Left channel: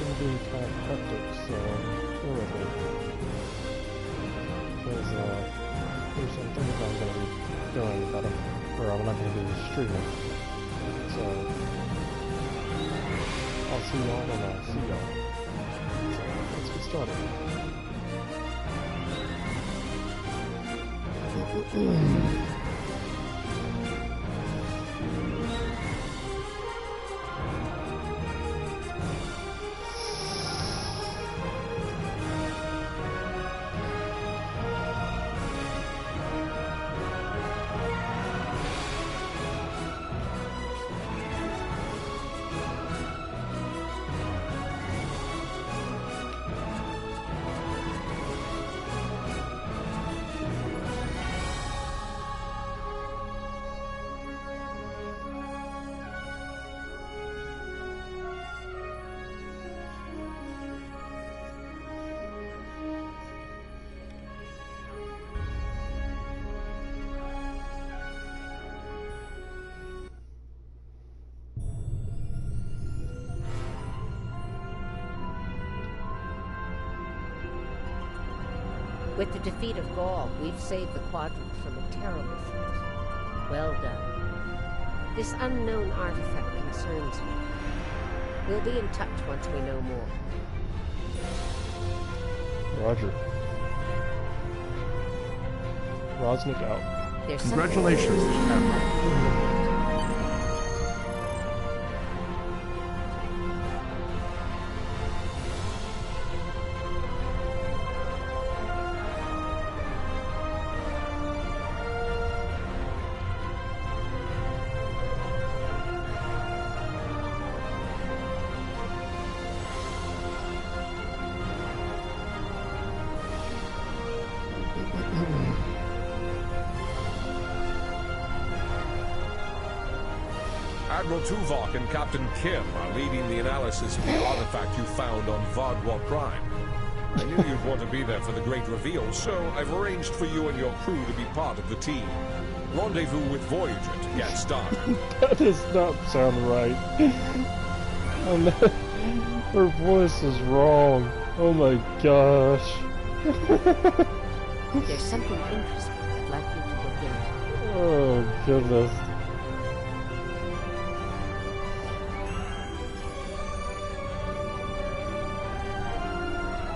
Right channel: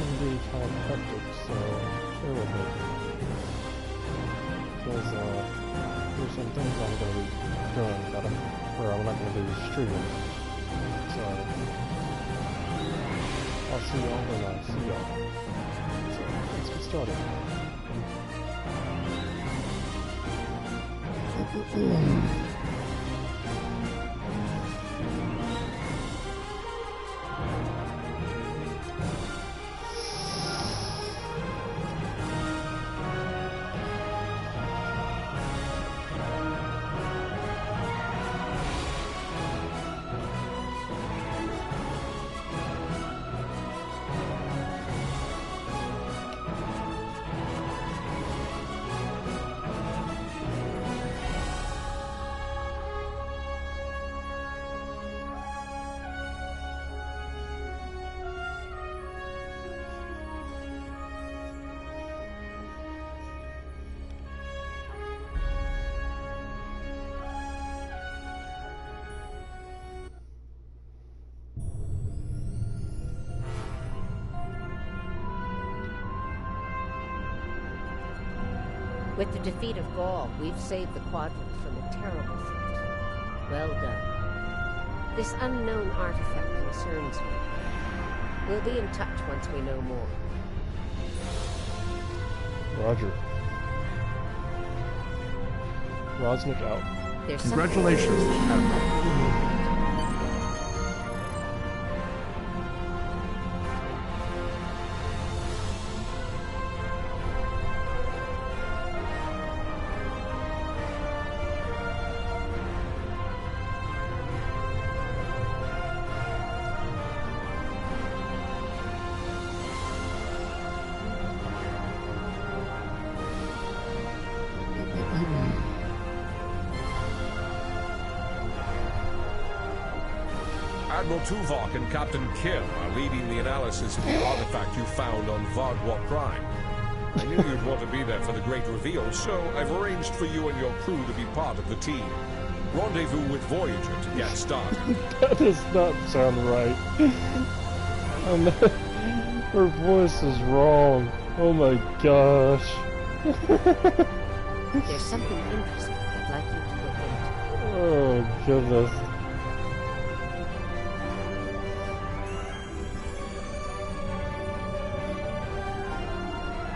going to be kind of hectic, so bear with me. Because there's some things I'm going to be doing that where I'm not going to be streaming. So I'll see y'all when I see y'all. So let's get started. With the defeat of Gaul, we've saved the Quadrant from a terrible threat. Well done. This unknown artifact concerns me. We'll be in touch once we know more. Roger. Rosnick out. Congratulations, Admiral. Admiral Tuvok and Captain Kim are leading the analysis of the artifact you found on Vardwa Prime. I knew you'd want to be there for the great reveal, so I've arranged for you and your crew to be part of the team. Rendezvous with Voyager to get started. That does not sound right. Her voice is wrong. Oh my gosh. There's something interesting I'd like you to look into. Oh goodness.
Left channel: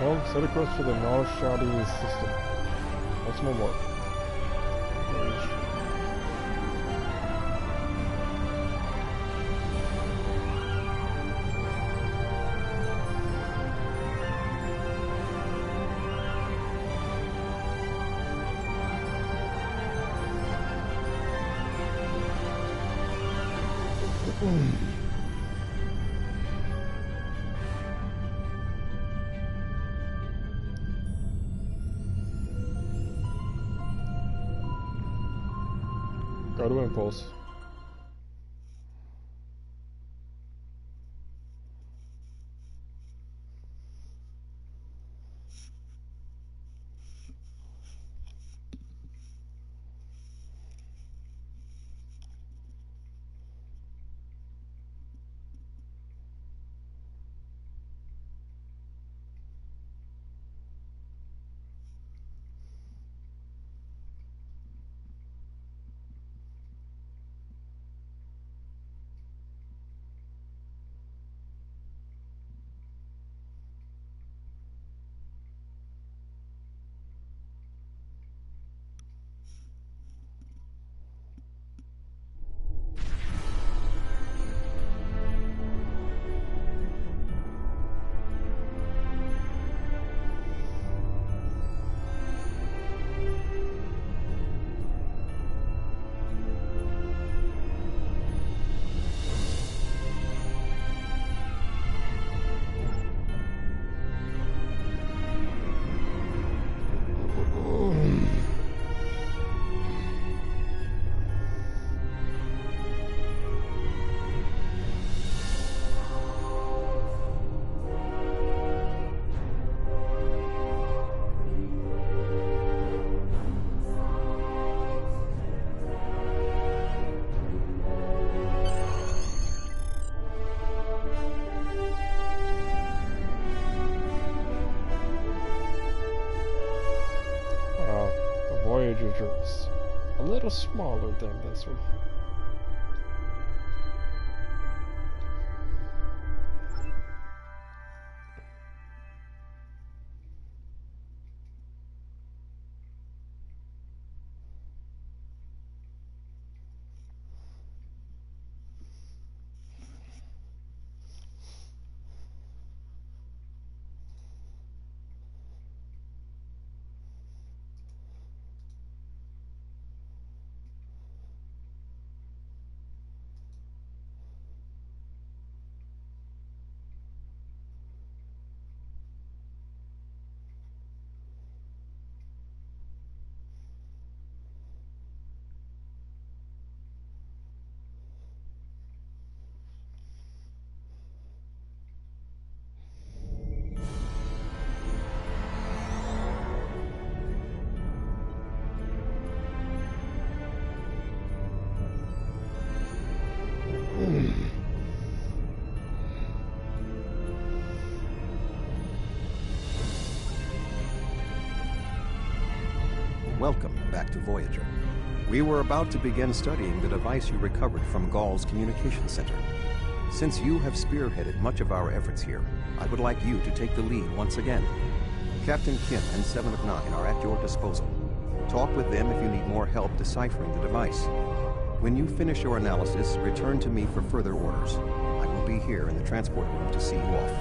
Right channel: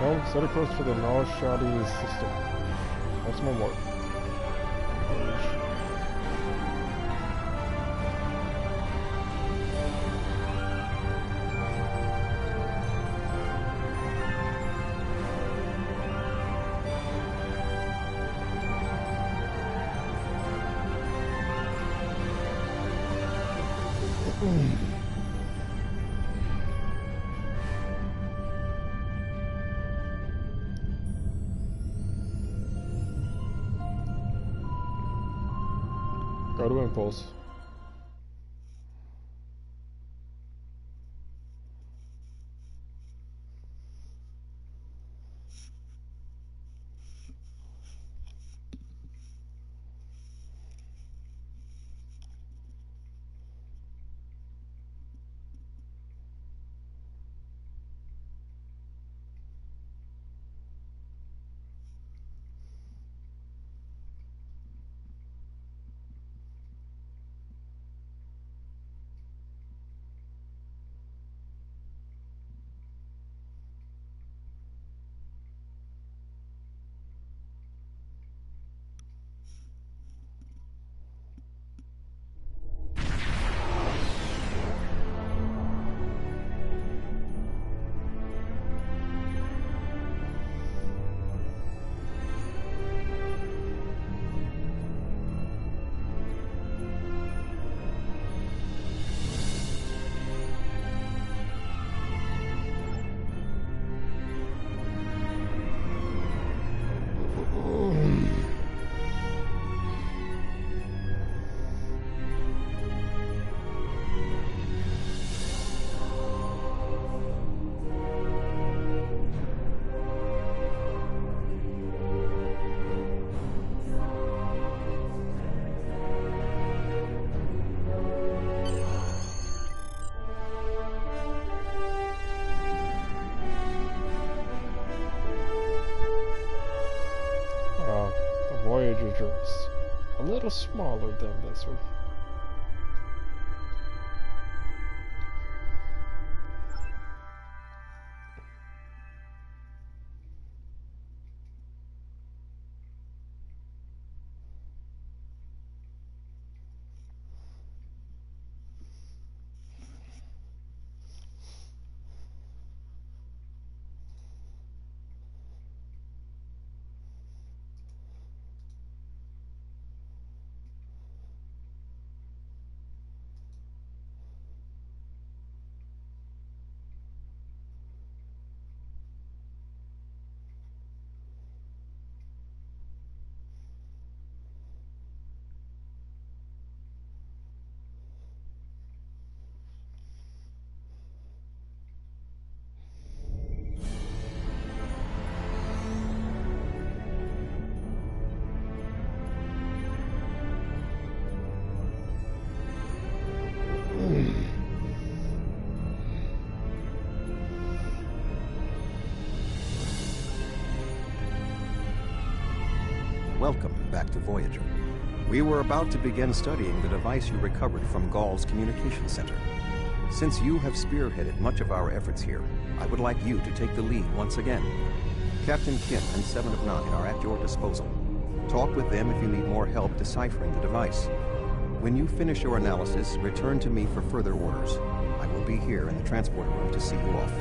Well, set a course for the Nal-Shadi system. Maximum warp. Go to impulse. Voyager is a little smaller than this one. Welcome back to Voyager. We were about to begin studying the device you recovered from Gall's communication center. Since you have spearheaded much of our efforts here, I would like you to take the lead once again. Captain Kim and 7 of 9 are at your disposal. Talk with them if you need more help deciphering the device. When you finish your analysis, return to me for further orders. I will be here in the transporter room to see you off.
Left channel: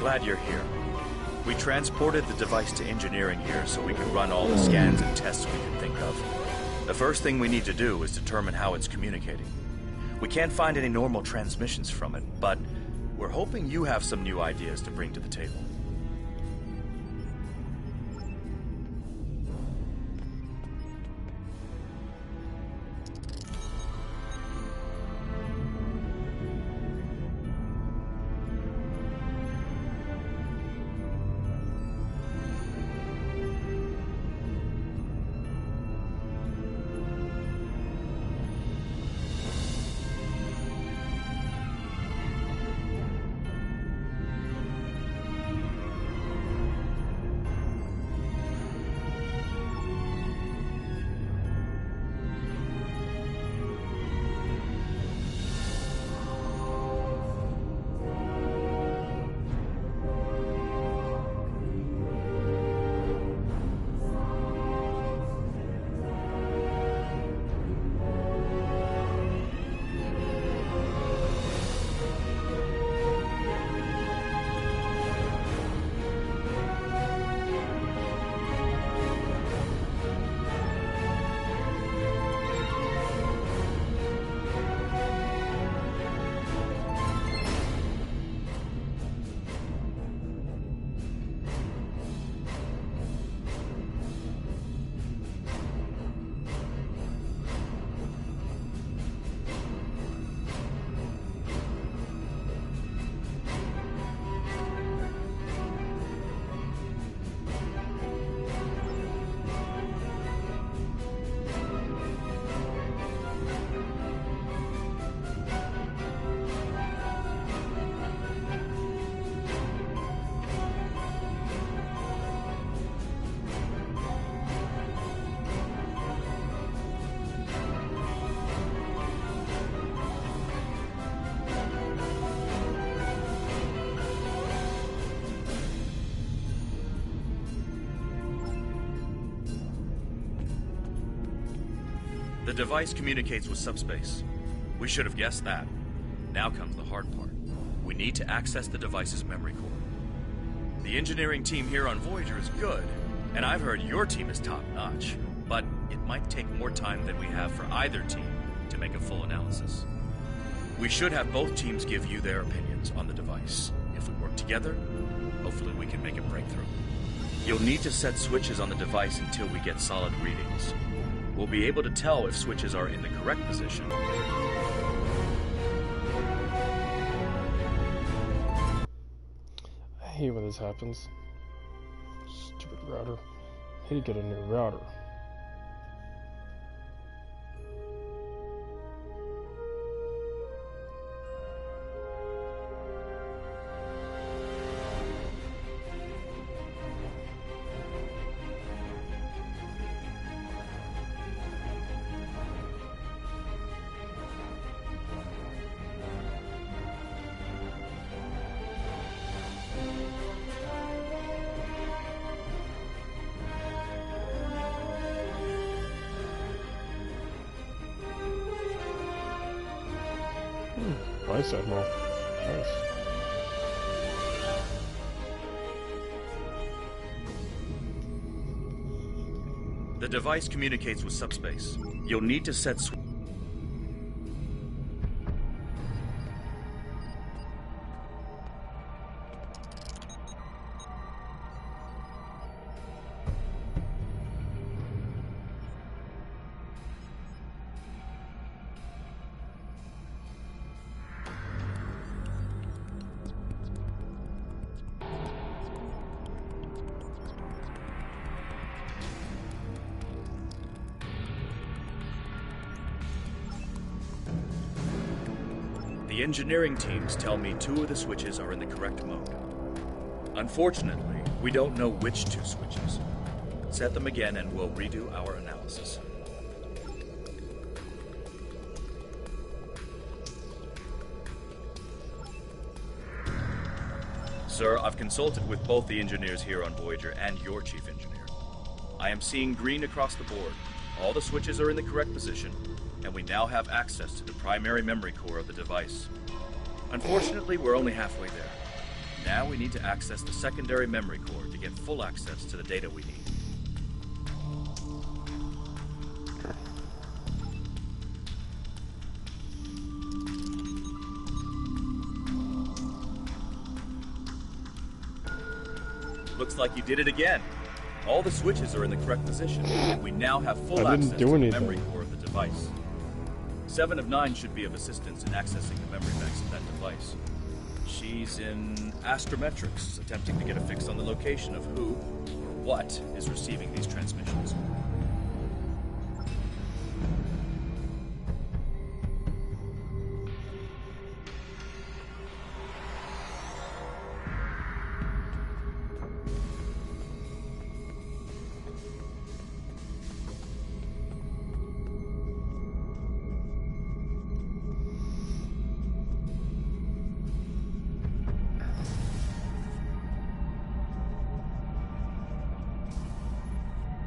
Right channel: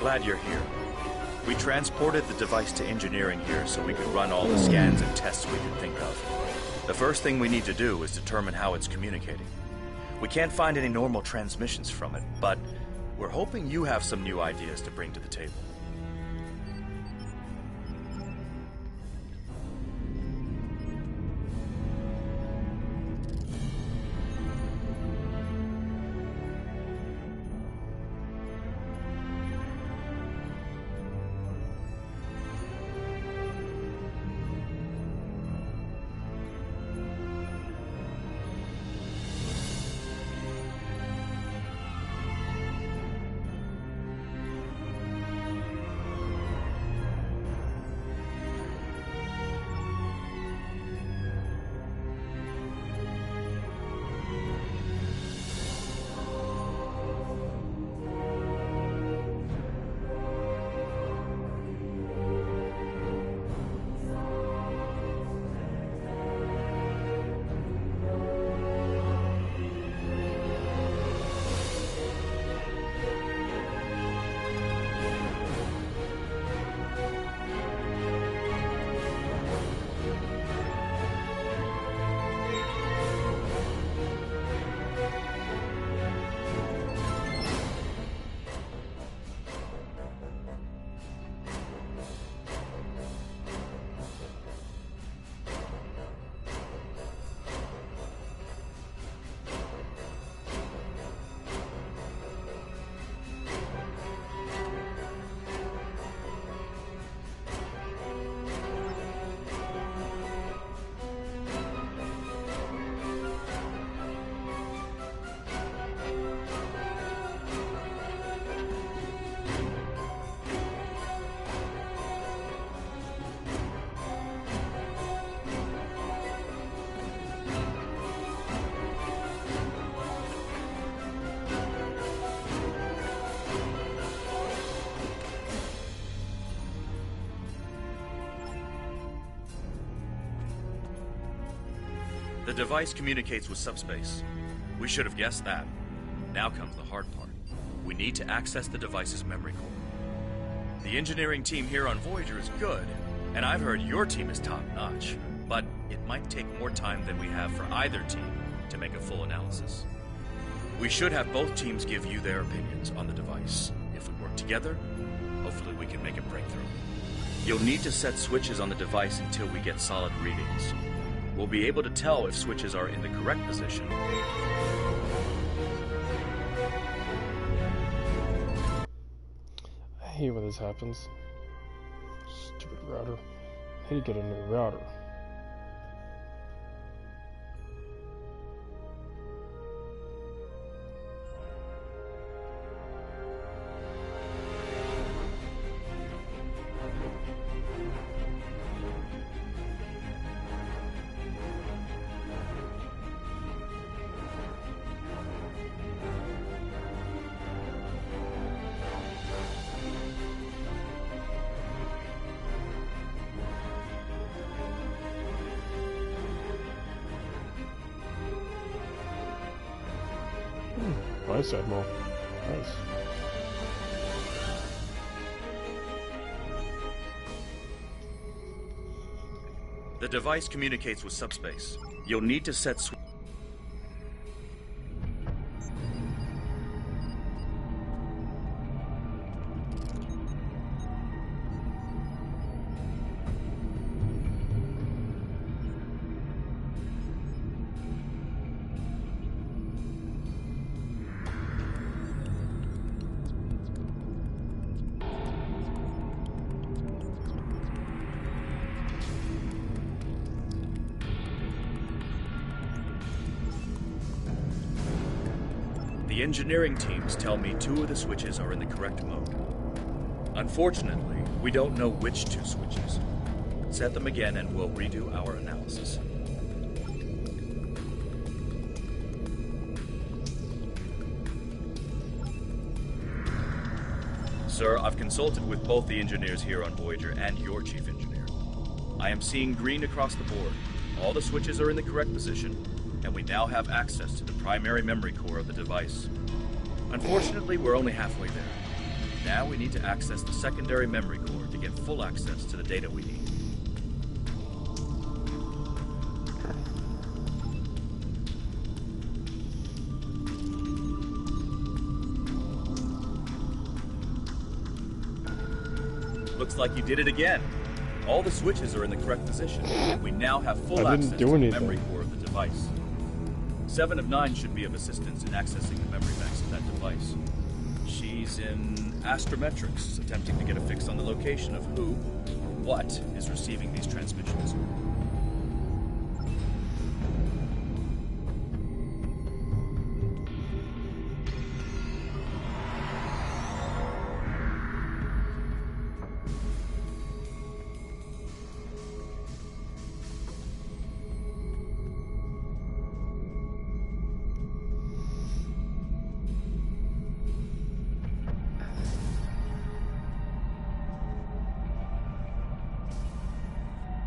Glad you're here. We transported the device to engineering here so we could run all the scans and tests we could think of. The first thing we need to do is determine how it's communicating. We can't find any normal transmissions from it, but we're hoping you have some new ideas to bring to the table. The device communicates with subspace. We should have guessed that. Now comes the hard part. We need to access the device's memory core. The engineering team here on Voyager is good, and I've heard your team is top-notch. But it might take more time than we have for either team to make a full analysis. We should have both teams give you their opinions on the device. If we work together, hopefully we can make a breakthrough. You'll need to set switches on the device until we get solid readings. We'll be able to tell if switches are in the correct position. I hate when this happens. Stupid router. I need to get a new router. Nice, Admiral. Nice. The device communicates with subspace. You'll need to set The engineering teams tell me 2 of the switches are in the correct mode. Unfortunately, we don't know which 2 switches. Set them again and we'll redo our analysis. Sir, I've consulted with both the engineers here on Voyager and your chief engineer. I am seeing green across the board. All the switches are in the correct position, and we now have access to the primary memory core of the device. Unfortunately, we're only halfway there. Now we need to access the secondary memory core to get full access to the data we need. Looks like you did it again. All the switches are in the correct position, and we now have full access to the memory core of the device. 7 of 9 should be of assistance in accessing the memory banks of that device. She's in astrometrics, attempting to get a fix on the location of who or what is receiving these transmissions.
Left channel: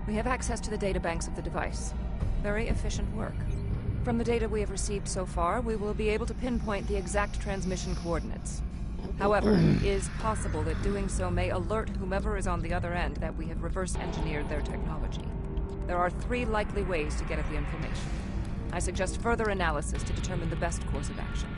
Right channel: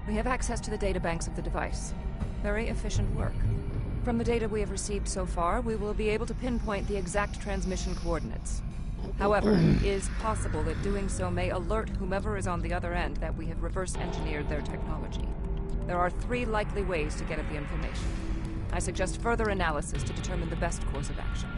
We have access to the databanks of the device. Very efficient work. From the data we have received so far, we will be able to pinpoint the exact transmission coordinates. However, it is possible that doing so may alert whomever is on the other end that we have reverse-engineered their technology. There are 3 likely ways to get at the information. I suggest further analysis to determine the best course of action.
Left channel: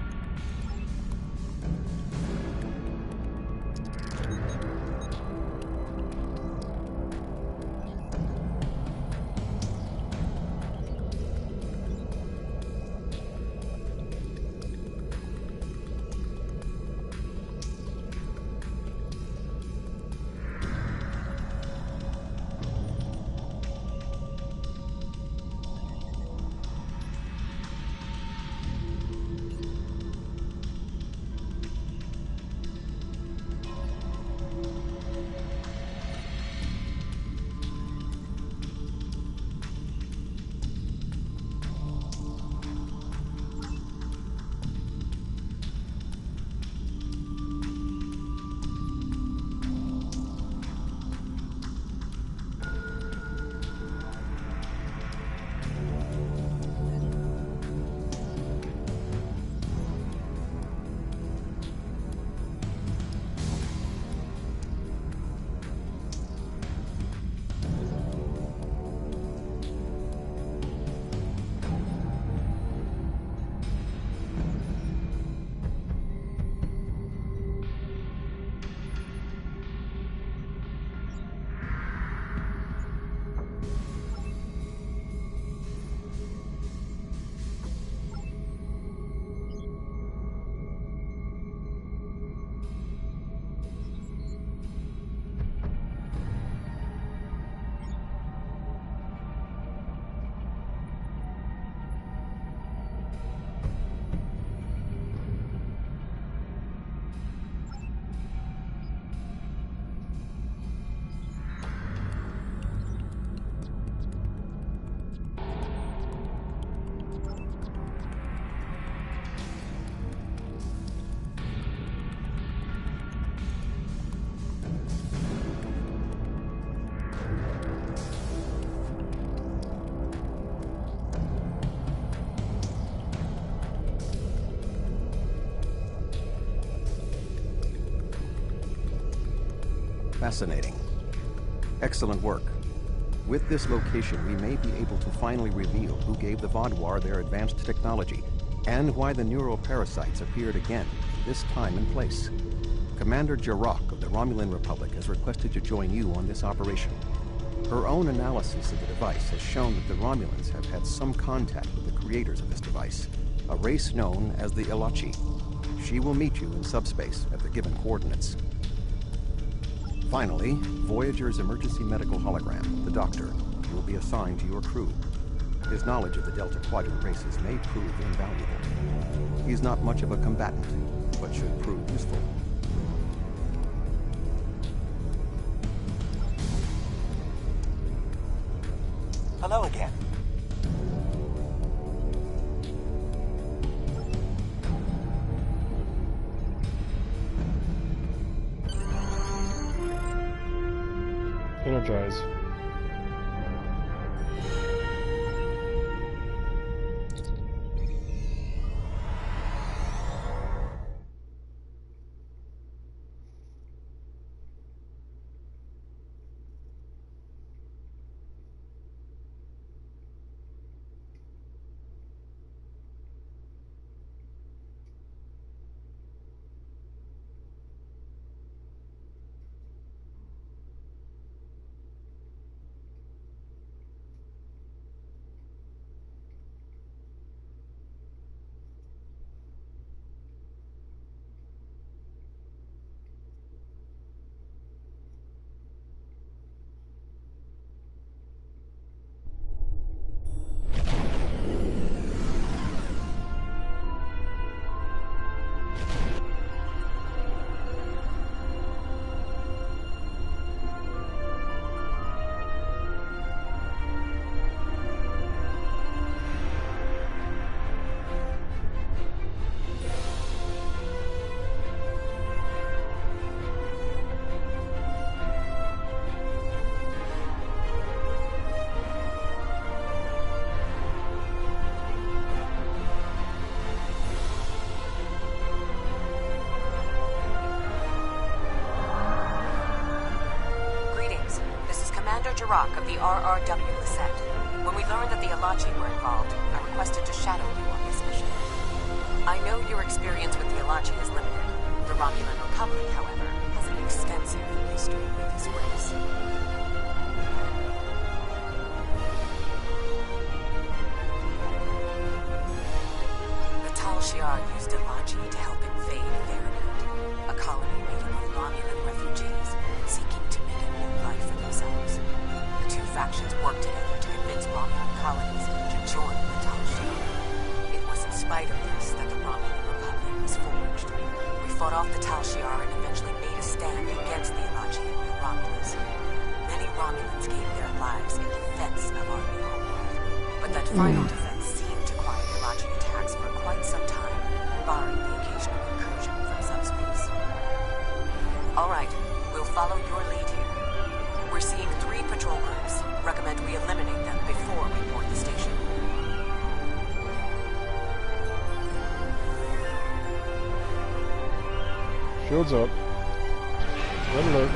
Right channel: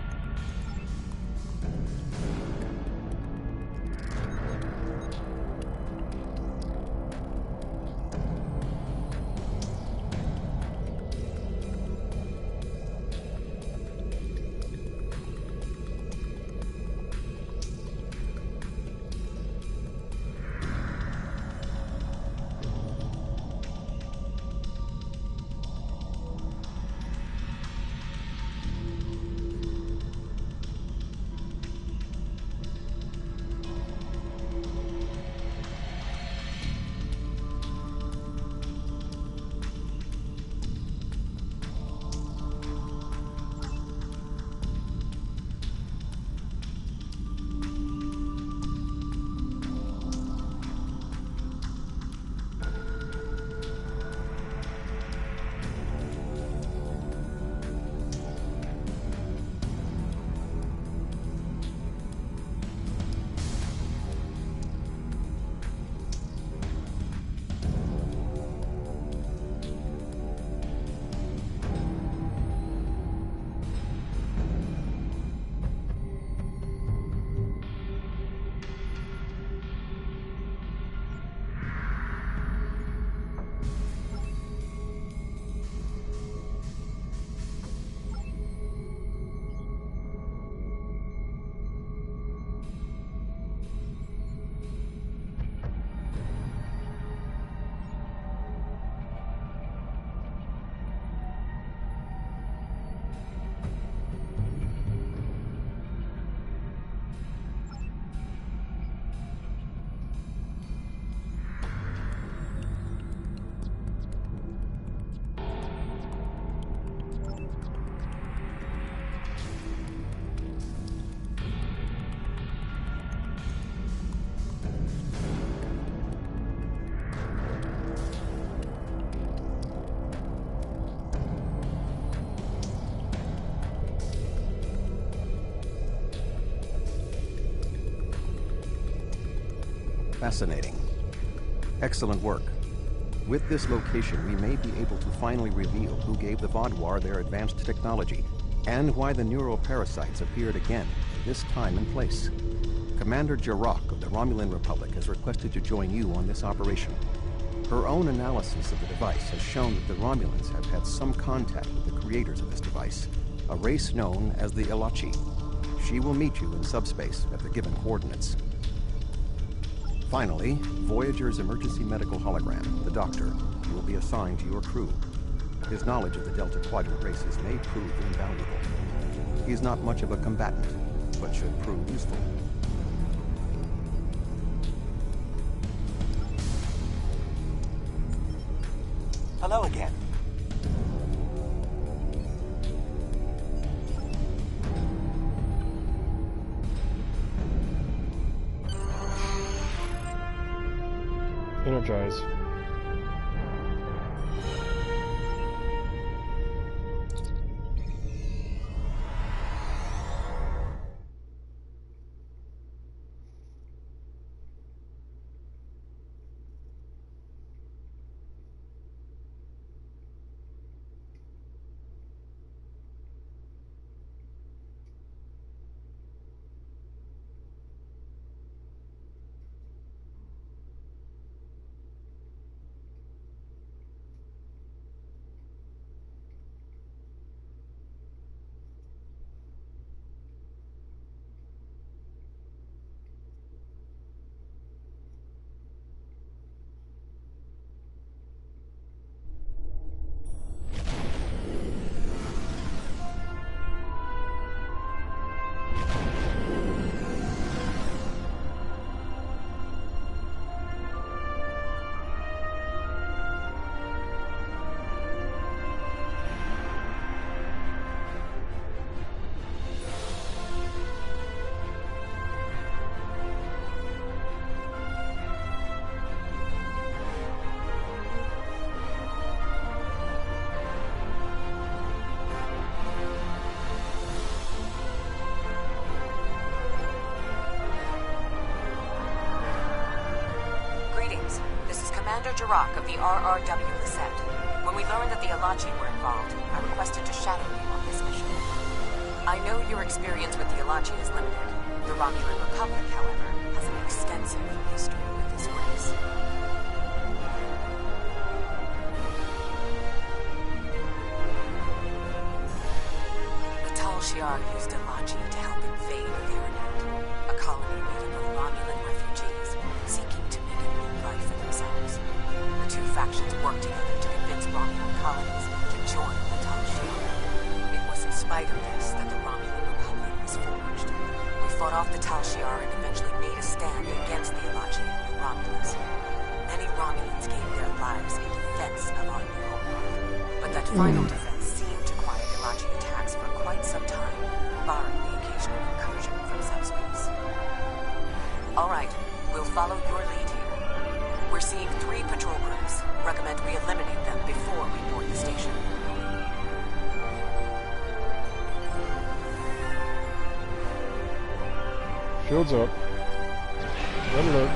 fascinating. Excellent work. With this location, we may be able to finally reveal who gave the Vaadwaur their advanced technology, and why the neuroparasites appeared again, this time and place. Commander Jirok of the Romulan Republic has requested to join you on this operation. Her own analysis of the device has shown that the Romulans have had some contact with the creators of this device, a race known as the Ilachi. She will meet you in subspace at the given coordinates. Finally, Voyager's emergency medical hologram, the Doctor, will be assigned to your crew. His knowledge of the Delta Quadrant races may prove invaluable. He's not much of a combatant, but should prove useful. Hello again. Energize. Commander Jirok of the RRW Lisette. When we learned that the Ilachi were involved, I requested to shadow you on this mission. I know your experience with the Ilachi is limited. The Romulan Republic, however, has an extensive history with this race. The Tal Shiar used Ilachi to help invade Veronat, a colony made up of Romulan refugees seeking to make a new life for themselves. The two factions worked together to convince Romulan colonies to join the Tal Shiar. It was in spite of this that the Romulan Republic was forged. We fought off the Tal Shiar and eventually made a stand against the Ilachi and New Romulus. Many Romulans gave their lives in defense of our new homeworld. But that final defense seemed to quiet Ilachi attacks for quite some time, barring the occasional incursion from subspace. All right. We'll follow your lead here. We're seeing 3 patrol groups. Recommend we eliminate them before we board the station. Shields up. Red alert.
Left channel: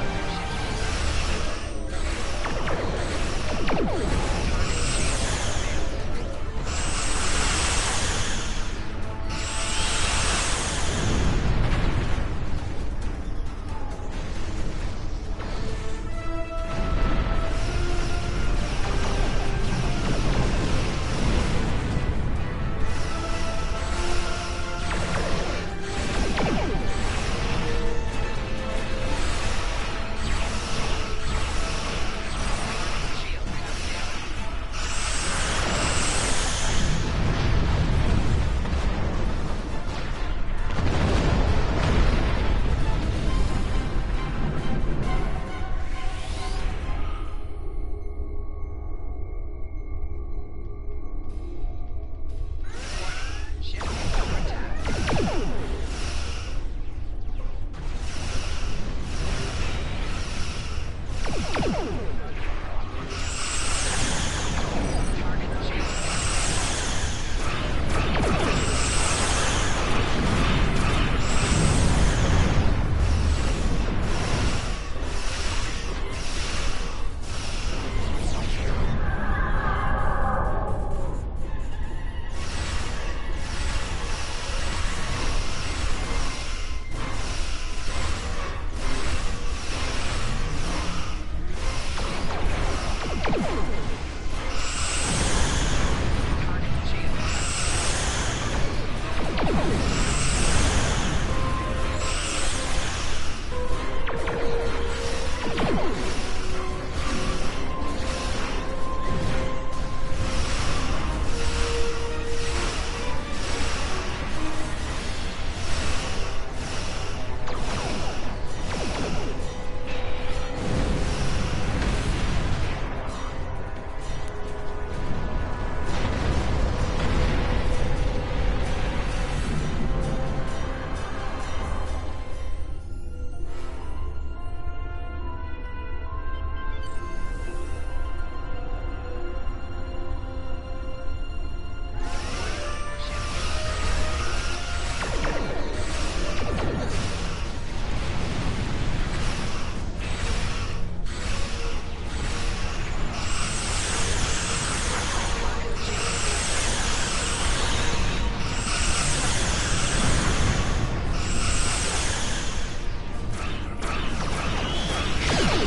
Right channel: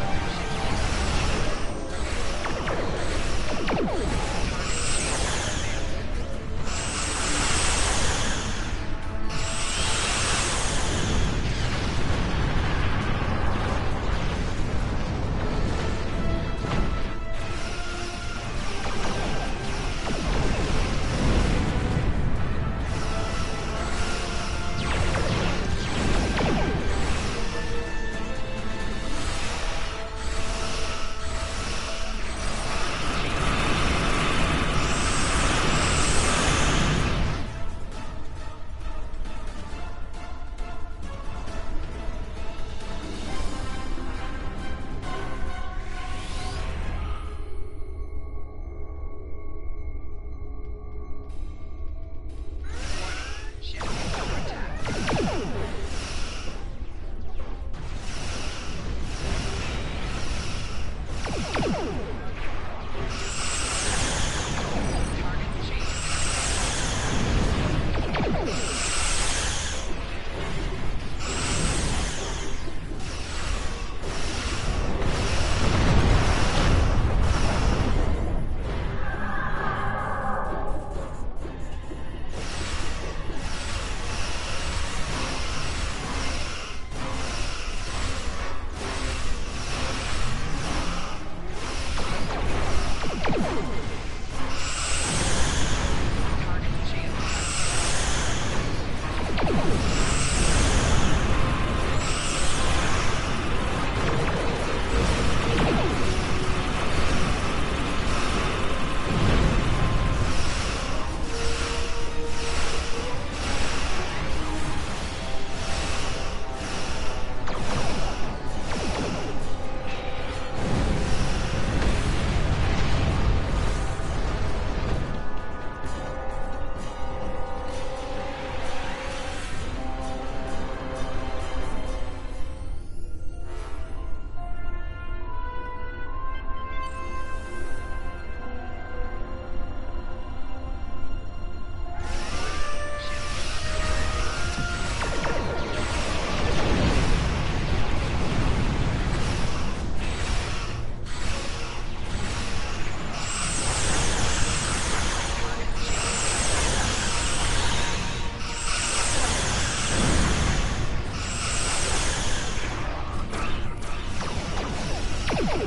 It's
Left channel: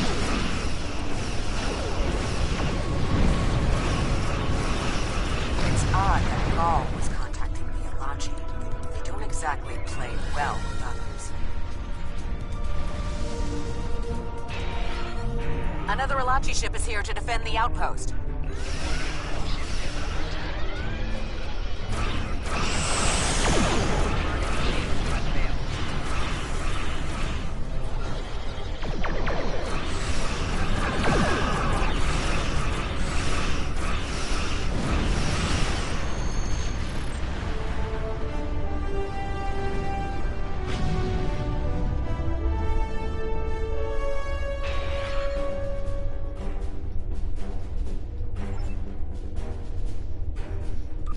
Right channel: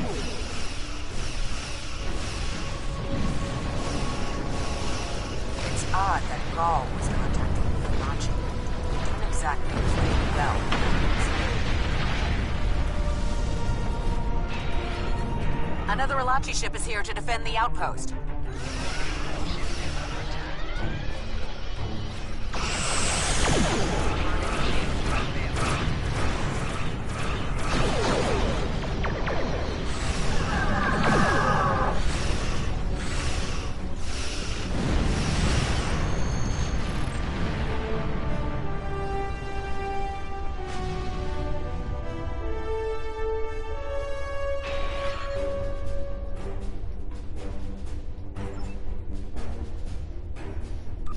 odd that Gaul was contacting the Alachi. They don't exactly play well with others. Another Alachi ship is here to defend the outpost.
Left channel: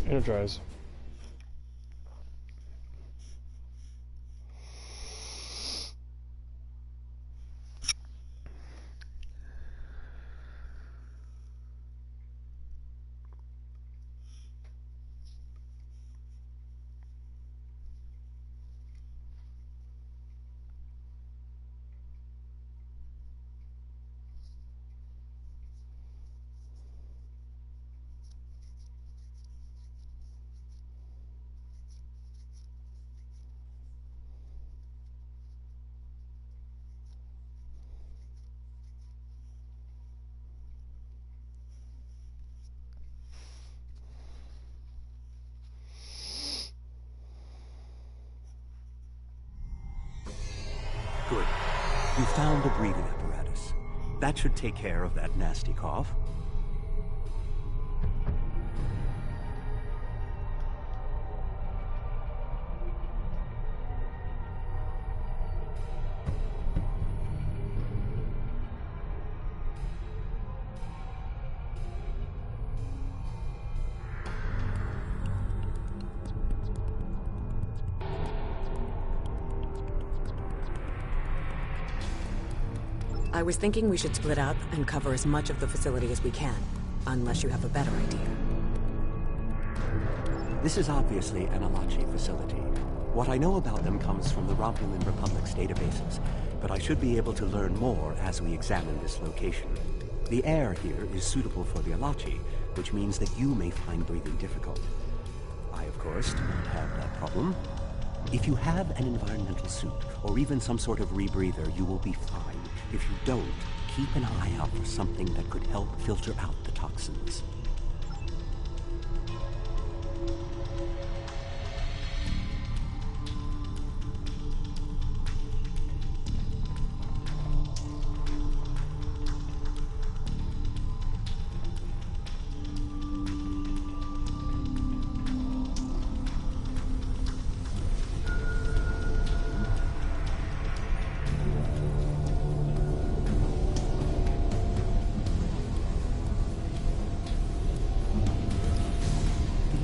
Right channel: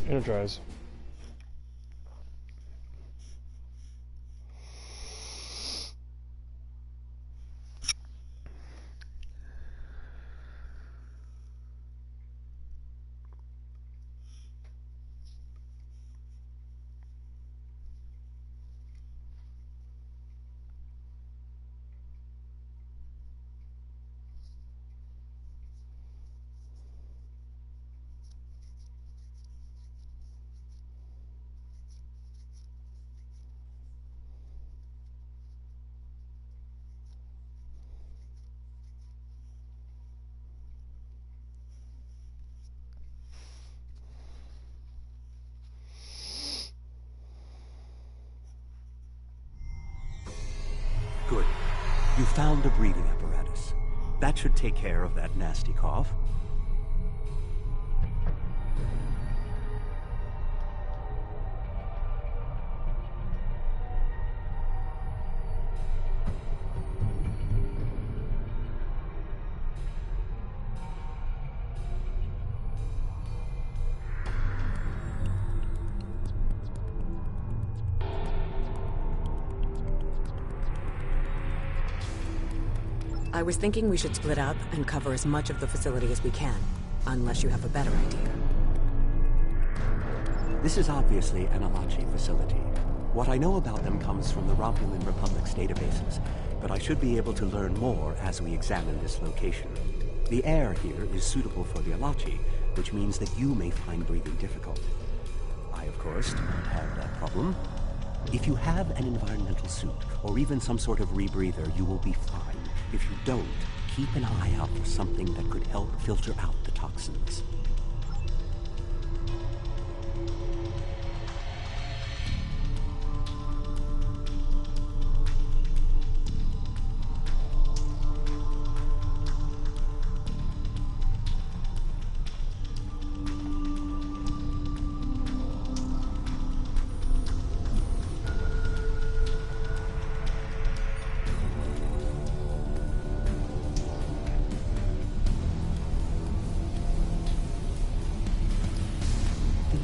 Energize. Good. You found a breathing apparatus. That should take care of that nasty cough. I was thinking we should split up and cover as much of the facility as we can, unless you have a better idea. This is obviously an Alachi facility. What I know about them comes from the Romulan Republic's databases, but I should be able to learn more as we examine this location. The air here is suitable for the Alachi, which means that you may find breathing difficult. I, of course, do not have that problem. If you have an environmental suit, or even some sort of rebreather, you will be fine. If you don't, keep an eye out for something that could help filter out the toxins.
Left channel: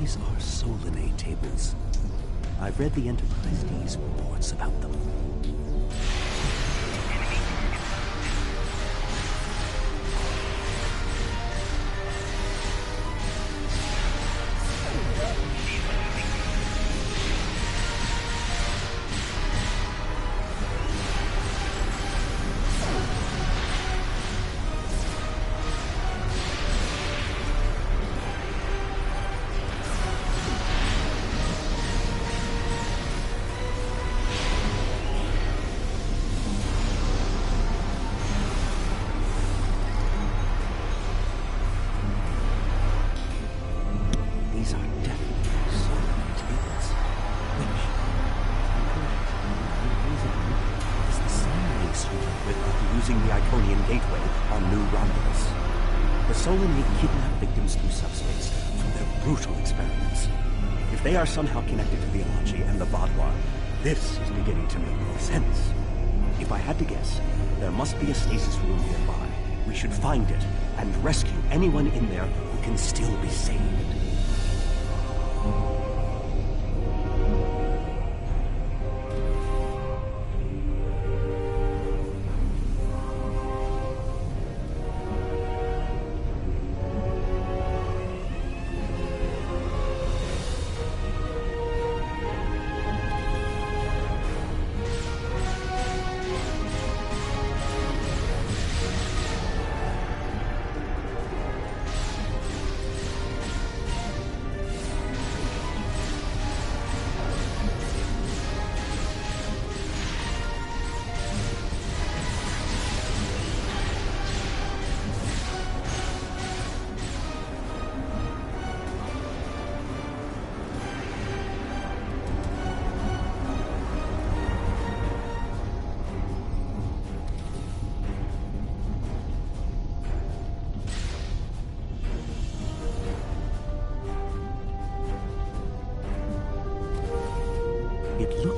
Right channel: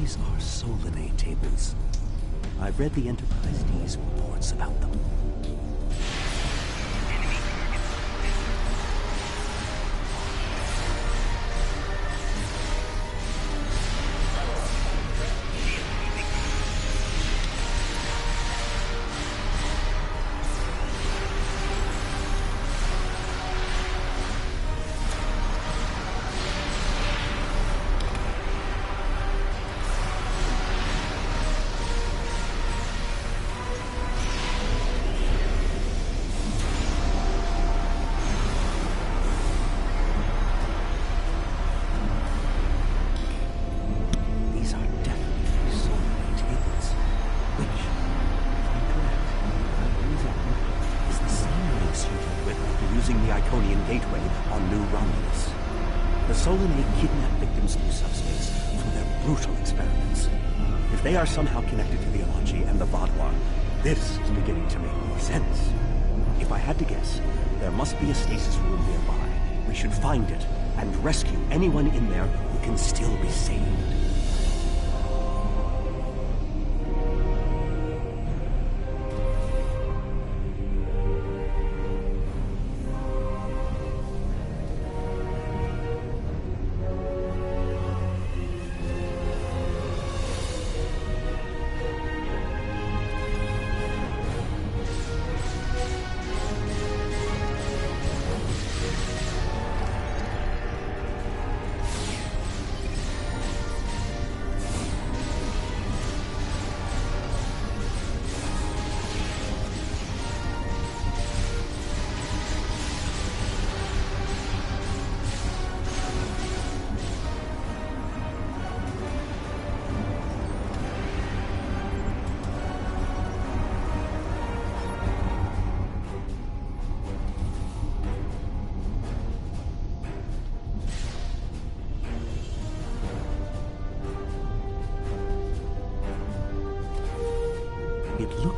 These are Solinae tables. I've read the Enterprise D's reports about them. Gateway on New Romulus. The Solinae kidnap victims through subspace for their brutal experiments. If they are somehow connected to the Alachi and the Vaadwaur, this is beginning to make more sense. If I had to guess, there must be a stasis room nearby. We should find it and rescue anyone in there who can still be saved.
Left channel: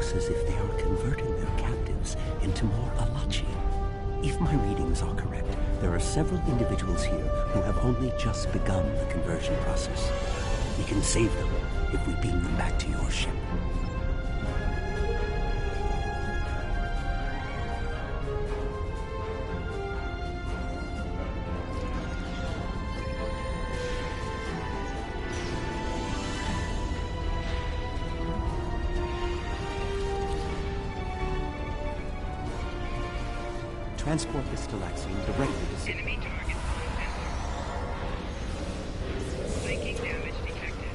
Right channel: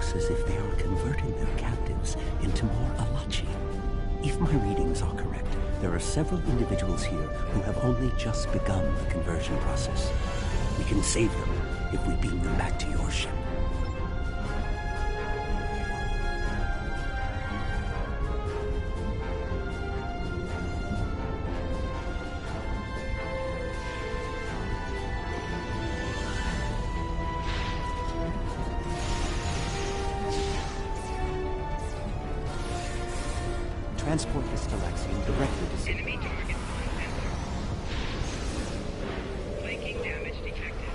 looks as if they are converting their captives into more Alachi. If my readings are correct, there are several individuals here who have only just begun the conversion process. We can save them if we beam them back to your ship. Transport the Stalaxian directly to Sigma. Enemy target on flanking damage detected.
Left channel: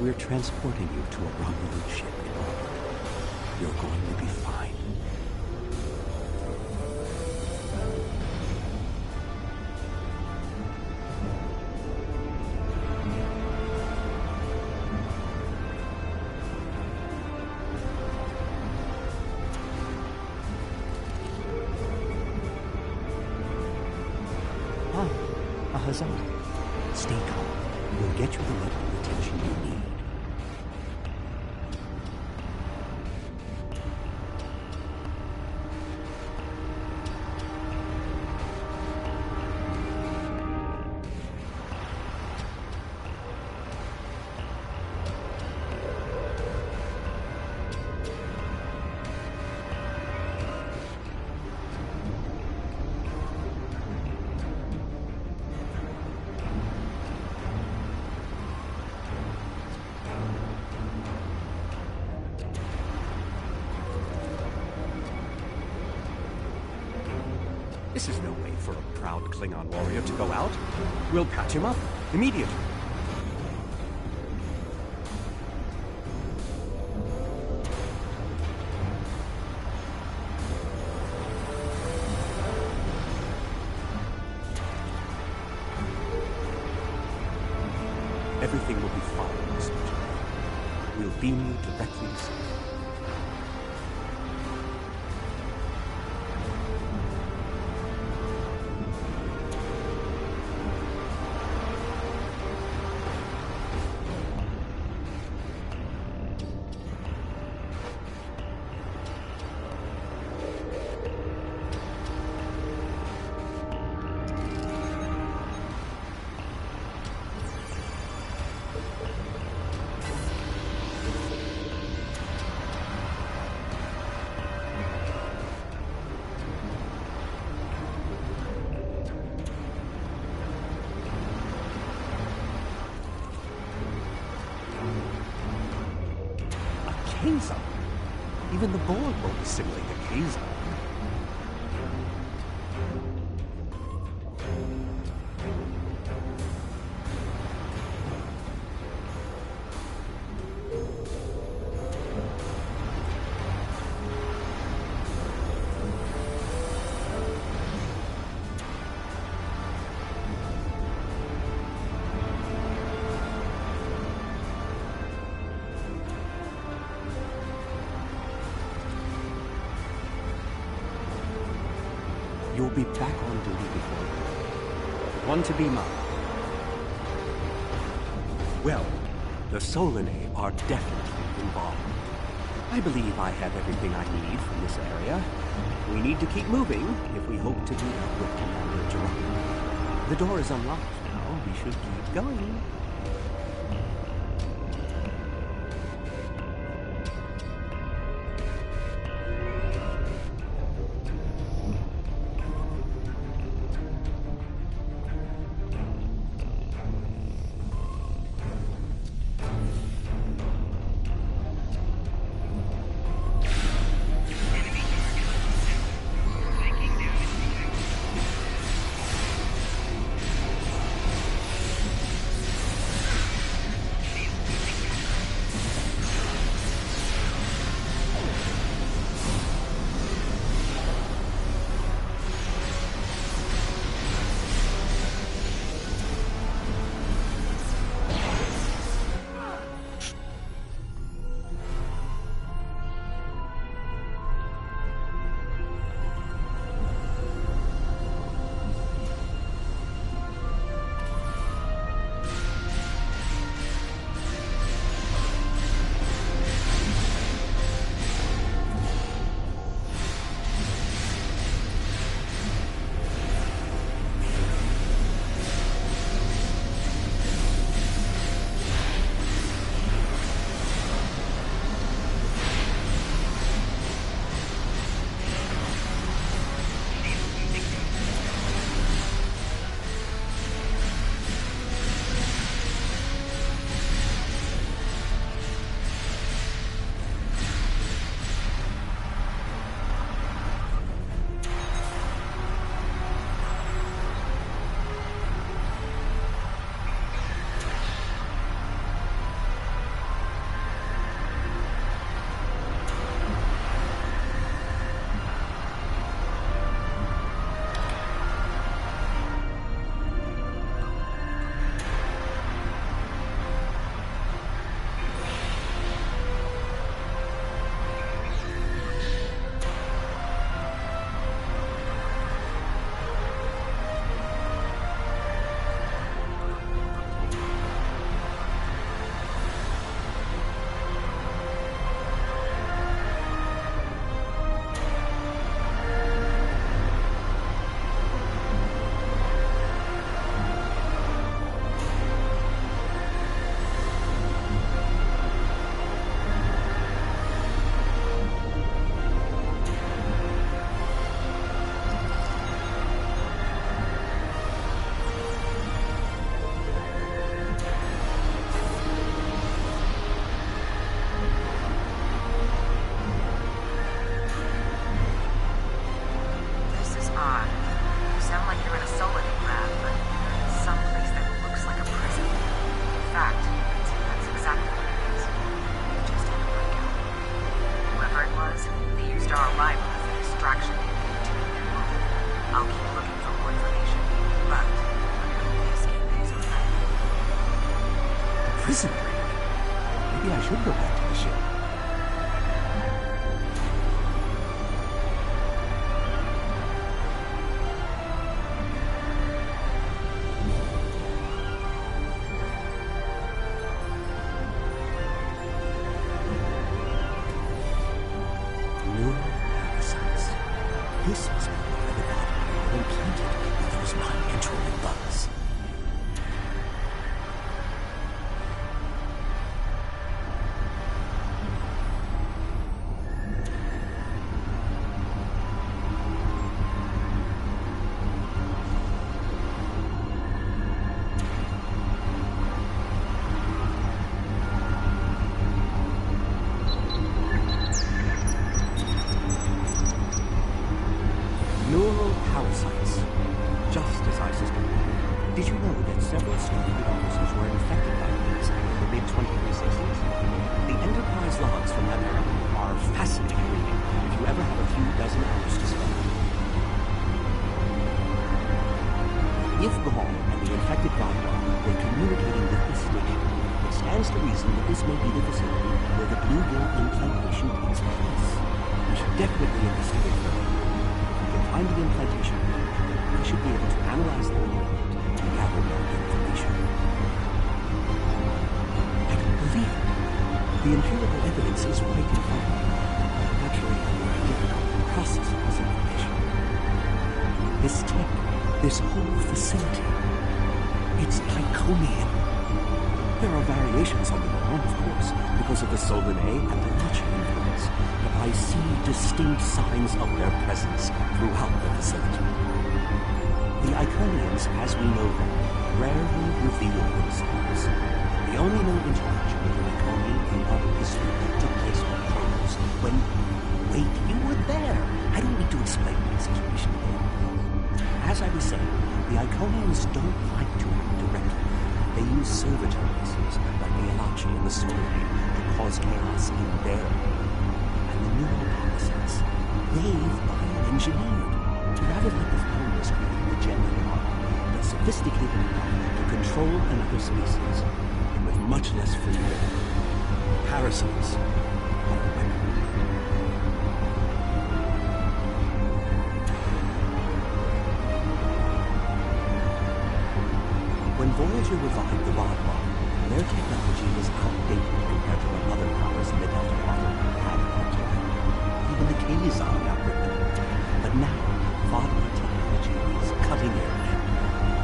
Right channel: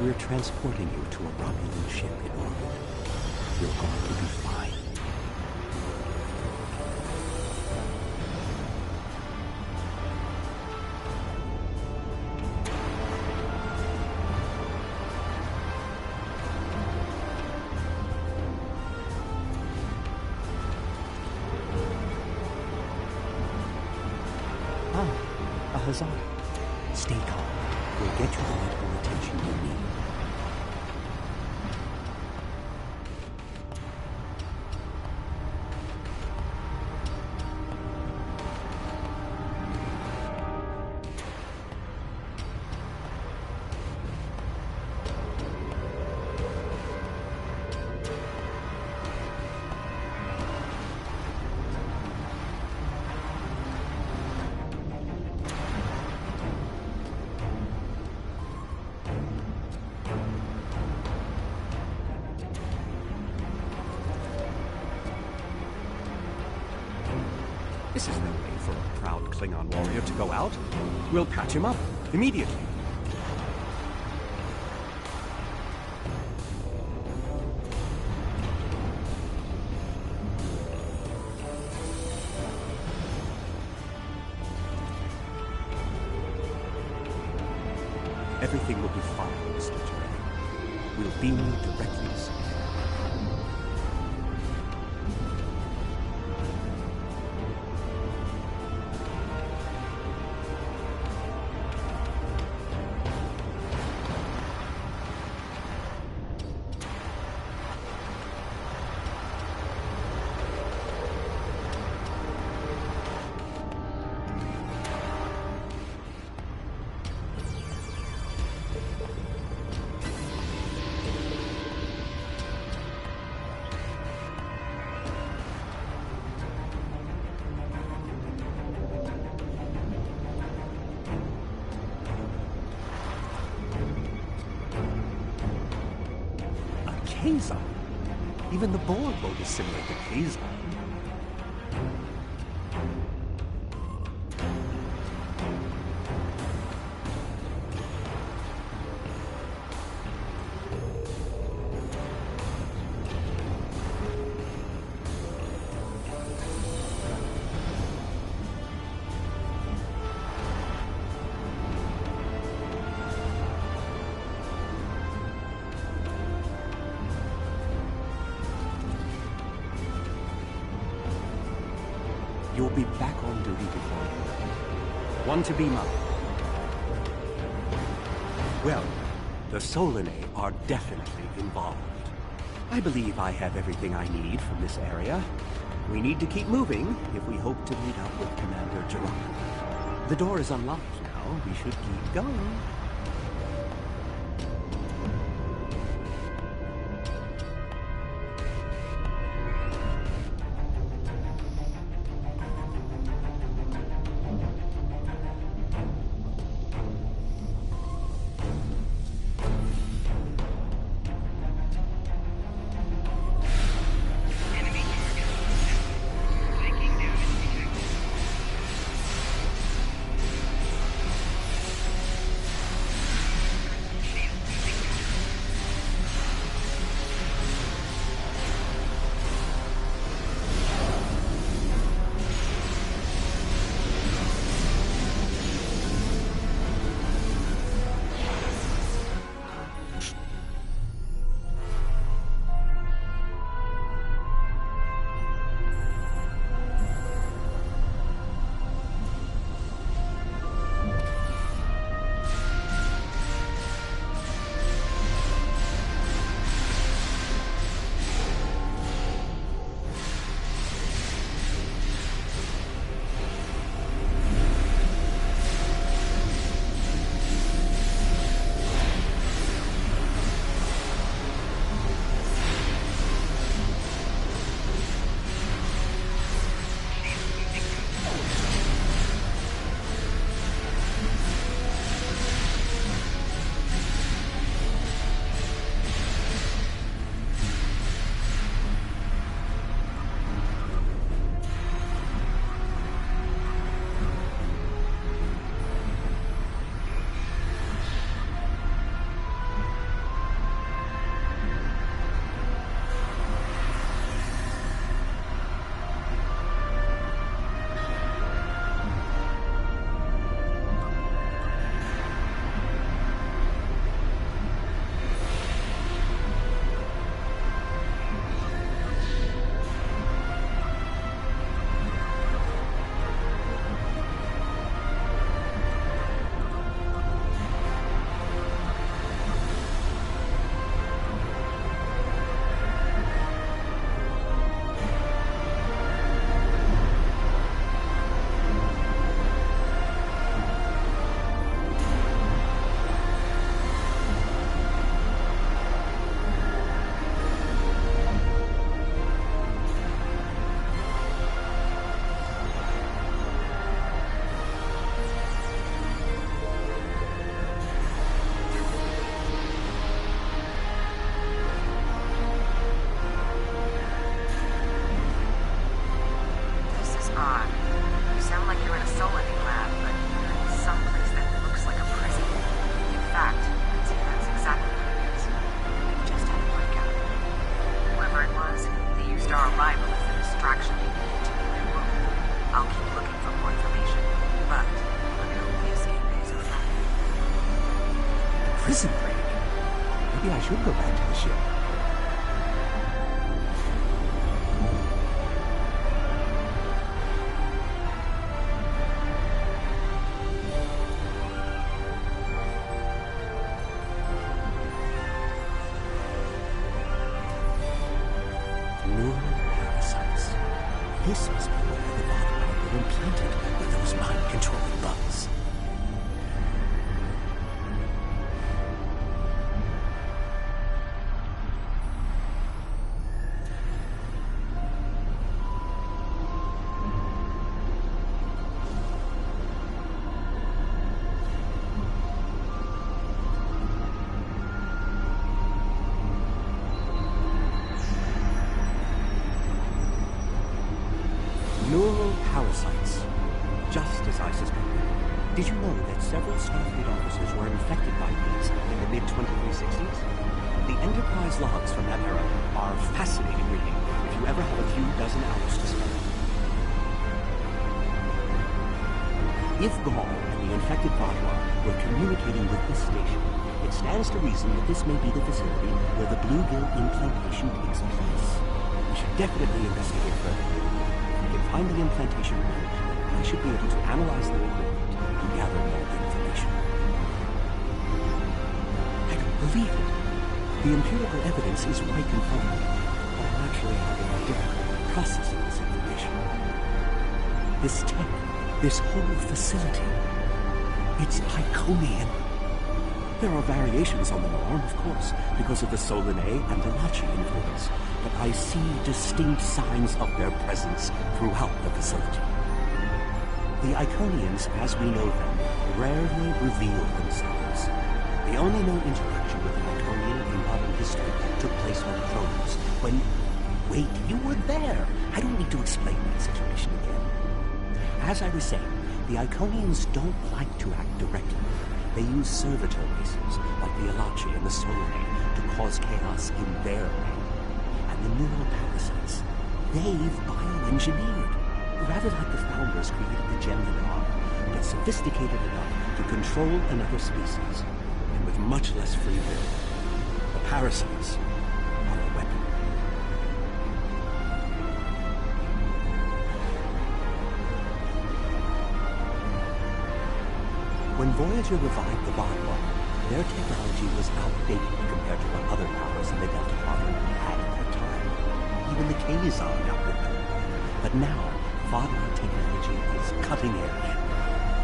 We're transporting you to a Romulan ship in orbit. You're going to be fine. Ah, a Hazard. Stay calm. We'll get you the medical attention you need. This is no way for a proud Klingon warrior to go out. We'll patch him up immediately. Everything will be fine, Mr. Turay. We'll beam you directly to Sigma. K-zone. Even the board won't assimilate the K-zone. You'll be back on duty before you know it. One to be mine. Well, the Solanae are definitely involved. I believe I have everything I need from this area. We need to keep moving if we hope to meet up with Commander Geronimo. The door is unlocked now. We should keep going. Prison break? Maybe I should go back to the ship. Neural parasites. This must be where the Vadmar were implanted with those mind-controlling bugs. Did you know that several Starfleet officers were infected by these in the mid-2360s? The Enterprise logs from that era are fascinating reading if you ever have a few dozen hours to spare. If Gaul and the infected Vaudois were communicating with this station, it stands to reason that this may be the facility where the bluegill implantation takes place. We should definitely investigate further. If we can find the implantation room, then I should be able to analyze their equipment and gather more information. I don't believe it. The empirical evidence is right in front of me, but I'm actually having difficulty processing this information. This tech, this whole facility, it's Iconian. There are variations on the norm, of course, because of the Solanae and Delachi influence, but I see distinct signs of their presence throughout the facility. The Iconians, as we know them, rarely reveal themselves. The only known interaction with an Iconian in modern history took place on Kronos, when... Wait, you were there! I don't need to explain that situation again. As I was saying, the Iconians don't like to act directly. They use servitor races, like the Elachi and the Solanae, to cause chaos in their name. And the neural parasites, they've bioengineered. Rather like the founders creating the gem Nadar, but sophisticated enough to control another species, and with much less free will. The parasites are a weapon. When Voyager revived the Vaudois, their technology was outdated compared to what other powers in the Delta Quadrant had at that time. Even the Kazon outdid them. But now, Vaudois technology is cutting edge.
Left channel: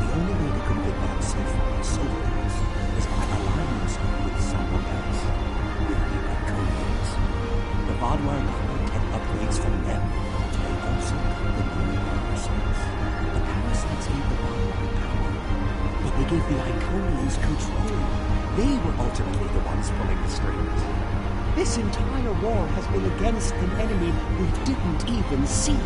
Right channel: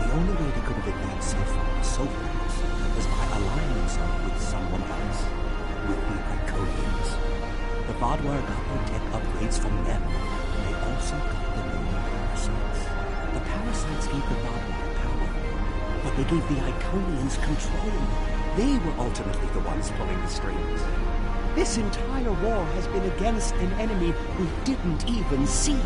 The only way they could have advanced so far, so fast, was by aligning themselves with someone else, with the Iconians. The Vaudois got their tech upgrades from them, but they also got the new parasites. The parasites gave the Vaudois power, but they gave the Iconians control. They were ultimately the ones pulling the strings. This entire war has been against an enemy we didn't even see.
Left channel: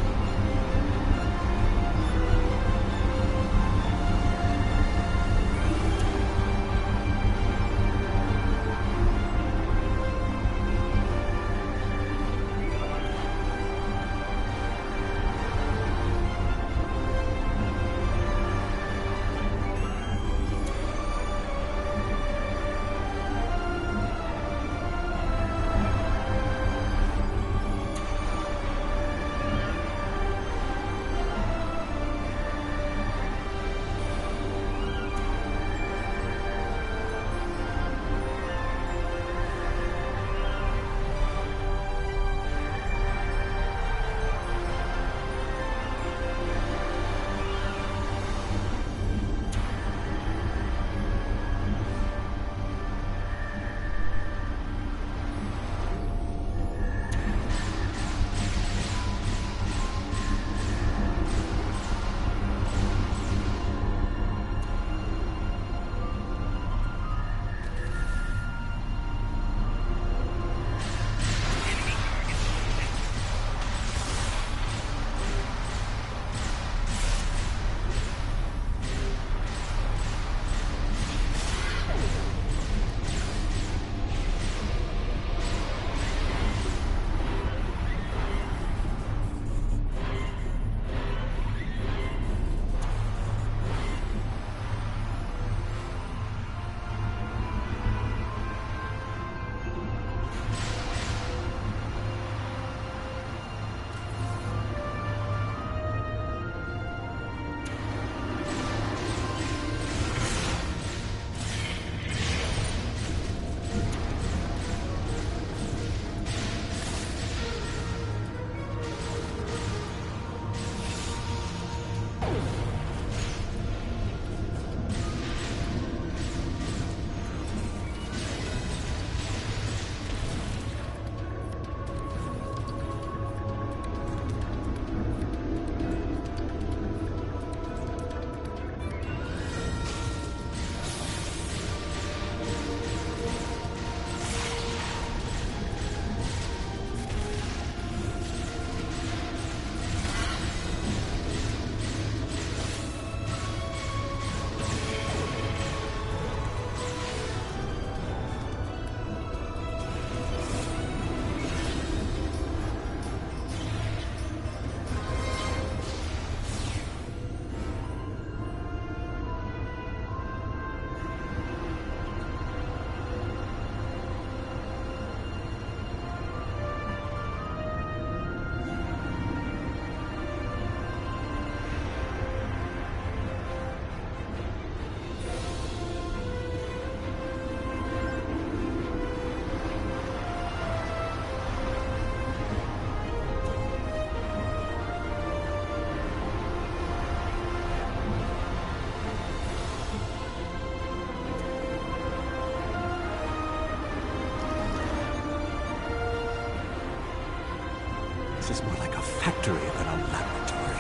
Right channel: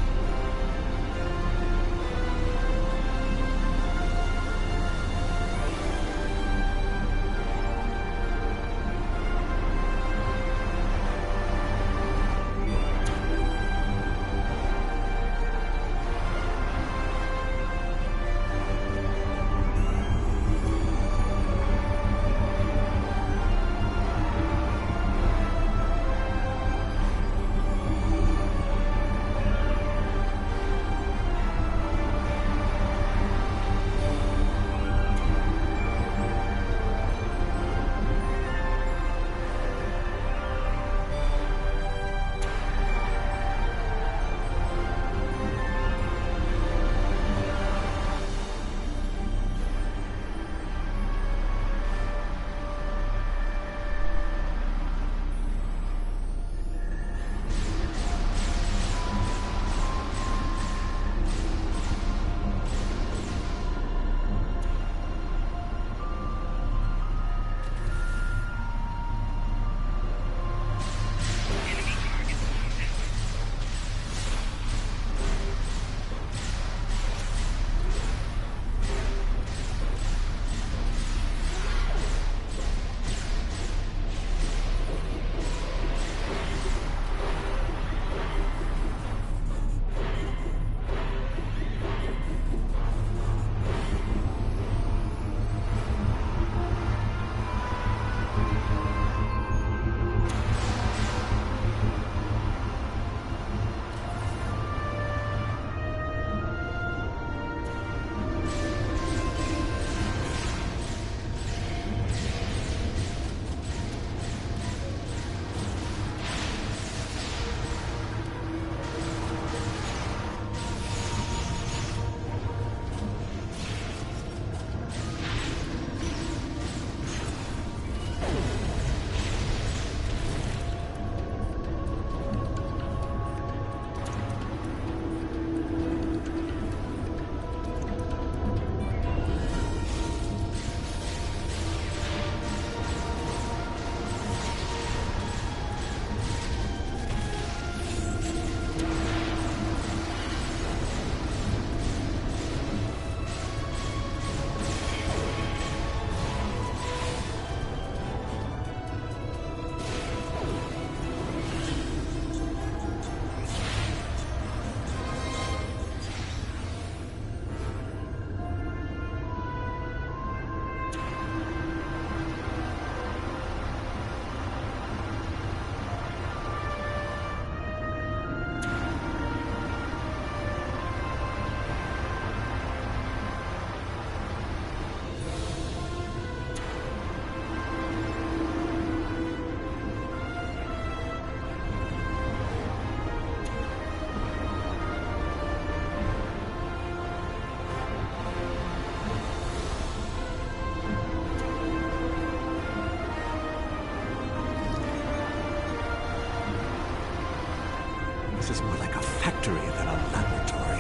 place is more like a factory than a laboratory.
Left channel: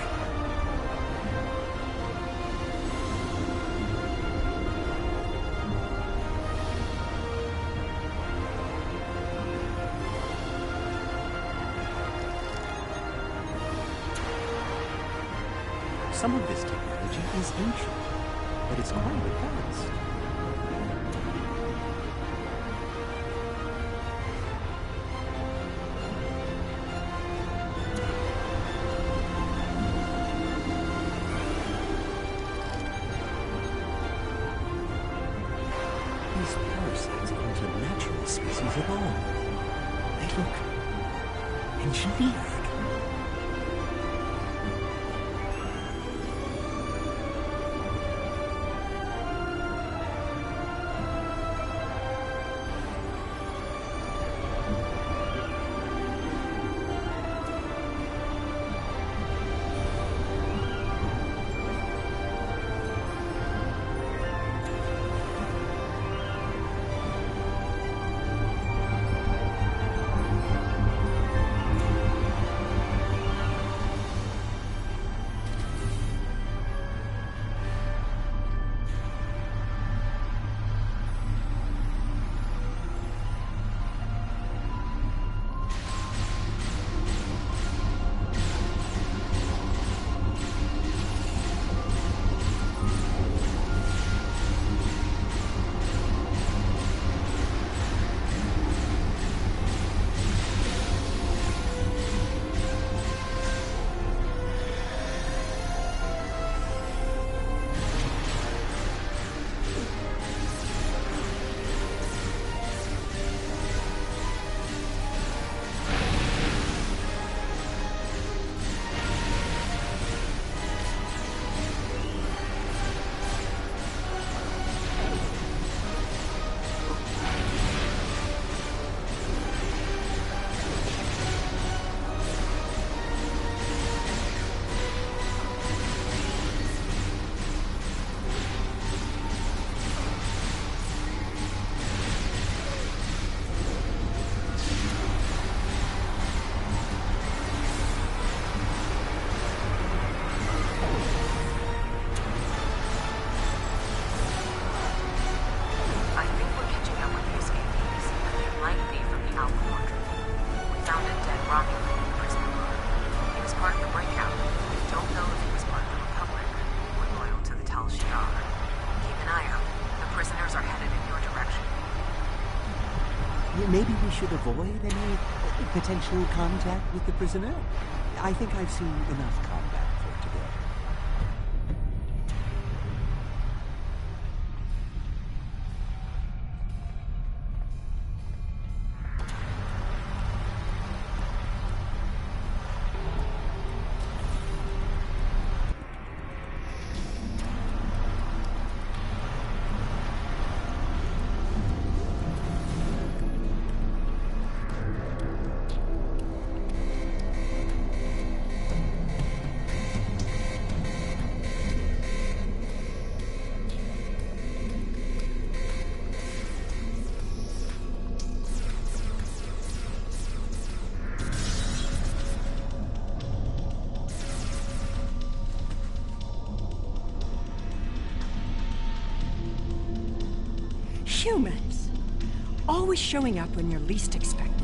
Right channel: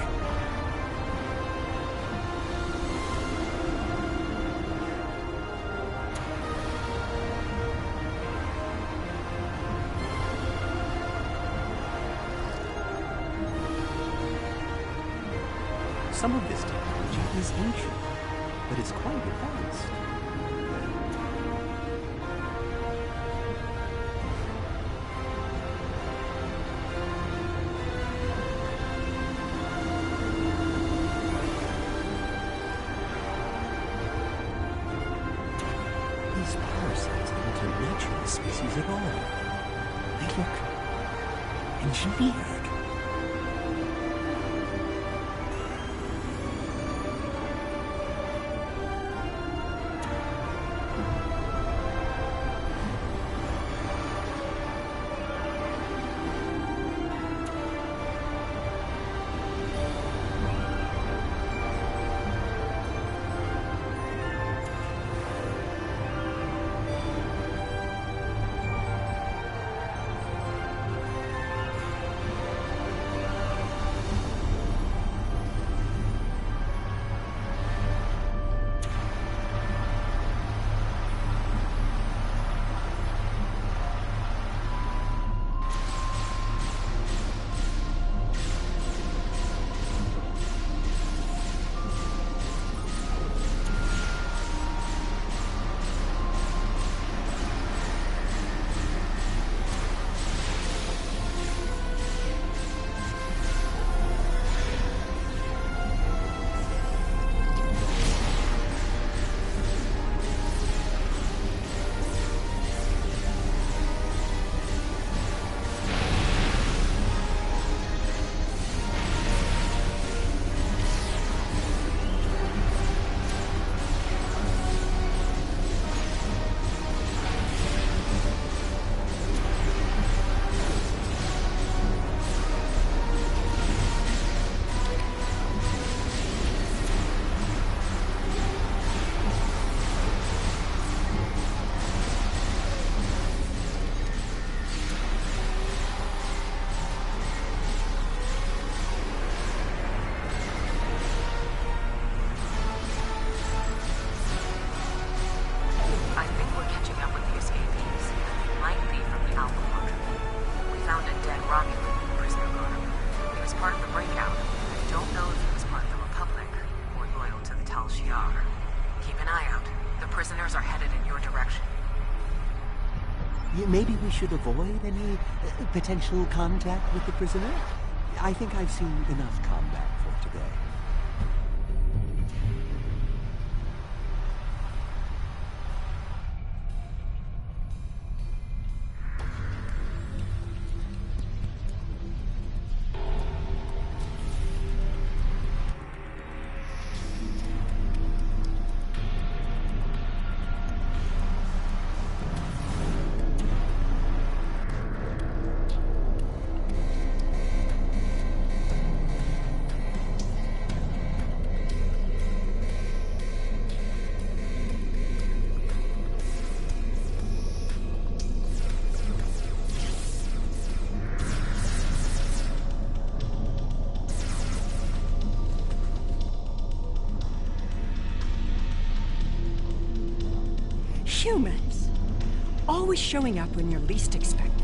Some of this technology is ancient, but it's quite advanced. These parasites aren't a natural species at all. They look engineered. Maybe we should avoid any potential contact with the prisoner? I think I've seen enough combat for today. Humans, always showing up when you're least expected.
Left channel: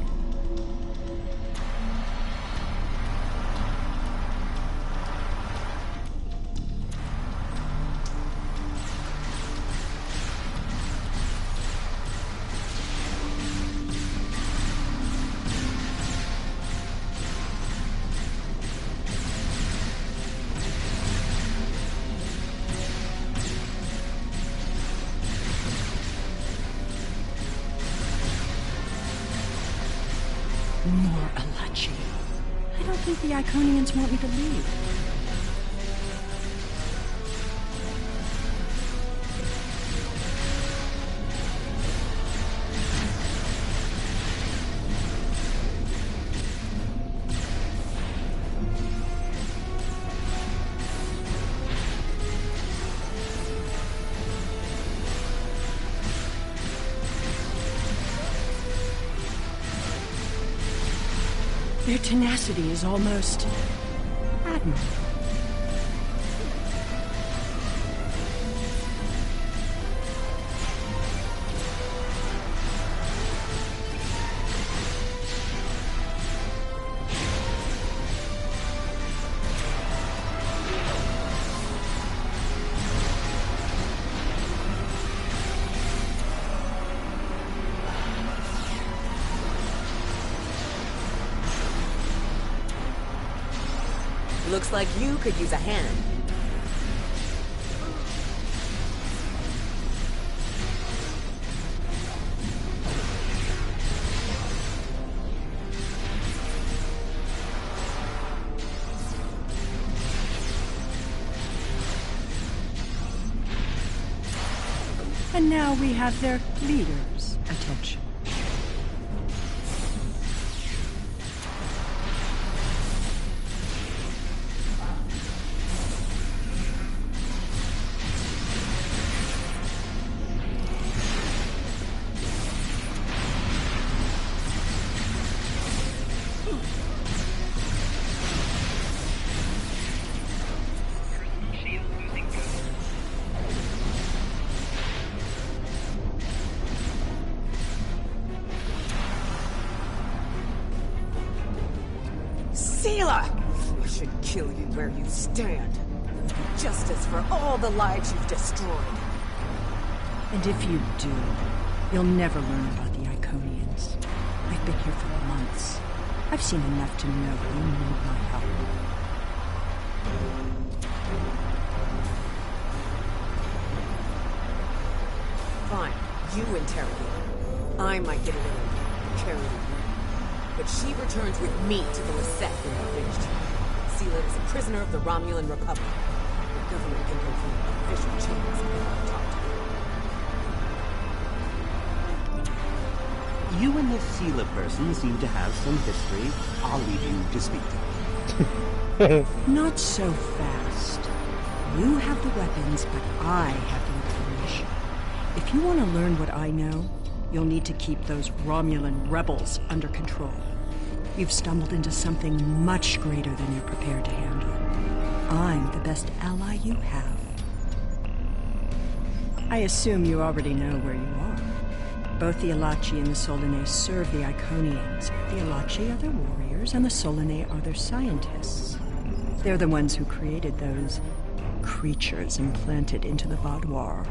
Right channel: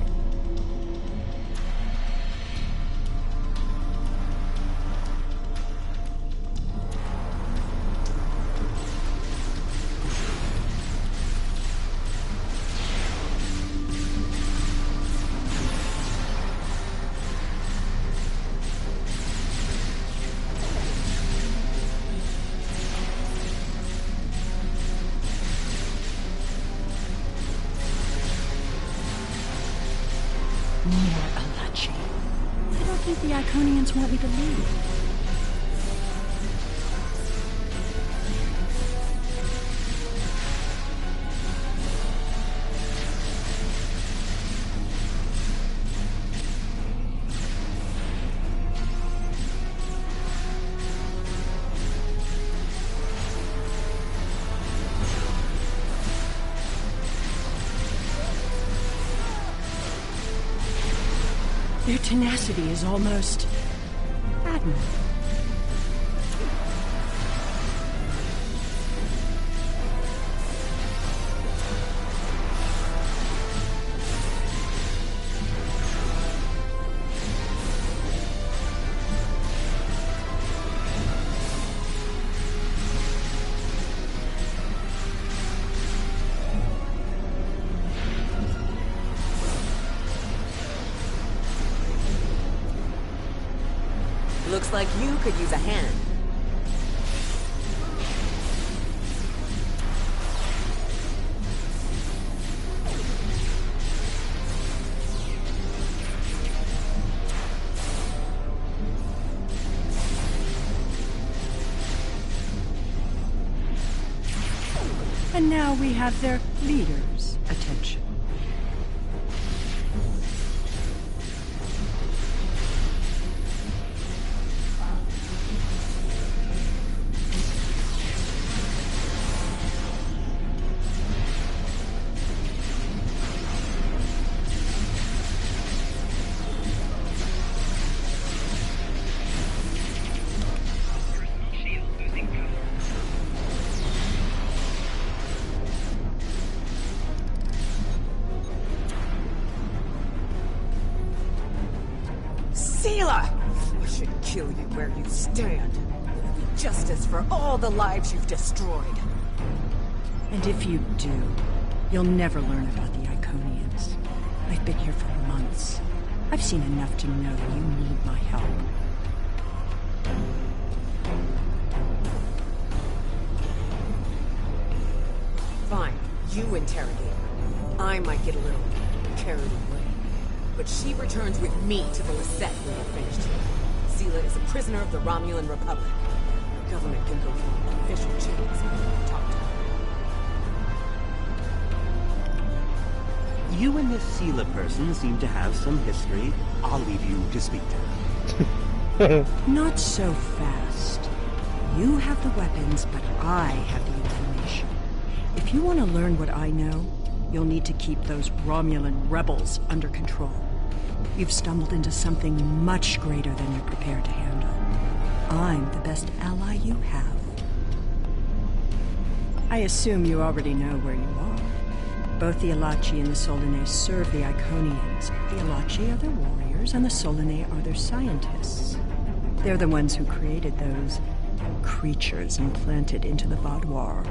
More Alachi. I don't think the Iconians want me to leave. Their tenacity is almost admirable. Looks like you could use a hand. And now we have their leader's attention. I should kill you where you stand. It would be justice for all the lives you've destroyed. And if you do, you'll never learn about the Iconians. I've been here for months. I've seen enough to know you need my help. Fine, you interrogate her. I might get a little carried away. But she returns with me to the Lisette when we're finished here. Sela is a prisoner of the Romulan Republic. Your government can go through official channels if they want to talk to her. You and this Sela person seem to have some history. I'll leave you to speak to her. Not so fast. You have the weapons, but I have the information. If you want to learn what I know, you'll need to keep those Romulan rebels under control. You've stumbled into something much greater than you're prepared to handle. I'm the best ally you have. I assume you already know where you are. Both the Alachi and the Solanae serve the Iconians. The Alachi are their warriors, and the Solanae are their scientists. They're the ones who created those creatures implanted into the Vaadwaur.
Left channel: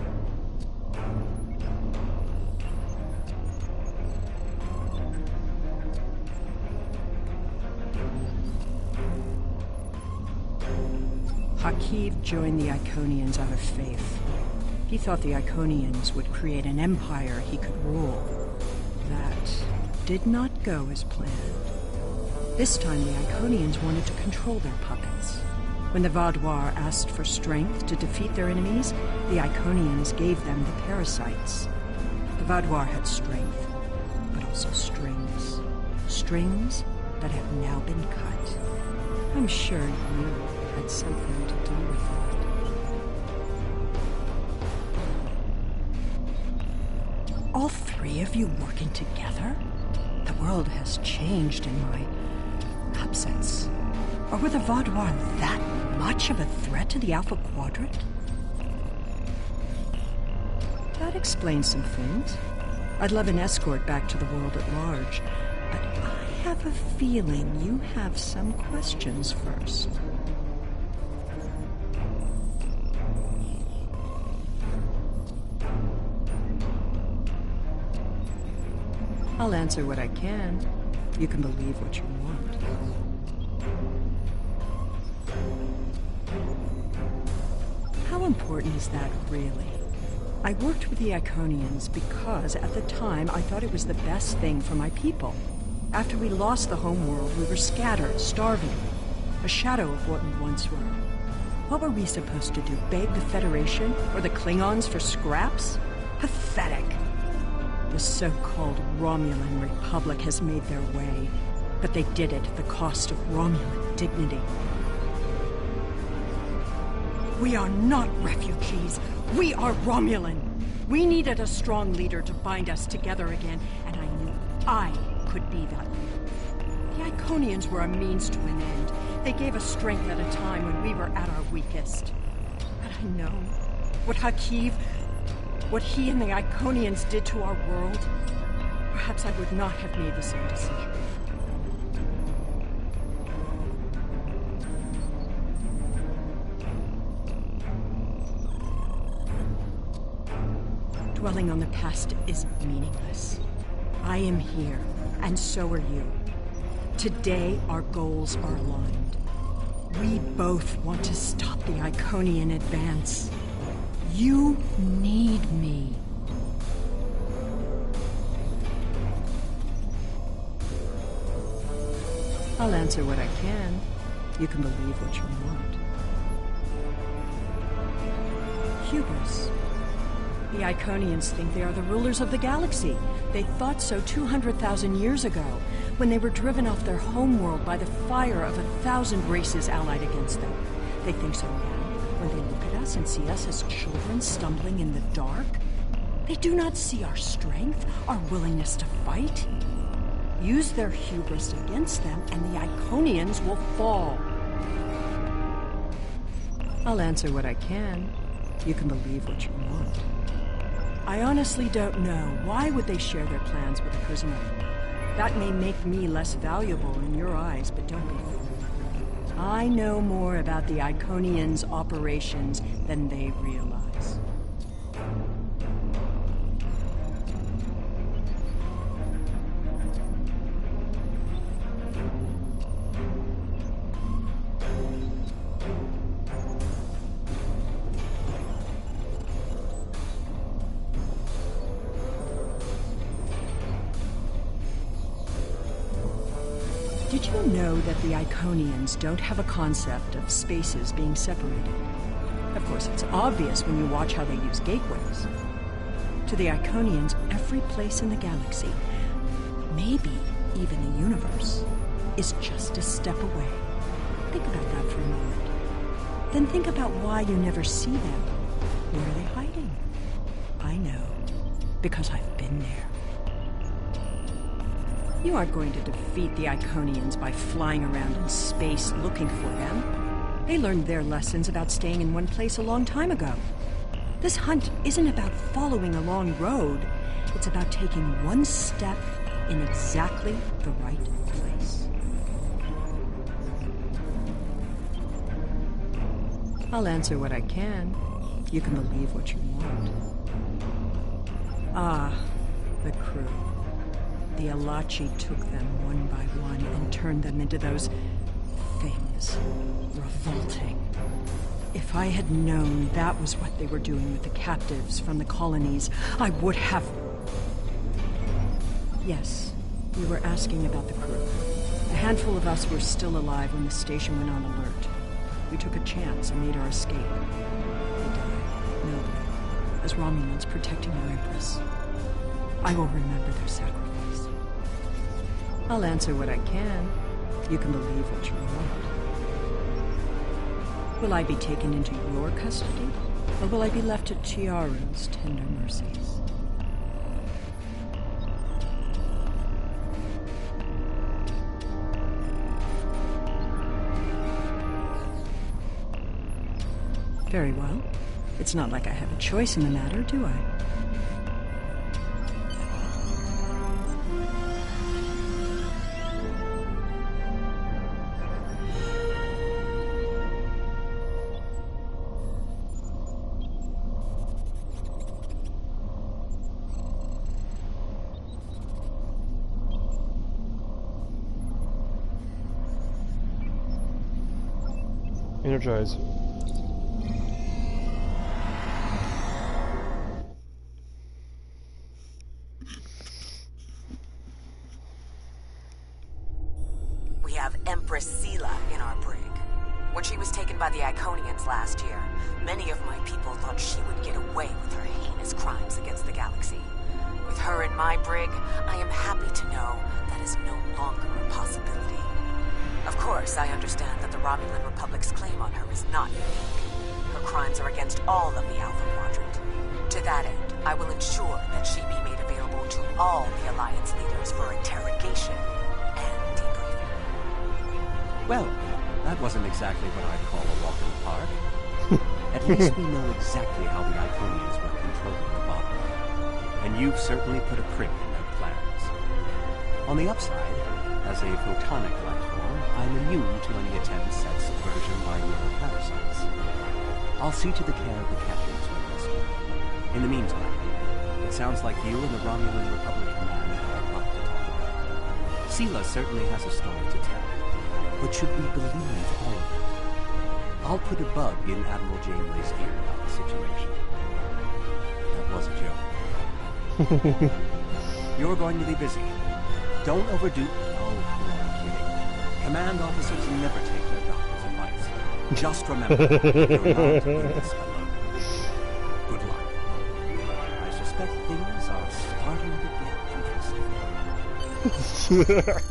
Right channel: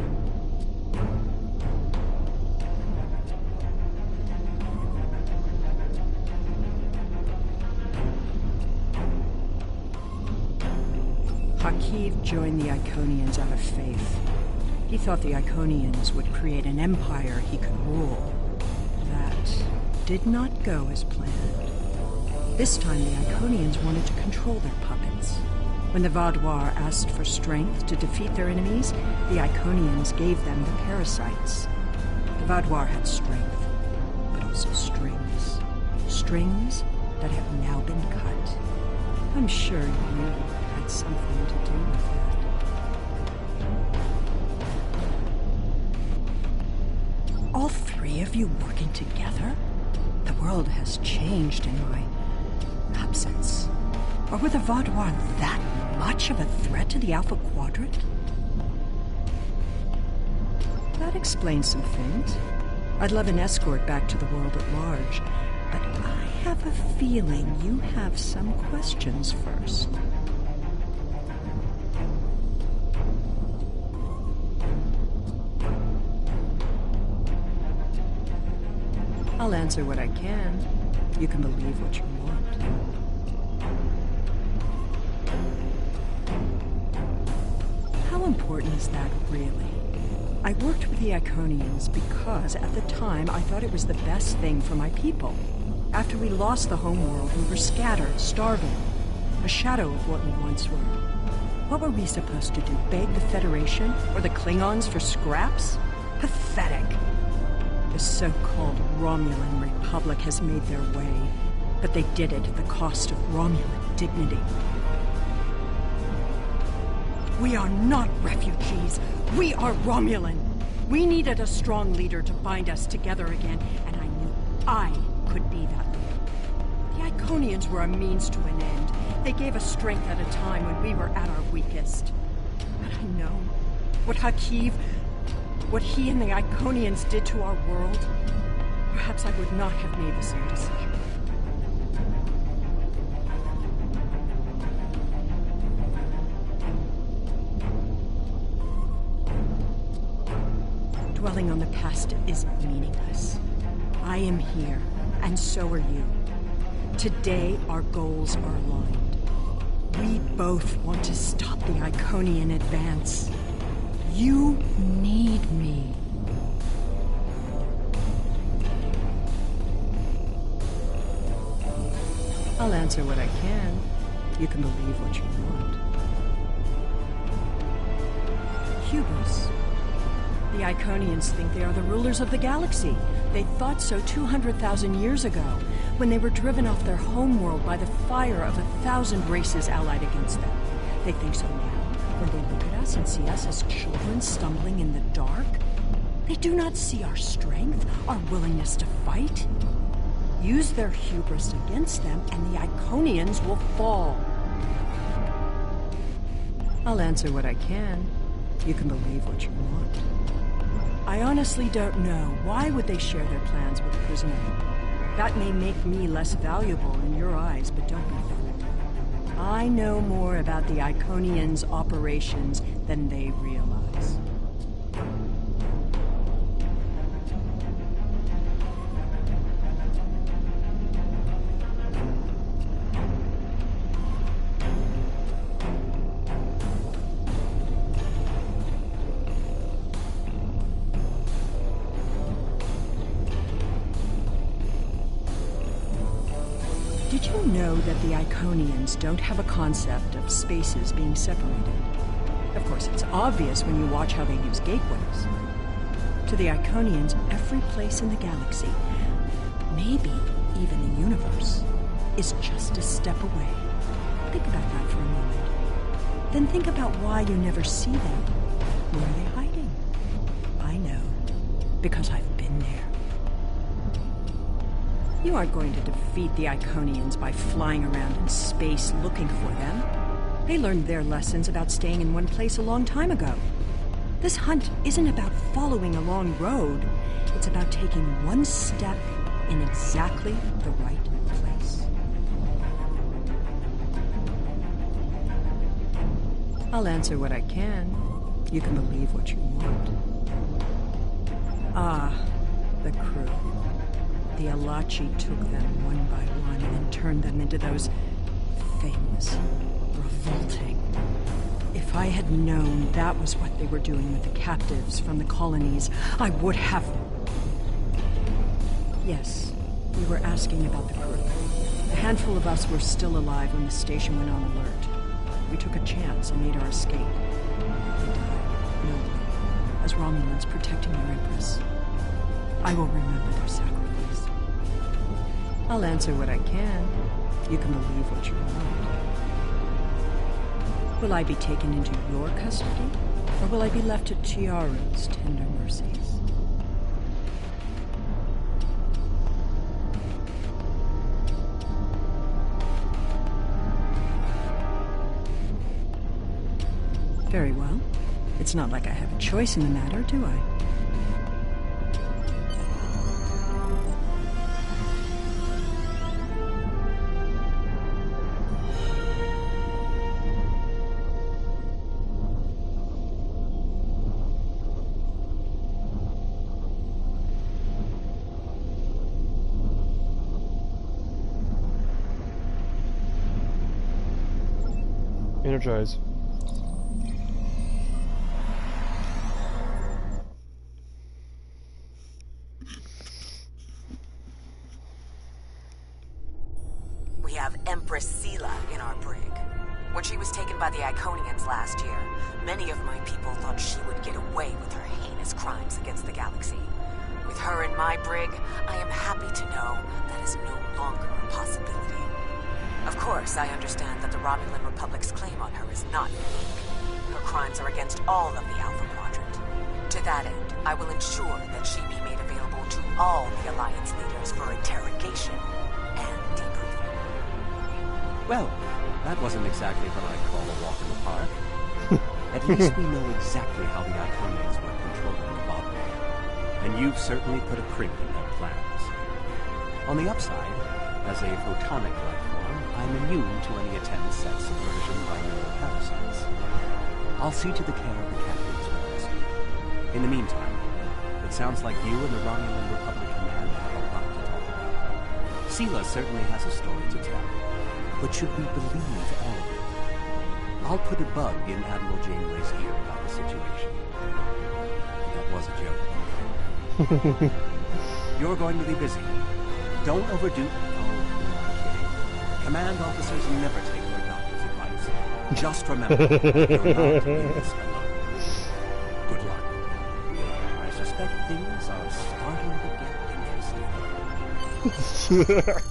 Hakiv joined the Iconians out of faith. He thought the Iconians would create an empire he could rule. That did not go as planned. This time the Iconians wanted to control their puppets. When the Vaadwaur asked for strength to defeat their enemies, the Iconians gave them the parasites. The Vaadwaur had strength, but also strings. Strings that have now been cut. I'm sure you had something to do with that. All three of you working together? The world has changed in my absence. Or were the Vaadwaur that much of a threat to the Alpha Quadrant? That explains some things. I'd love an escort back to the world at large, but I have a feeling you have some questions first. I'll answer what I can. You can believe what you want. How important is that, really? I worked with the Iconians because, at the time, I thought it was the best thing for my people. After we lost the homeworld, we were scattered, starving. A shadow of what we once were. What were we supposed to do? Beg the Federation or the Klingons for scraps? Pathetic. The so-called Romulan Republic has made their way, but they did it at the cost of Romulan dignity. We are not refugees. We are Romulan. We needed a strong leader to bind us together again, and I knew I could be that leader. The Iconians were a means to an end. They gave us strength at a time when we were at our weakest. Had I known what what he and the Iconians did to our world, perhaps I would not have made the same decision. Dwelling on the past is meaningless. I am here, and so are you. Today, our goals are aligned. We both want to stop the Iconian advance. You need me. I'll answer what I can. You can believe what you want. Hubris. The Iconians think they are the rulers of the galaxy. They thought so 200,000 years ago, when they were driven off their homeworld by the fire of 1,000 races allied against them. They think so now, when they look at us and see us as children stumbling in the dark. They do not see our strength, our willingness to fight. Use their hubris against them, and the Iconians will fall. I'll answer what I can. You can believe what you want. I honestly don't know. Why would they share their plans with a prisoner? That may make me less valuable in your eyes, but don't be fooled. I know more about the Iconians' operations than they realize. Did you know that the Iconians don't have a concept of spaces being separated? Of course, it's obvious when you watch how they use gateways. To the Iconians, every place in the galaxy, maybe even the universe, is just a step away. Think about that for a moment. Then think about why you never see them. Where are they hiding? I know, because I've been there. You aren't going to defeat the Iconians by flying around in space looking for them. They learned their lessons about staying in one place a long time ago. This hunt isn't about following a long road. It's about taking one step in exactly the right place. I'll answer what I can. You can believe what you want. Ah, the crew. The Alachi took them one by one and turned them into those things. Revolting. If I had known that was what they were doing with the captives from the colonies, I would have... Yes, you were asking about the crew. A handful of us were still alive when the station went on alert. We took a chance and made our escape. They died, nobly, as Romulans protecting their Empress. I will remember their sacrifice. I'll answer what I can. You can believe what you want. Will I be taken into your custody, or will I be left to Chiaru's tender mercies? Very well. It's not like I have a choice in the matter, do I? Energize. We have Empress Sela in our brig. When she was taken by the Iconians last year, many of my people thought she would get away with her heinous crimes against the galaxy. With her in my brig, I am happy to know that is no longer a possibility. Of course, I understand that the Romulan Republic's claim on her is not unique. Her crimes are against all of the Alpha Quadrant. To that end, I will ensure that she be made available to all the Alliance leaders for interrogation and debriefing. Well, that wasn't exactly what I'd call a walk in the park. At least we know exactly how the Iconians were controlling the Vodmar, and you've certainly put a crimp in their plans. On the upside, as a photonic life form, I'm immune to any attempts at subversion by neural parasites. I'll see to the care of the captives we rescue. In the meantime, it sounds like you and the Romulan Republic Command have a lot to talk about. Sela certainly has a story to tell, but should we believe all of it? I'll put a bug in Admiral Janeway's ear about the situation. That was a joke, by the way. You're going to be busy. Don't overdo... Oh, who am I kidding? Command officers never take their doctor's advice. Just remember, you're not in this alone. Good luck. I suspect things are starting to get interesting.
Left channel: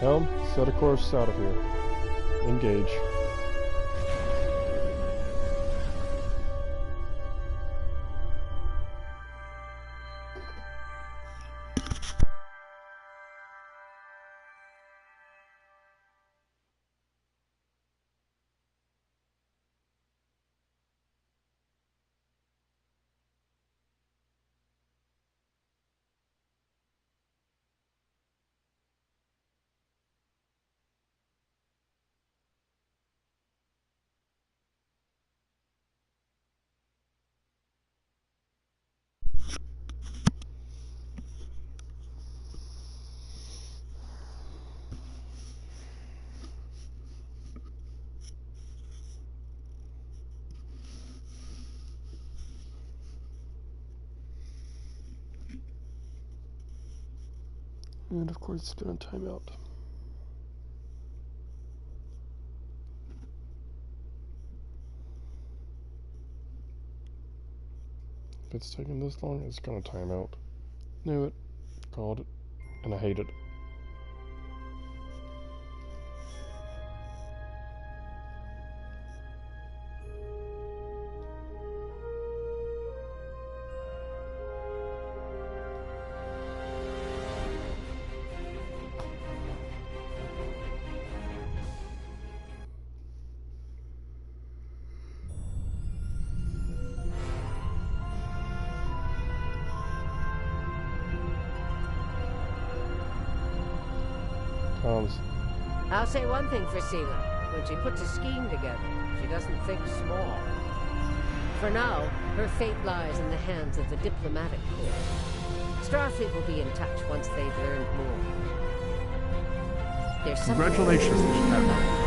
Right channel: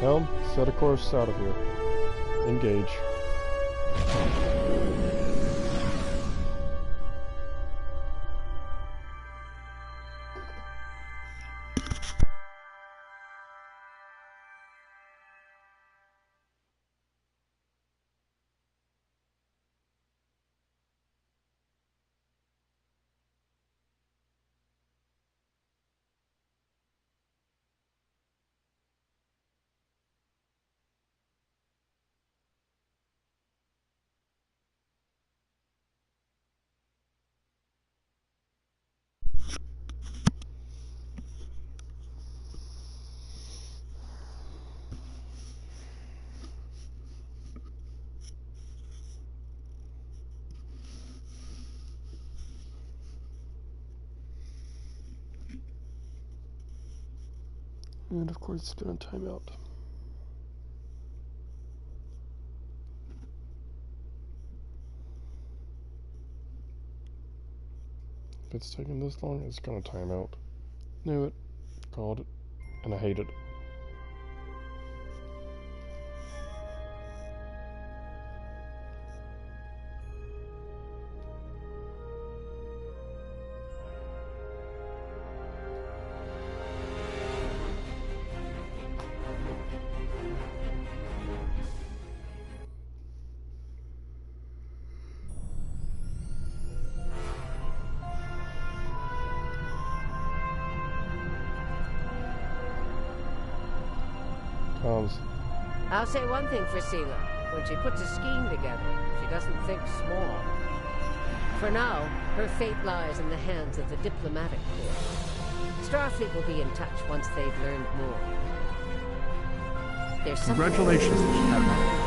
Helm, set a course out of here. Engage. And of course, it's going to time out. If it's taking this long, it's going to time out. Knew it. Called it. And I hate it. I'll say one thing for Sela. When she puts a scheme together, she doesn't think small. For now, her fate lies in the hands of the diplomatic corps. Starfleet will be in touch once they've learned more. There's something... Congratulations, Admiral.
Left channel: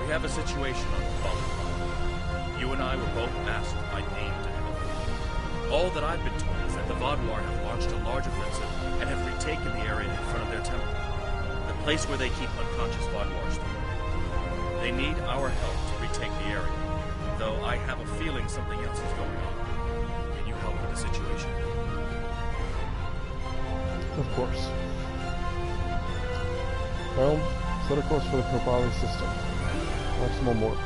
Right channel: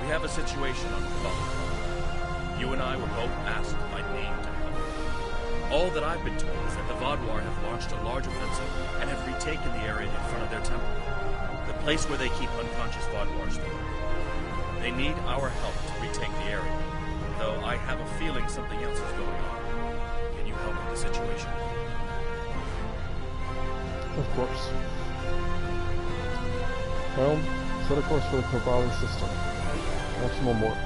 We have a situation on Talon1526's. You and I were both asked by name to help. All that I've been told is that the Vodmar have launched a large offensive and have retaken the area in front of their temple, the place where they keep unconscious Vodmar stored. They need our help to retake the area, though I have a feeling something else is going on. Can you help with the situation? Of course. Well, set a course for the Kobali system. Maximum warp.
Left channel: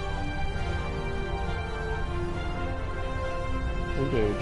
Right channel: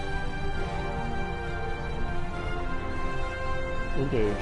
Engage.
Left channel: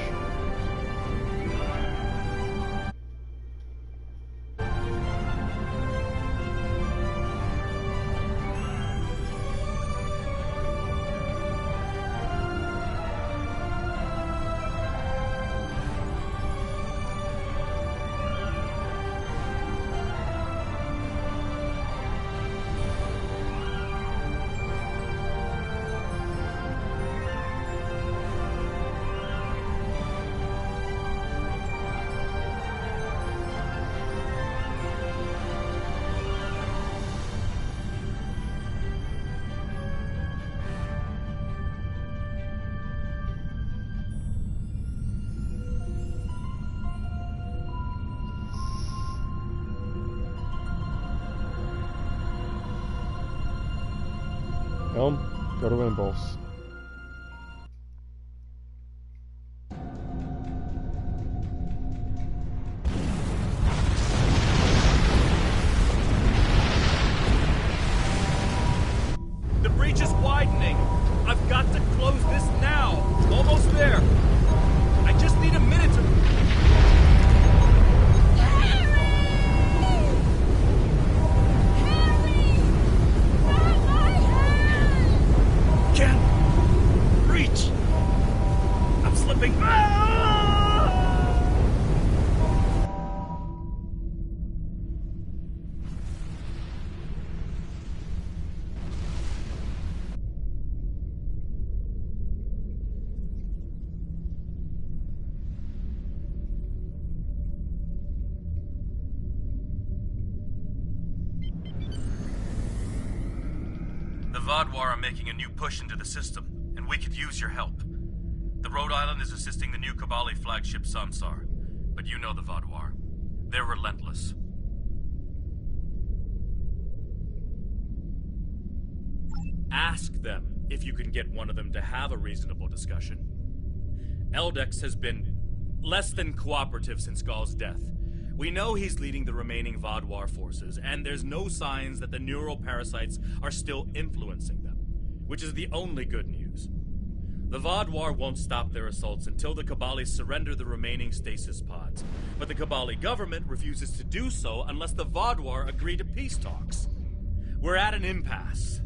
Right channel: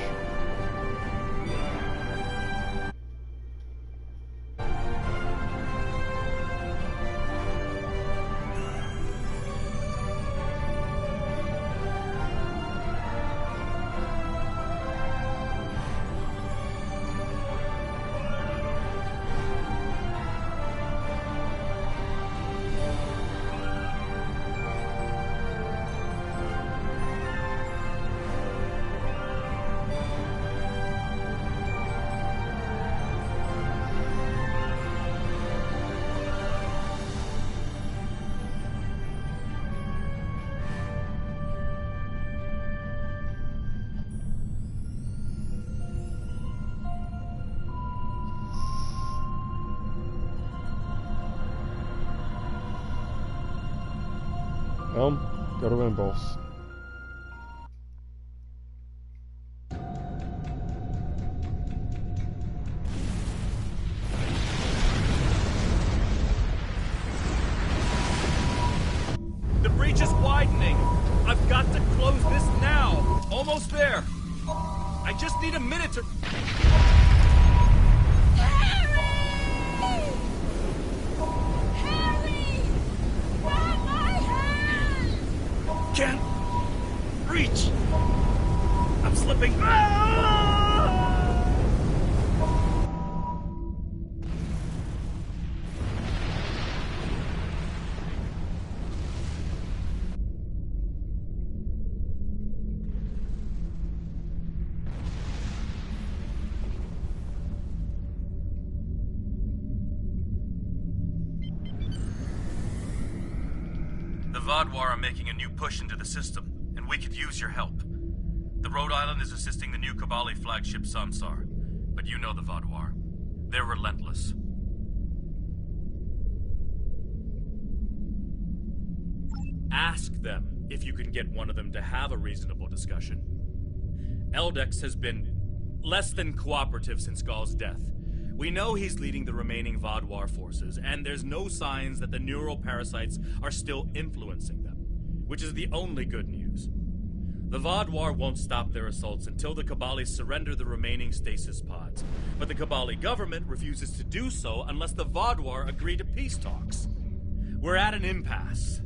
Helm, go to impulse. breach is widening. I've got to close this now. Almost there. I just need a minute to... Can't reach. I'm slipping. The Vodwar are making a new push into the system, and we could use your help. The Rhode Island is assisting the new Kabali flagship Samsar, but you know the Vodwar. They're relentless. Ask them if you can get one of them to have a reasonable discussion. Eldex has been less than cooperative since Gall's death. We know he's leading the remaining Vodwar forces, and there's no signs that the neural parasites are still influencing them, which is the only good news. The Vodwar won't stop their assaults until the Kabali surrender the remaining stasis pods, but the Kabali government refuses to do so unless the Vodwar agree to peace talks. We're at an impasse.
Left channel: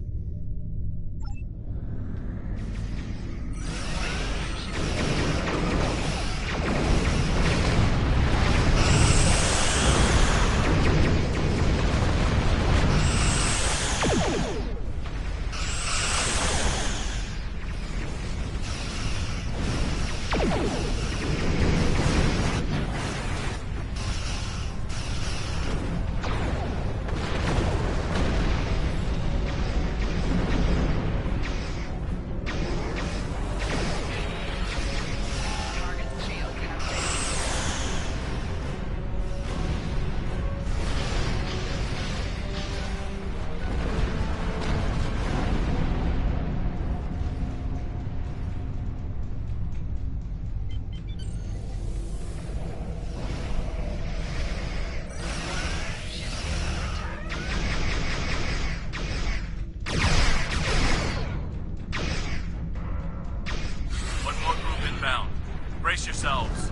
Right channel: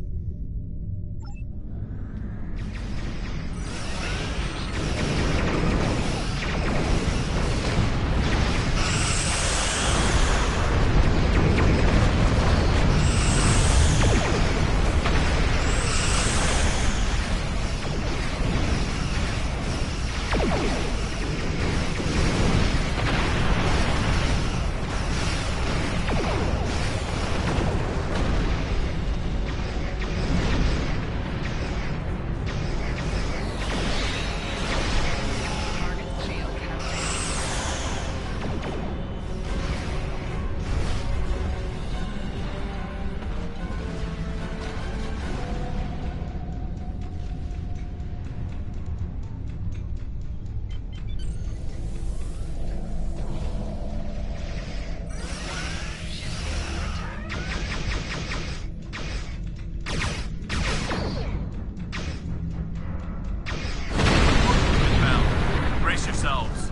Brace yourselves.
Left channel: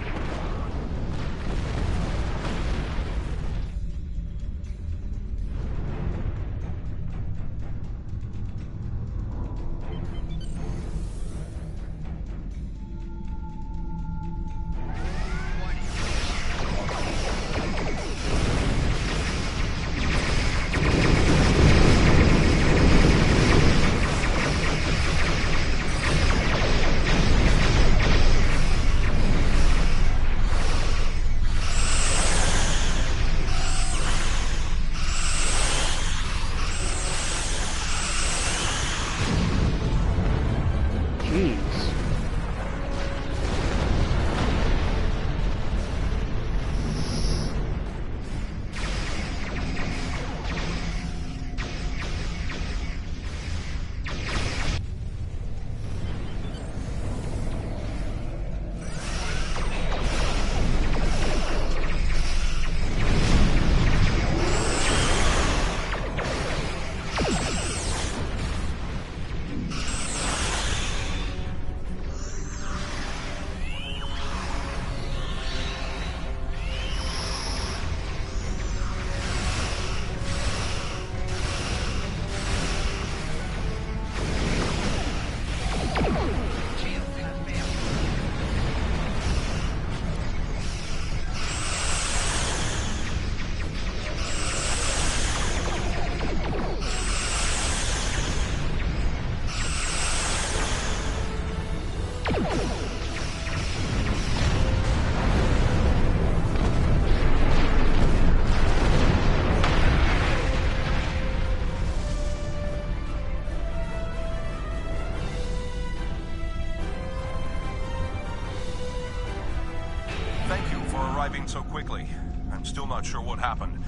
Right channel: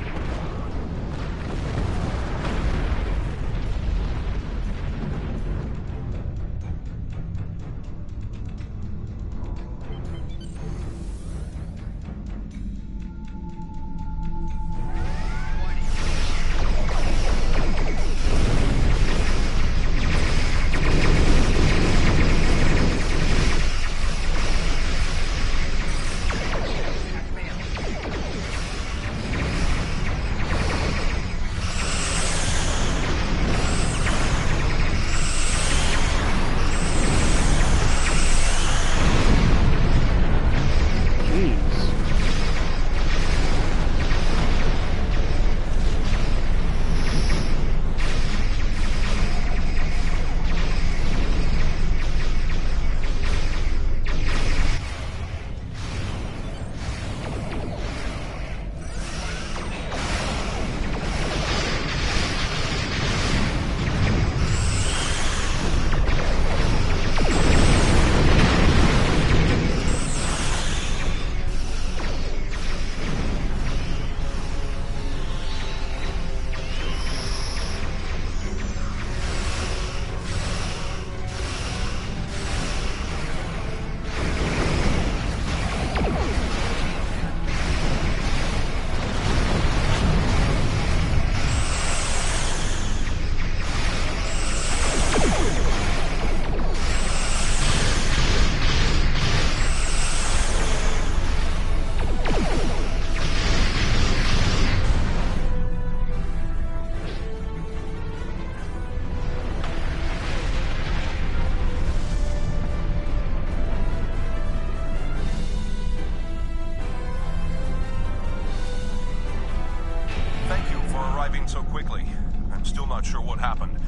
So quickly. I'm still not sure what happened.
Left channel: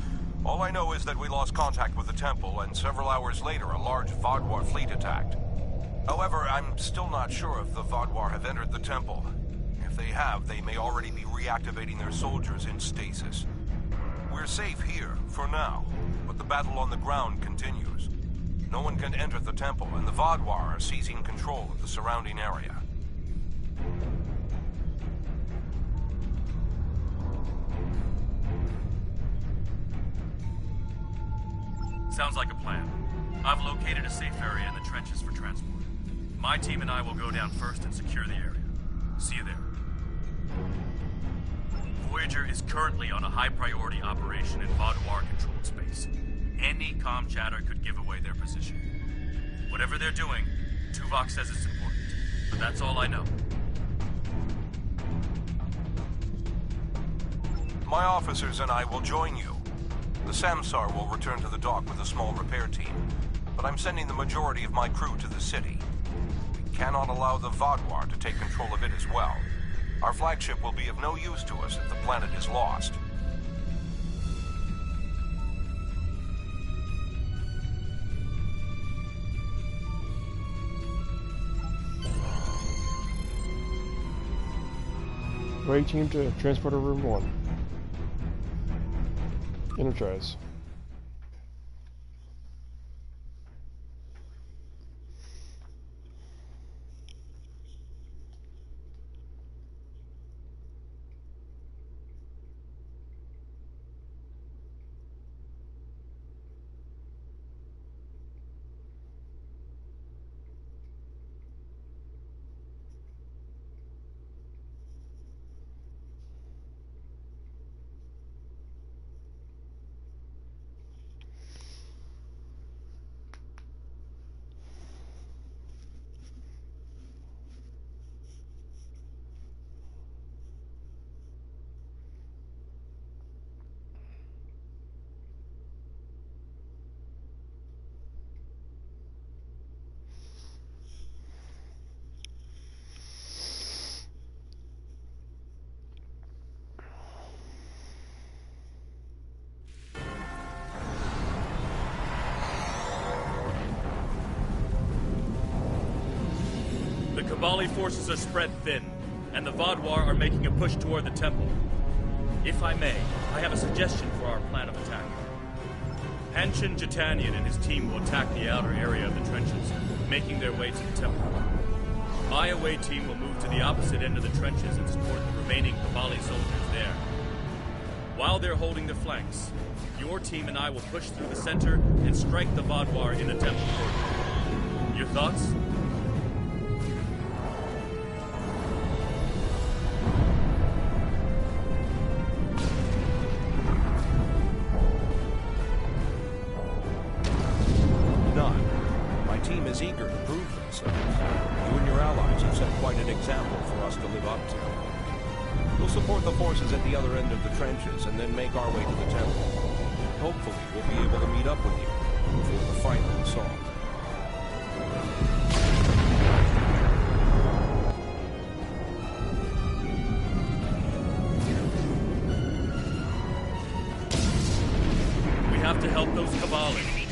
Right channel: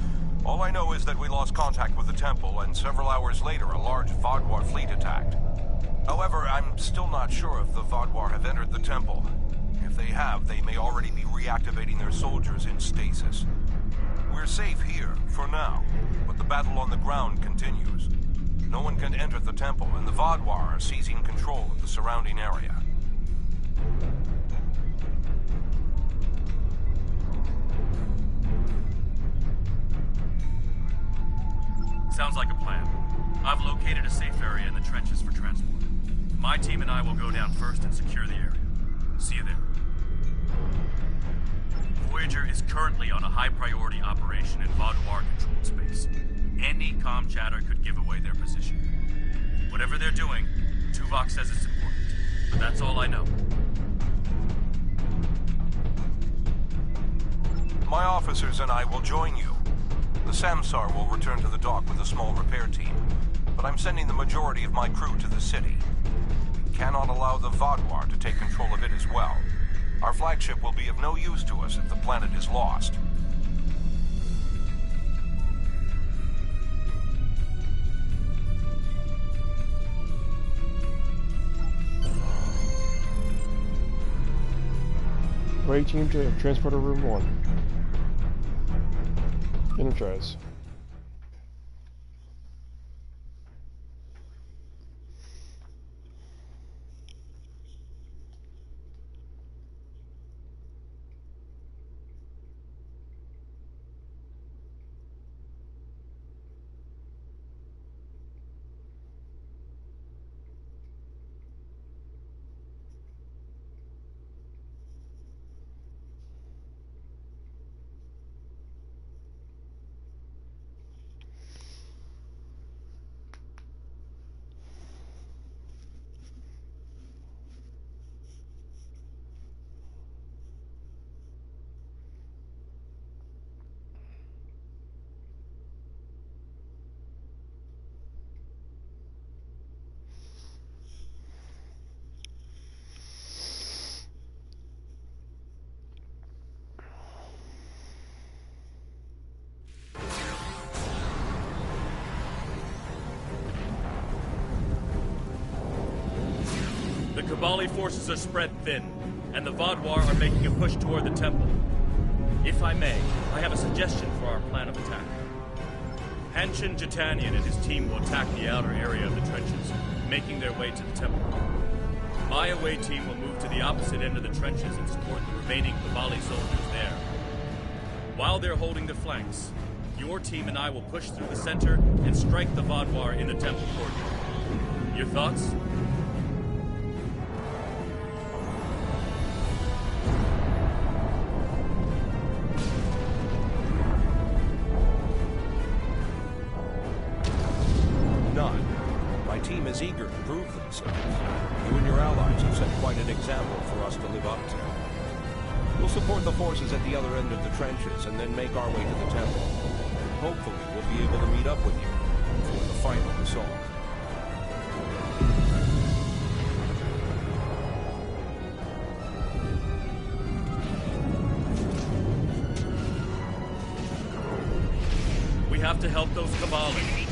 All I know is that we lost contact with the temple, and several hours later a large Vodwar fleet attacked. However, I'm still not sure if the Vodwar have entered the temple. If they have, they may already be reactivating their soldiers in stasis. We're safe here, for now, but the battle on the ground continues. No one can enter the temple, and the Vaadwaur are seizing control of the surrounding area. Sounds like a plan. I've located a safe area in the trenches for transport. My team and I will go down first and secure the area. See you there. Voyager is currently on a high-priority operation in Vaadwaur-controlled space. Any comm chatter could give away their position. Whatever they're doing, Tuvok says it's important. But that's all I know. My officers and I will join you. The Samsar will return to the dock with a small repair team, but I'm sending the majority of my crew to the city. We cannot allow the Vaadwaur to take control of it as well. Our flagship will be of no use to us if the planet is lost. Ray team to transporter room 1. Energize. The Cabali forces are spread thin, and the Vaadwaur are making a push toward the temple. If I may, I have a suggestion for our plan of attack. Hanshin Jatanian and his team will attack the outer area of the trenches, making their way to the temple. My away team will move to the opposite end of the trenches and support the remaining Cabali soldiers there. While they're holding the flanks, your team and I will push through the center and strike the Vaadwaur in the temple court. Your thoughts? None. My team is eager to prove themselves. You and your allies have set quite an example for us to live up to. We'll support the forces at the other end of the trenches and then make our way to the temple. Hopefully, we'll be able to meet up with you before the final assault. We have to help those Cabali.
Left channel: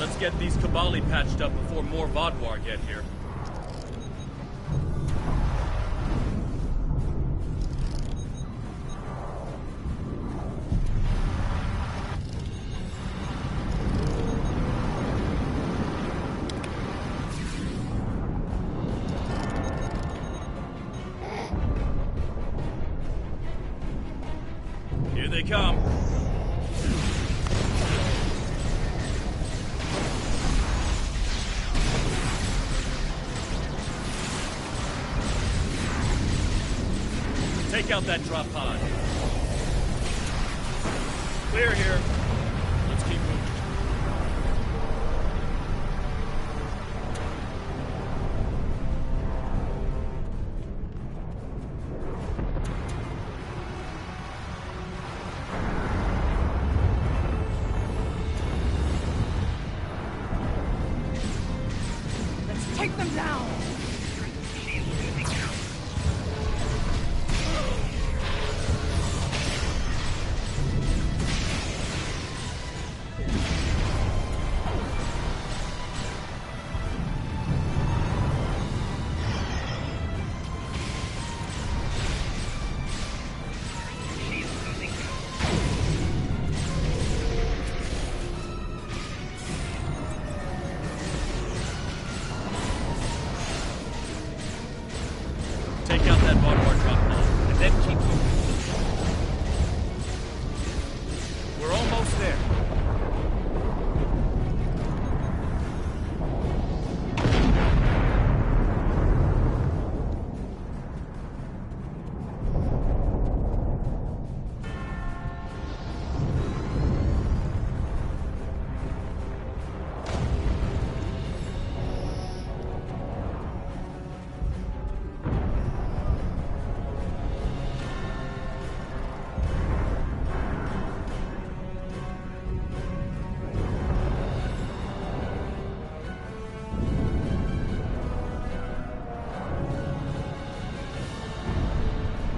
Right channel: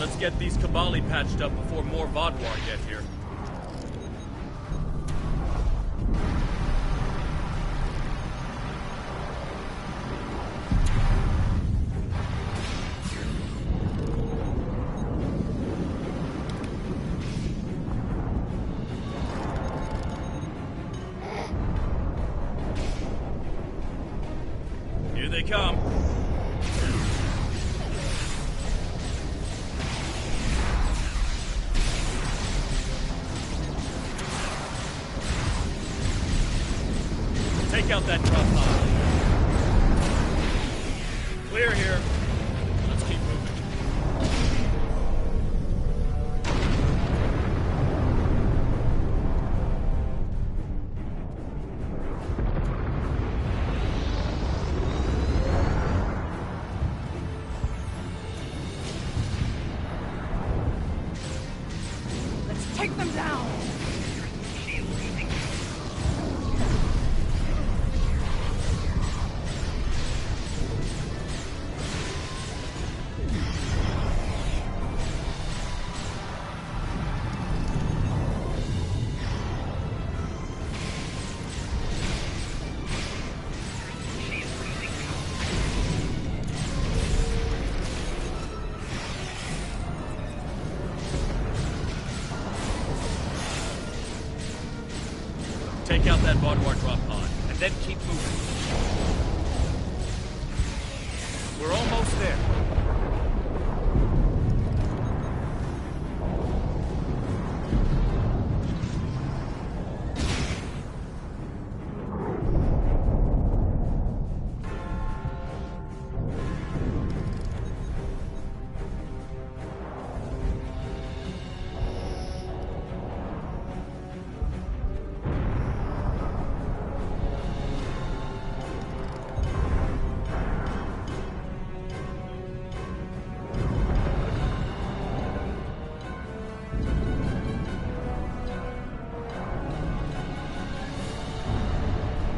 Let's get these Cabali patched up before more Vaadwaur get here. Here they come. Take out that drop pod. Clear here. Let's keep moving. Let's take them down! Take out that Vaudouar drop pod, and then keep moving. We're almost there.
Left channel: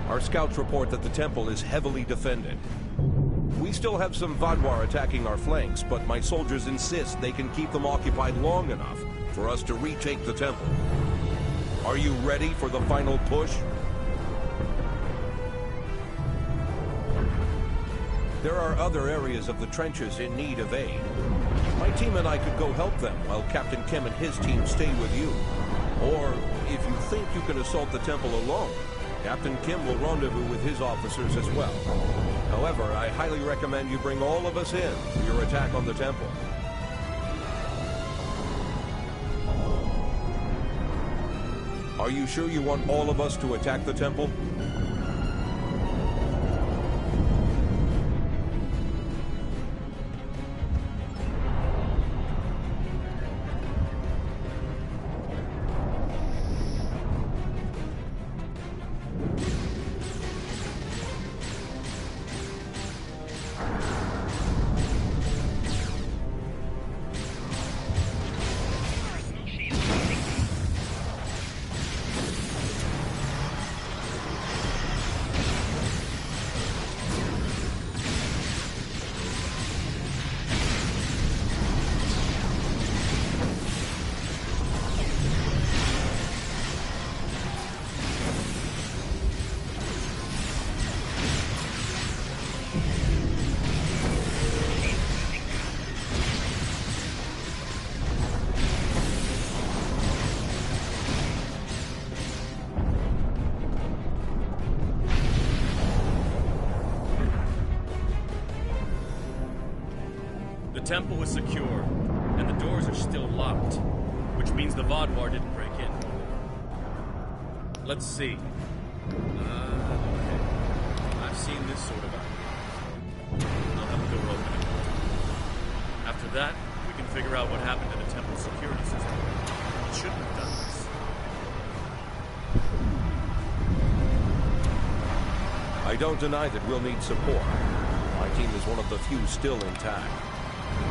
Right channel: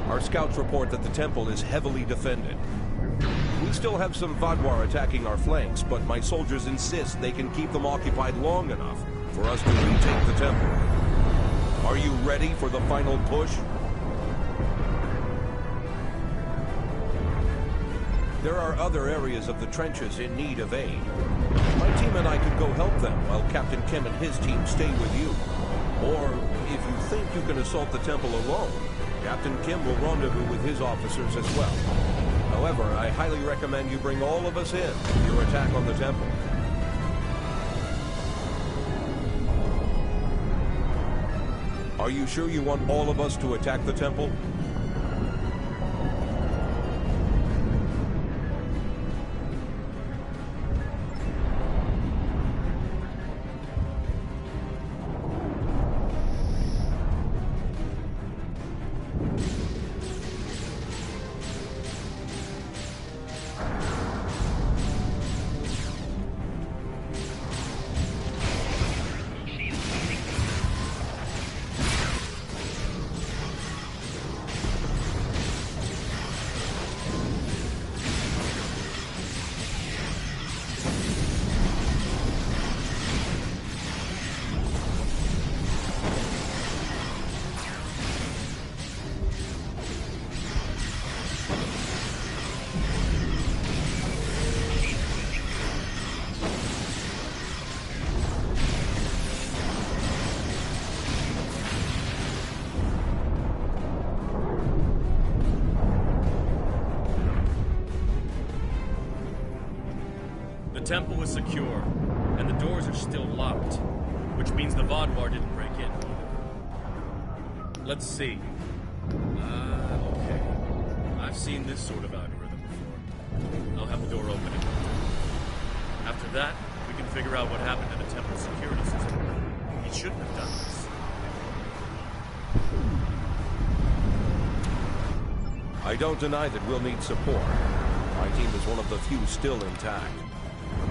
Our scouts report that the temple is heavily defended. We still have some Vaudouar attacking our flanks, but my soldiers insist they can keep them occupied long enough for us to retake the temple. Are you ready for the final push? There are other areas of the trenches in need of aid. My team and I could go help them while Captain Kim and his team stay with you. Or, if you think you can assault the temple alone, Captain Kim will rendezvous with his officers as well. However, I highly recommend you bring all of us in for your attack on the temple. Are you sure you want all of us to attack the temple? The temple is secure, and the doors are still locked, which means the Vaudouar didn't break in. Let's see. Okay. I've seen this sort of out here before. I'll have the door open in no time. After that, we can figure out what happened to the temple's security system. He shouldn't have done this. I don't deny that we'll need support. My team is one of the few still intact.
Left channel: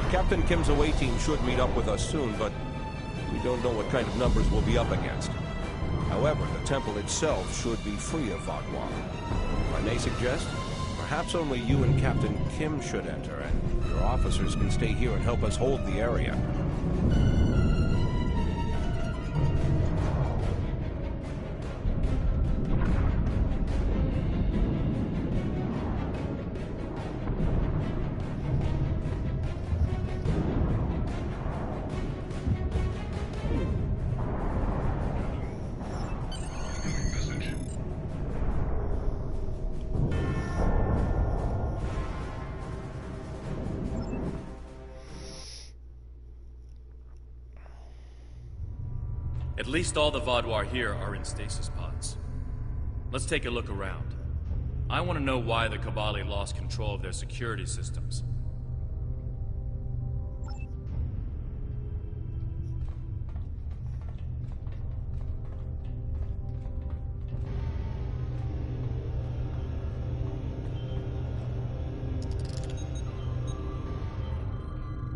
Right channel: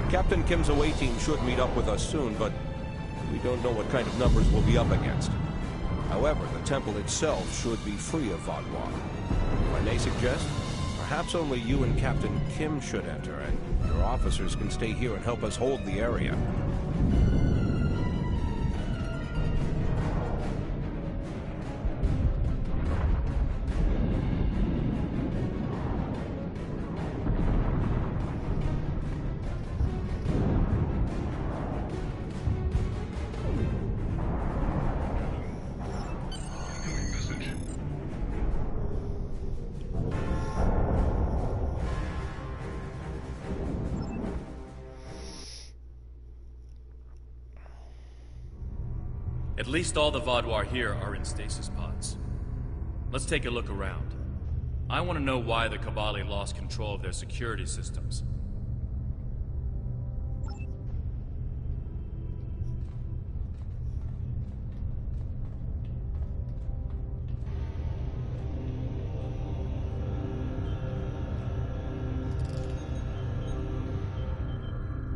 Captain Kim's away team should meet up with us soon, but we don't know what kind of numbers we'll be up against. However, the temple itself should be free of Vaudouar. If I may suggest, perhaps only you and Captain Kim should enter, and your officers can stay here and help us hold the area. At least all the Vaudouar here are in stasis pods. Let's take a look around. I want to know why the Kabali lost control of their security systems.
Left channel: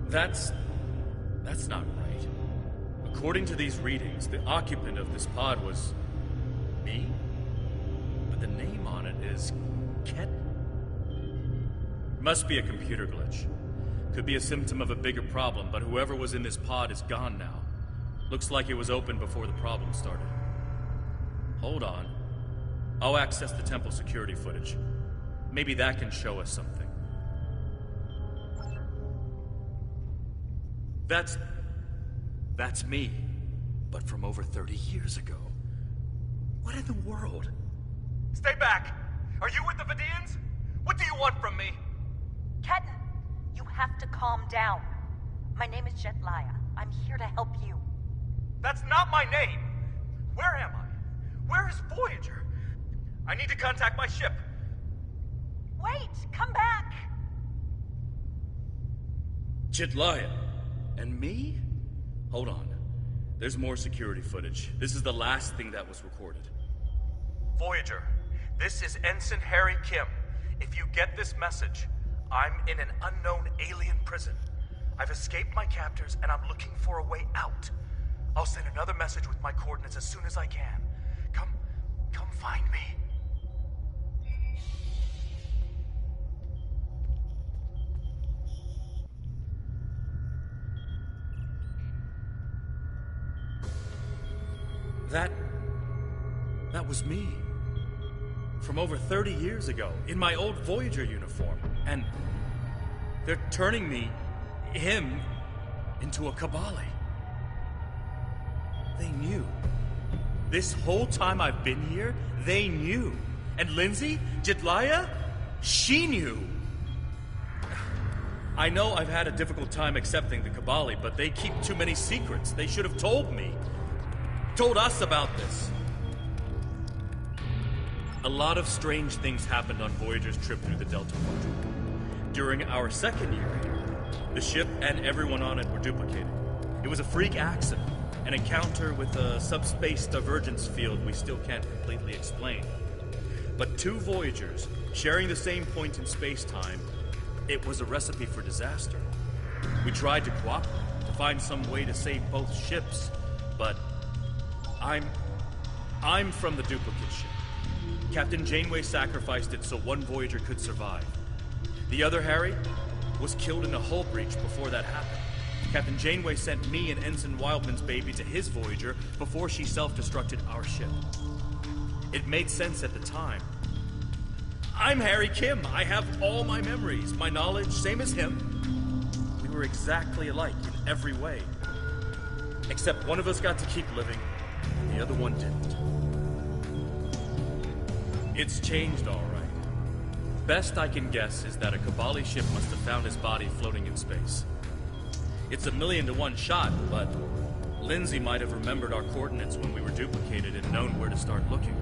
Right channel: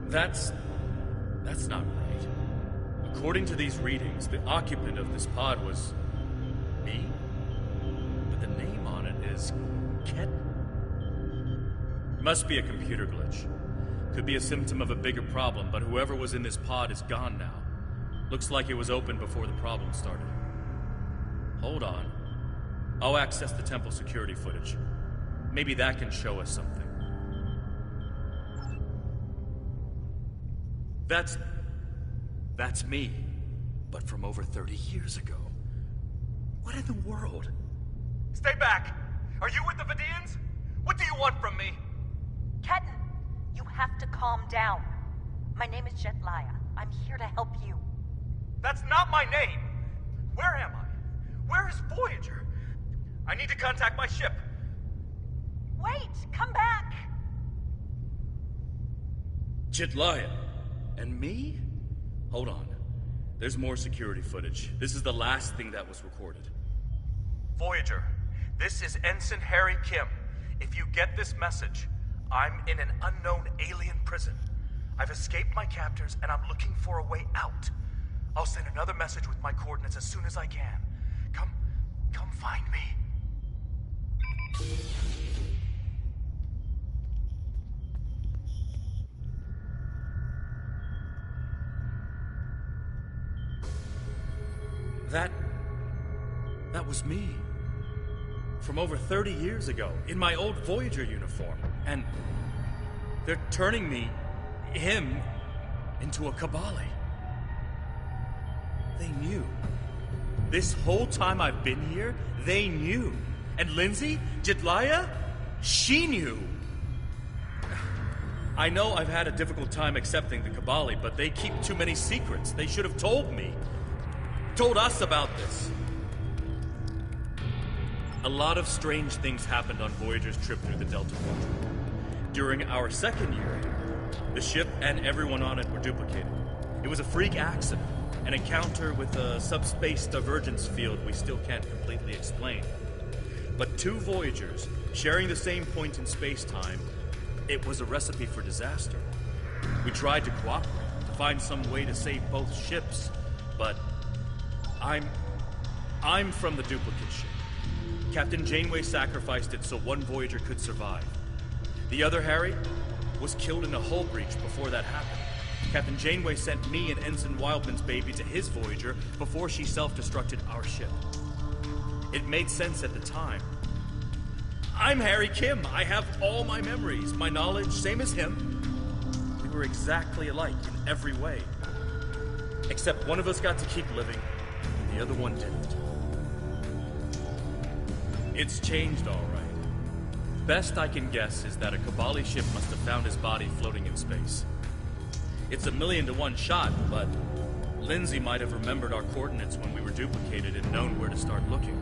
That's not right. According to these readings, the occupant of this pod was me? But the name on it is Ket. Must be a computer glitch. Could be a symptom of a bigger problem, but whoever was in this pod is gone now. Looks like it was open before the problem started. Hold on. I'll access the temple security footage. Maybe that can show us something. That's me, but from over 30 years ago. What in the world? Stay back! Are you with the Vidians? What do you want from me? Ketan, you have to calm down. My name is Jetlaya. I'm here to help you. That's not my name! Where am I? Where is Voyager? I need to contact my ship. Wait! Come back! Jetlaya. And me? Hold on. There's more security footage. This is the last thing that was recorded. Voyager, this is Ensign Harry Kim. If you get this message, I'm in an unknown alien prison. I've escaped my captors and I'm looking for a way out. I'll send another message with my coordinates as soon as I can. Come find me. That was me. From over 30 years ago, in my old Voyager uniform. And they're turning him, into a Kabali. They knew. This whole time I've been here, they knew. And Lindsay, Jetlaya, she knew. I know I've had a difficult time accepting the Kabali, but they keep too many secrets. They should have told me. Told us about this. A lot of strange things happened on Voyager's trip through the Delta Quadrant. During our second year here, the ship and everyone on it were duplicated. It was a freak accident, an encounter with a subspace divergence field we still can't completely explain. But two Voyagers, sharing the same point in space-time, it was a recipe for disaster. We tried to cooperate, to find some way to save both ships, but I'm from the duplicate ship. Captain Janeway sacrificed it so one Voyager could survive. The other, Harry, was killed in a hull breach before that happened. Captain Janeway sent me and Ensign Wildman's baby to his Voyager before she self-destructed our ship. It made sense at the time. I'm Harry Kim. I have all my memories, my knowledge, same as him. We were exactly alike in every way. Except one of us got to keep living, and the other one didn't. It's changed all right. Best I can guess is that a Kabali ship must have found his body floating in space. It's a 1,000,000-to-1 shot, but Lindsay might have remembered our coordinates when we were duplicated and known where to start looking.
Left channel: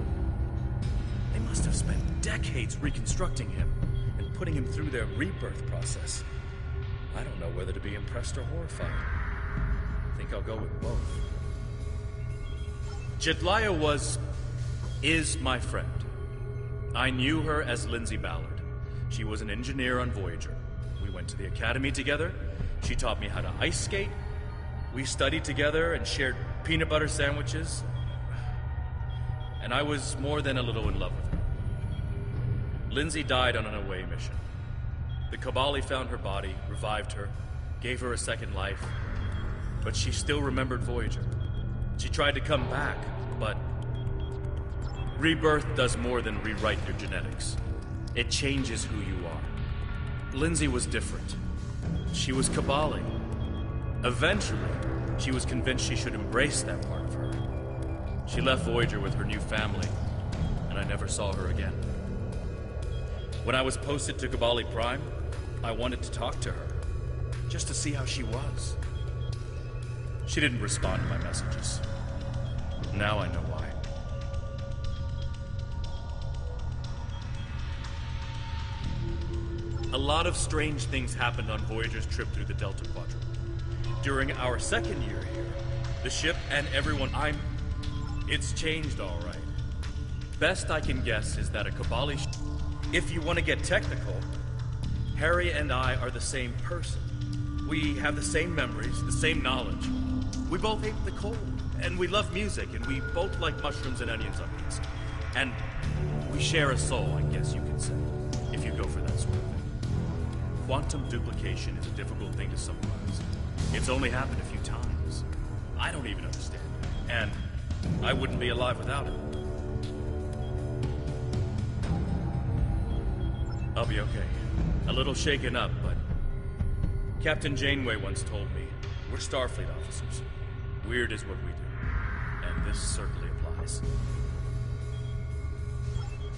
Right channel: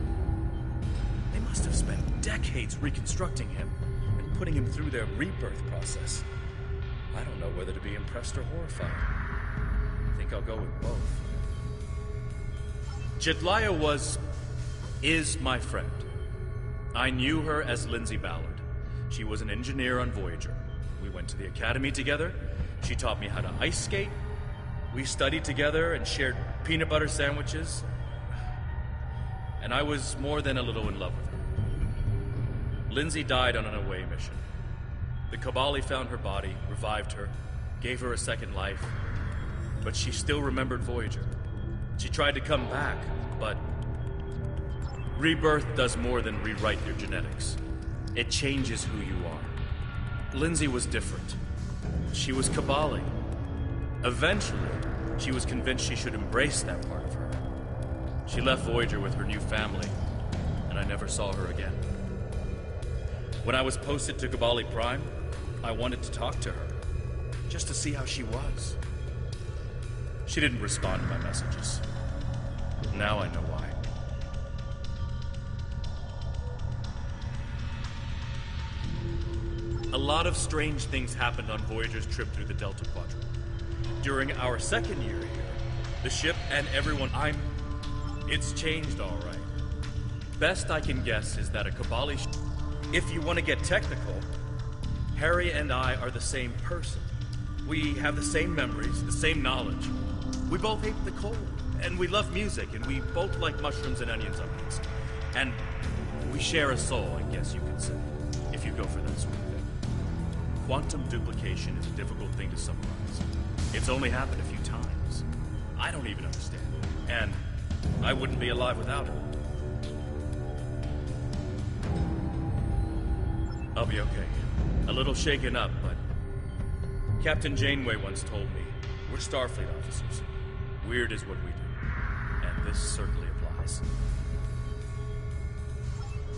They must have spent decades reconstructing him and putting him through their rebirth process. I don't know whether to be impressed or horrified. I think I'll go with both. Jetlaya is my friend. I knew her as Lindsay Ballard. She was an engineer on Voyager. We went to the academy together. She taught me how to ice skate. We studied together and shared peanut butter sandwiches. And I was more than a little in love with her. Lindsay died on an away mission. The Kabali found her body, revived her, gave her a second life, but she still remembered Voyager. She tried to come back, but rebirth does more than rewrite your genetics. It changes who you are. Lindsay was different. She was Kabali. Eventually, she was convinced she should embrace that part of her. She left Voyager with her new family, and I never saw her again. When I was posted to Kabali Prime, I wanted to talk to her, just to see how she was. She didn't respond to my messages. Now I know why. A lot of strange things happened on Voyager's trip through the Delta Quadrant. During our second year here, the ship and everyone it's changed all right. Best I can guess is that a Kabali if you want to get technical, Harry and I are the same person. We have the same memories, the same knowledge. We both hate the cold, and we love music, and we both like mushrooms and onions on pizza. And we share a soul, I guess you could say, if you go for that sort of thing. Quantum duplication is a difficult thing to summarize. It's only happened a few times. I don't even understand it, and I wouldn't be alive without it. I'll be okay. A little shaken up, but Captain Janeway once told me, we're Starfleet officers. Weird is what we do. And this certainly applies.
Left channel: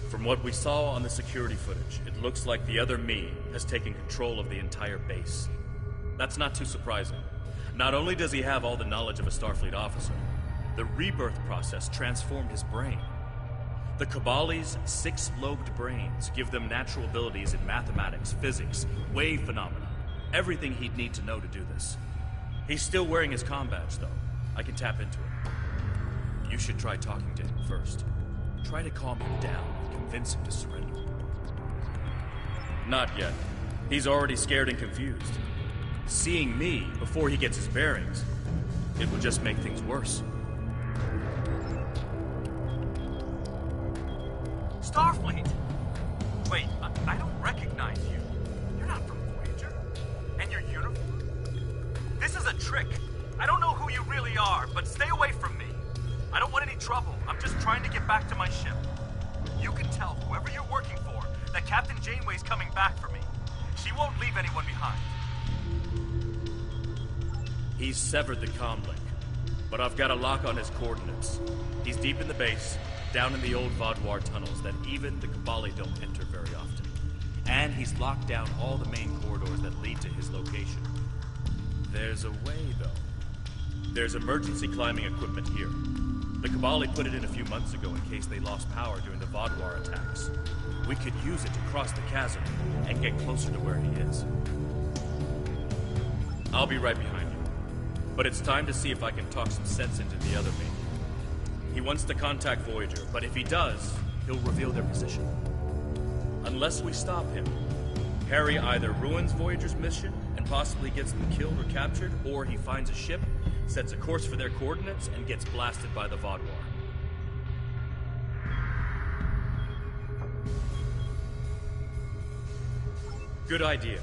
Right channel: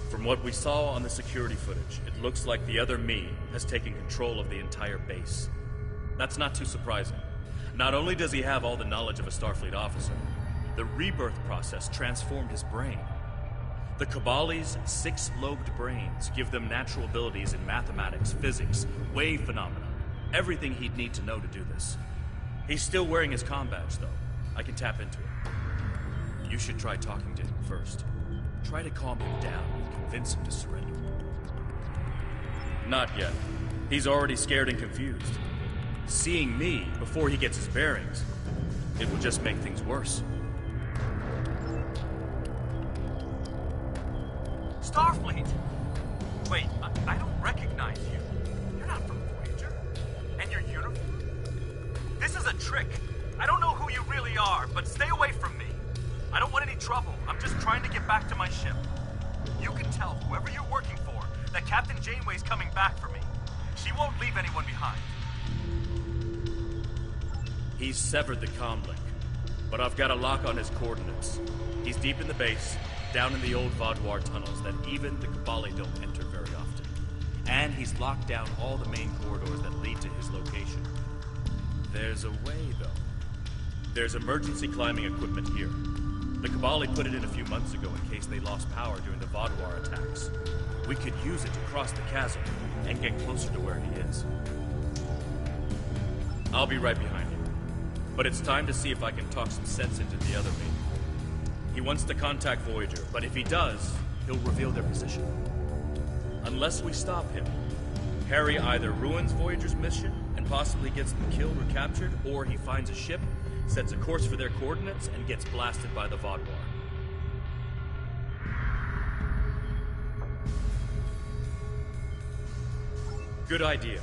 From what we saw on the security footage, it looks like the other me has taken control of the entire base. That's not too surprising. Not only does he have all the knowledge of a Starfleet officer, the rebirth process transformed his brain. The Cabali's 6-lobed brains give them natural abilities in mathematics, physics, wave phenomena, everything he'd need to know to do this. He's still wearing his comm badge, though. I can tap into it. You should try talking to him first. Try to calm him down and convince him to surrender. Not yet. He's already scared and confused. Seeing me before he gets his bearings, it will just make things worse. Starfleet! Wait, I don't recognize you. You're not from Voyager. And your uniform? This is a trick. I don't know who you really are, but stay away from me. I don't want any trouble. I'm just trying to get back to my ship. You can tell whoever you're working for that Captain Janeway's coming back for me. She won't leave anyone behind. He's severed the comm link, but I've got a lock on his coordinates. He's deep in the base, down in the old Vaudoir tunnels that even the Cabali don't enter very often. And he's locked down all the main corridors that lead to his location. There's a way, though. There's emergency climbing equipment here. The Cabali put it in a few months ago in case they lost power during the Vaudoir attacks. We could use it to cross the chasm and get closer to where he is. I'll be right behind you. But it's time to see if I can talk some sense into the other me. He wants to contact Voyager, but if he does, he'll reveal their position. Unless we stop him, Harry either ruins Voyager's mission and possibly gets them killed or captured, or he finds a ship, sets a course for their coordinates, and gets blasted by the Vaudoir. Good idea.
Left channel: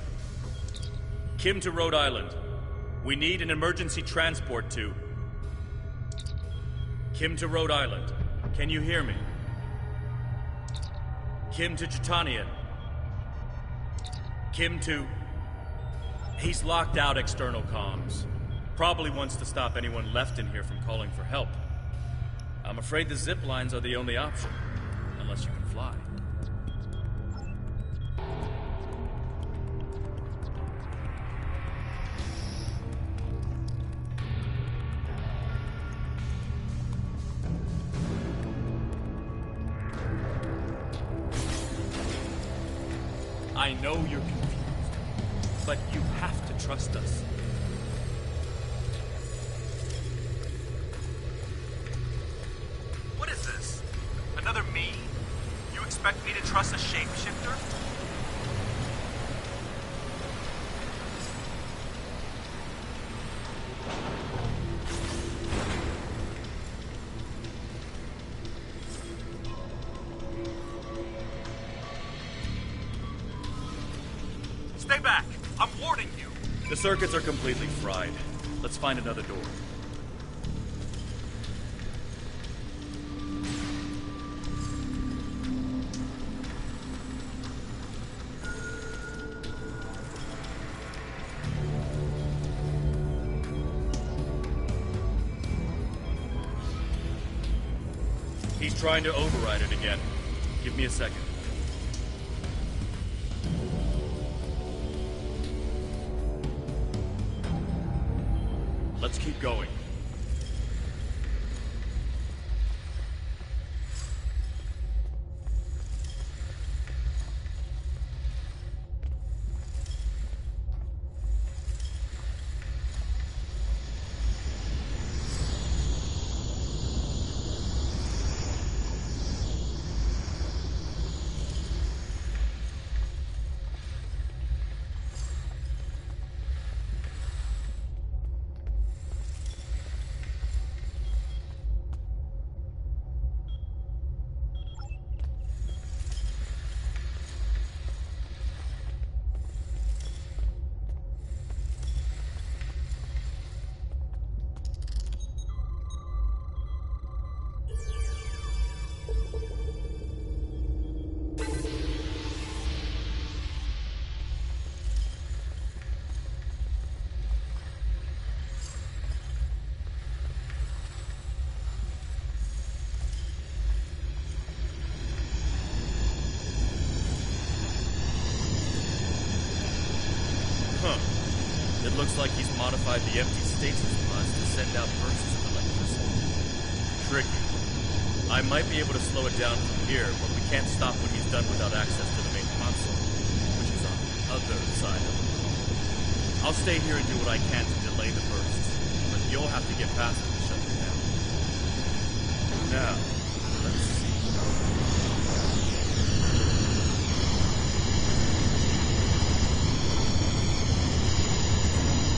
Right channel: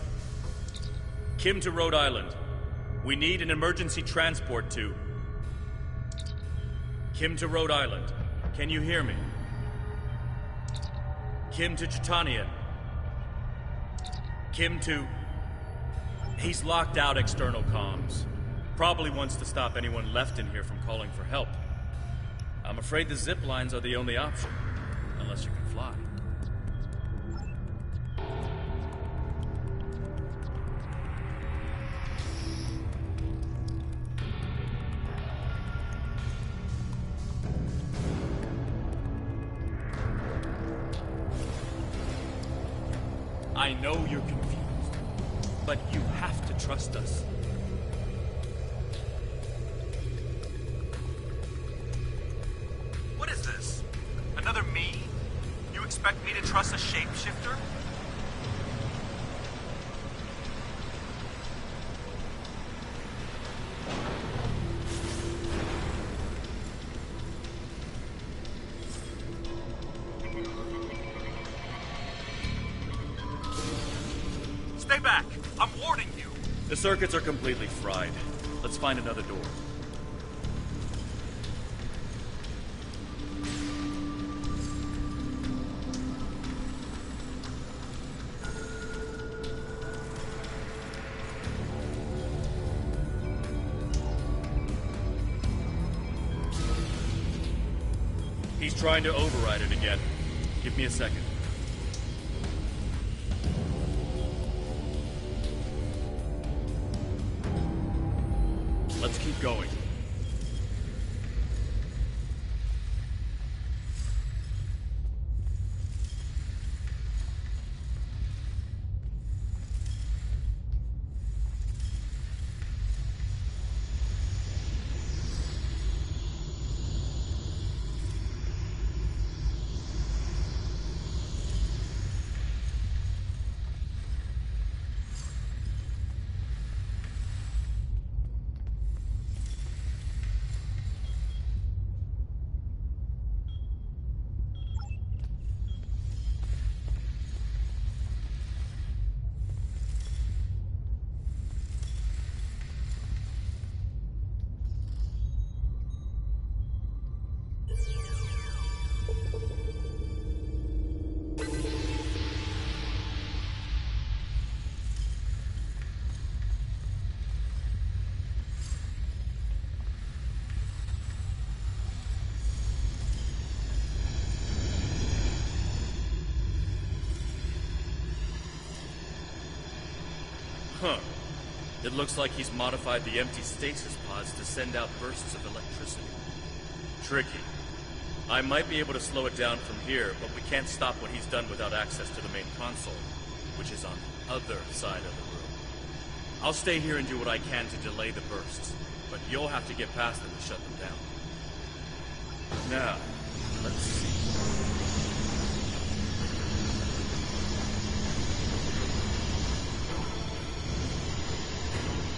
Kim to Rhode Island. We need an emergency transport to... Kim to Rhode Island. Can you hear me? Kim to Jitanian. Kim to... He's locked out external comms. Probably wants to stop anyone left in here from calling for help. I'm afraid the zip lines are the only option, unless you can fly. I know you're confused, but you have to trust us. What is this? Another me? You expect me to trust a shapeshifter? Stay back! I'm warning you! The circuits are completely fried. Let's find another door. He's trying to override it again. Give me a second. Let's keep going. looks like he's modified the empty stasis pods to send out bursts of electricity. Tricky. I might be able to slow it down from here, but we can't stop what he's done without access to the main console, which is on the other side of the room. I'll stay here and do what I can to delay the bursts, but you'll have to get past them to shut them down. Now, let's see.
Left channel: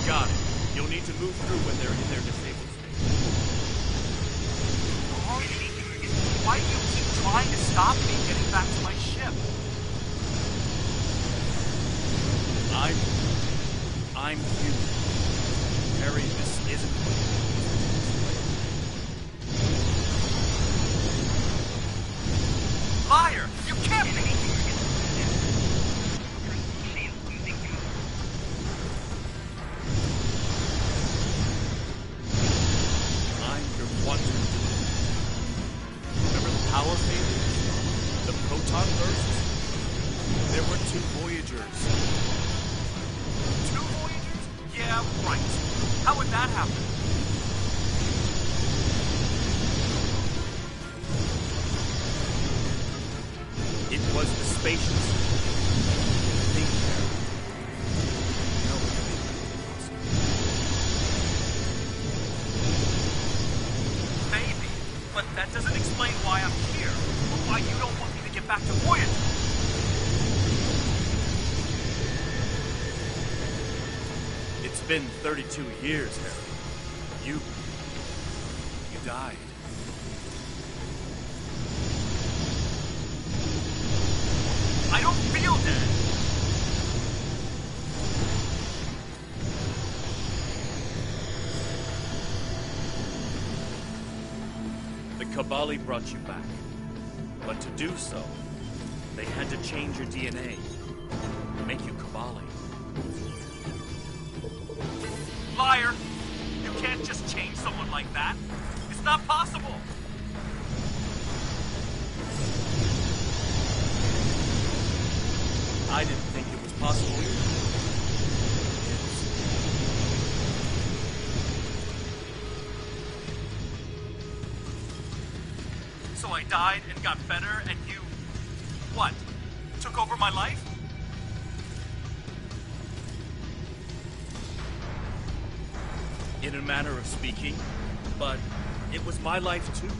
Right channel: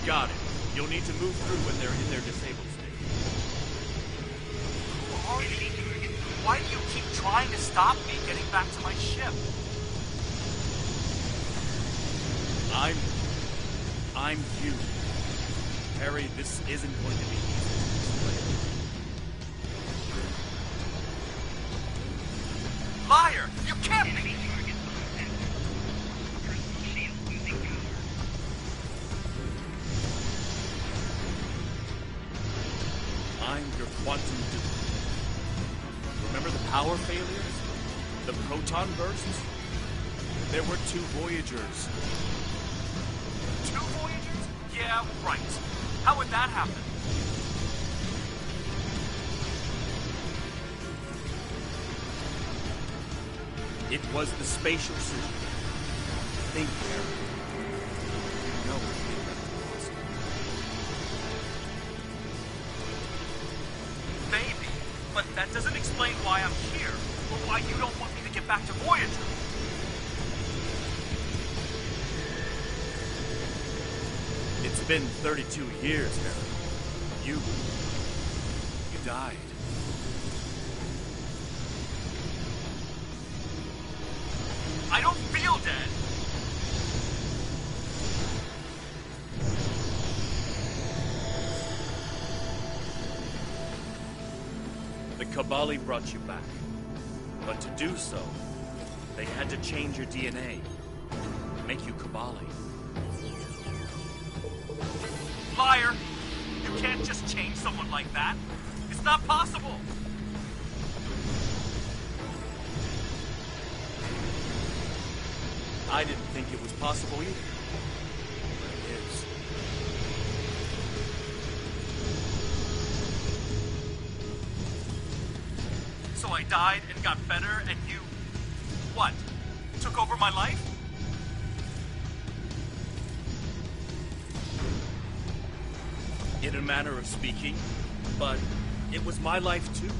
Got it. You'll need to move through when they're in their disabled state. Why do you keep trying to stop me getting back to my ship? I'm human. Harry, this isn't going to be easy to explain. Liar! You can't be! I'm your quantum dupe. Remember the power failures? The proton bursts? There were 2 Voyagers. 2 Voyagers? Yeah, right. How would that happen? It was the spatial suit. Think, Harry. No one think that was possible. Maybe, but that doesn't explain why I'm here, or why you don't want me to get back to Voyager. It's been 32 years, Harry. You died. I don't feel dead. The Kabali brought you back. But to do so, they had to change your DNA. Make you Kabali. Liar! You can't just change someone like that. It's not possible. I didn't think it was possible either. But it is. So I died and got better, and you... what? Took over my life? In a manner of speaking, but it was my life too.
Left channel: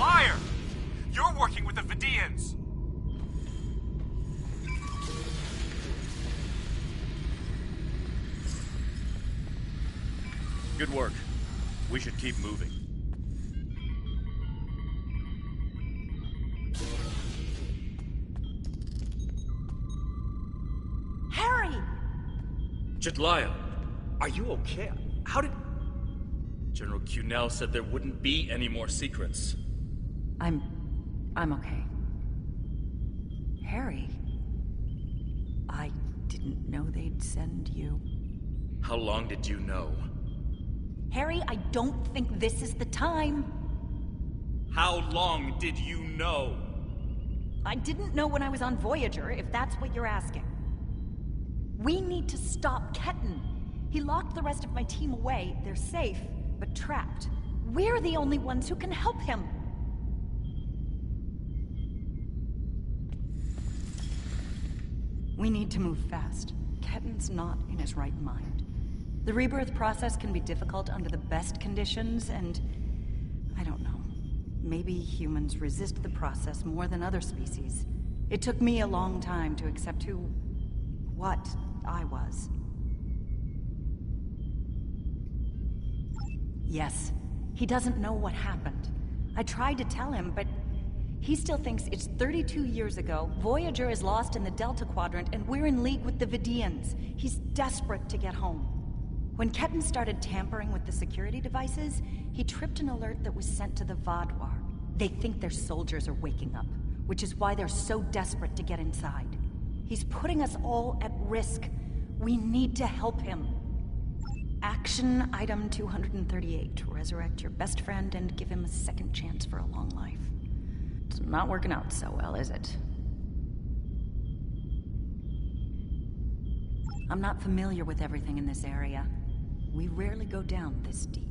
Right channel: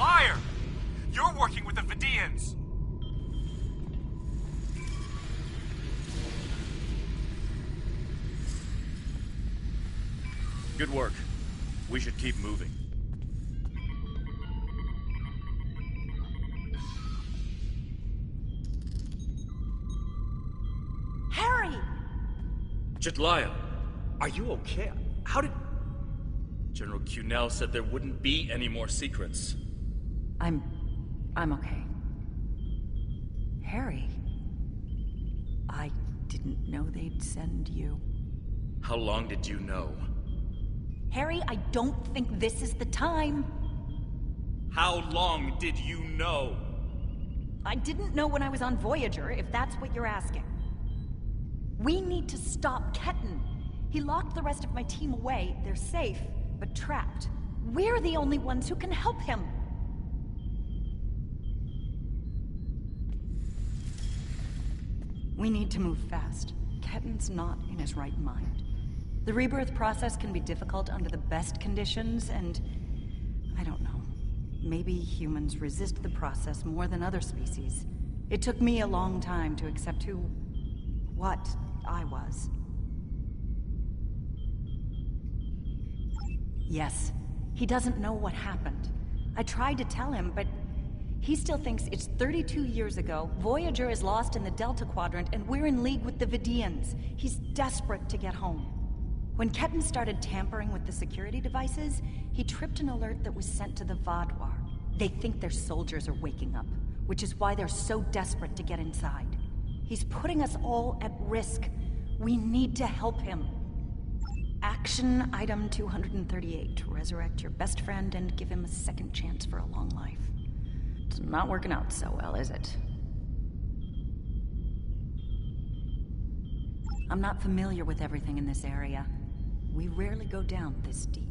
Liar! You're working with the Vidians! Good work. We should keep moving. Harry! Jedliah, are you okay? How did... General Cunell said there wouldn't be any more secrets. I'm okay. Harry, I didn't know they'd send you. How long did you know? Harry, I don't think this is the time. How long did you know? I didn't know when I was on Voyager, if that's what you're asking. We need to stop Ketan. He locked the rest of my team away. They're safe, but trapped. We're the only ones who can help him. We need to move fast. Ketan's not in his right mind. The rebirth process can be difficult under the best conditions, and... I don't know. Maybe humans resist the process more than other species. It took me a long time to accept what I was. Yes, he doesn't know what happened. I tried to tell him, but he still thinks it's 32 years ago, Voyager is lost in the Delta Quadrant, and we're in league with the Vidians. He's desperate to get home. When Ketan started tampering with the security devices, he tripped an alert that was sent to the Vaadwaur. They think their soldiers are waking up, which is why they're so desperate to get inside. He's putting us all at risk. We need to help him. Action item 238. Resurrect your best friend and give him a second chance for a long life. It's not working out so well, is it? I'm not familiar with everything in this area. We rarely go down this deep.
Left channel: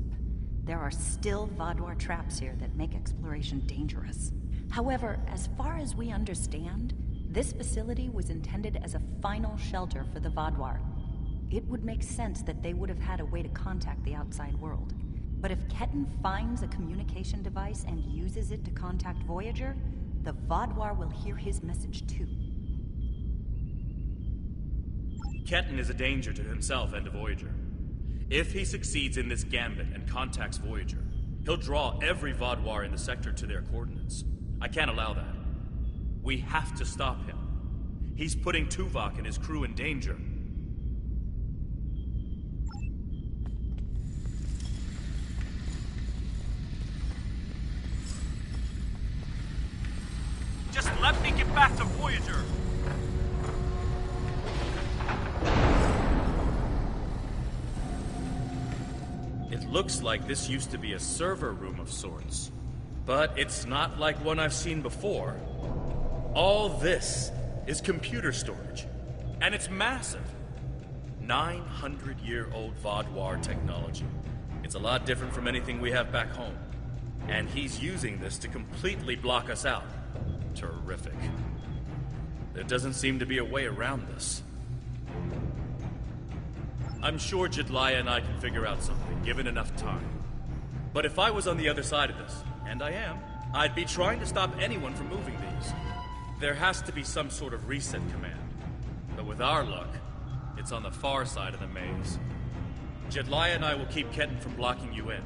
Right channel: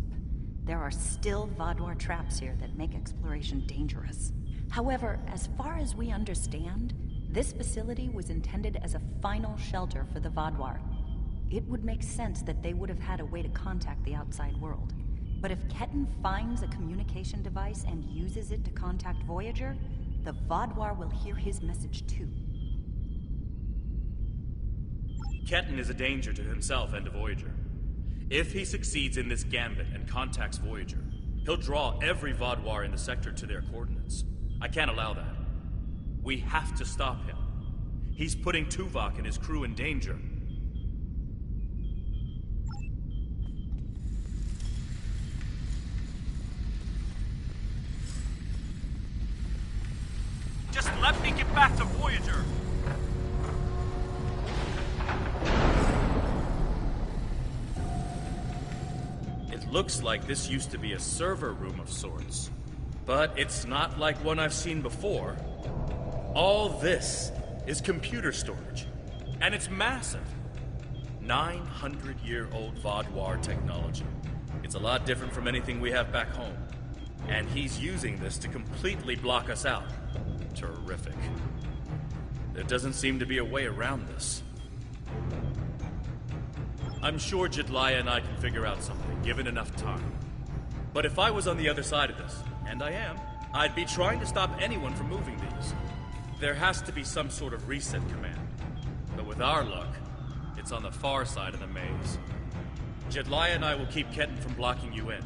There are still Vaadwaur traps here that make exploration dangerous. However, as far as we understand, this facility was intended as a final shelter for the Vaadwaur. It would make sense that they would have had a way to contact the outside world. But if Ketan finds a communication device and uses it to contact Voyager, the Vaadwaur will hear his message too. Ketan is a danger to himself and to Voyager. If he succeeds in this gambit and contacts Voyager, he'll draw every Vaadwaur in the sector to their coordinates. I can't allow that. We have to stop him. He's putting Tuvok and his crew in danger. Just let me get back to Voyager! It looks like this used to be a server room of sorts. But it's not like one I've seen before. All this is computer storage. And it's massive. 900-year-old Vaadwaur technology. It's a lot different from anything we have back home. And he's using this to completely block us out. Terrific. There doesn't seem to be a way around this. I'm sure Jedliah and I can figure out something, given enough time. But if I was on the other side of this, and I am, I'd be trying to stop anyone from moving these. There has to be some sort of reset command. But with our luck, it's on the far side of the maze. Jedliah and I will keep Ketan from blocking you in.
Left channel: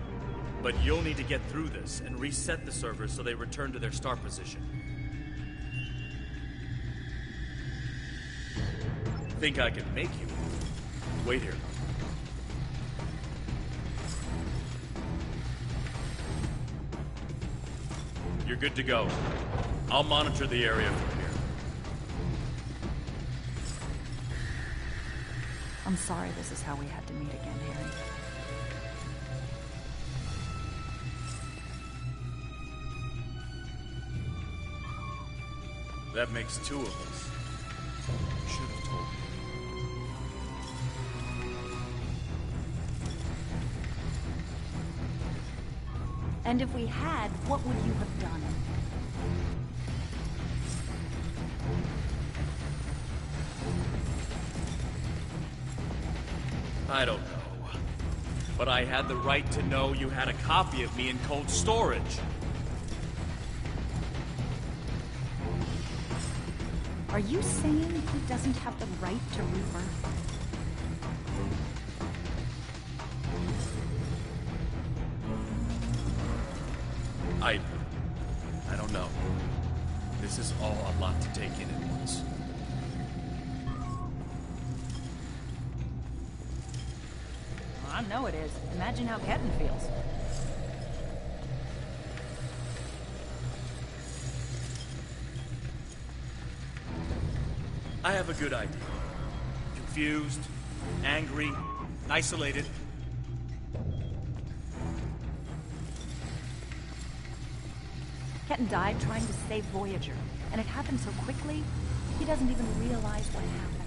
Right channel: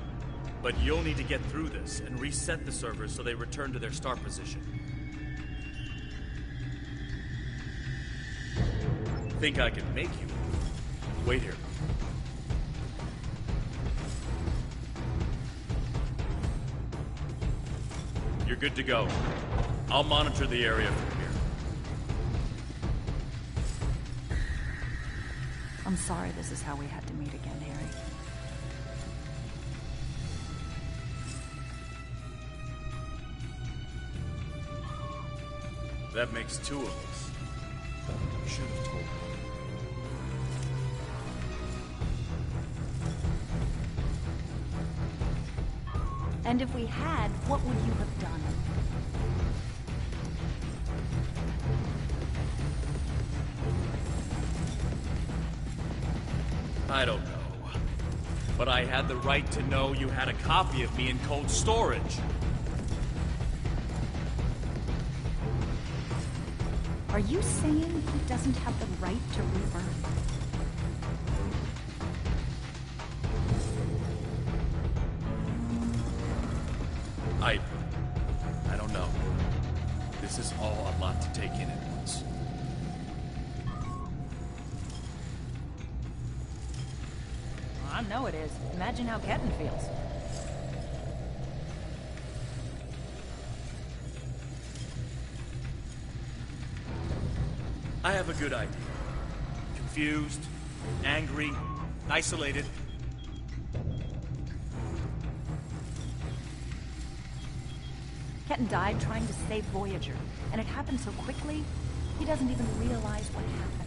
But you'll need to get through this and reset the servers so they return to their start position. Think I can make you? Wait here. You're good to go. I'll monitor the area from here. I'm sorry this is how we had to meet again, Harry. That makes two of us. You should have told me. And if we had, what would you have done? I don't know. But I had the right to know you had a copy of me in cold storage. Are you saying he doesn't have the right to rebirth? I don't know. This is all a lot to take in at once. I know it is. Imagine how Ketan feels. I have a good idea. Confused, angry, isolated. Ketan died trying to save Voyager, and it happened so quickly, he doesn't even realize what happened.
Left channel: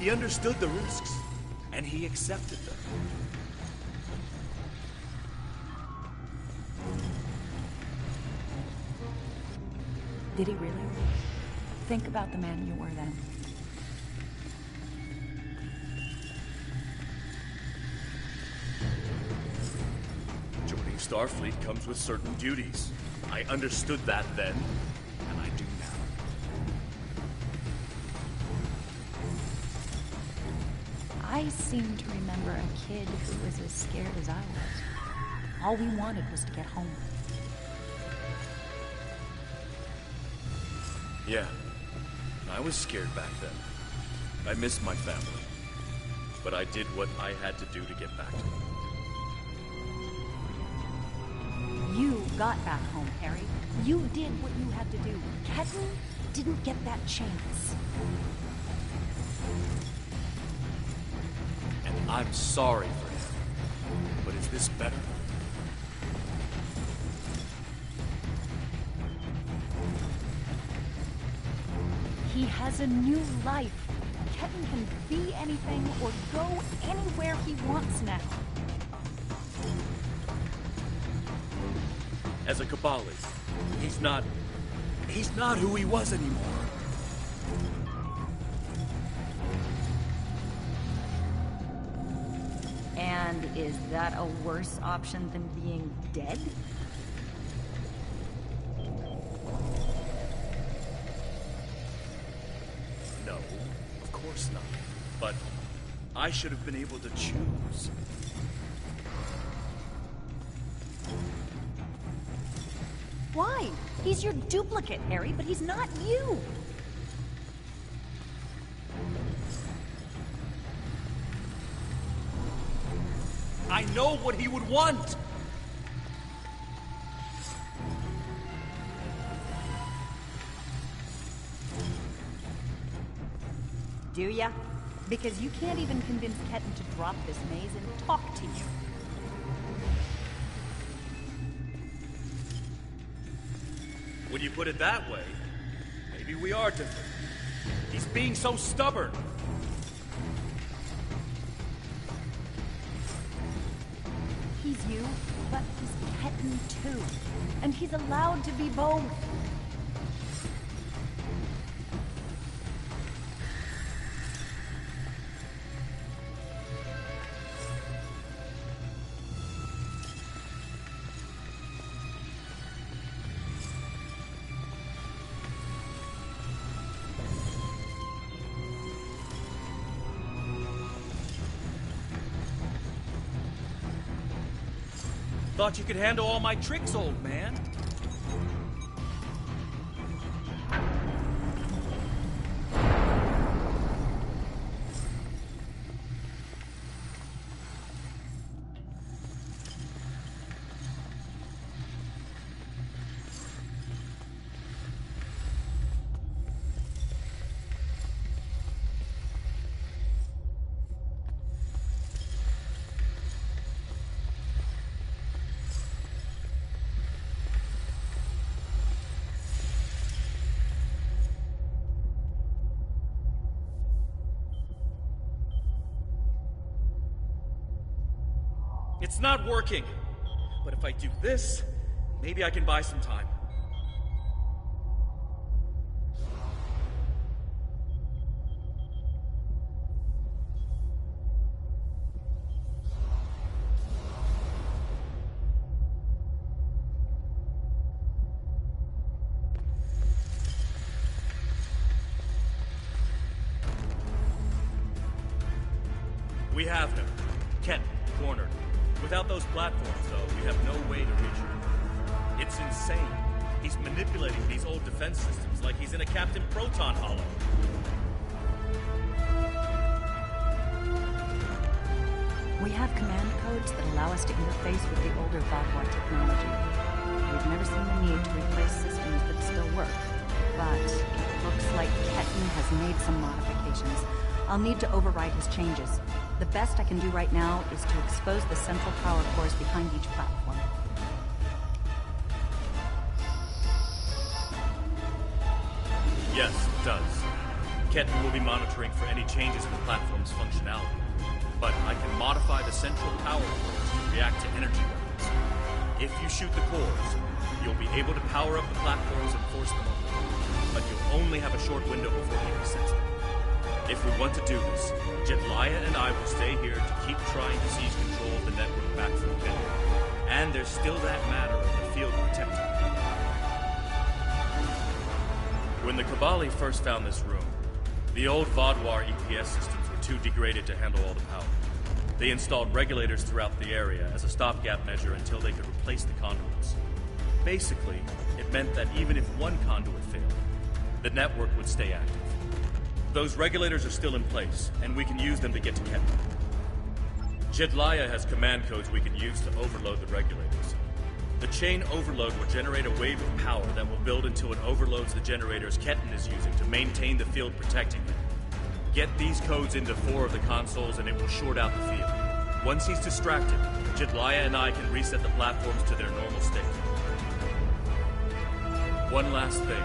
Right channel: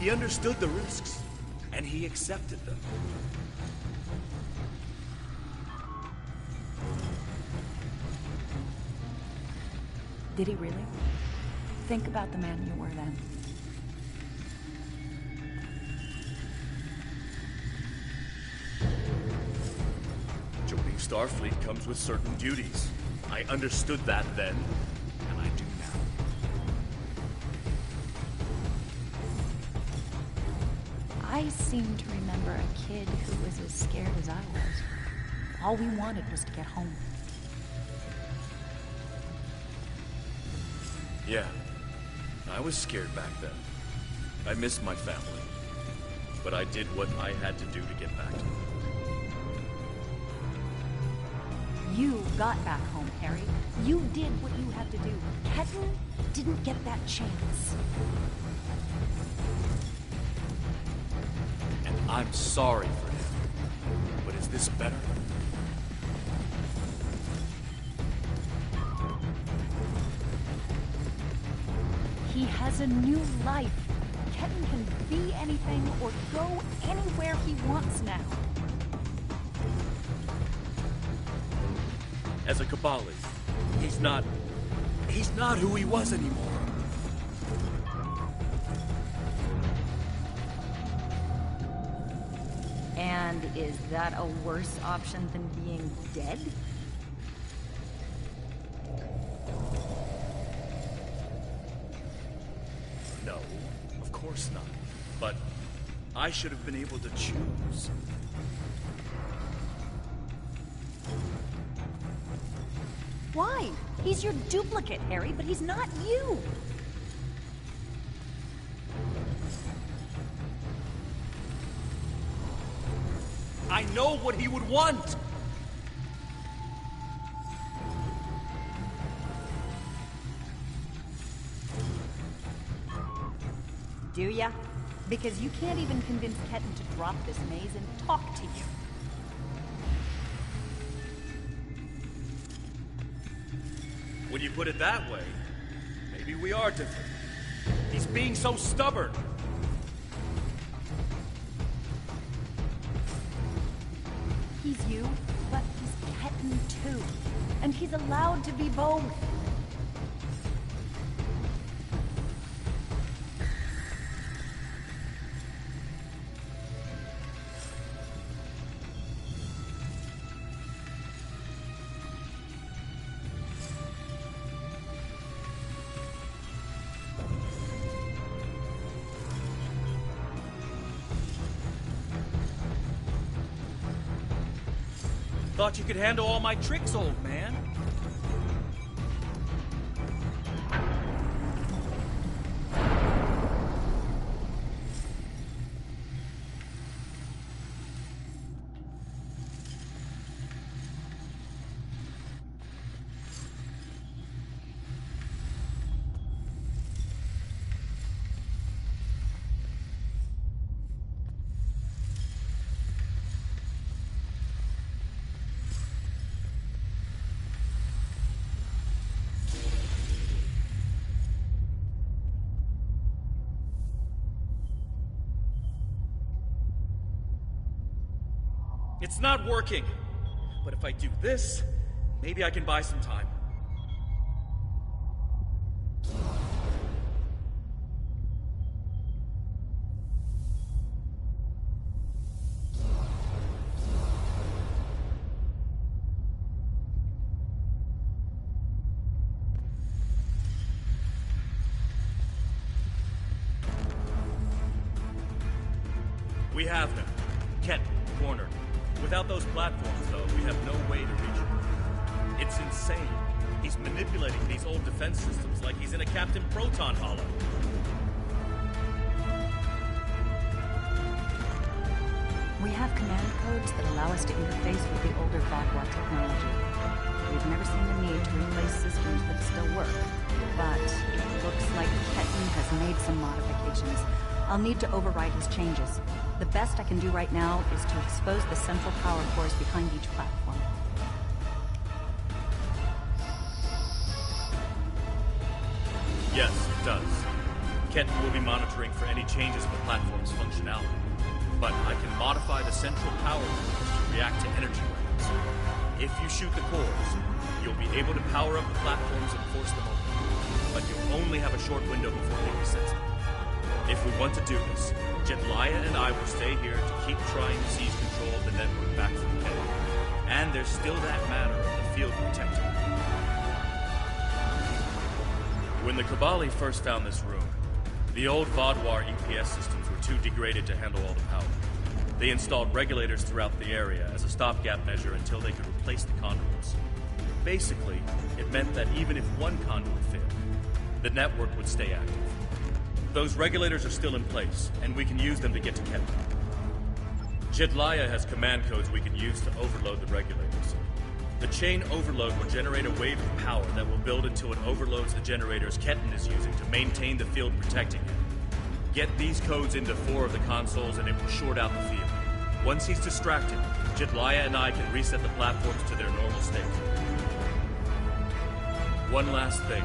He understood the risks, and he accepted them. Did he really? Think about the man you were then. Joining Starfleet comes with certain duties. I understood that then, and I do now. I seem to remember a kid who was as scared as I was. All we wanted was to get home. Yeah, I was scared back then. I missed my family. But I did what I had to do to get back to them. You got back home, Harry. You did what you had to do. Ketan didn't get that chance. And I'm sorry for him. But is this better? He has a new life. Ketan can be anything or go anywhere he wants now. As a Kabali, he's not who he was anymore. And is that a worse option than being dead? No, of course not. But I should have been able to choose. Why? He's your duplicate, Harry, but he's not you. I know what he would want! Do ya? Because you can't even convince Ketan to drop this maze and talk to you. When you put it that way, maybe we are different. He's being so stubborn. He's you, but he's Ketan too. And he's allowed to be both. Thought you could handle all my tricks, old man. It's not working. But if I do this, maybe I can buy some time. We have him. Ketan, cornered. Without those platforms, though, we have no way to reach him. It's insane. He's manipulating these old defense systems like he's in a Captain Proton Hollow. We have command codes that allow us to interface with the older Vadwa technology. We've never seen the need to replace systems that still work. But it looks like Ketan has made some modifications. I'll need to override his changes. The best I can do right now is to expose the central power cores behind each platform. Yes, it does. Ketan will be monitoring for any changes in the platform's functionality. But I can modify the central power cores to react to energy weapons. If you shoot the cores, you'll be able to power up the platforms and force them open. But you'll only have a short window before he resets them. If we want to do this, Jedliah and I will stay here to keep trying to seize control of the network back from Ketan. And there's still that matter of the field protecting it. When the Kabali first found this room, the old Vadwar EPS systems were too degraded to handle all the power. They installed regulators throughout the area as a stopgap measure until they could replace the conduits. Basically, it meant that even if one conduit failed, the network would stay active. Those regulators are still in place, and we can use them to get to Ketan. Jedliah has command codes we can use to overload the regulators. The chain overload will generate a wave of power that will build until it overloads the generators Ketan is using to maintain the field protecting him. Get these codes into 4 of the consoles and it will short out the field. Once he's distracted, Jedliah and I can reset the platforms to their normal state. One last thing.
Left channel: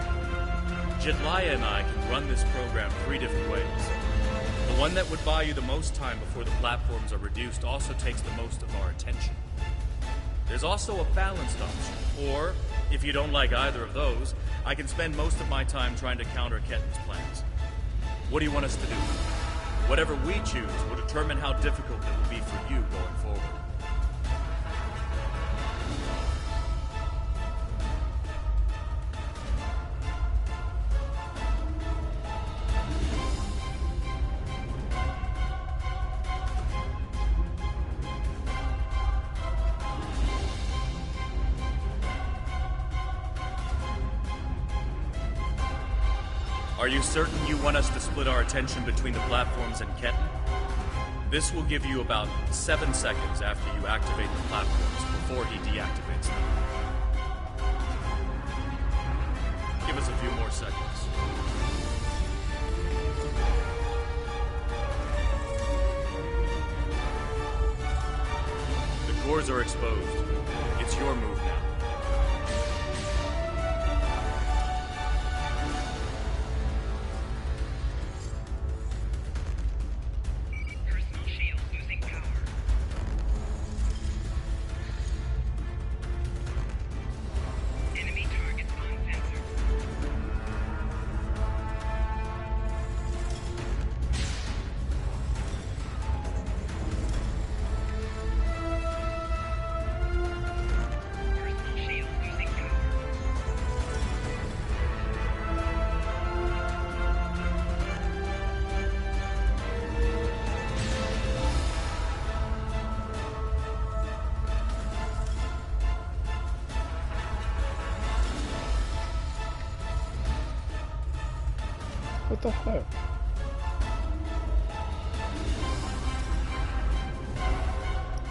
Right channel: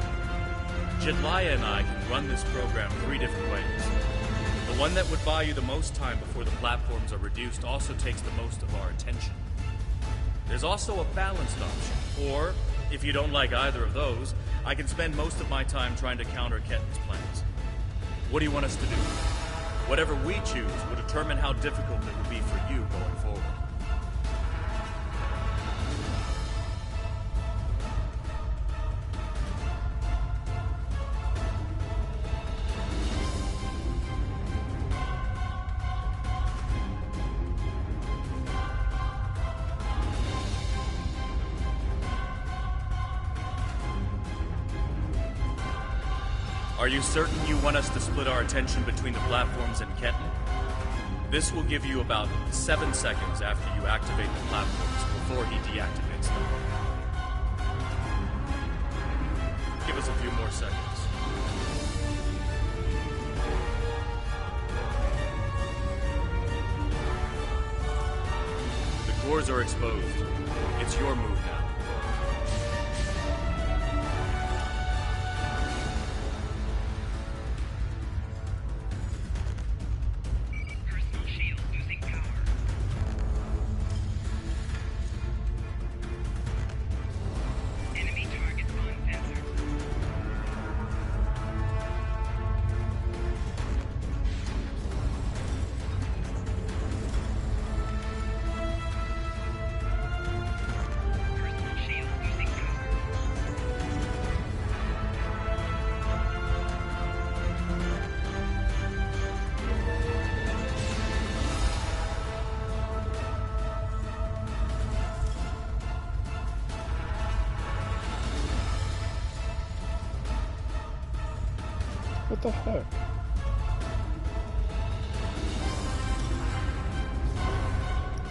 Jitlaya and I can run this program 3 different ways. The one that would buy you the most time before the platforms are reduced also takes the most of our attention. There's also a balanced option, or, if you don't like either of those, I can spend most of my time trying to counter Ketten's plans. What do you want us to do? Whatever we choose will determine how difficult it will be for you going forward. Are you certain you want us to split our attention between the platforms and Ketten? This will give you about 7 seconds after you activate the platforms before he deactivates them. Give us a few more seconds. The cores are exposed. It's your move now. What the heck?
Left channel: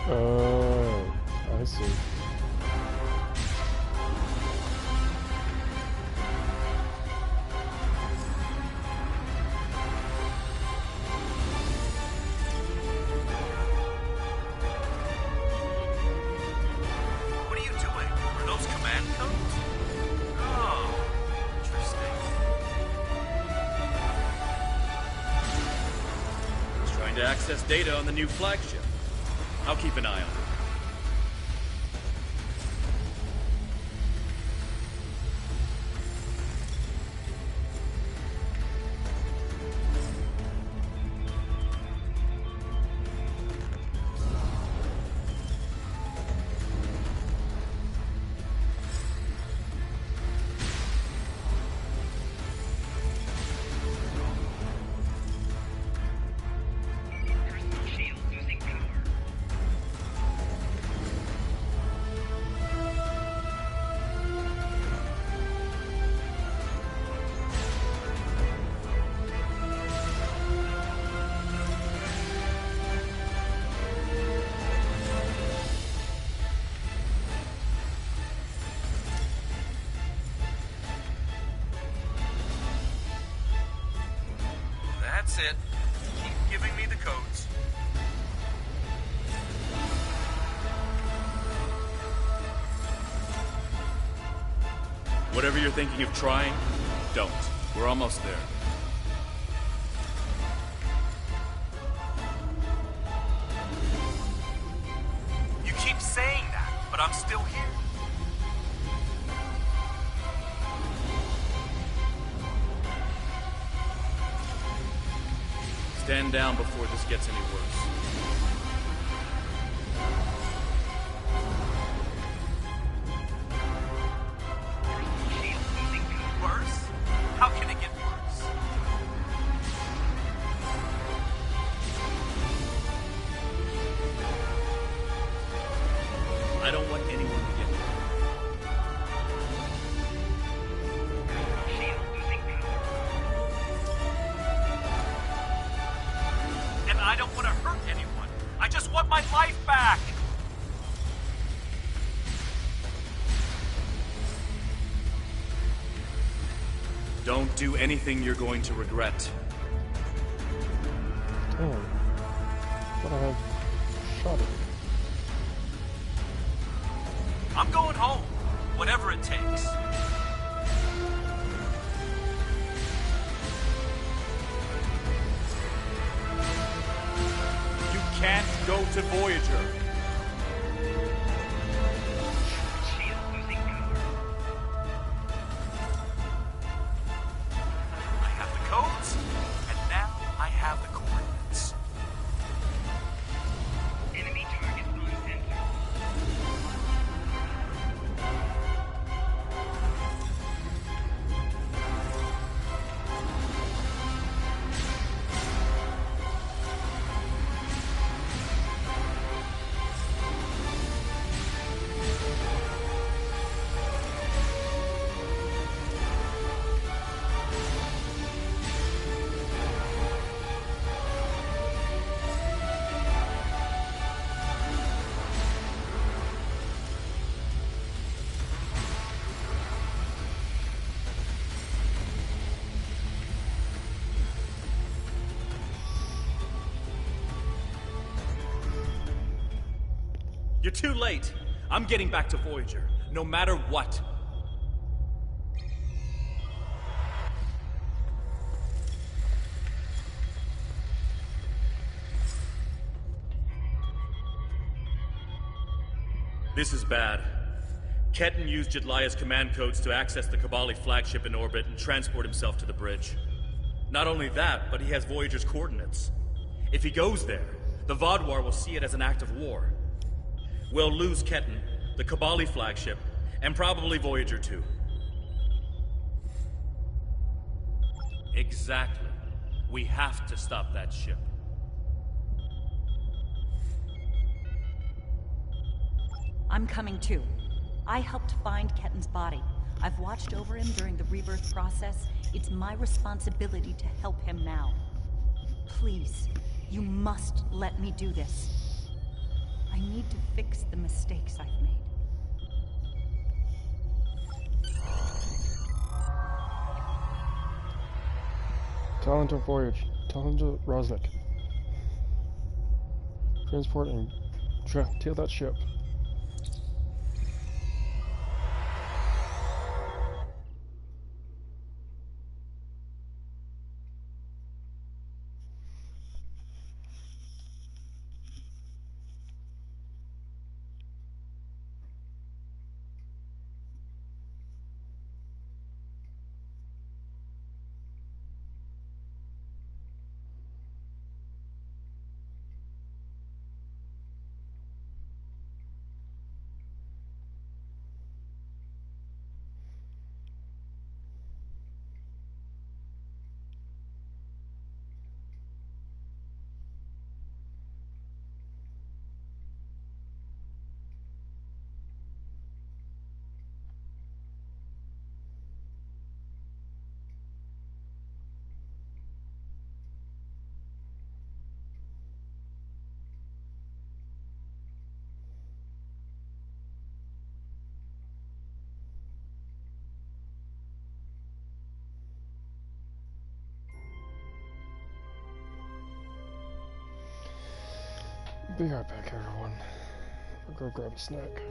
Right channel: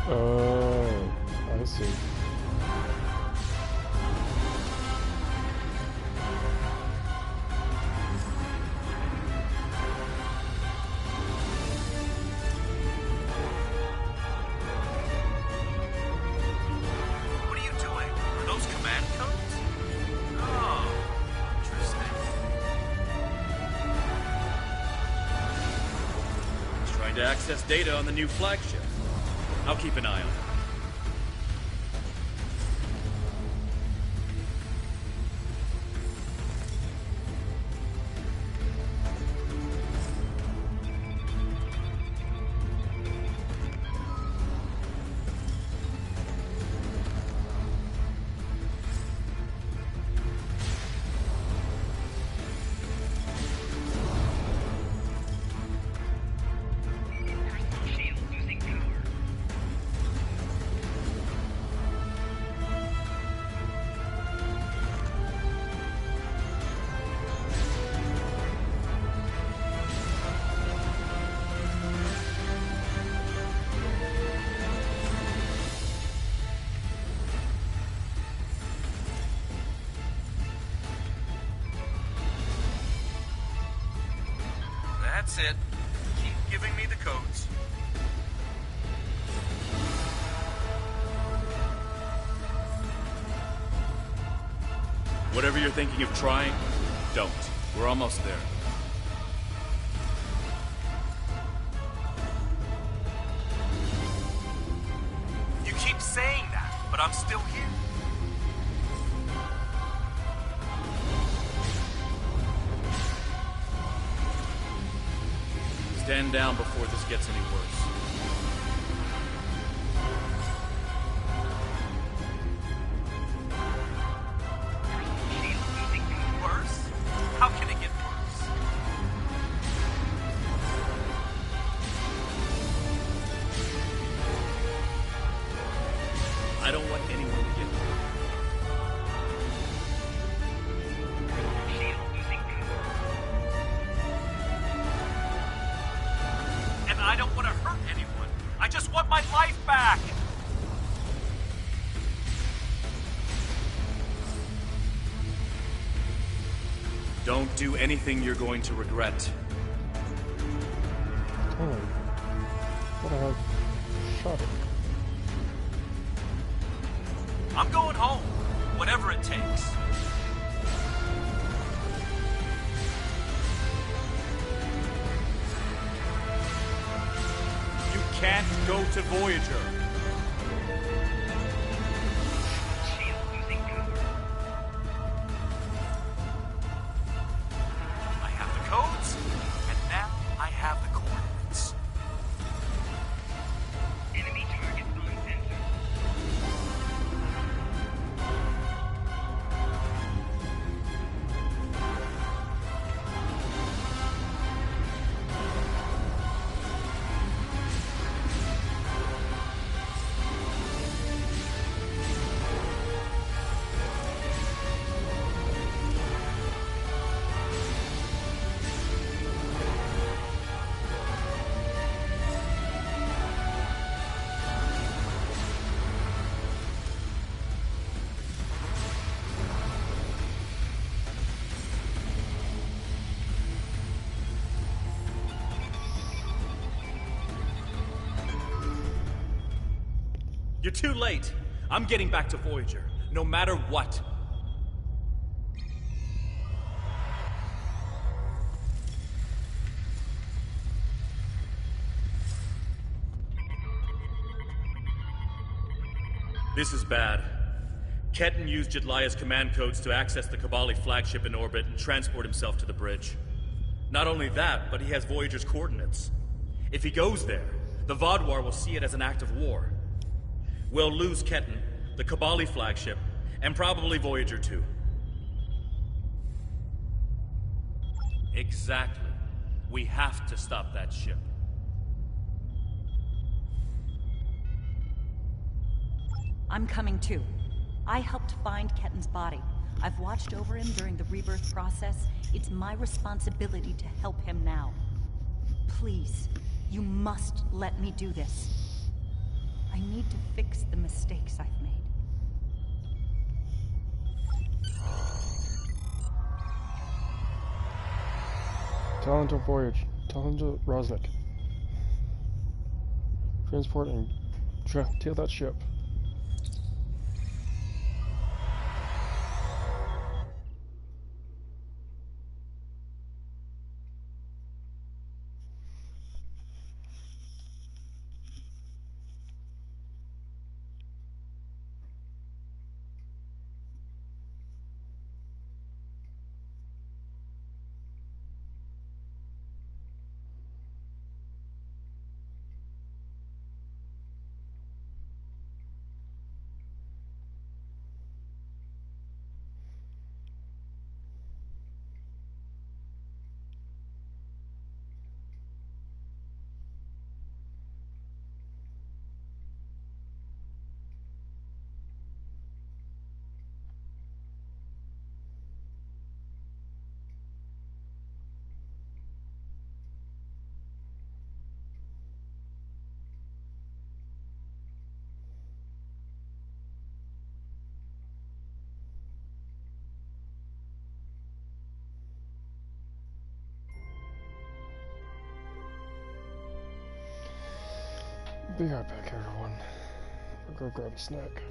Oh, I see. What are you doing? Are those command codes? Oh, interesting. Trying to access data on the new flagship. I'll keep an eye on it. That's it. Keep giving me the codes. Whatever you're thinking of trying, don't. We're almost there. You keep saying that, but I'm still here. Stand down before this gets any worse. Worse? How can it get worse? I don't want anyone to get hurt. And I don't want to hurt anyone. I just want my life back. Don't do anything you're going to regret. Damn. But I have shot it. I'm going home, whatever it takes. can't go to Voyager. Shield losing power. I have the codes, and now I have the coordinates. Enemy targets uncensored. You're too late. I'm getting back to Voyager, no matter what. This is bad. Ketan used Jedlia's command codes to access the Kabali flagship in orbit and transport himself to the bridge. Not only that, but he has Voyager's coordinates. If he goes there, the Vaadwaur will see it as an act of war. We'll lose Ketan, the Kabali flagship, and probably Voyager too. Exactly. We have to stop that ship. I'm coming too. I helped find Ketan's body. I've watched over him during the rebirth process. It's my responsibility to help him now. Please, you must let me do this. I need to fix the mistakes I've made. Talon to Voyage. Talon to Rosnik. Transport and tail that ship. Be right back, everyone. I'll go grab a snack.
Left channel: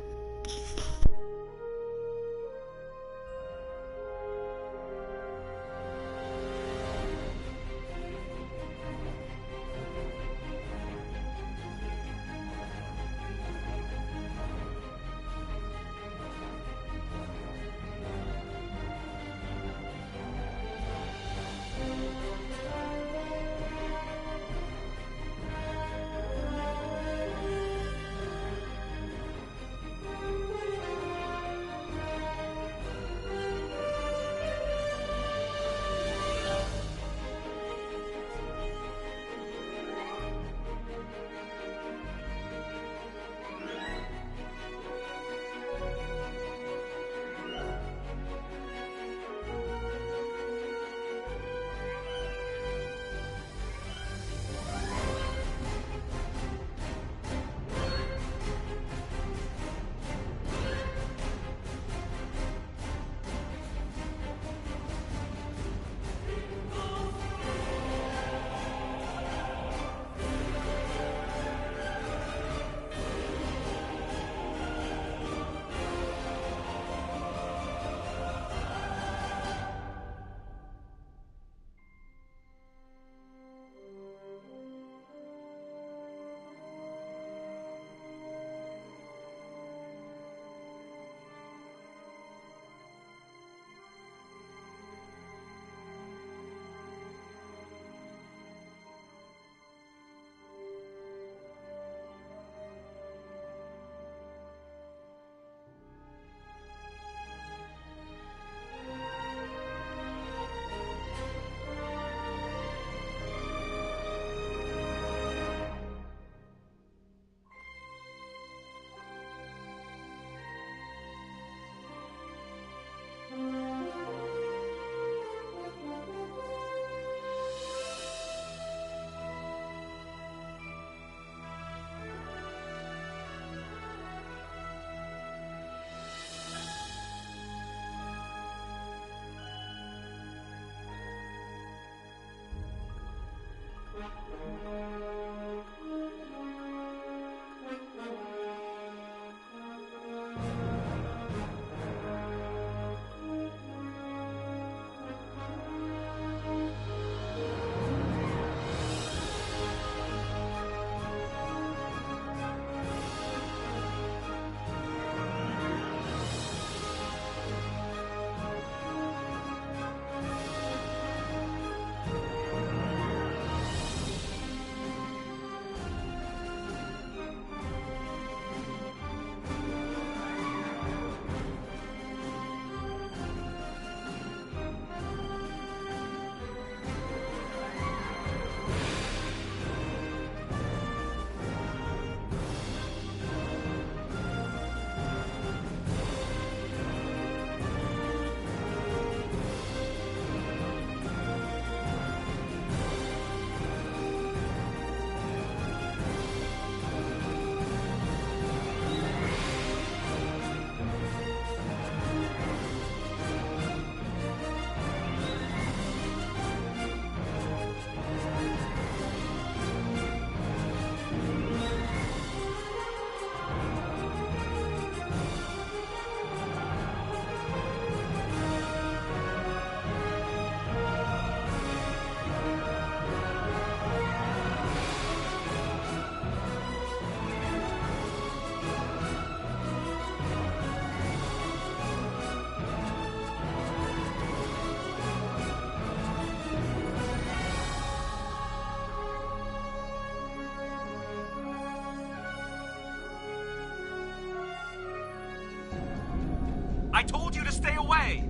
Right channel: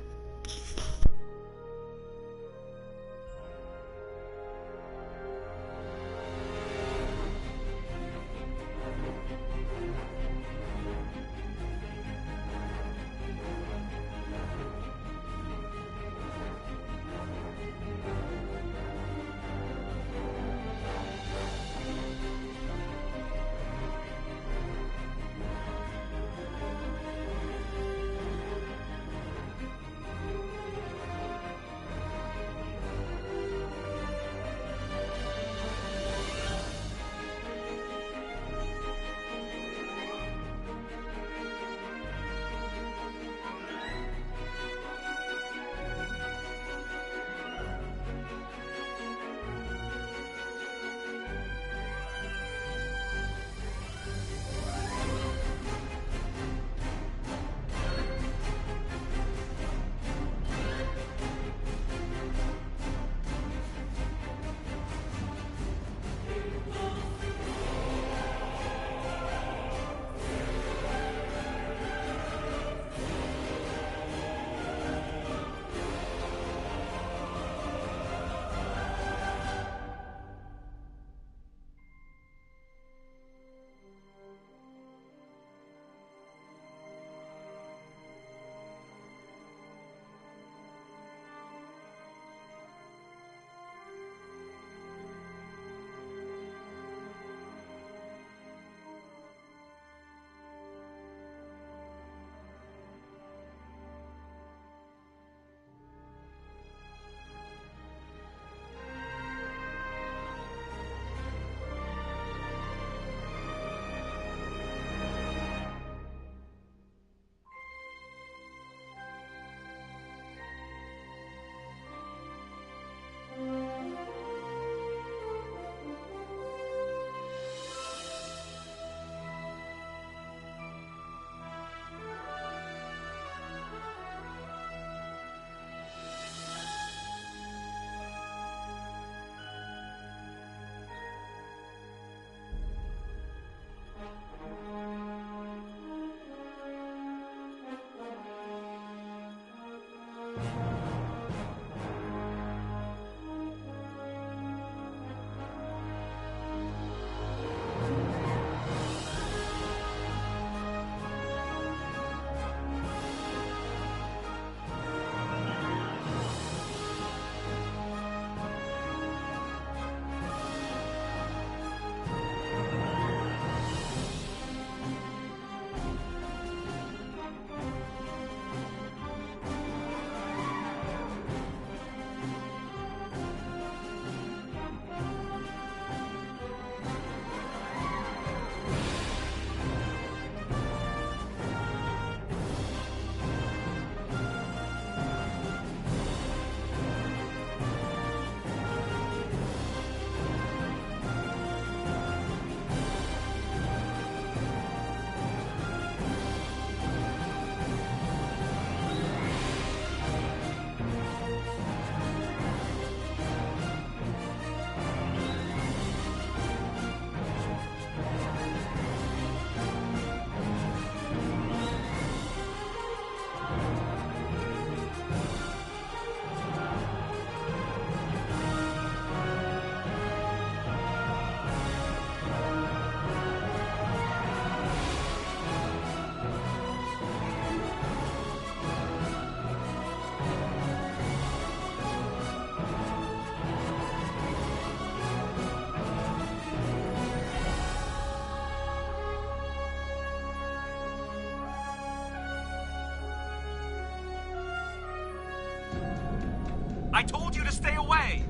I told you to stay away!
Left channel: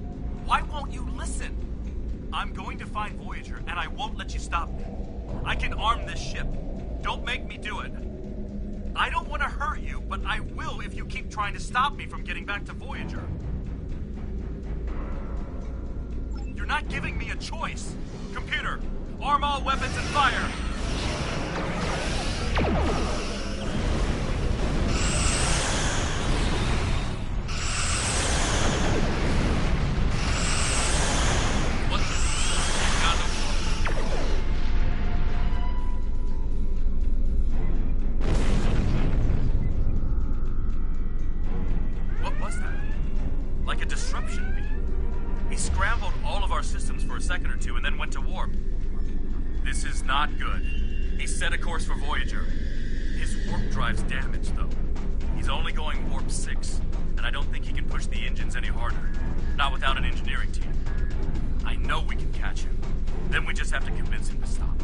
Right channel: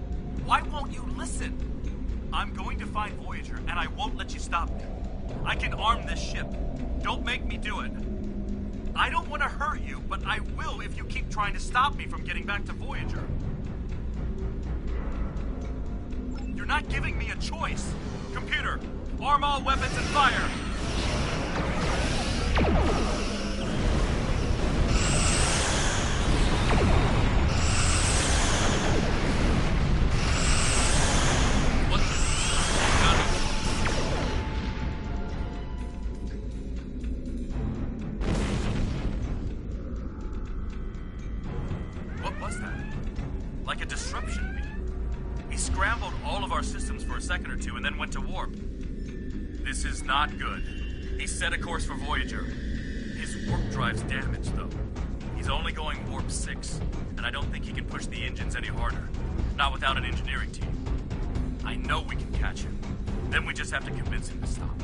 Why won't you listen? I'm going to find Voyager, and I won't let you stop me. I can arm this ship. Don't make me do it. I don't want to hurt you, but I will if you keep trying to stop me from getting back to Voyager. You're not giving me a choice. Computer, arm all weapons and fire! Second or two and then went to warp. This is not good. He set a course for Voyager. His warp drive's damaged, though. He's only going warp 6, and I don't think he can push the engines any harder. Not without an engineering team. I know we can catch him. Then we just have to convince him to stop.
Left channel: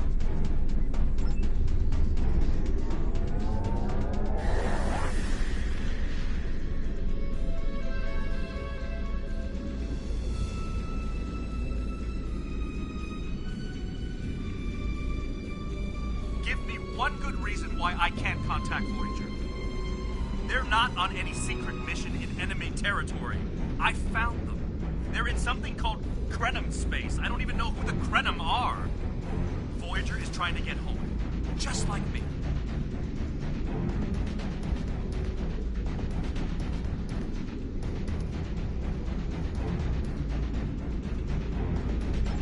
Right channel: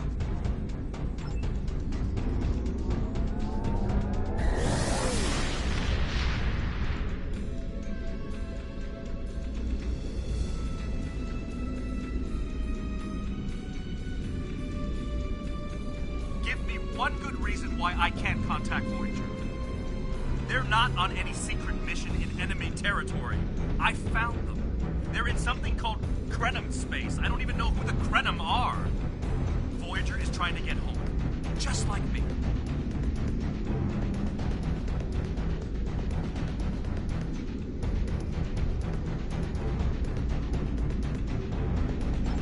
I can't contact Voyager. They're not on any secret mission in enemy territory. I found them. They're in something called Krenim space. I don't even know who the Krenim are. Voyager is trying to get home, just like me.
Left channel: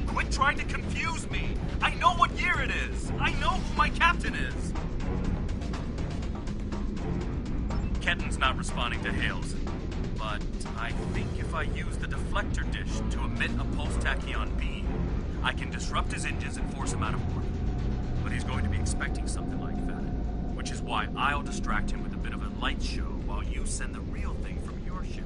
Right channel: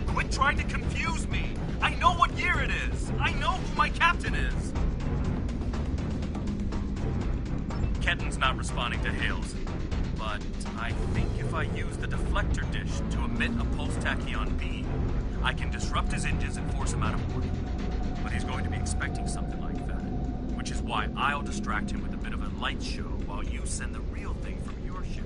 Quit trying to confuse me. I know what year it is. I know who my captain is. Ketten's not responding to hails, but I think if I use the deflector dish to emit a pulse-tachyon beam, I can disrupt his engines and force him out of orbit. But he's going to be expecting something like that, which is why I'll distract him with a bit of a light show while you send the real thing from your ship.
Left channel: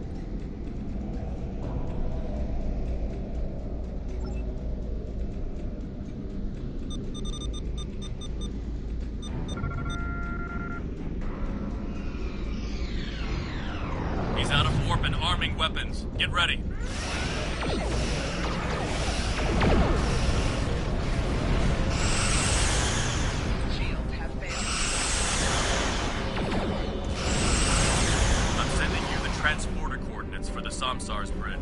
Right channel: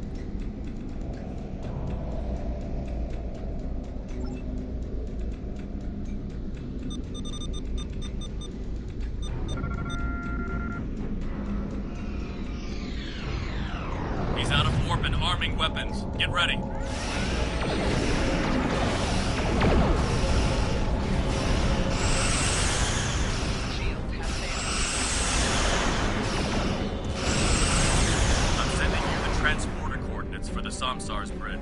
He's out of warp and arming weapons. Get ready. Shields have failed. I'm sending you the transporter coordinates for the Samsar's bridge.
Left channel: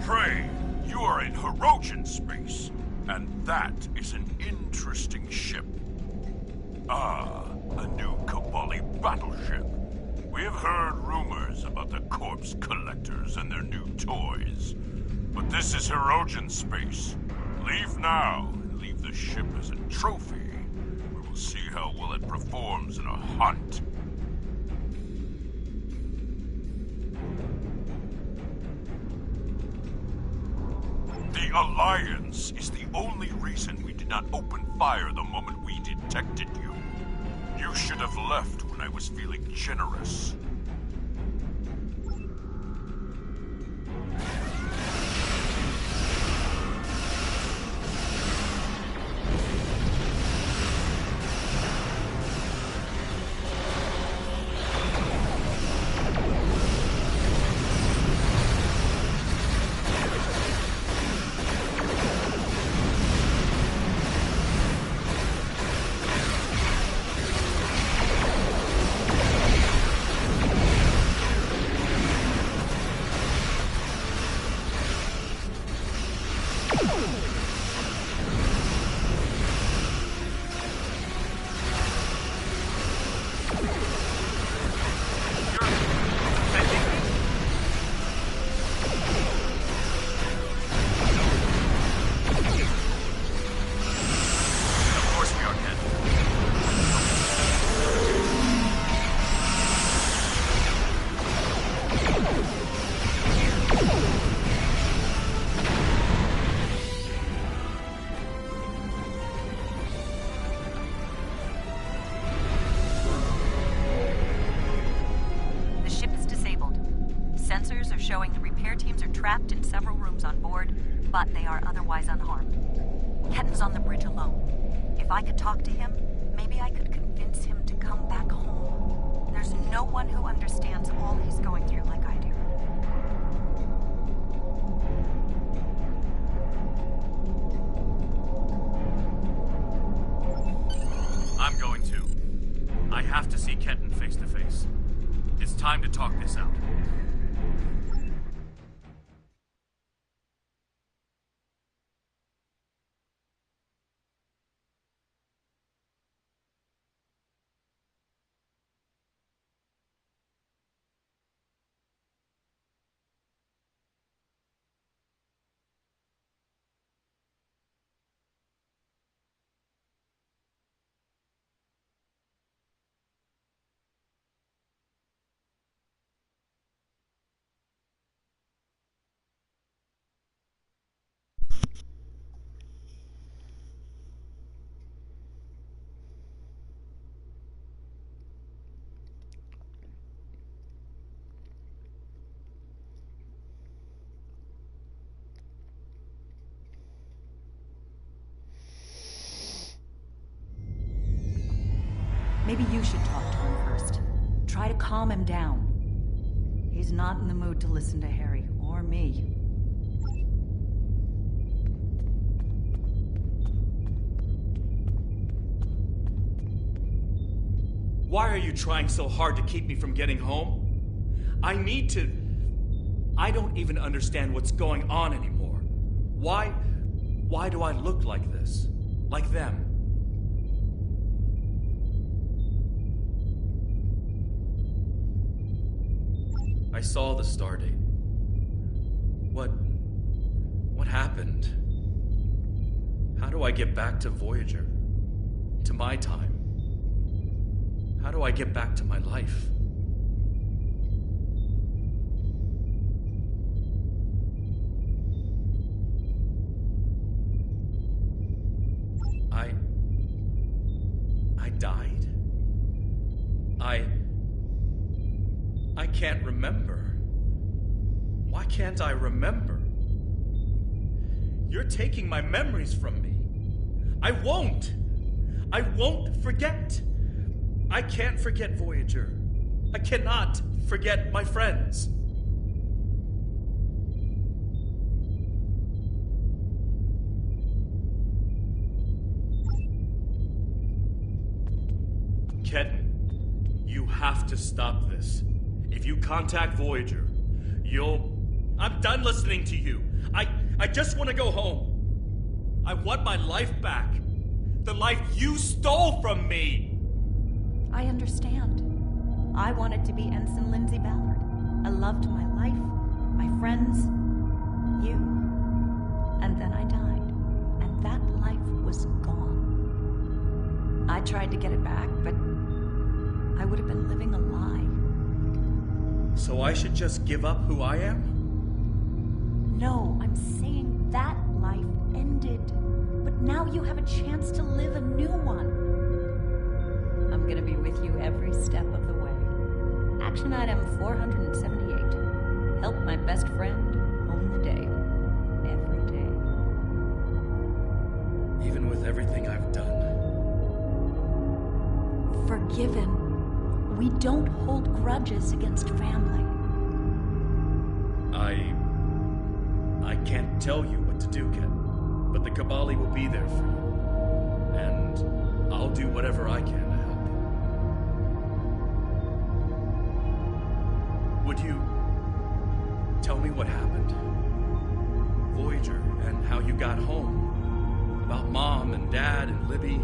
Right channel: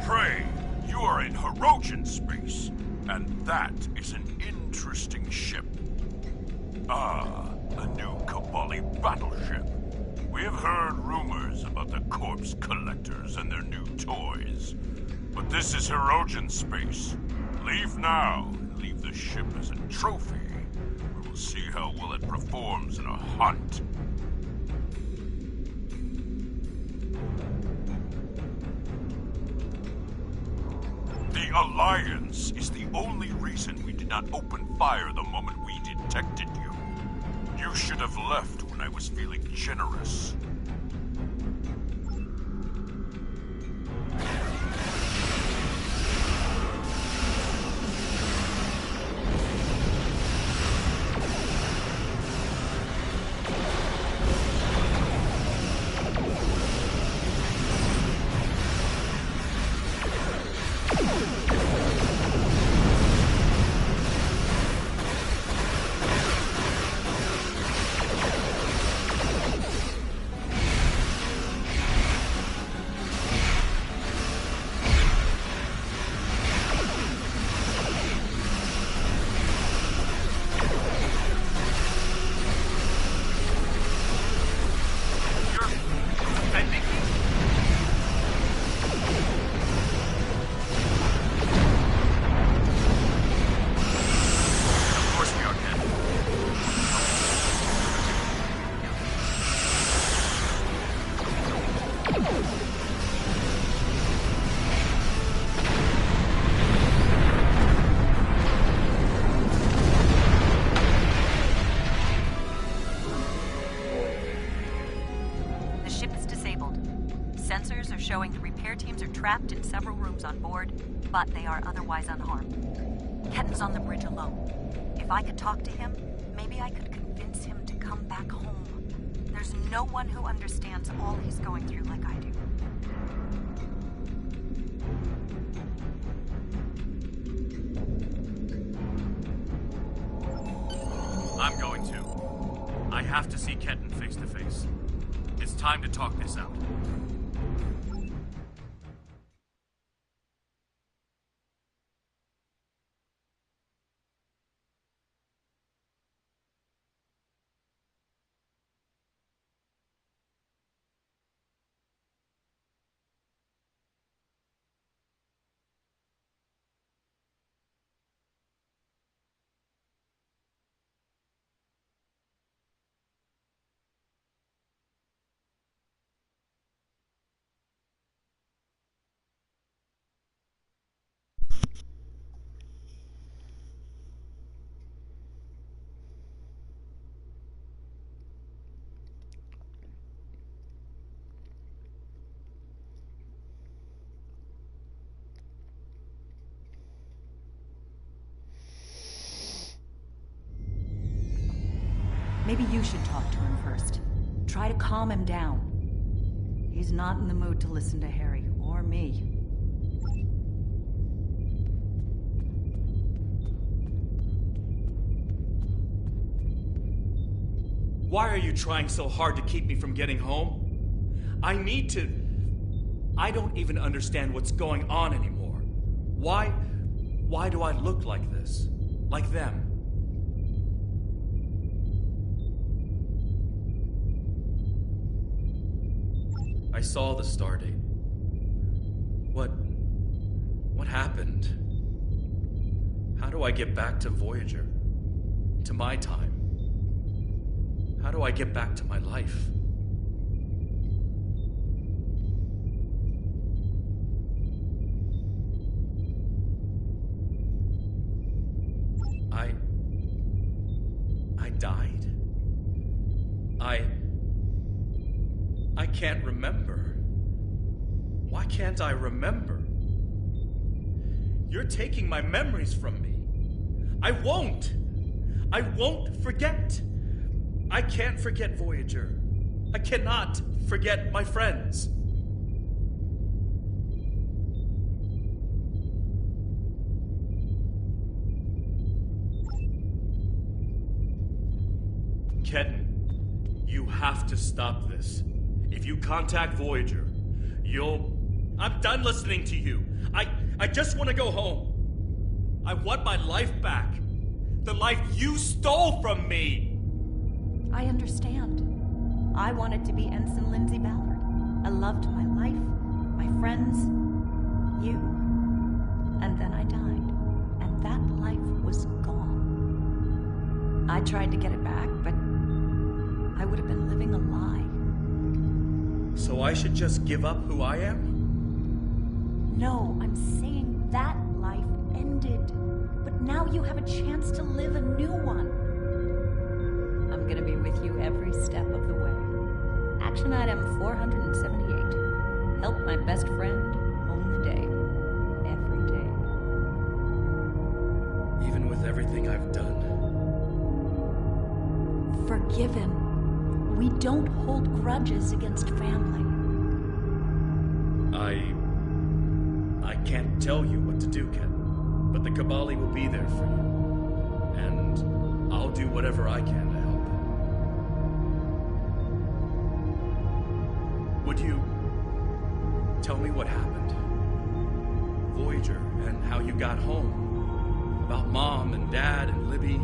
Prey, you are in Hirogen space, and that is an interesting ship. Ah, a new Kabali battleship. We have heard rumors about the course corpse collectors and their new toys. But this is Hirogen space. Leave now, and leave the ship as a trophy. We will see how well it performs in a hunt. The Alliance is the only reason we did not open fire the moment we detected you. You should have left when I was feeling generous. Sensors are showing the repair teams are trapped in several rooms on board, but they are otherwise unharmed. Ketten's on the bridge alone. If I could talk to him, maybe I could convince him to come back home. There's no one who understands all he's going through like I do. I'm going to. I have to see Ketten face to face. It's time to talk this out. Maybe you should talk to him first. Try to calm him down. He's not in the mood to listen to Harry, or me. Why are you trying so hard to keep me from getting home? I need to... I don't even understand what's going on anymore. Why do I look like this? Like them? I saw the stardate. What happened? How do I get back to Voyager? To my time? How do I get back to my life? I died? I can't remember. Why can't I remember? You're taking my memories from me. I won't forget. I can't forget Voyager. I cannot forget my friends. Ketten, you have to stop this. If you contact Voyager, I'm done listening to you. I just want to go home. I want my life back. The life you stole from me. I understand. I wanted to be Ensign Lindsay Ballard. I loved my life, my friends, you. And then I died, and that life was gone. I tried to get it back, but I would have been living a lie. So I should just give up who I am? No, I'm saying that life ended. But now you have a chance to live a new one. I'm gonna be with you every step of the way. Action item 478. Help my best friend own the day. Every day. Even with everything I've done. Forgiven. We don't hold grudges against family. I can't tell you what to do, Ken. But the Kabali will be there for you. And I'll do whatever I can to help. Would you tell me what happened? Voyager, and how you got home. About Mom and Dad and Libby.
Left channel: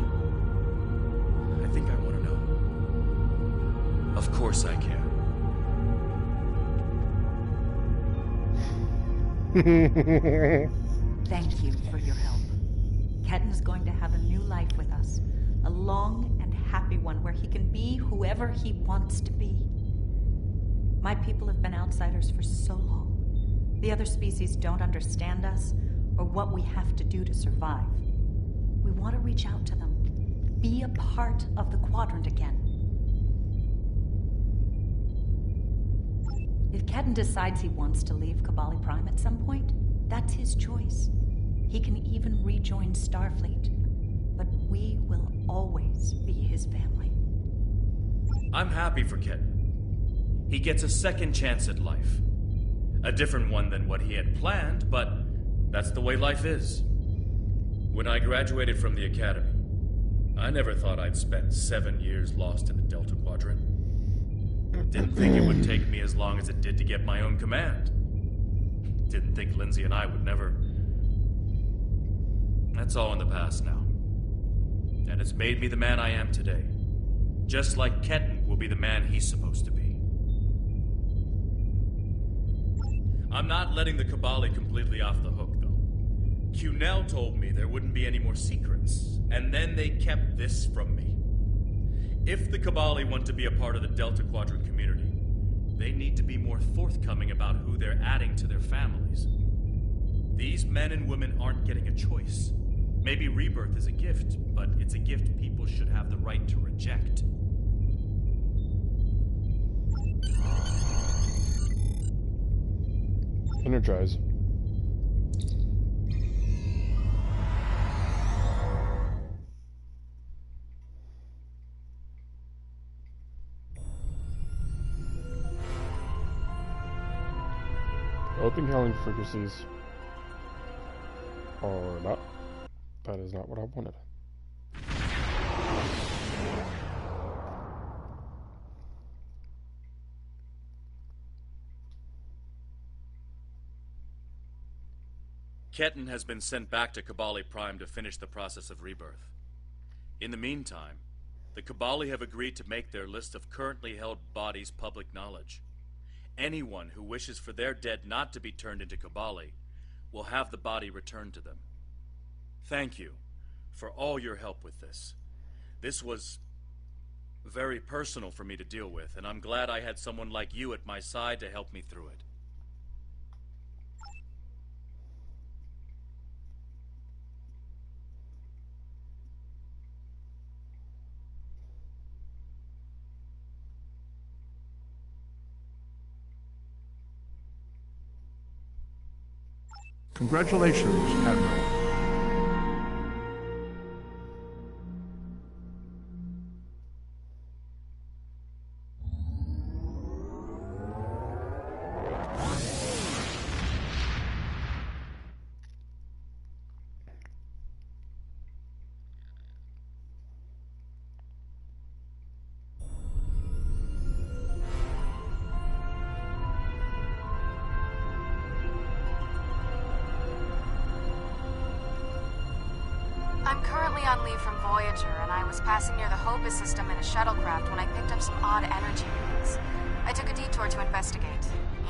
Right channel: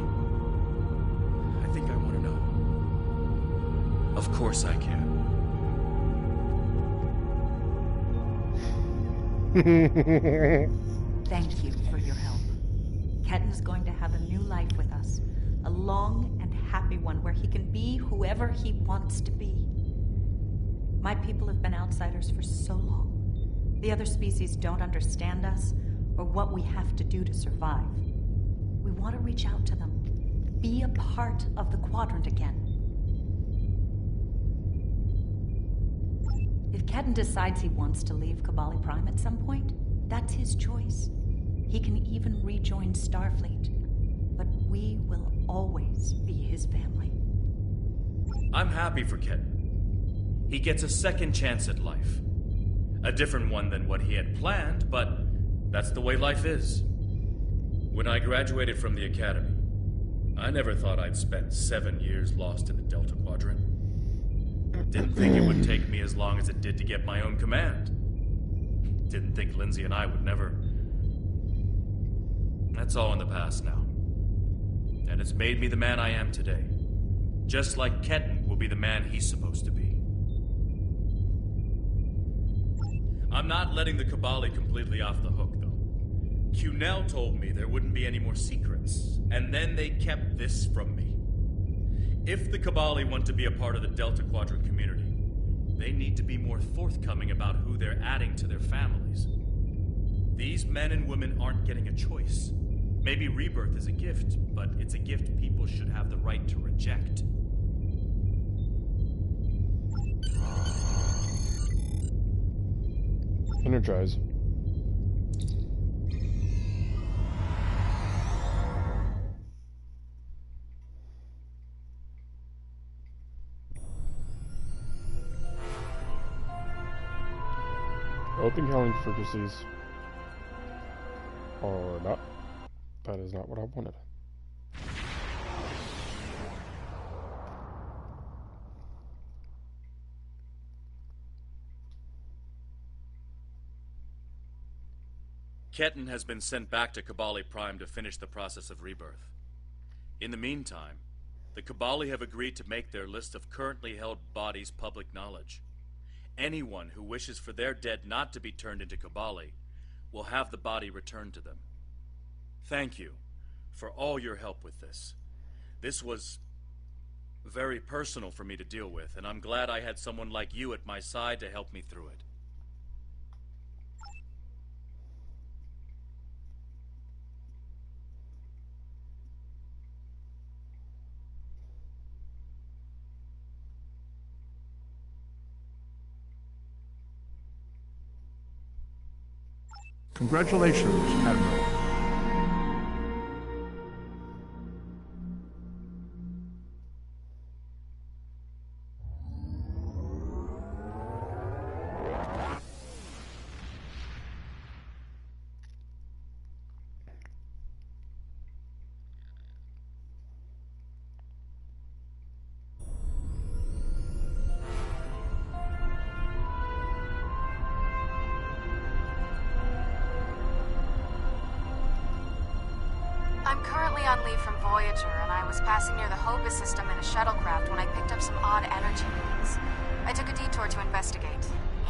I think I want to know. Of course I can. Thank you for your help. Ketten's going to have a new life with us. A long and happy one where he can be whoever he wants to be. My people have been outsiders for so long. The other species don't understand us or what we have to do to survive. We want to reach out to them. Be a part of the Quadrant again. If Ketten decides he wants to leave Kabali Prime at some point, that's his choice. He can even rejoin Starfleet. But we will always be his family. I'm happy for Ketten. He gets a second chance at life. A different one than what he had planned, but that's the way life is. When I graduated from the academy, I never thought I'd spend 7 years lost in the Delta Quadrant. Didn't think it would take me as long as it did to get my own command. Didn't think Lindsay and I would never... That's all in the past now. And it's made me the man I am today. Just like Ketten will be the man he's supposed to be. I'm not letting the Kabali completely off the hook, though. Cunell told me there wouldn't be any more secrets, and then they kept this from me. If the Kabali want to be a part of the Delta Quadrant community, they need to be more forthcoming about who they're adding to their families. These men and women aren't getting a choice. Maybe rebirth is a gift, but it's a gift people should have the right to reject. Energize. Open hailing frequencies or not. That is not what I wanted. Ketten has been sent back to Kabali Prime to finish the process of rebirth. In the meantime, the Kabali have agreed to make their list of currently held bodies public knowledge. Anyone who wishes for their dead not to be turned into Kabali will have the body returned to them. Thank you for all your help with this. This was very personal for me to deal with, and I'm glad I had someone like you at my side to help me through it. Congratulations, Admiral. I'm currently on leave from Voyager, and I was passing near the Hopus system in a shuttlecraft when I picked up some odd energy readings. I took a detour to investigate.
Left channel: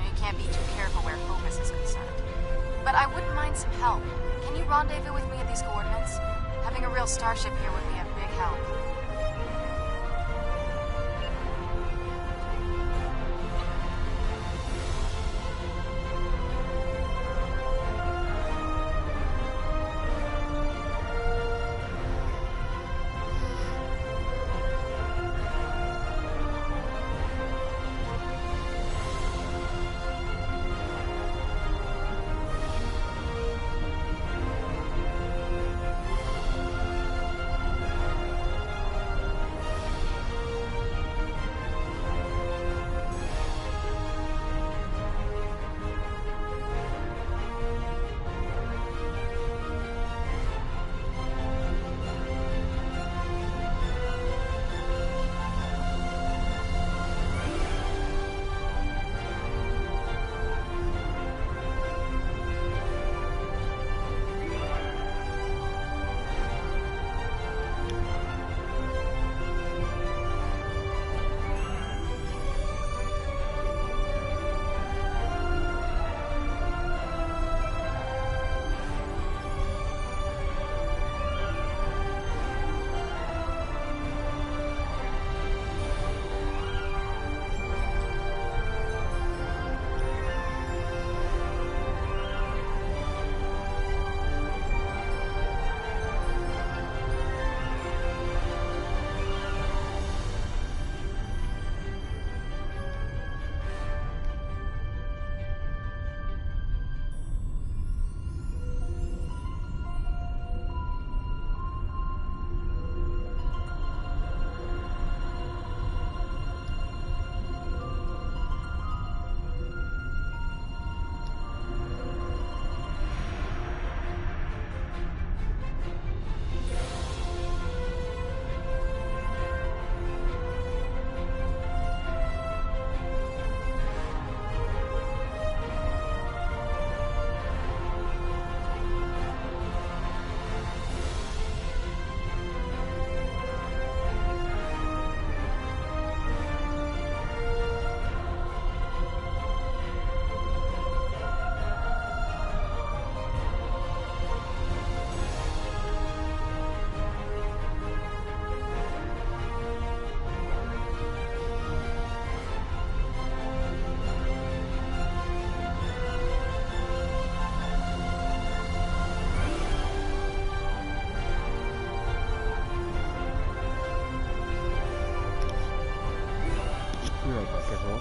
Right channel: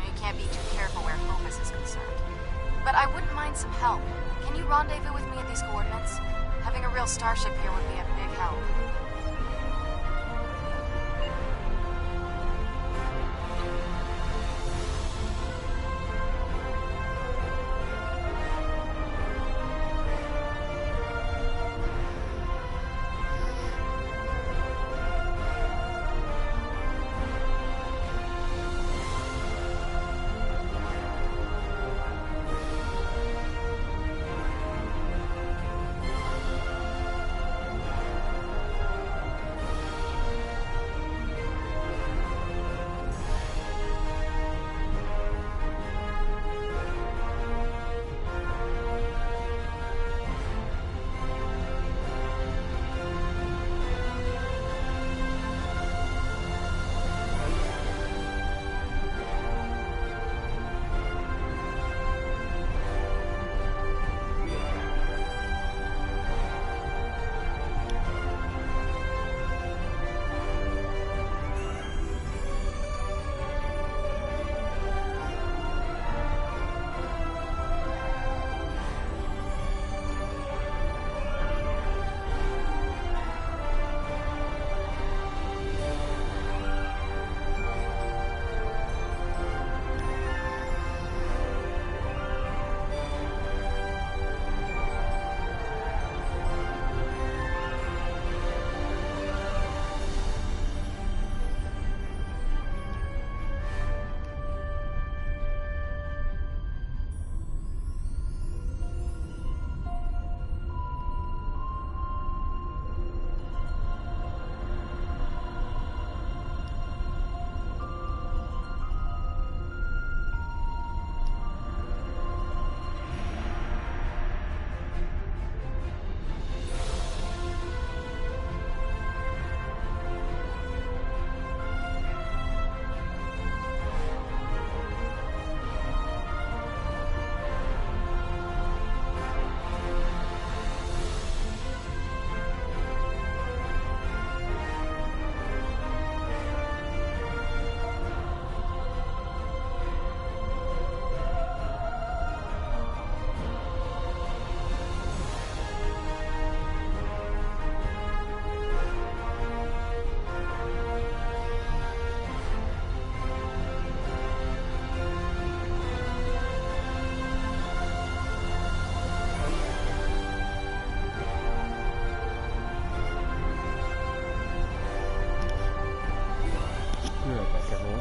You can't be too careful where Hobus is concerned. But I wouldn't mind some help. Can you rendezvous with me at these coordinates? Having a real starship here would be a big help. Be right back, everyone.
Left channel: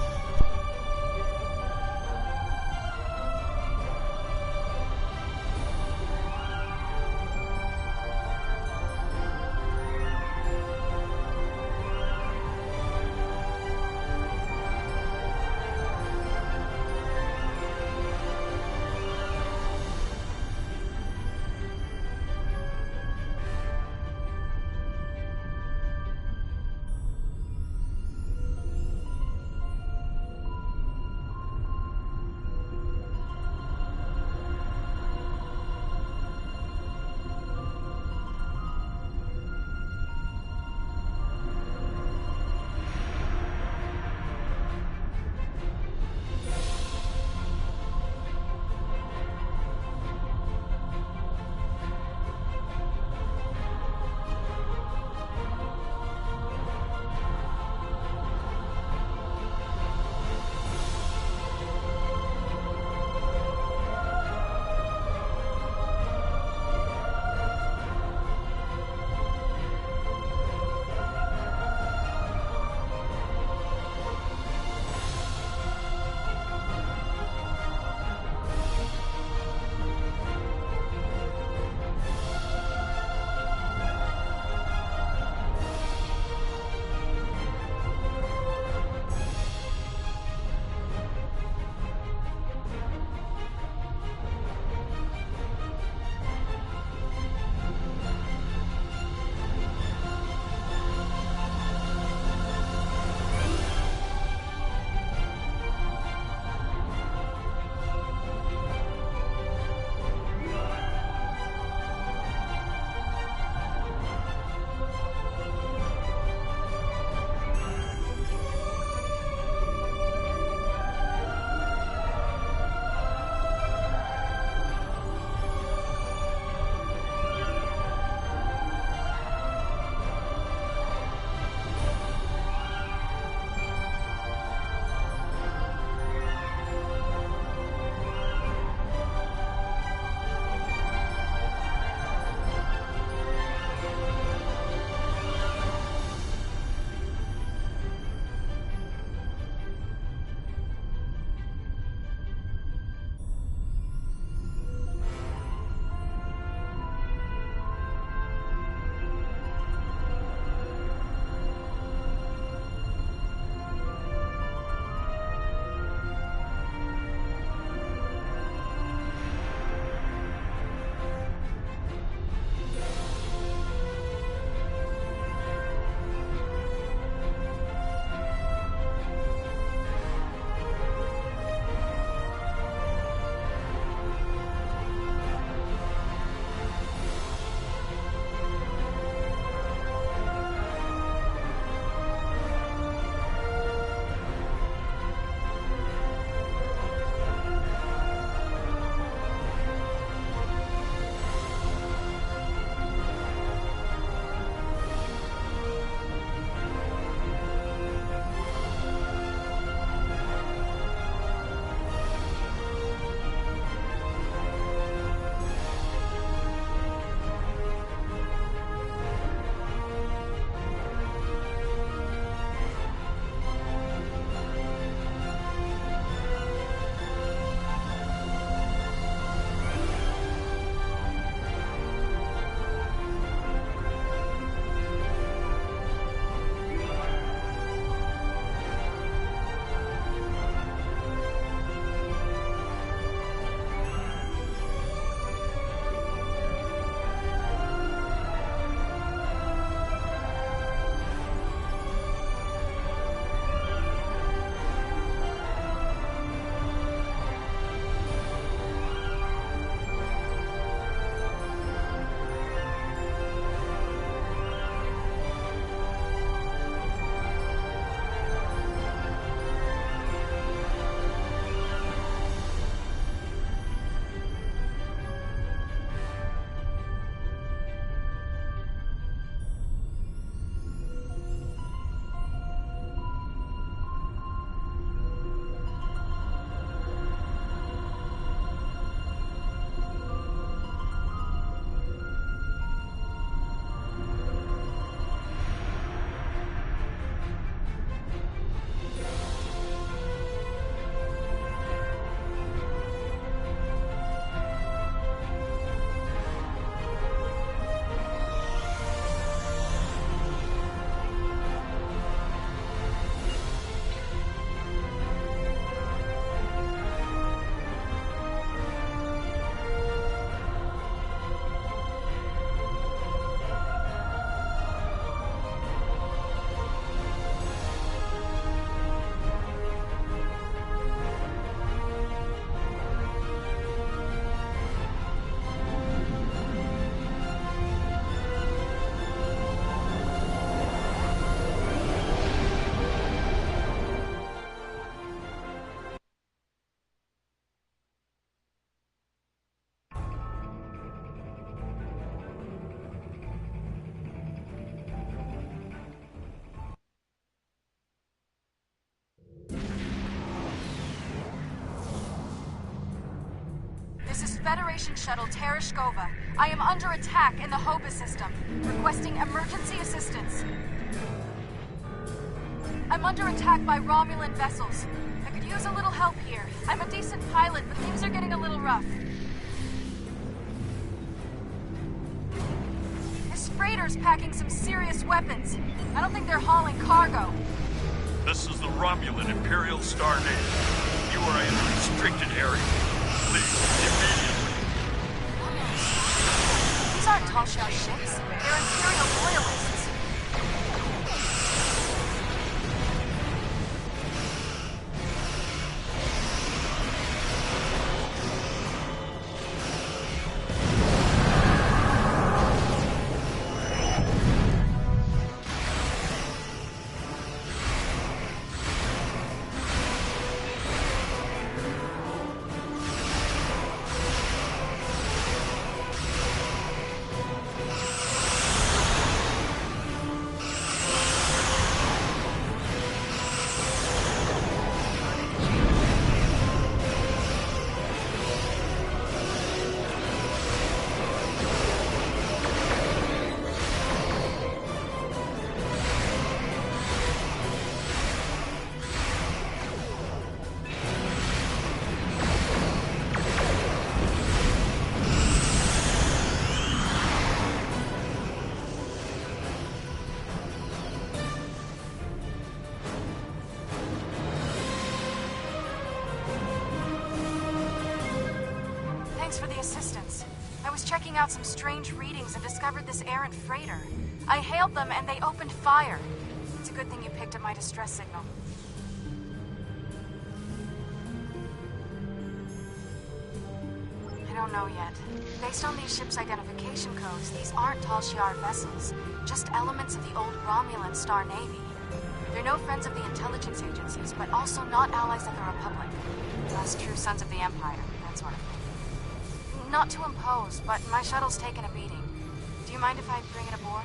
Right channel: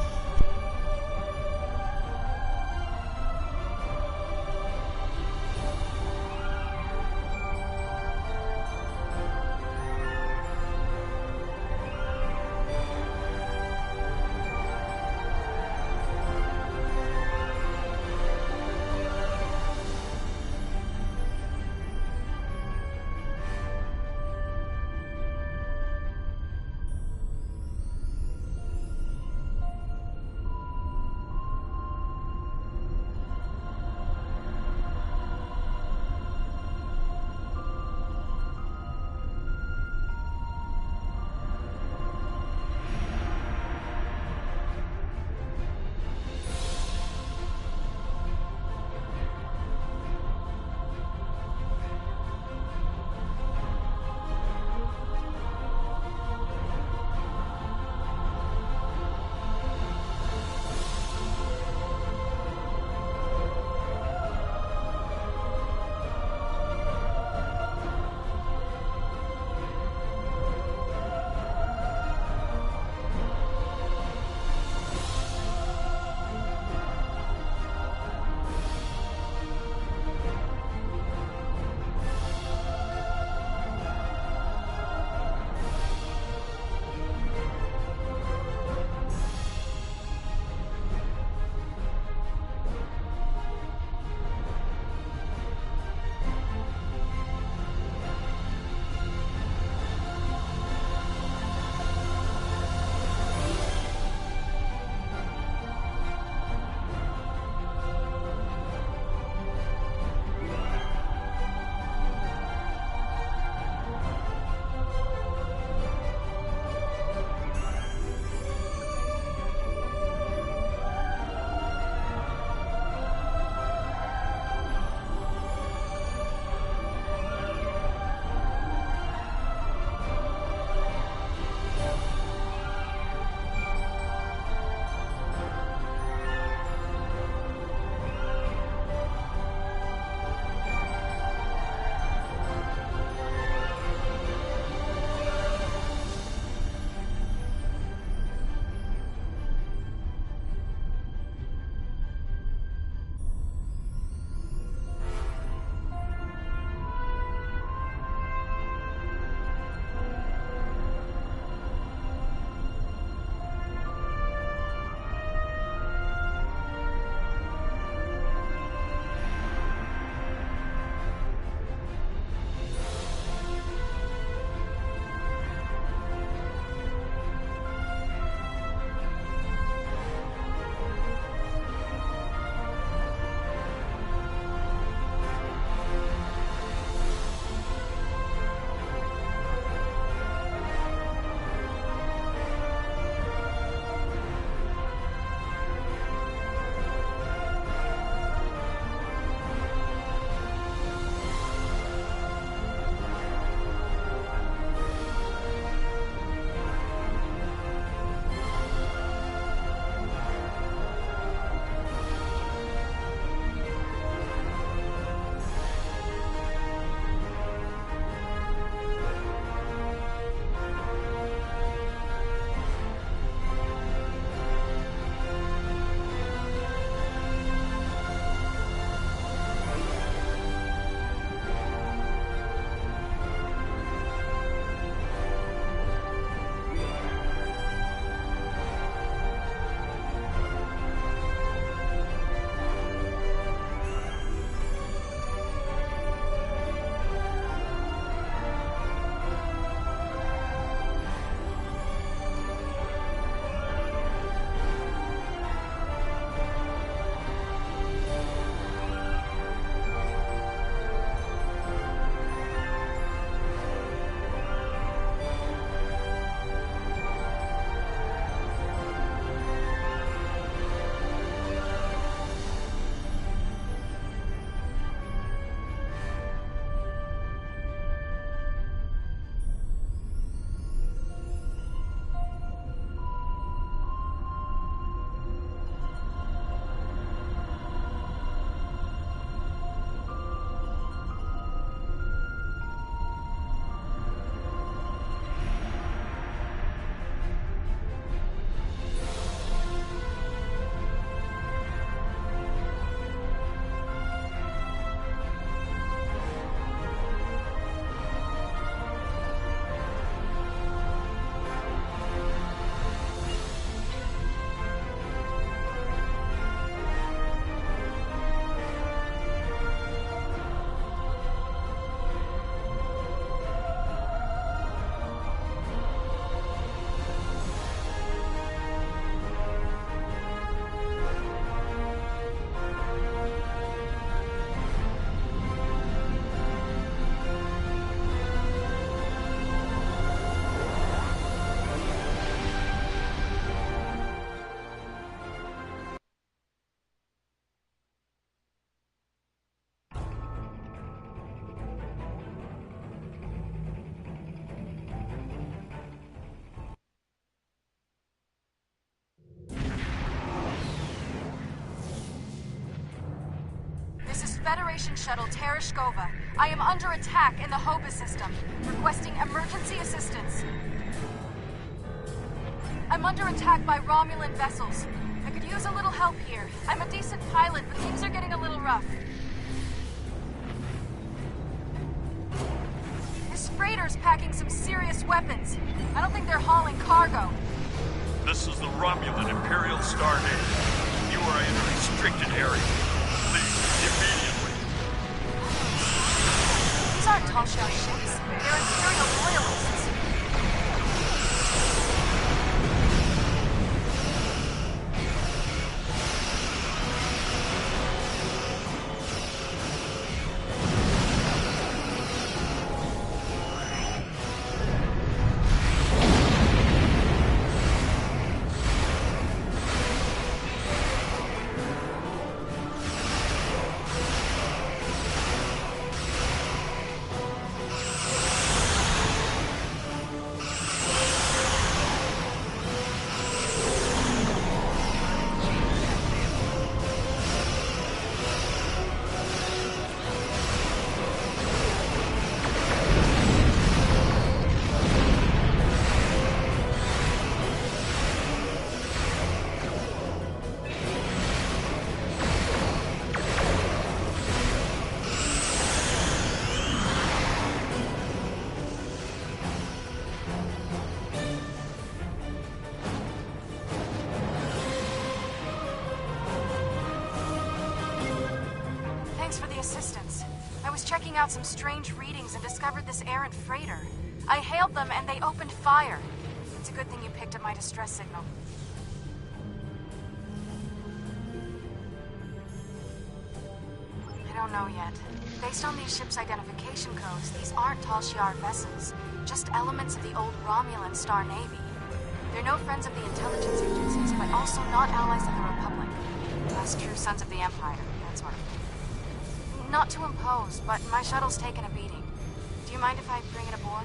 Federation shuttle Tereshkova. I am under attack in the Hoba system, requesting emergency assistance. I'm under attack by Romulan vessels. I could use a little help here. I'm a decent pilot, but things are getting a little rough. This freighter's packing some serious weapons. I don't think they're hauling cargo. This is the Romulan Imperial Star Navy. You are in a restricted area. Leave immediately. These aren't Talshia ships. They're Imperial loyalists. Thanks for the assistance. I was checking out some strange readings and discovered this errant freighter. I hailed them and they opened fire. It's a good thing you picked up my distress signal. I don't know yet. Based on these ships' identification codes, these aren't Tal Shiar vessels, just elements of the old Romulan Star Navy. They're no friends of the intelligence agencies, but also not allies of the Republic. Last true sons of the Empire, that sort of thing. Not to impose, but my shuttle's taken a beating. Do you mind if I bring it aboard?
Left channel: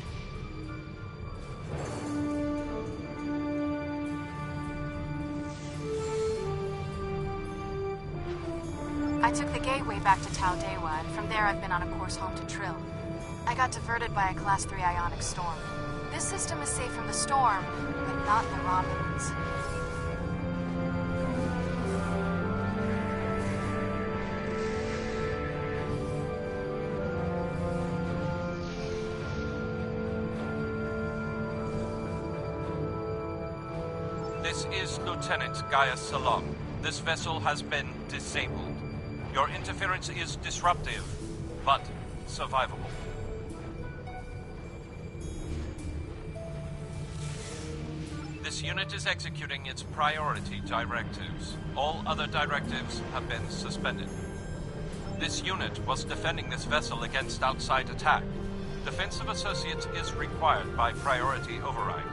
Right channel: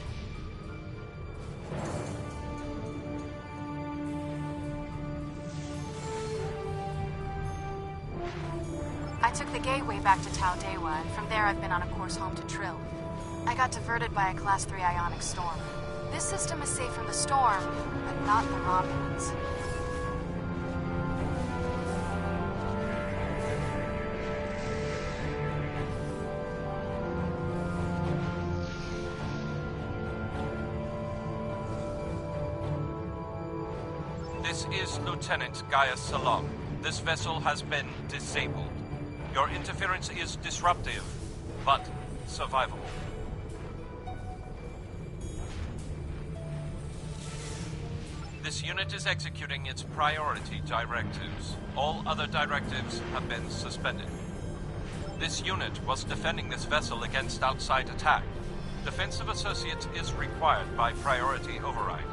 I took the gateway back to Tau Dewa, and from there I've been on a course home to Trill. I got diverted by a Class 3 ionic storm. This system is safe from the storm, but not the Romulans. This is Lieutenant Gaia Salom. This vessel has been disabled. Your interference is disruptive, but survivable. This unit is executing its priority directives. All other directives have been suspended. This unit was defending this vessel against outside attack. Defensive Associates is required by priority override.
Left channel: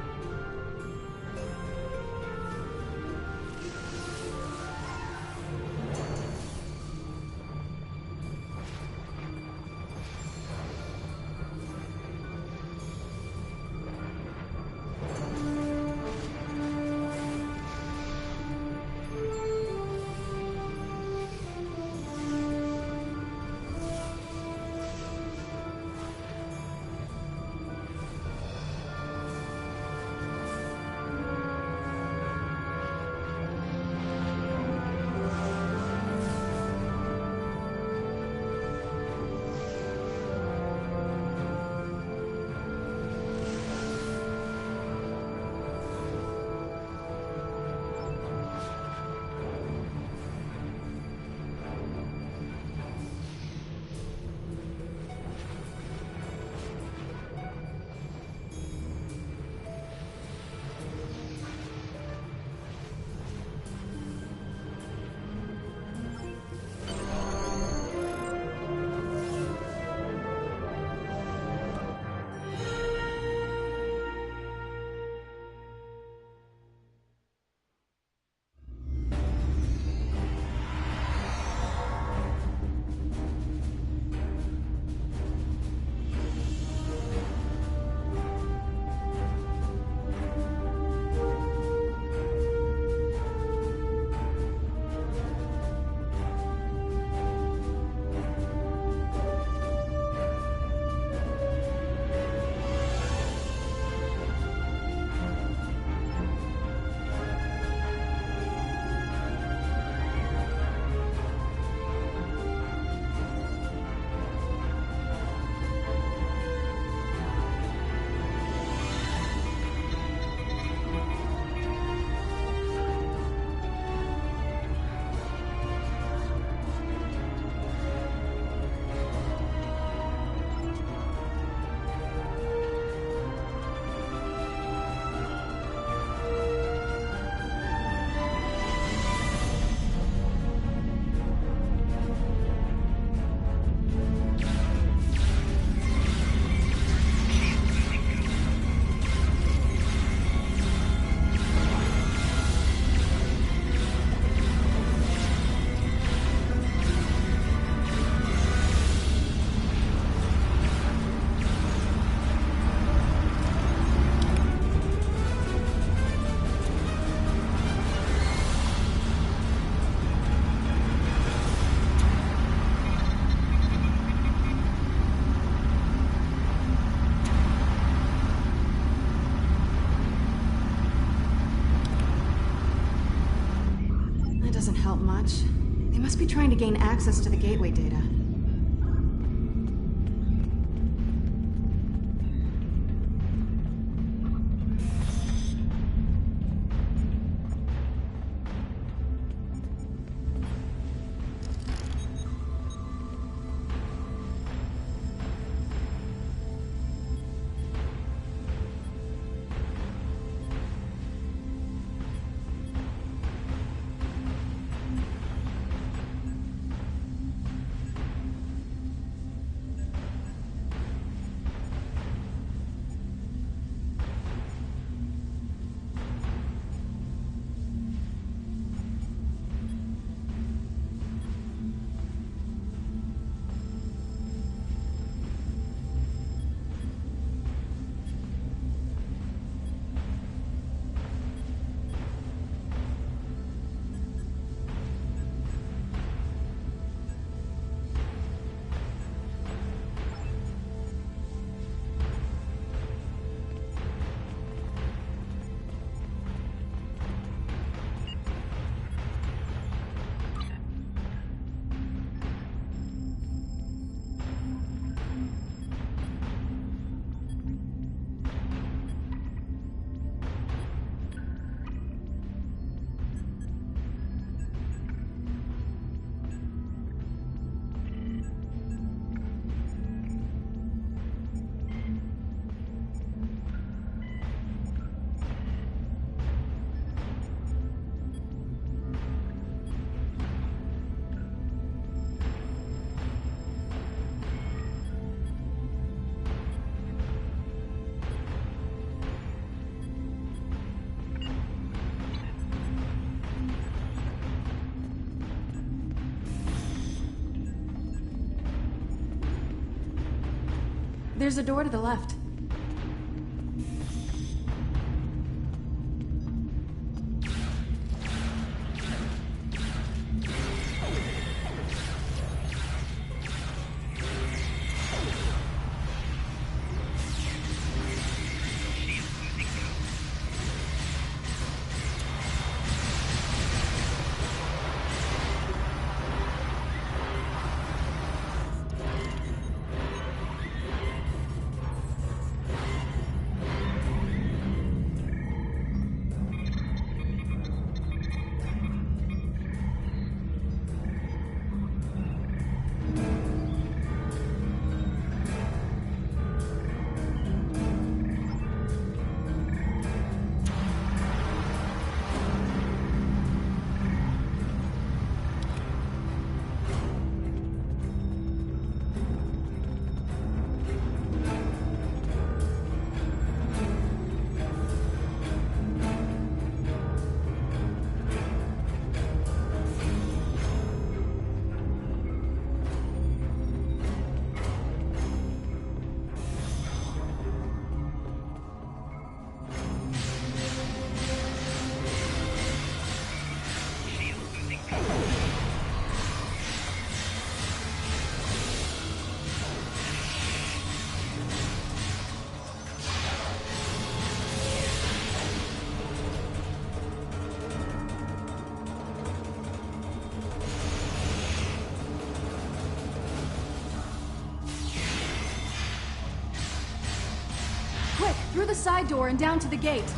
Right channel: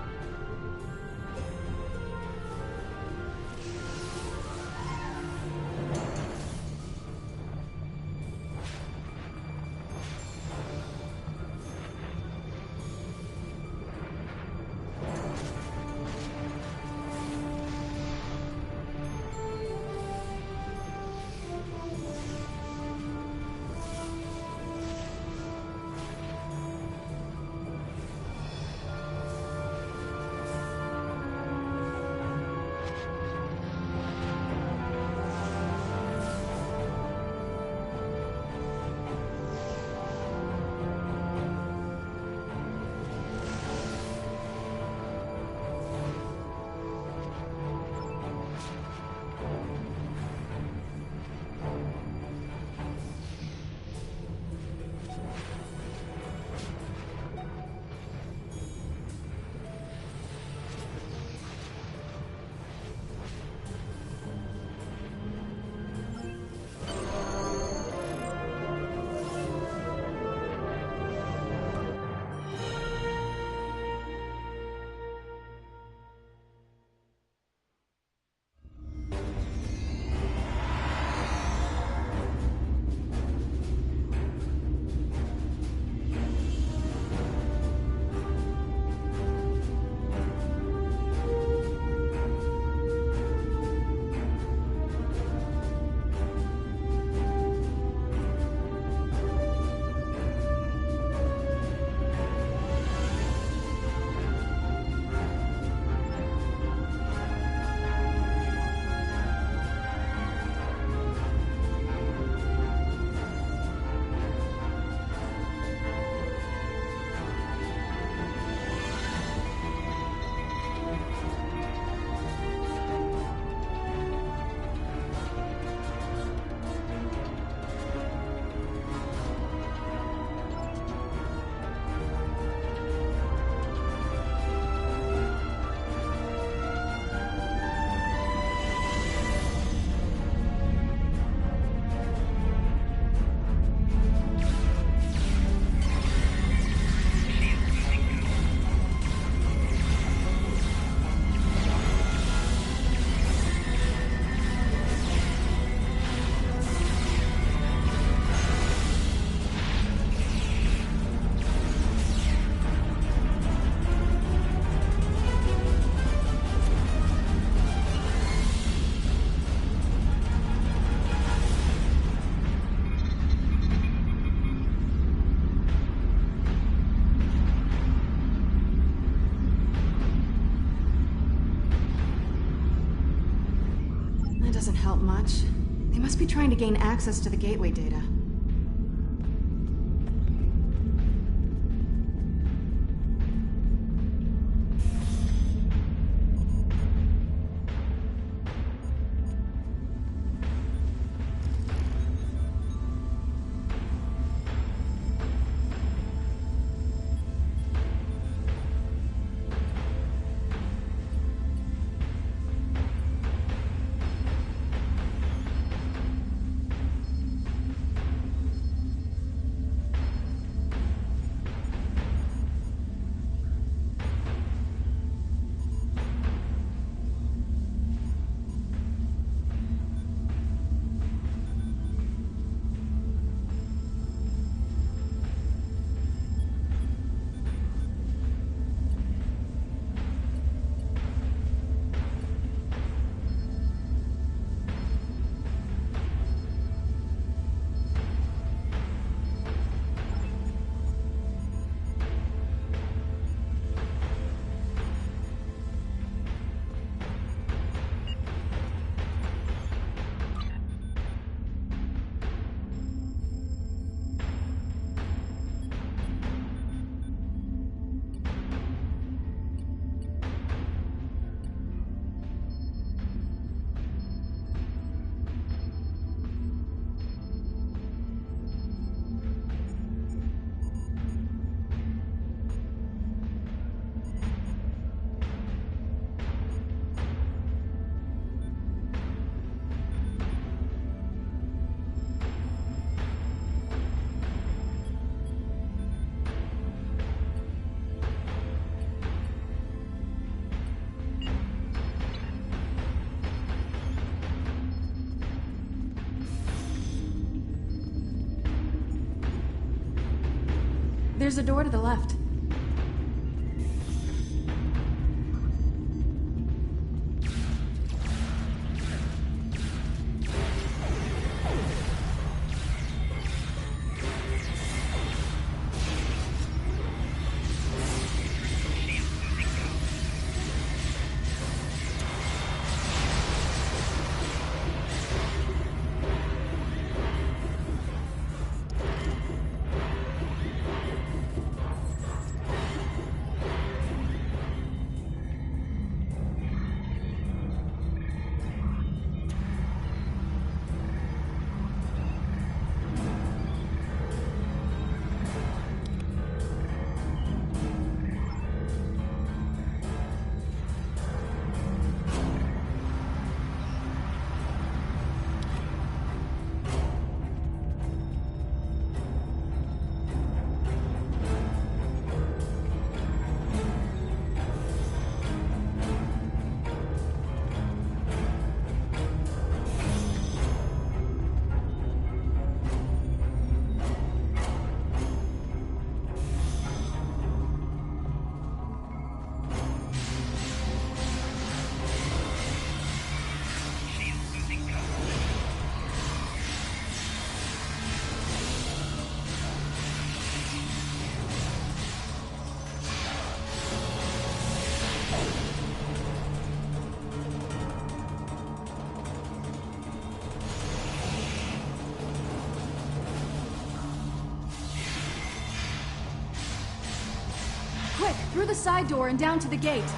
doesn't help much. They must be trying to gain access to the gateway data. There's a door to the left. Quick, through the side door and down to the gate.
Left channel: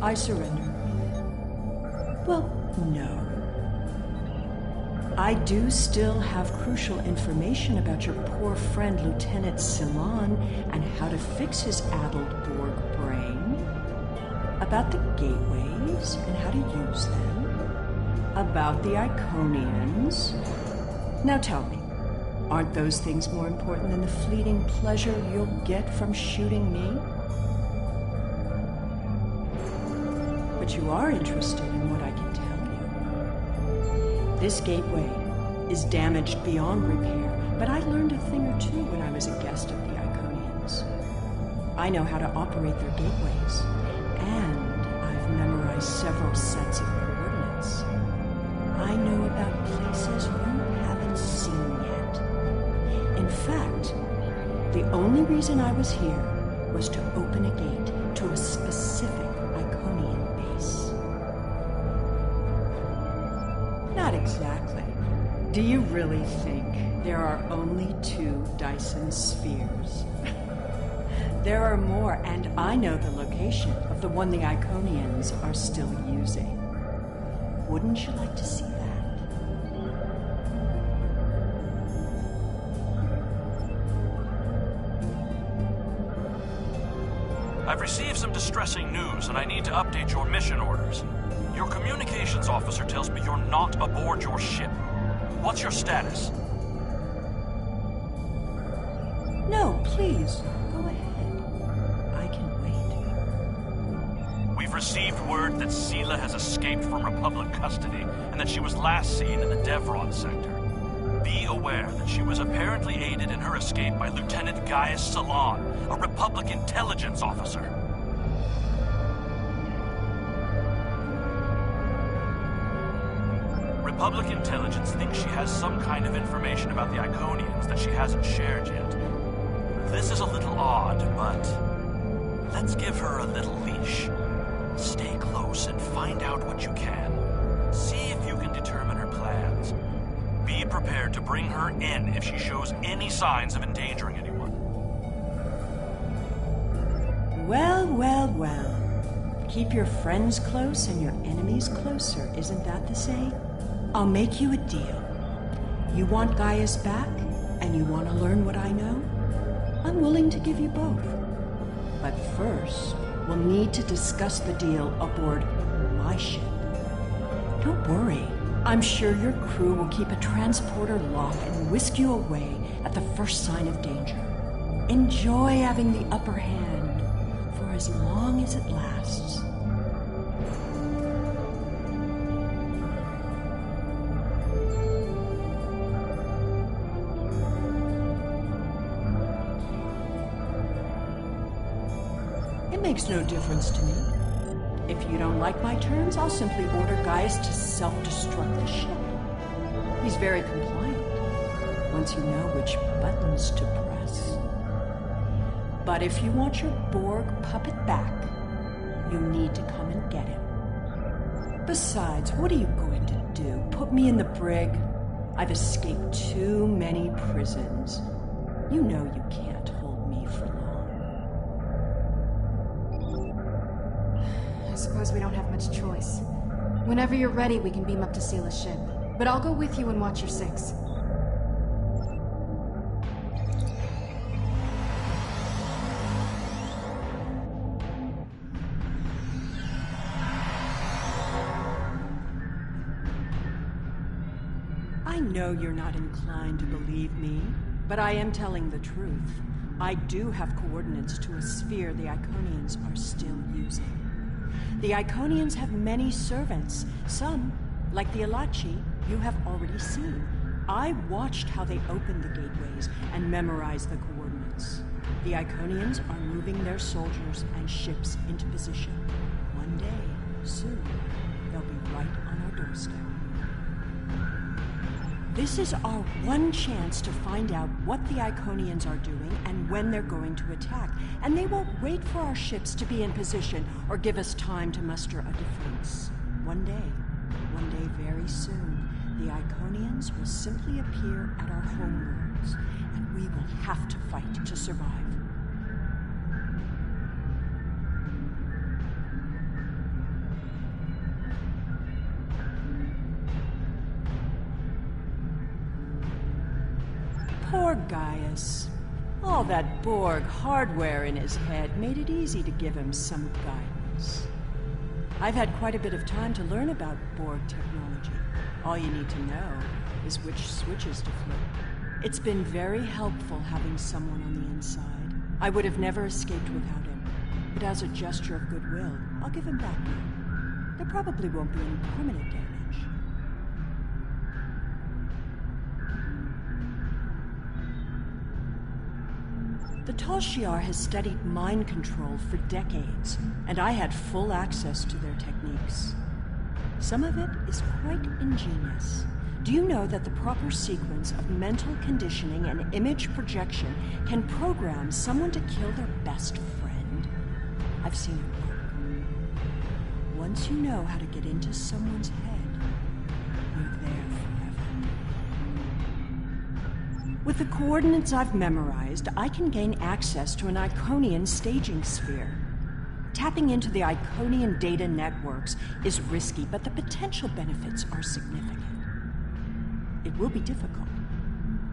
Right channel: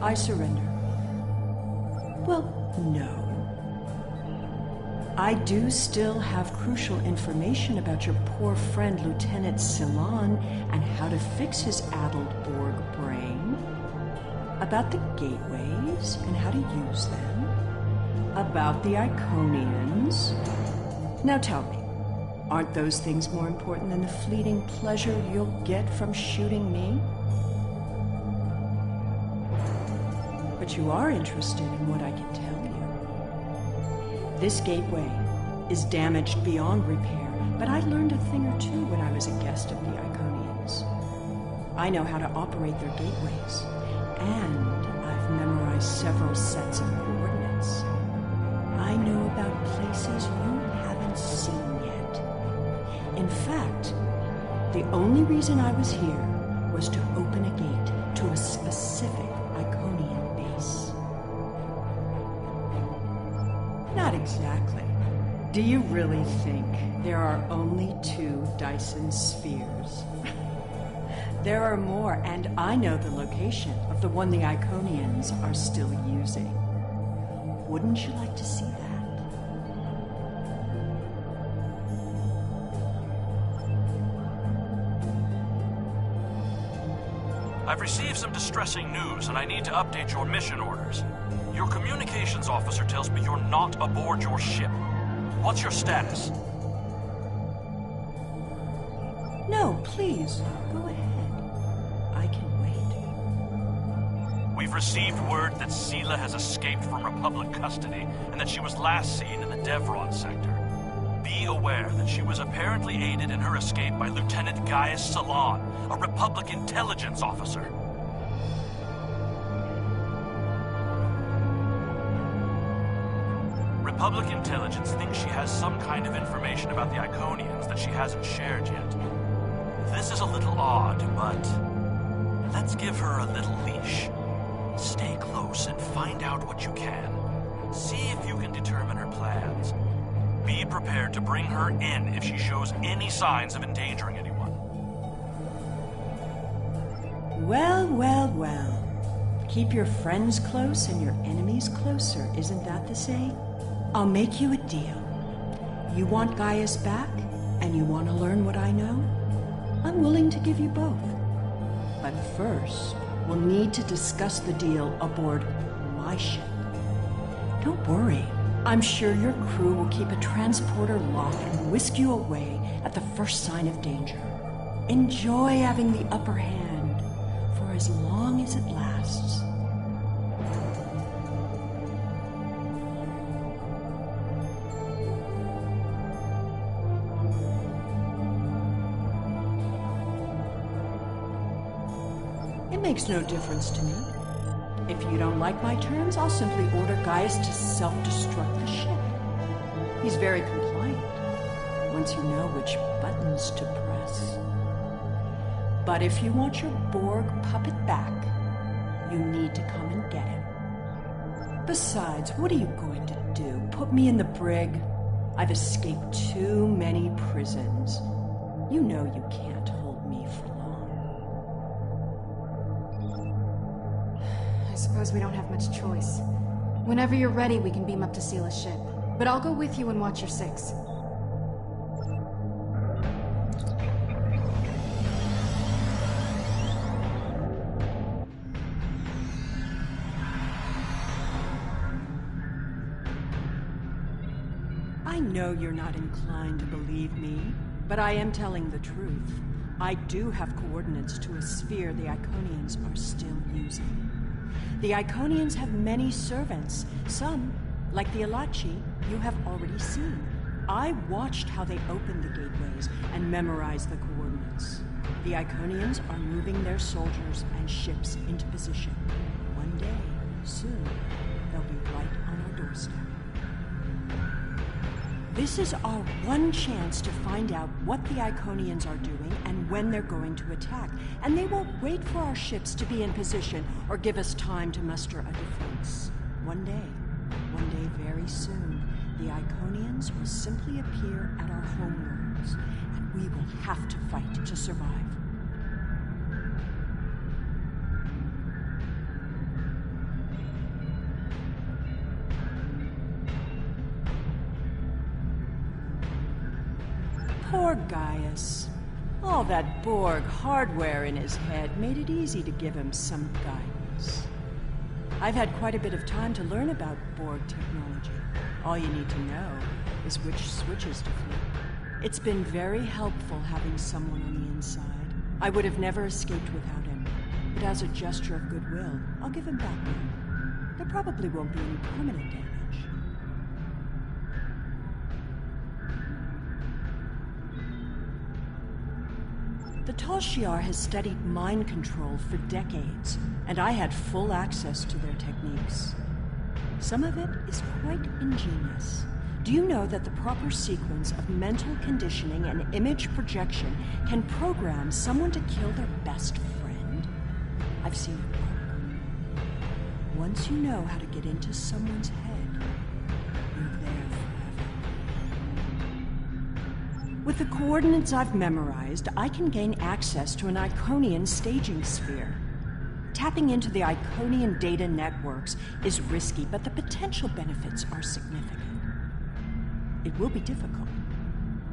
I surrender. Well, no. I do still have crucial information about your poor friend Lieutenant Talon and how to fix his addled Borg brain. About the gateways and how to use them. About the Iconians. Now tell me, aren't those things more important than the fleeting pleasure you'll get from shooting me? But you are interested in what I can tell you. This gateway is damaged beyond repair, but I learned a thing or two when I was a guest of the Iconians. I know how to operate their gateways, and I've memorized several sets of coordinates. I know about places you haven't seen yet. In fact, the only reason I was here was to open a gate to a specific Iconian base. Not exactly. Do you really think there are only 2 Dyson spheres? There are more, and I know the location of the one the Iconians are still using. Wouldn't you like to see that? I've received some distressing news, and I need to update your mission orders. Your communications officer tells me you're not aboard your ship. What's your status? No, please, go ahead. I can wait. We've received word that Sela has escaped from Republic custody, and that she was last seen in the Devron sector. Be aware that she was apparently aided in her escape by Lieutenant Gaius Salon, a Republic intelligence officer. Republic intelligence thinks she has some kind of information about the Iconians that she hasn't shared yet. This is a little odd, but let's give her a little leash. Stay close and find out what you can. See if you can determine her plans. Be prepared to bring her in if she shows any signs of endangering anyone. Well, well, well. Keep your friends close and your enemies closer, isn't that the saying? I'll make you a deal. You want Gaius back, and you want to learn what I know? I'm willing to give you both. But first, we'll need to discuss the deal aboard my ship. Don't worry. I'm sure your crew will keep a transporter lock and whisk you away at the first sign of danger. Enjoy having the upper hand for as long as it lasts. It makes no difference to me. If you don't like my terms, I'll simply order Gaius to self-destruct the ship. He's very compliant, once you know which buttons to press. But if you want your Borg puppet back, you need to come and get him. Besides, what are you going to do? Put me in the brig? I've escaped too many prisons. You know you can't hold me for long. I suppose we don't have much choice. Whenever you're ready, we can beam up to Sela's ship. But I'll go with you and watch your 6. I know you're not inclined to believe me, but I am telling the truth. I do have coordinates to a sphere the Iconians are still using. The Iconians have many servants. Some, like the Alachi, you have already seen. I watched how they opened the gateways and memorized the coordinates. The Iconians are moving their soldiers and ships into position. One day, soon, they'll be right on our doorstep. This is our one chance to find out what the Iconians are doing and when they're going to attack. And they won't wait for our ships to be in position or give us time to muster a defense. One day very soon, the Iconians will simply appear at our homeworlds, and we will have to fight to survive. Gaius. All that Borg hardware in his head made it easy to give him some guidance. I've had quite a bit of time to learn about Borg technology. All you need to know is which switches to flip. It's been very helpful having someone on the inside. I would have never escaped without him. But as a gesture of goodwill, I'll give him back now. There probably won't be any permanent damage. The Tal Shiar has studied mind control for decades, and I had full access to their techniques. Some of it is quite ingenious. Do you know that the proper sequence of mental conditioning and image projection can program someone to kill their best friend? I've seen it work. Once you know how to get into someone's head, you're there forever. With the coordinates I've memorized, I can gain access to an Iconian staging sphere. Tapping into the Iconian data networks is risky, but the potential benefits are significant. It will be difficult.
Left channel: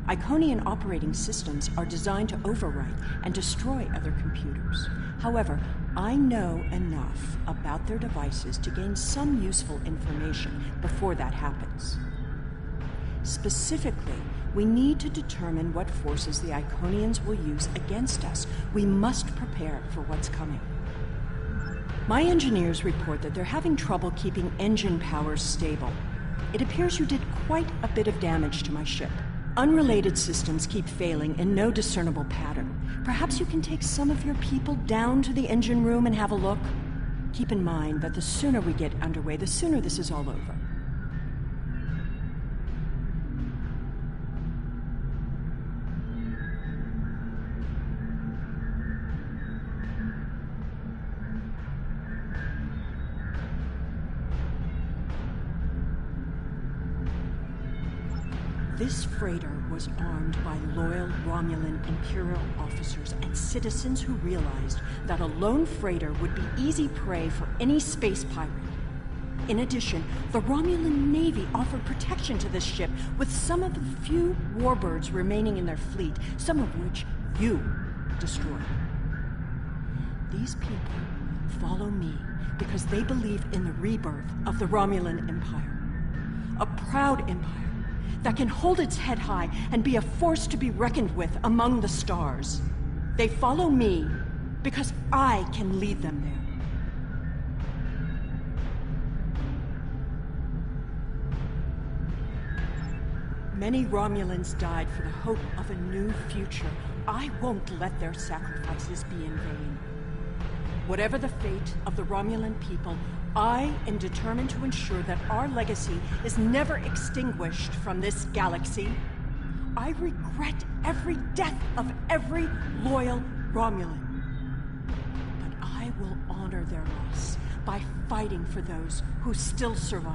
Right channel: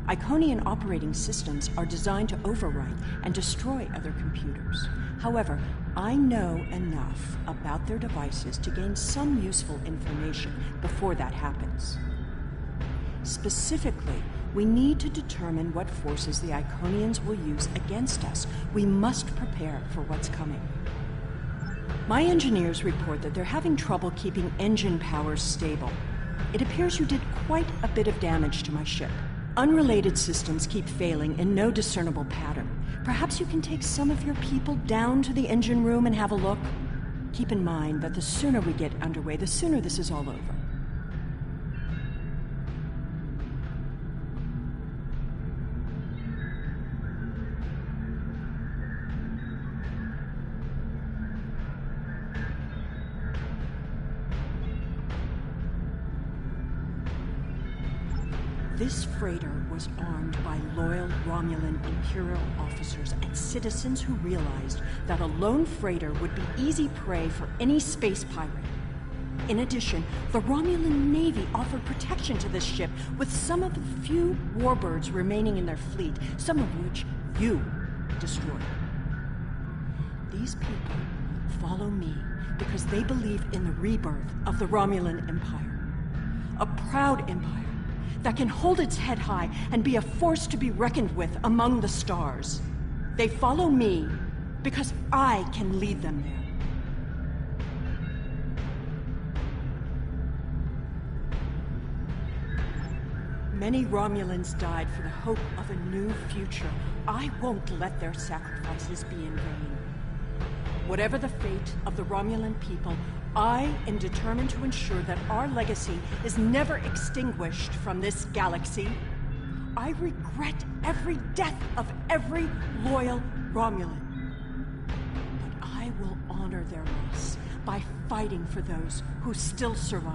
Iconian operating systems are designed to overwrite and destroy other computers. However, I know enough about their devices to gain some useful information before that happens. Specifically, we need to determine what forces the Iconians will use against us. We must prepare for what's coming. My engineers report that they're having trouble keeping engine powers stable. It appears you did quite a bit of damage to my ship. Unrelated systems keep failing in no discernible pattern. Perhaps you can take some of your people down to the engine room and have a look? Keep in mind that the sooner we get underway, the sooner this is all over. This freighter was armed by loyal Romulan Imperial officers and citizens who realized that a lone freighter would be easy prey for any space pirate. In addition, the Romulan Navy offered protection to this ship with some of the few warbirds remaining in their fleet, some of which you destroyed. These people follow me because they believe in the rebirth of the Romulan Empire. A proud empire that can hold its head high and be a force to be reckoned with among the stars. They follow me because I can lead them there. Many Romulans died for the hope of a new future. I won't let their sacrifices be in vain. Whatever the fate of the Romulan people, I am determined to ensure that our legacy is never extinguished from this galaxy. I regret every death of every loyal Romulan. But I will honor their loss by fighting for those who still survive.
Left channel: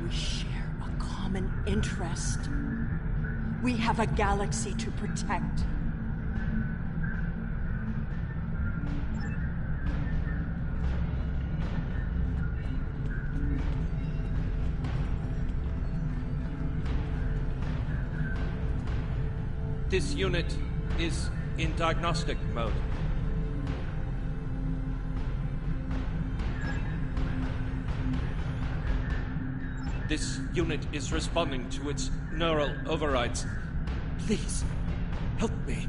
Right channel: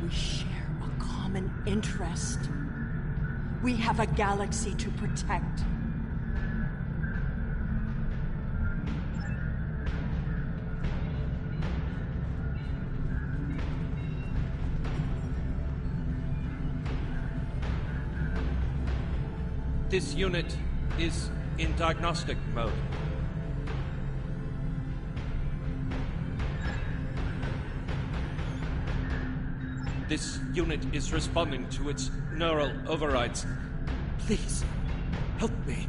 We share a common interest. We have a galaxy to protect. This unit is in diagnostic mode. This unit is responding to its neural overrides. Please, help me.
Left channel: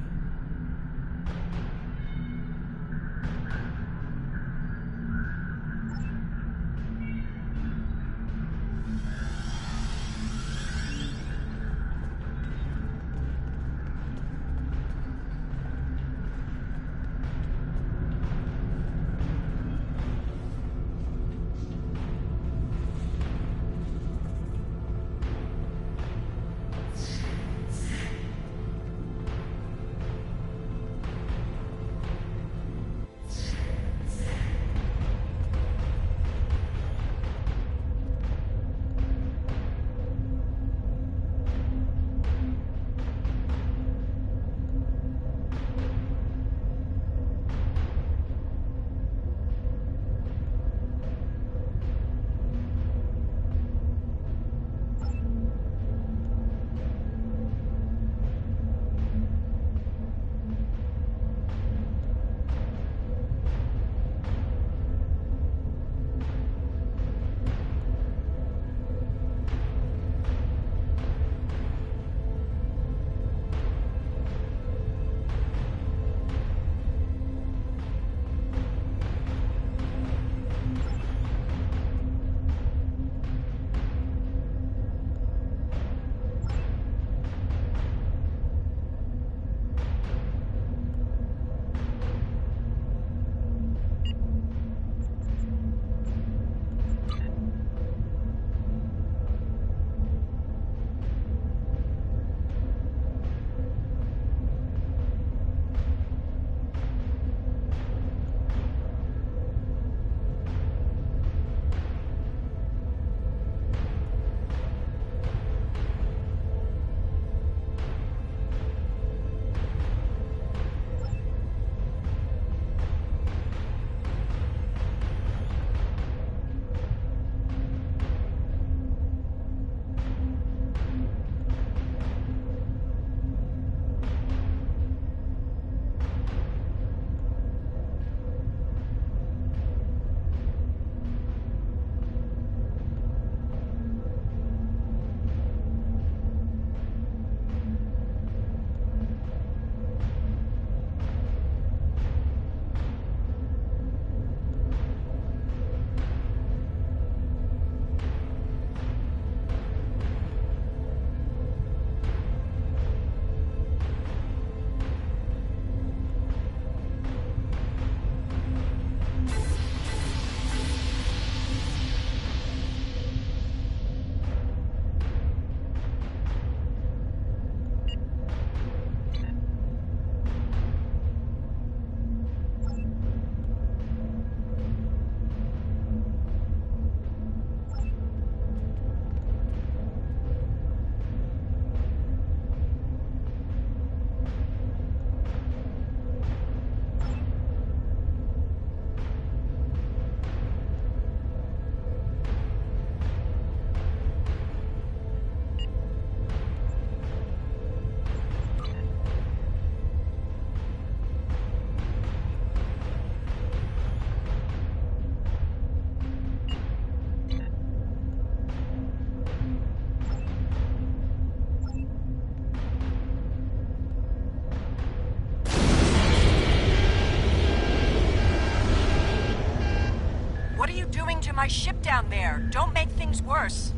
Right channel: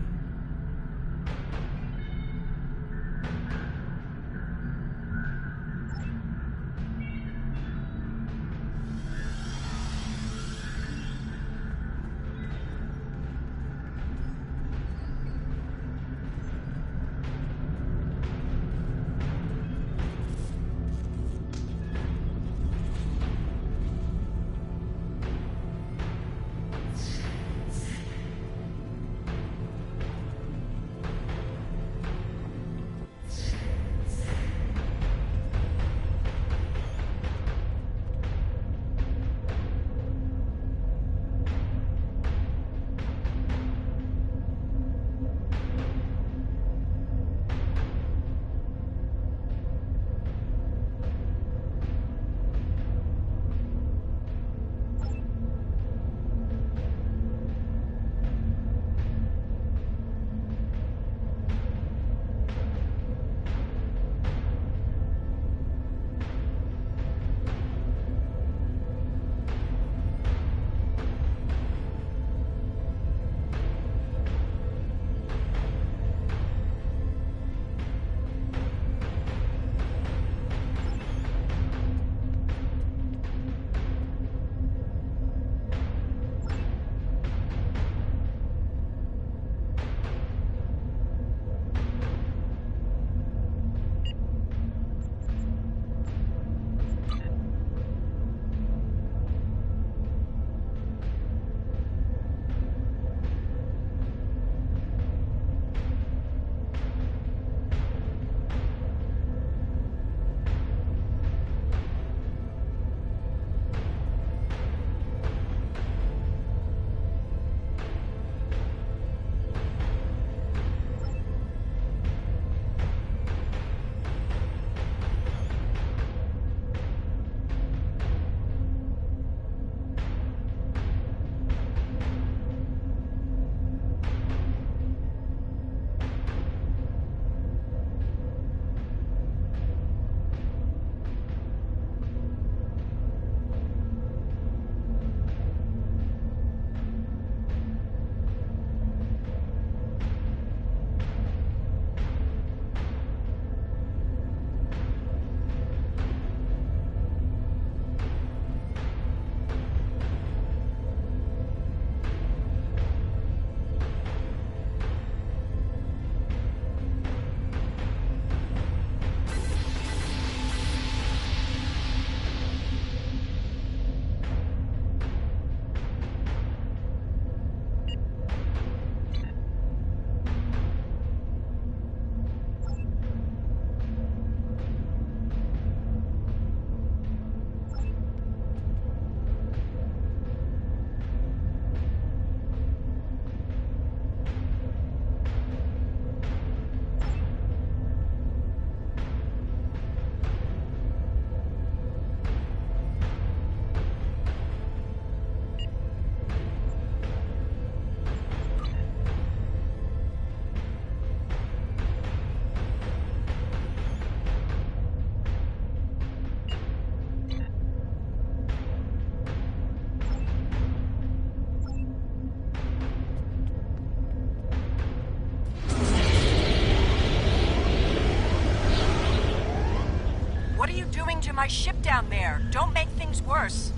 my ship down there. Don't make things worse.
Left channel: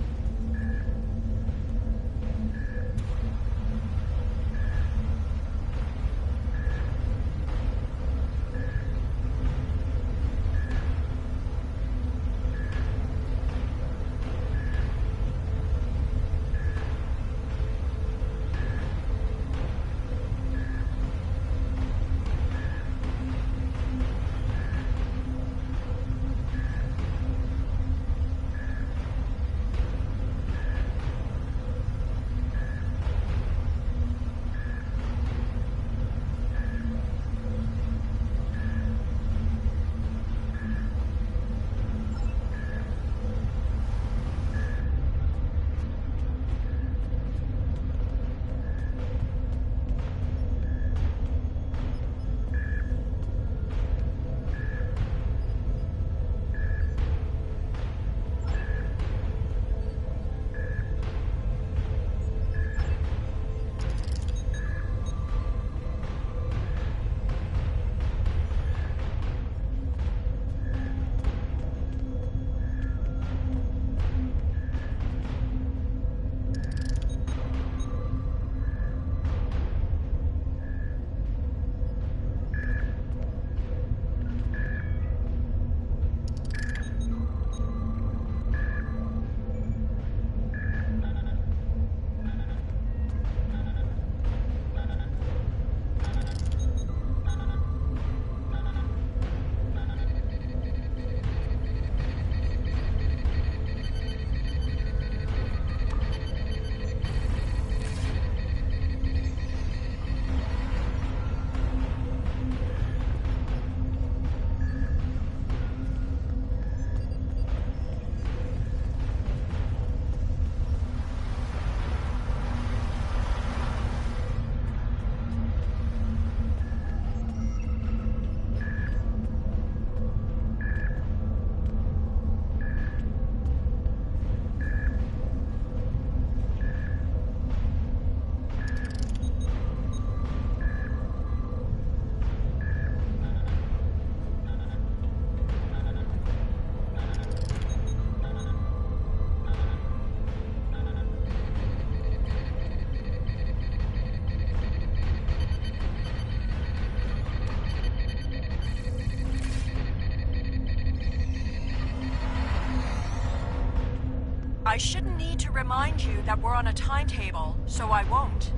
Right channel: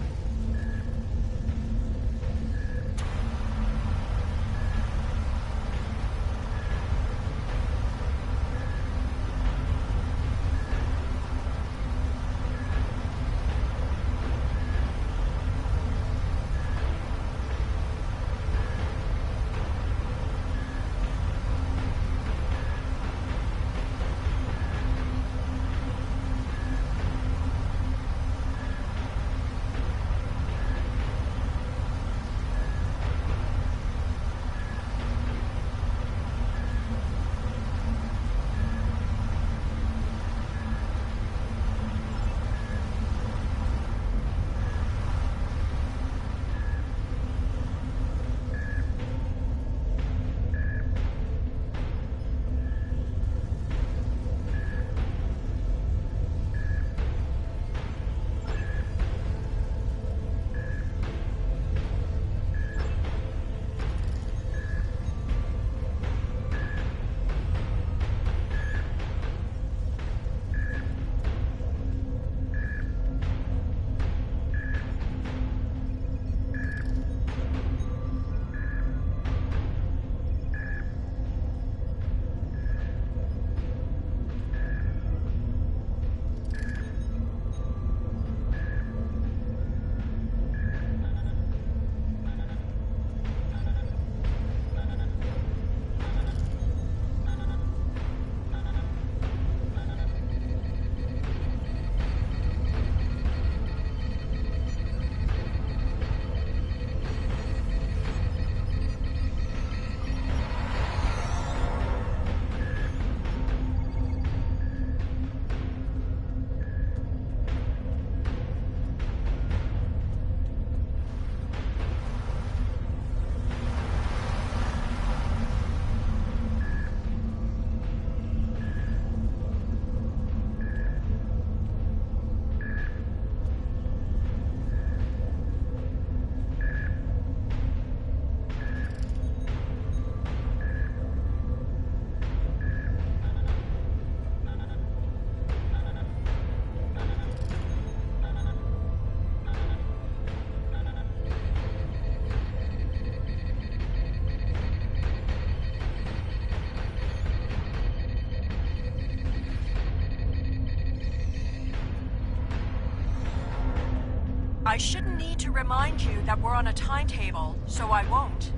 I shouldn't need to remind you that we're on a timetable, so I won't.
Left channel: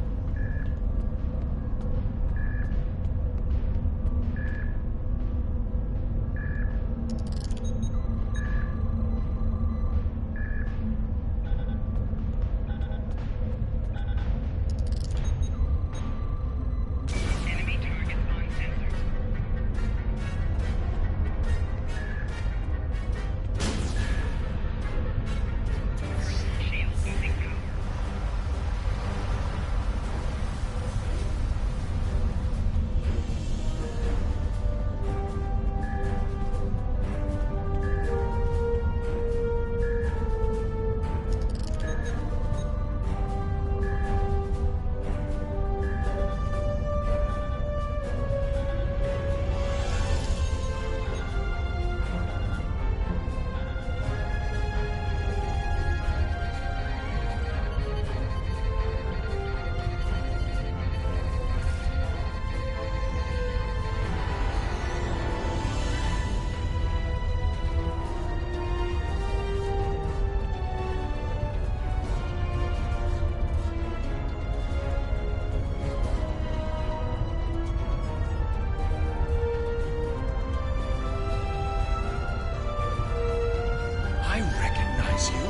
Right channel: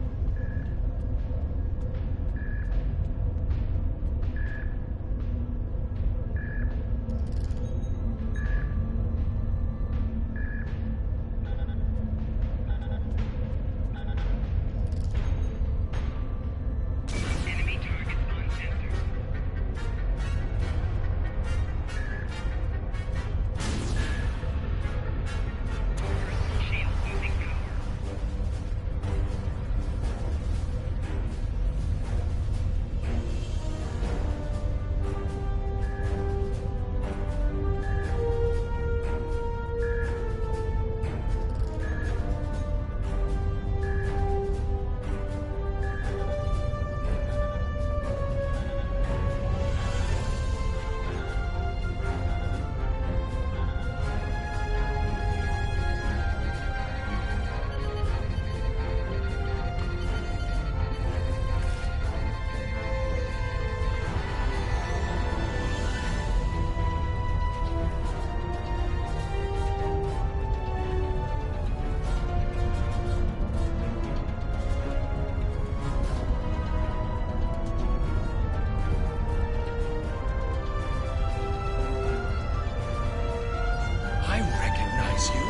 You?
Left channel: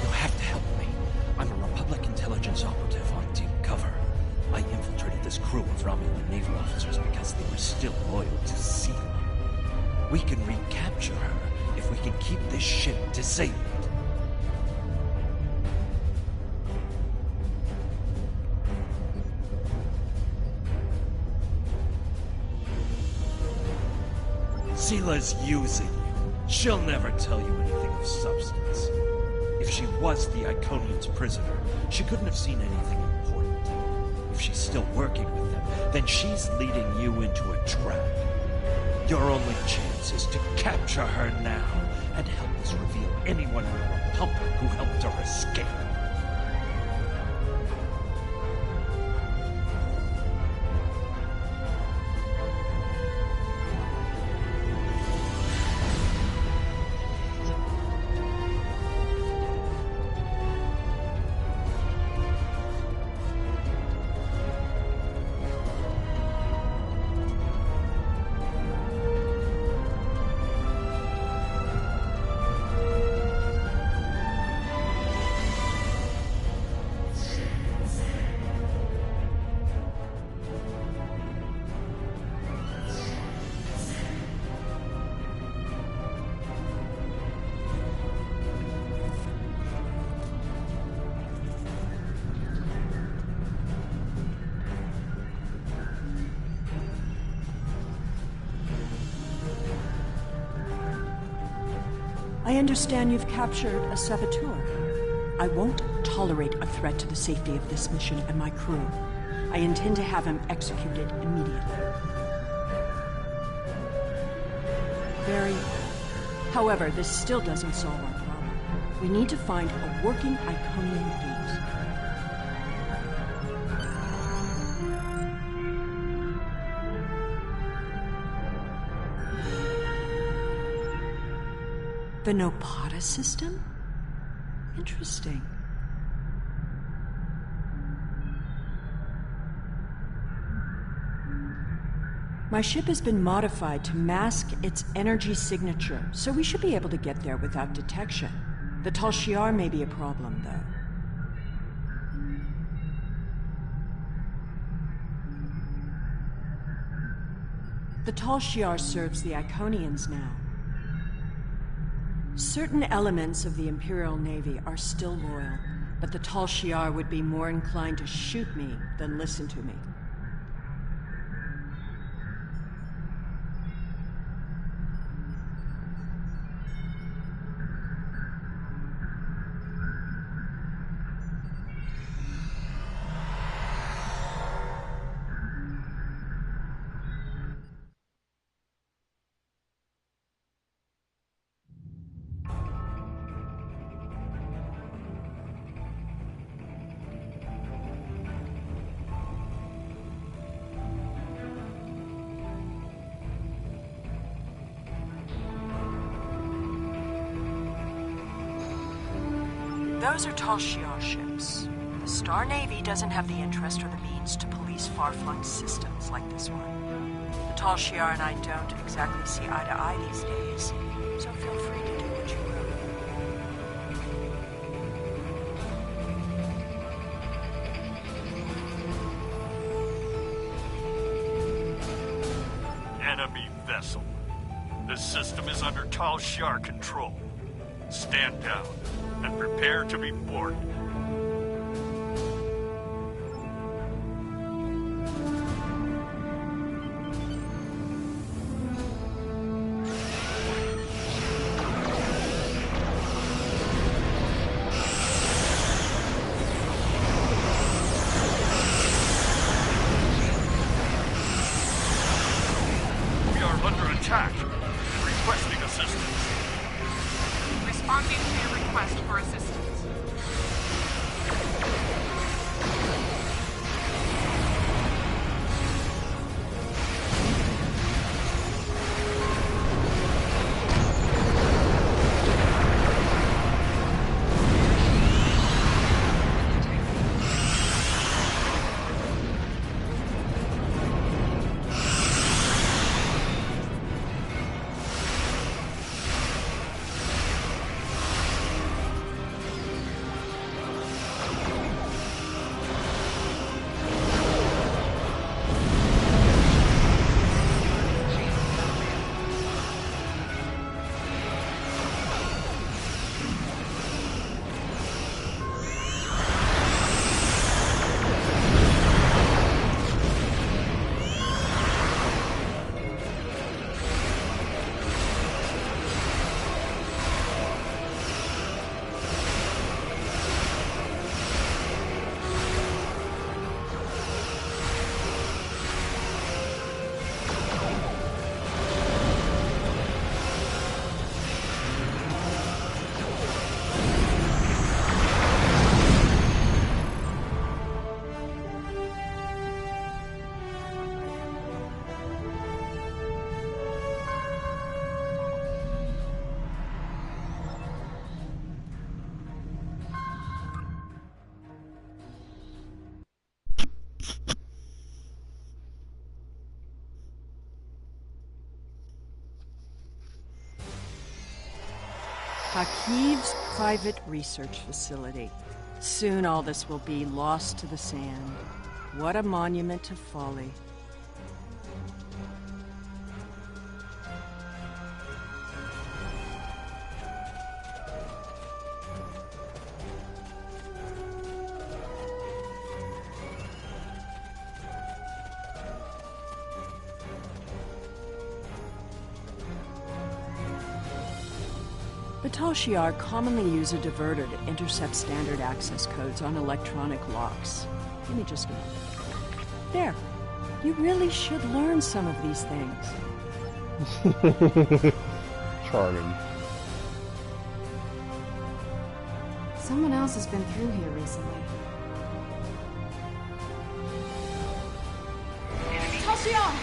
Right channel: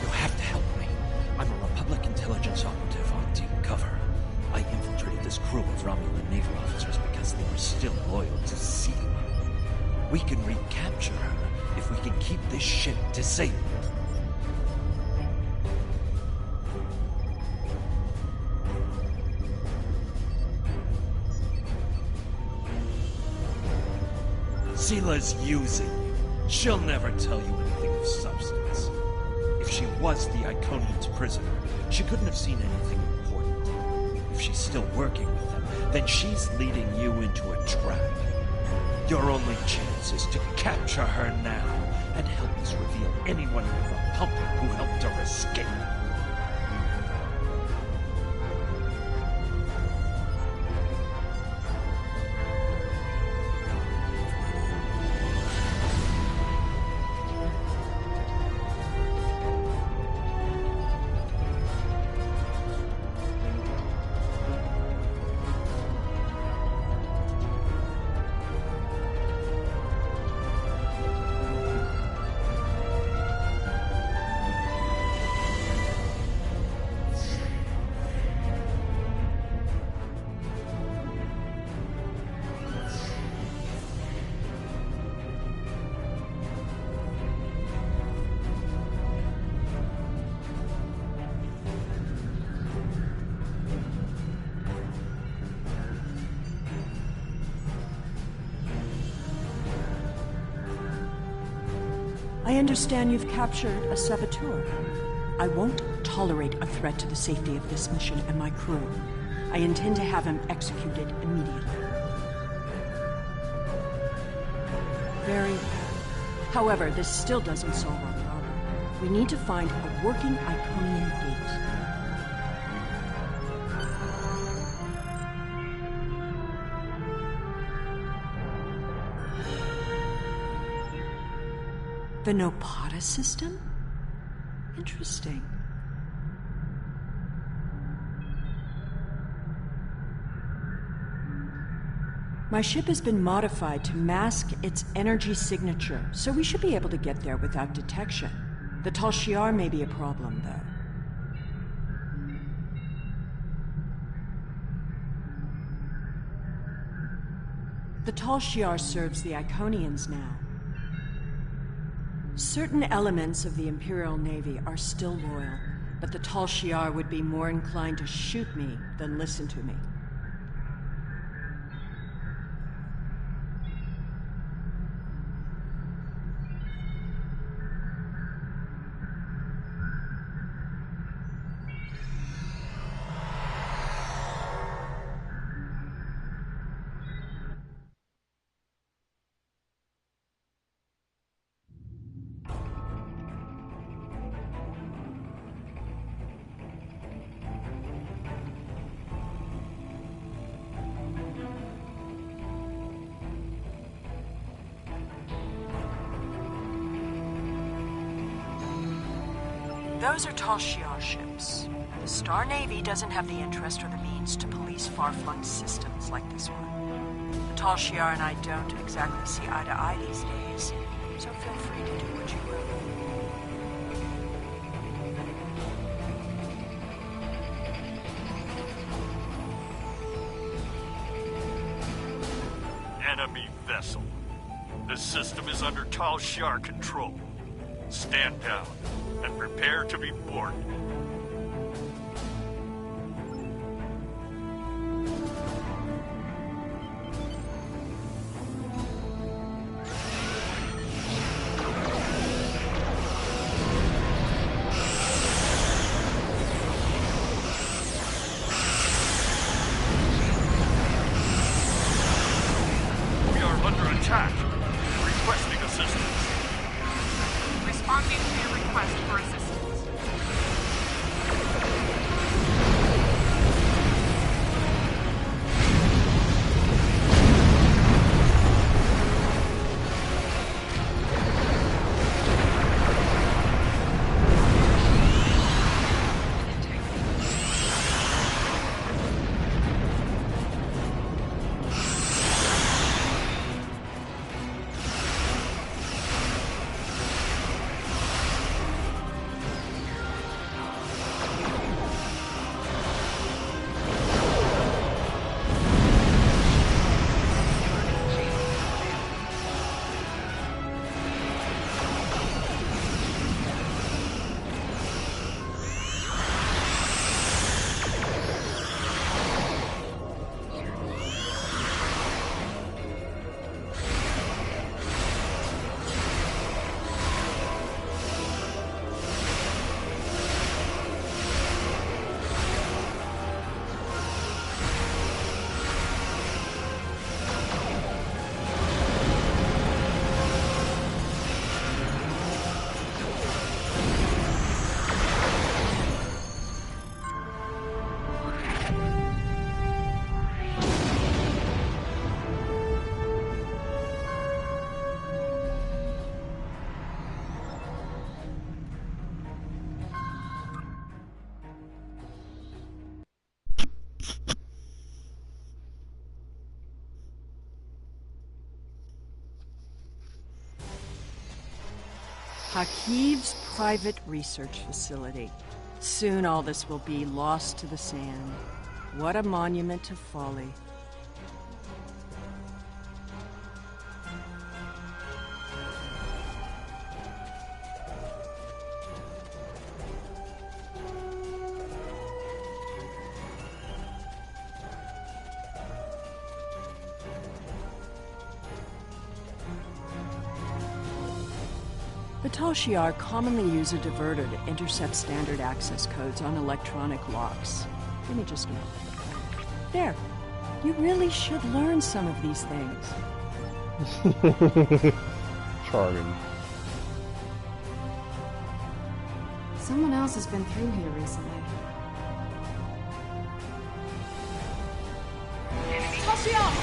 You'll have to help me. I'm a Republic intelligence operative on deep cover. I infiltrated this crew of Romulan naval officers because they were still loyal to Sela. We can recapture her if we can keep this ship disabled. Sela's using you. She'll never tell you anything of substance. If she was the Iconian's prisoner, she couldn't have seen anything important. If she's still working with them, then she's leading you into a trap. Your only chance is to capture her now and help us reveal anyone in the Republic who helped her escape. I understand you've captured a saboteur. I won't tolerate a threat to the safety of this mission and my crew. I intend to have him executed immediately. Very well. However, this still doesn't solve our problem. We need to find a working Iconian gate. The Nopata system? Interesting. My ship has been modified to mask its energy signature, so we should be able to get there without detection. The Tal Shiar may be a problem, though. The Tal Shiar serves the Iconians now. Certain elements of the Imperial Navy are still loyal, but the Tal Shiar would be more inclined to shoot me than listen to me. Those are Tal Shiar ships. The Star Navy doesn't have the interest or the means to police far-flung systems like this one. The Tal Shiar and I don't exactly see eye to eye these days, so feel free to do what you will. Enemy vessel. The system is under Tal Shiar control. Stand down and prepare to be boarded. We are under attack. Requesting assistance. Responding to your request for assistance. Hakiv's private research facility. Soon all this will be lost to the sand. What a monument to folly. The Tal Shiar commonly use a diverter to intercept standard access codes on electronic locks. Give me just a moment. There. You really should learn some of these things. Charming. Someone else has been through here recently. Tal Shiar!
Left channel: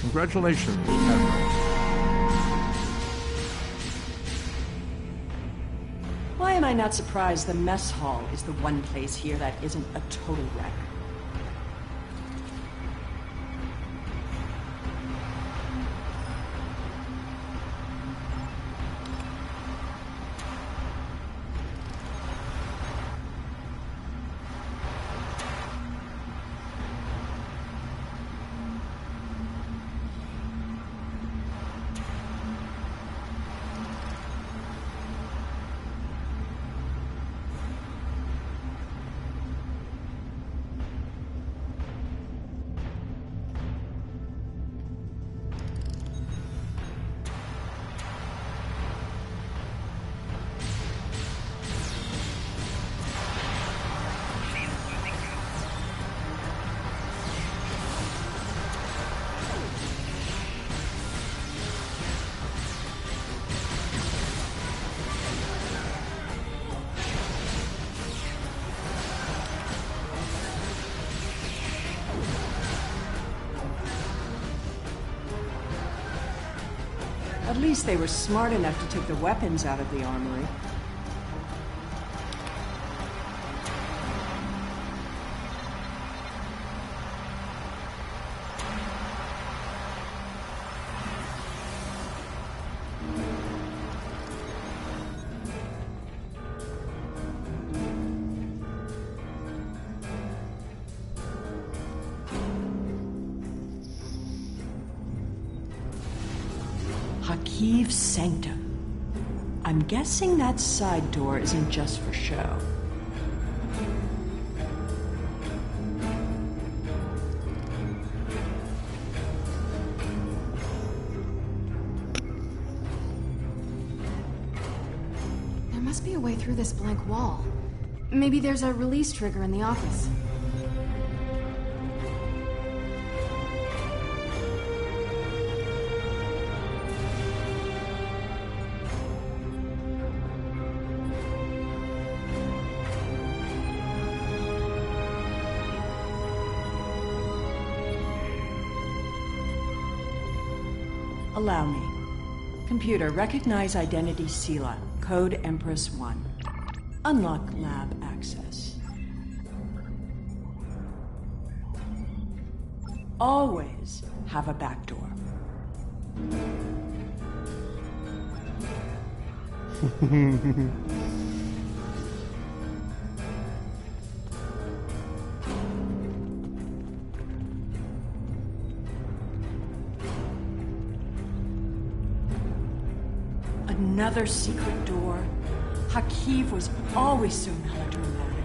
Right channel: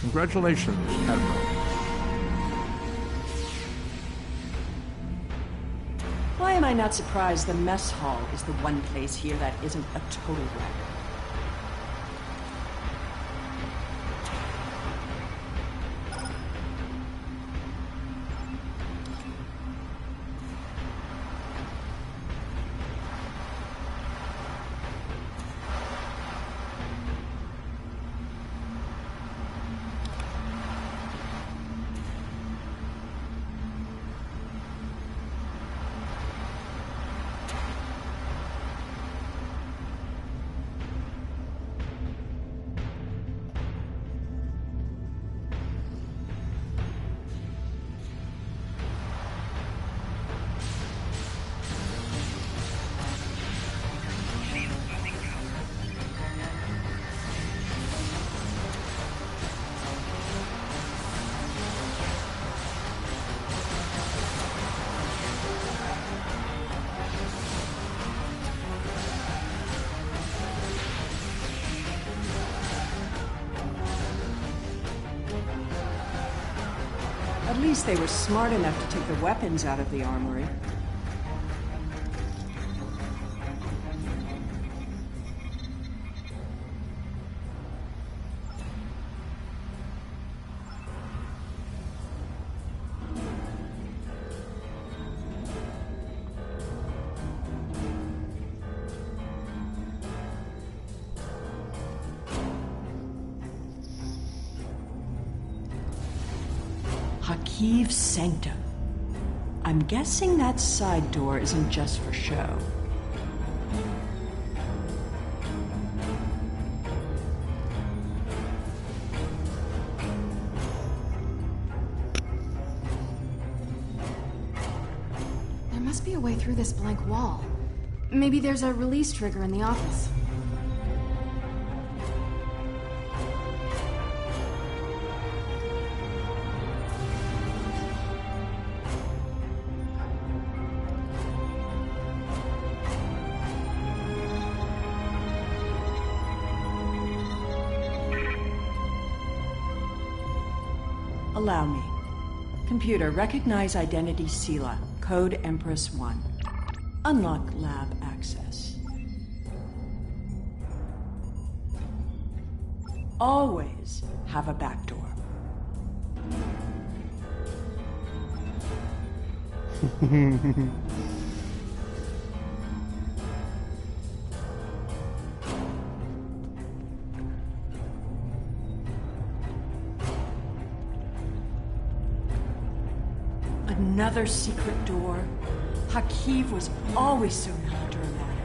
Congratulations, Admiral. Why am I not surprised the mess hall is the one place here that isn't a total wreck? At least they were smart enough to take the weapons out of the armory. Hakiv's Sanctum. I'm guessing that side door isn't just for show. There must be a way through this blank wall. Maybe there's a release trigger in the office. Allow me. Computer, recognize identity Sela, code Empress 1. Unlock lab access. Always have a backdoor. Another secret door? Hakiv was always so melodramatic.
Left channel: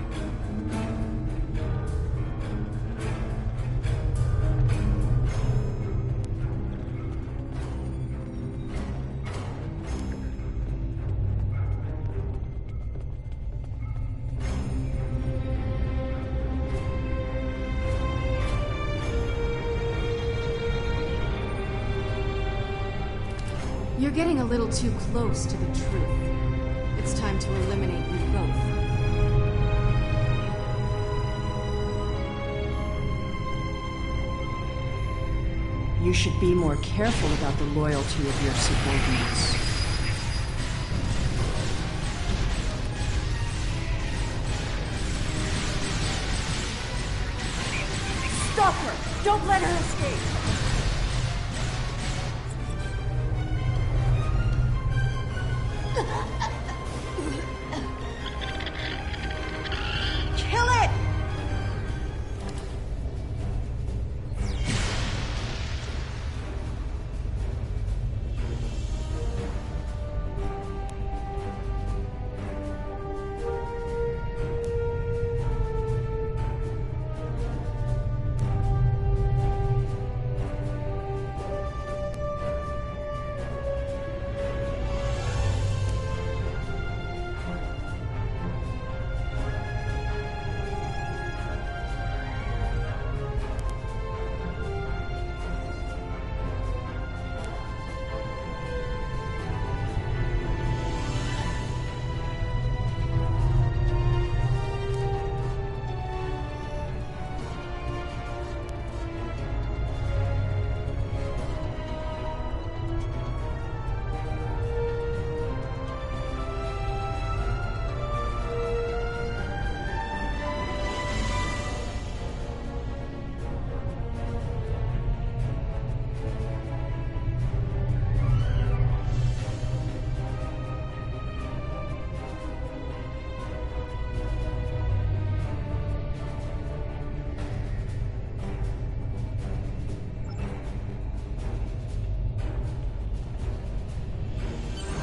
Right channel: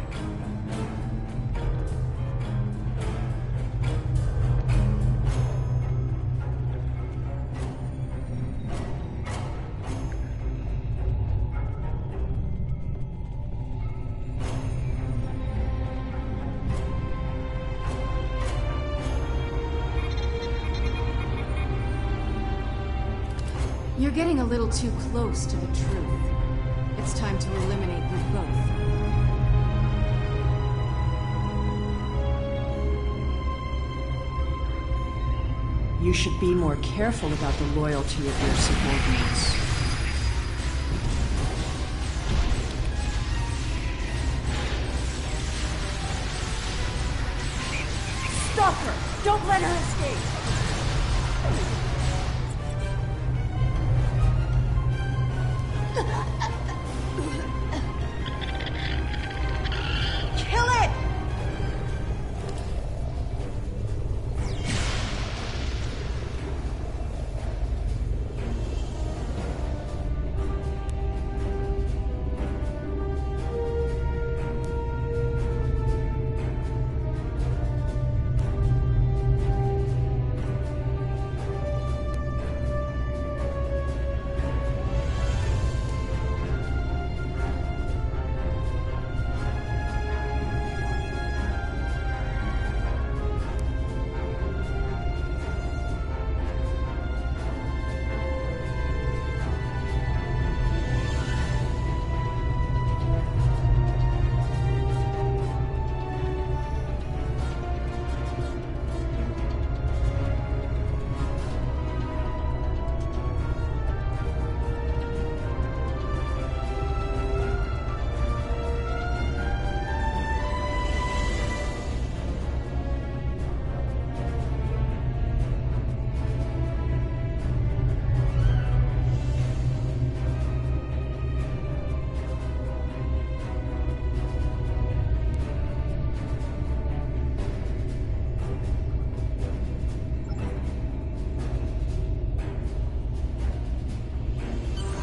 You're getting a little too close to the truth. It's time to eliminate you both. You should be more careful about the loyalty of your subordinates. Stop her! Don't let her escape! Kill it!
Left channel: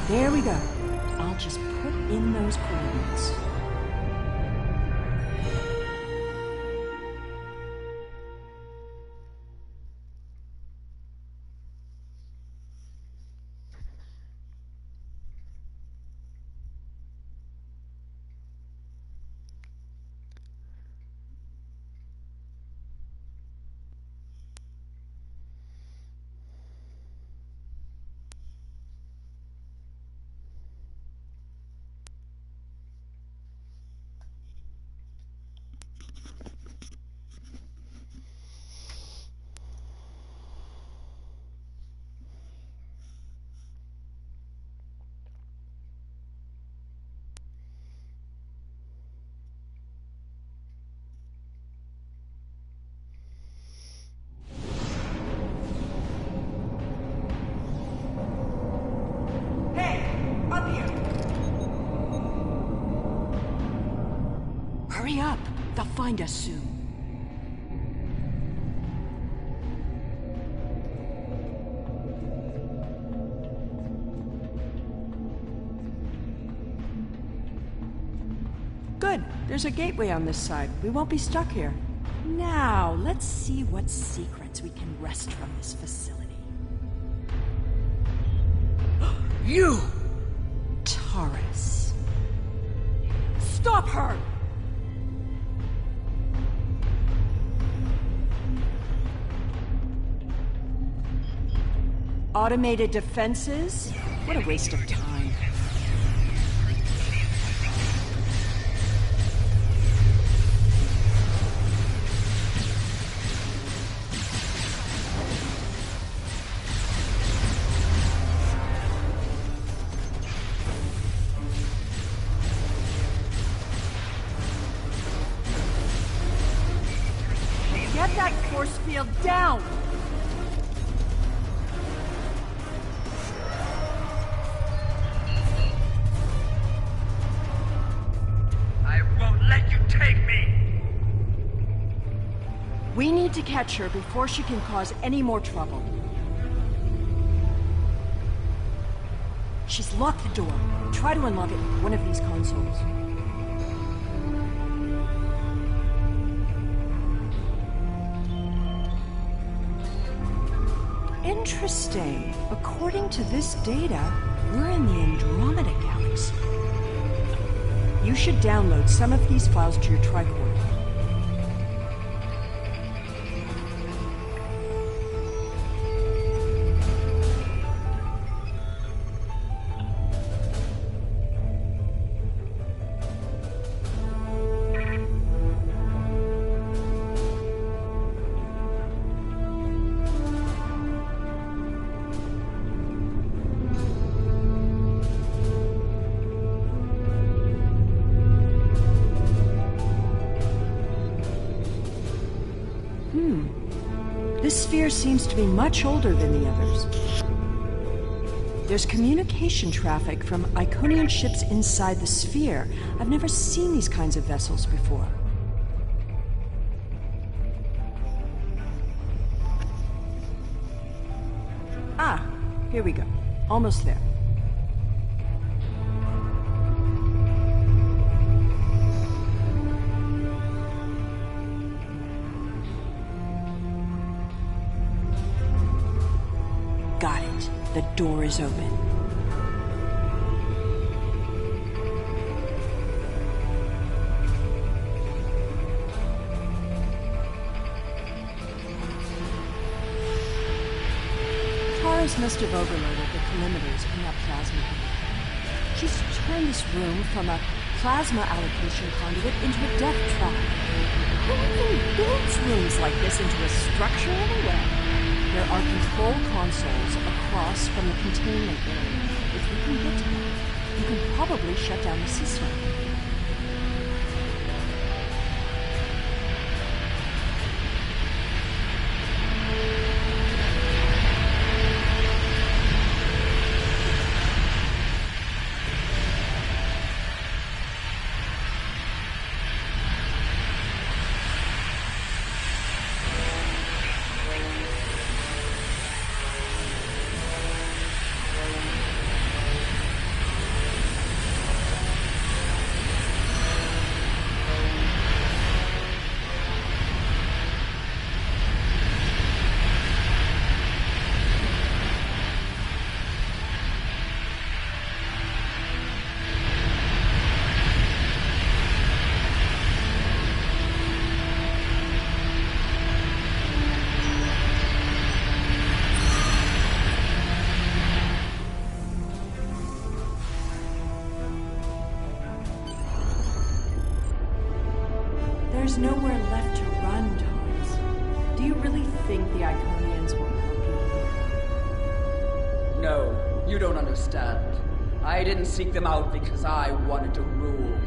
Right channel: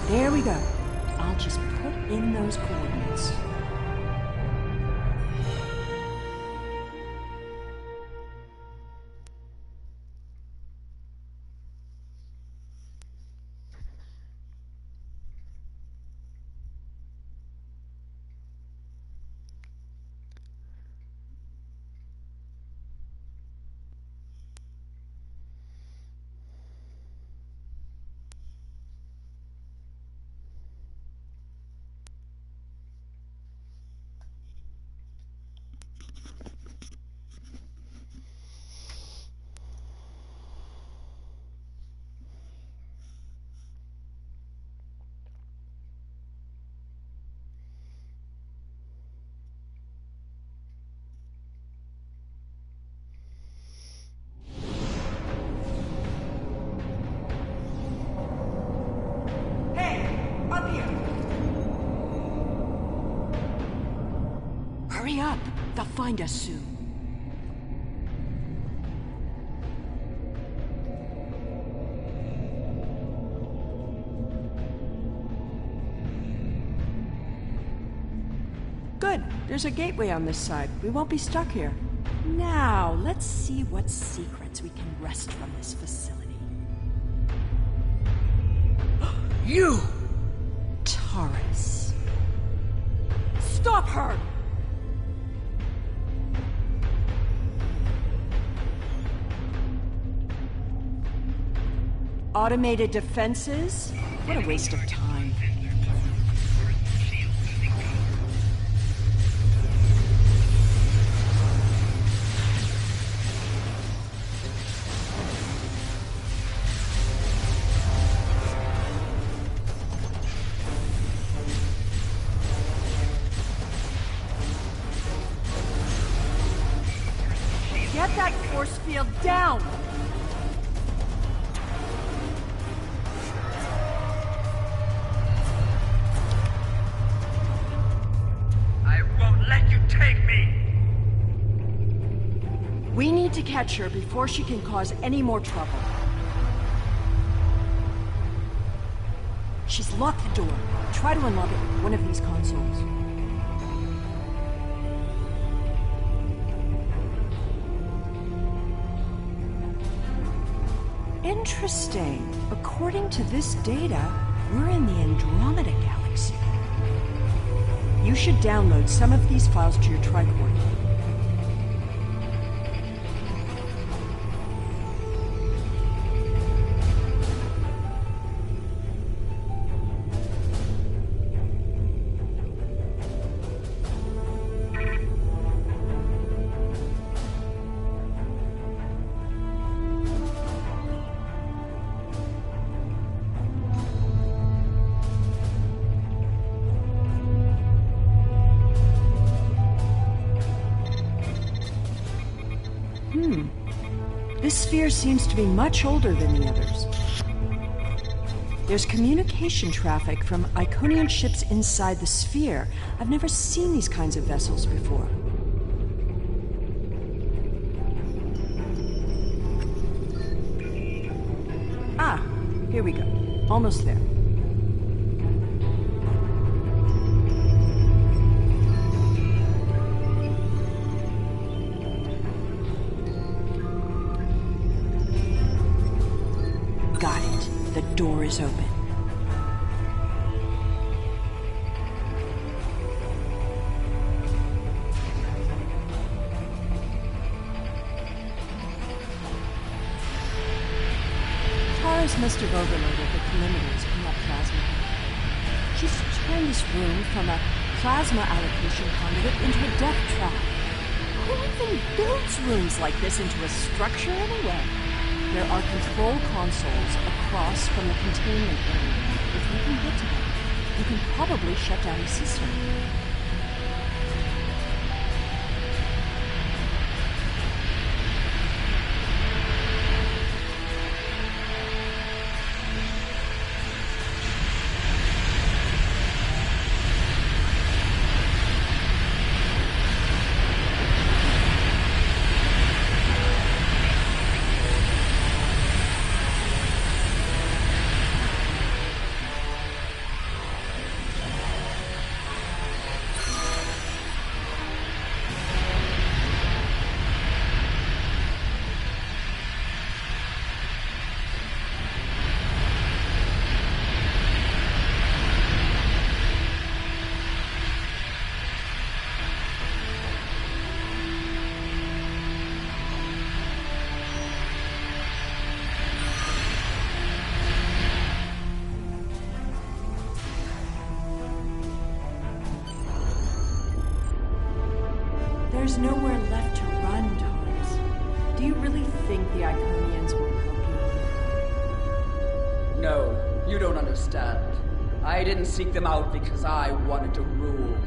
There we go. I'll just put in those coordinates. Hurry up! They'll find us soon. Good. There's a gateway on this side. We won't be stuck here. Now, let's see what secrets we can wrest from this facility. You! Taurus. Stop her! Automated defenses? What a waste of time. Get that force field down! We need to catch her before she can cause any more trouble. She's locked the door. Try to unlock it with one of these consoles. Interesting. According to this data, we're in the Andromeda Galaxy. You should download some of these files to your tricorder. This sphere seems to be much older than the others. There's communication traffic from Iconian ships inside the sphere. I've never seen these kinds of vessels before. Ah, here we go. Almost there. Got it. The door is open. Taurus must have overloaded the collimators in that plasma conduit. She's turned this room from a plasma allocation conduit into a death trap. Who even builds rooms like this into a structure anyway? There are control consoles across from the containment area. If you can get to them, you can probably shut down the system. There's nowhere left to run, Taurus. Do you really think the Iconians will help you? No, you don't understand. I didn't seek them out because I wanted to rule.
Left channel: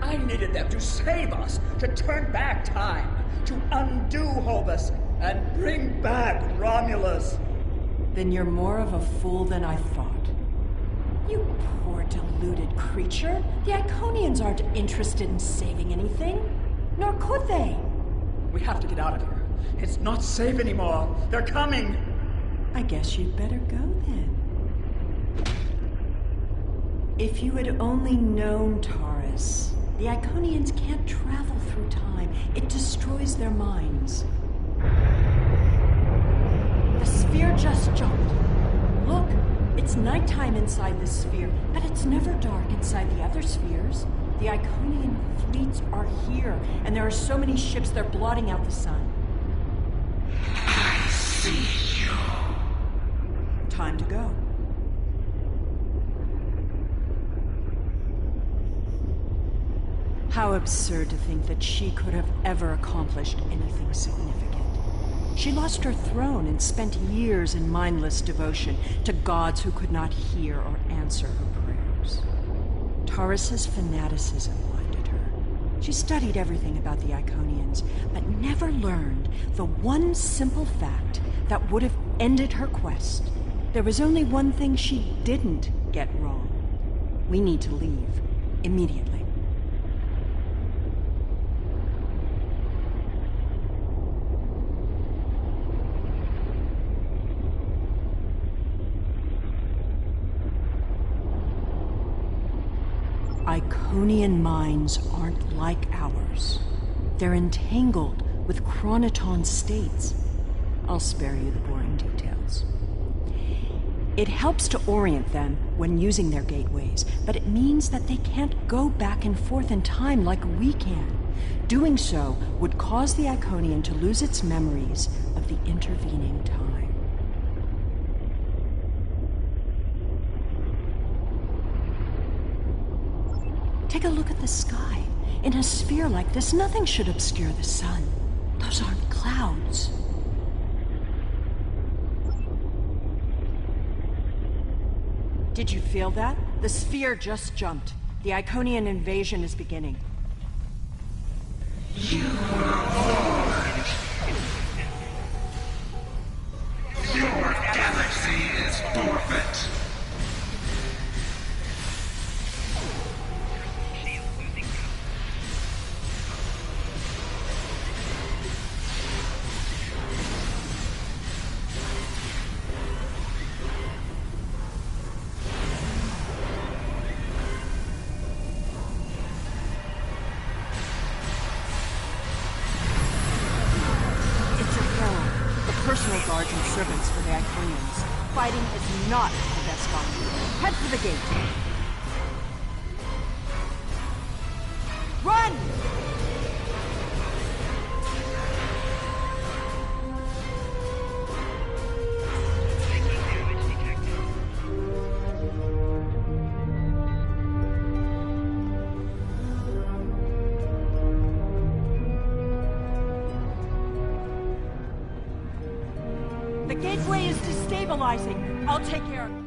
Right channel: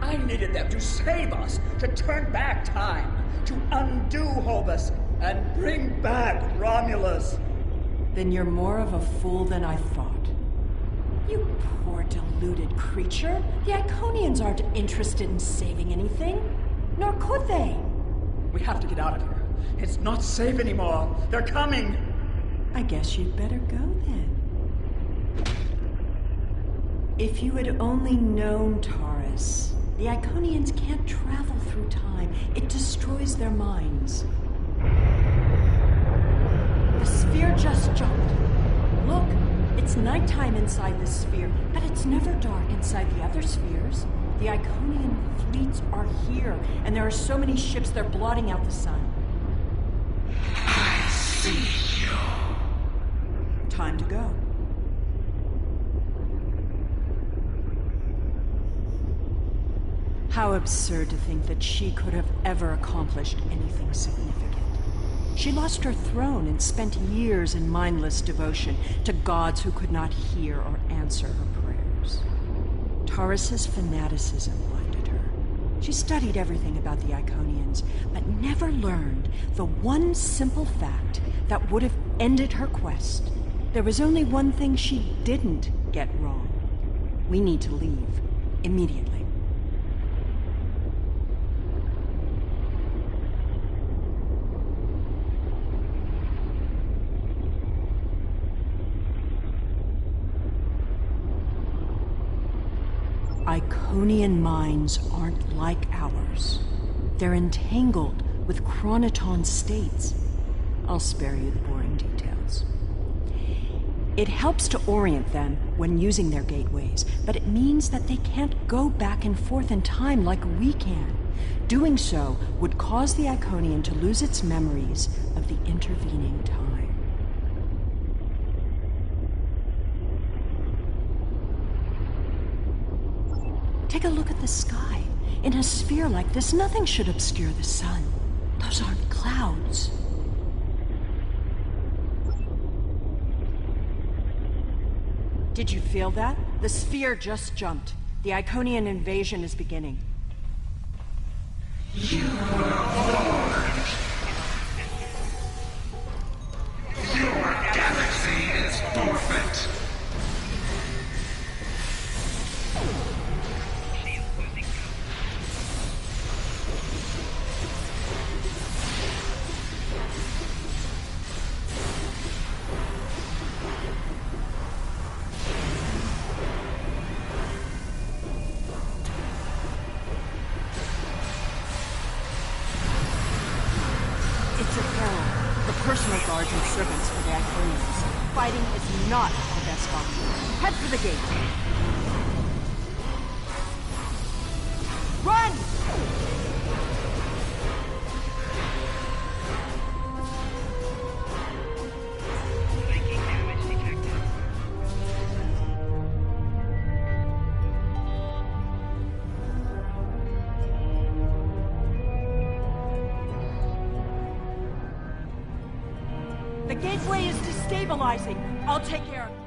I needed them to save us, to turn back time, to undo Hobus, and bring back Romulus. Then you're more of a fool than I thought. You poor deluded creature. The Iconians aren't interested in saving anything. Nor could they. We have to get out of here. It's not safe anymore. They're coming. I guess you'd better go then. If you had only known, Taurus, the Iconians can't travel through time. It destroys their minds. The sphere just jumped. Look, it's nighttime inside this sphere, but it's never dark inside the other spheres. The Iconian fleets are here, and there are so many ships they're blotting out the sun. I see you. Time to go. How absurd to think that she could have ever accomplished anything significant. She lost her throne and spent years in mindless devotion to gods who could not hear or answer her prayers. Taurus's fanaticism blinded her. She studied everything about the Iconians, but never learned the one simple fact that would have ended her quest. There was only one thing she didn't get wrong. We need to leave immediately. Iconian minds aren't like ours. They're entangled with chronoton states. I'll spare you the boring details. It helps to orient them when using their gateways, but it means that they can't go back and forth in time like we can. Doing so would cause the Iconian to lose its memories of the intervening time. Take a look at the sky. In a sphere like this, nothing should obscure the sun. Those aren't clouds. Did you feel that? The sphere just jumped. The Iconian invasion is beginning. You are born. Your galaxy is forfeit. Personal guards and servants for the Iconians. Fighting is not the best option. Head for the gate. Run! Taking damage detected. The gateway is destabilizing. I'll take care of it.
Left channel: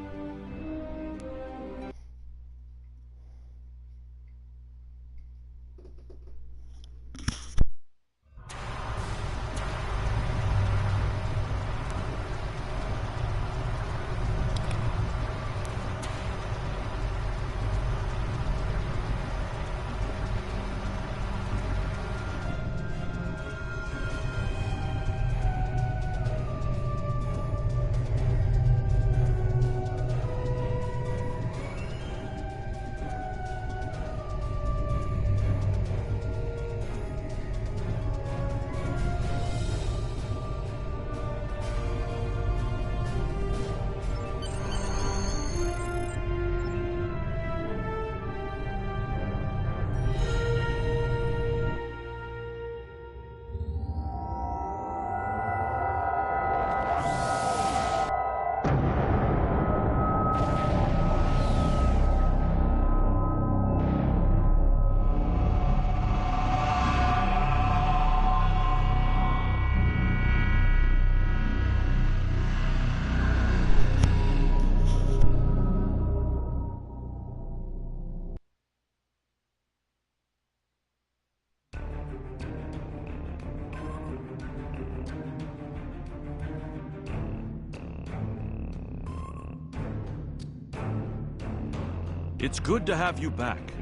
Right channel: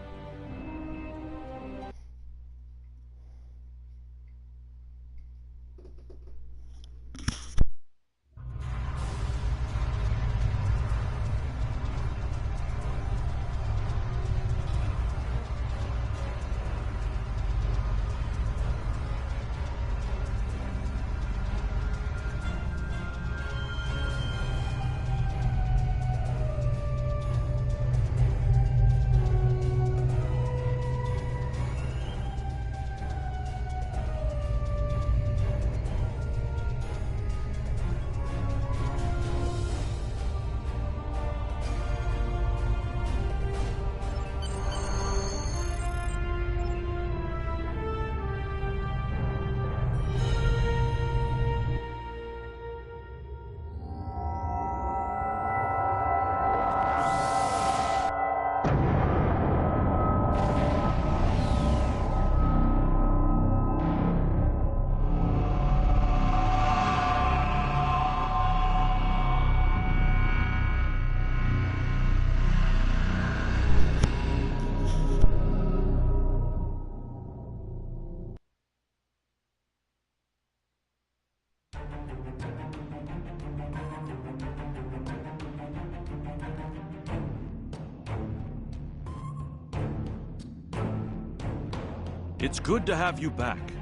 It's good to have you back.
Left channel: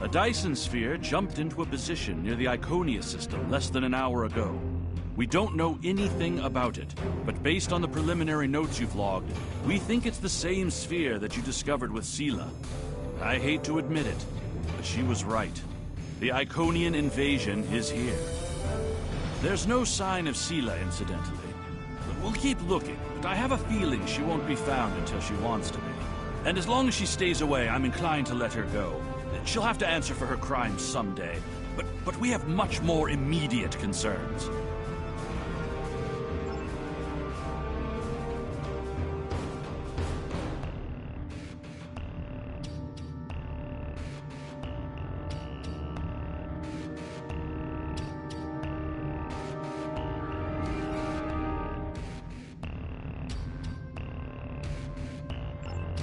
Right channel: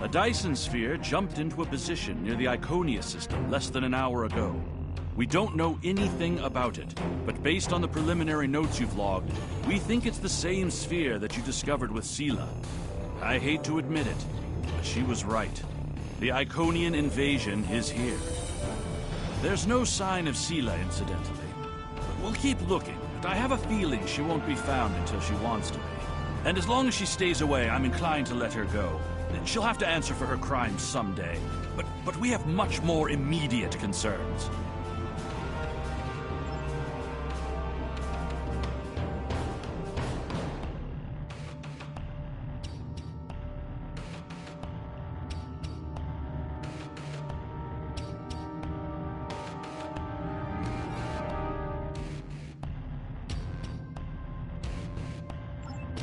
A Dyson sphere jumped into a position near the Iconia system less than an hour ago. We don't know anything about it, but based on the preliminary notes you've logged, we think it's the same sphere that you discovered with Sela. I hate to admit it, but she was right. The Iconian invasion is here. There's no sign of Sela, incidentally. But we'll keep looking, but I have a feeling she won't be found until she wants to be. And as long as she stays away, I'm inclined to let her go. She'll have to answer for her crimes someday, but we have much more immediate concerns.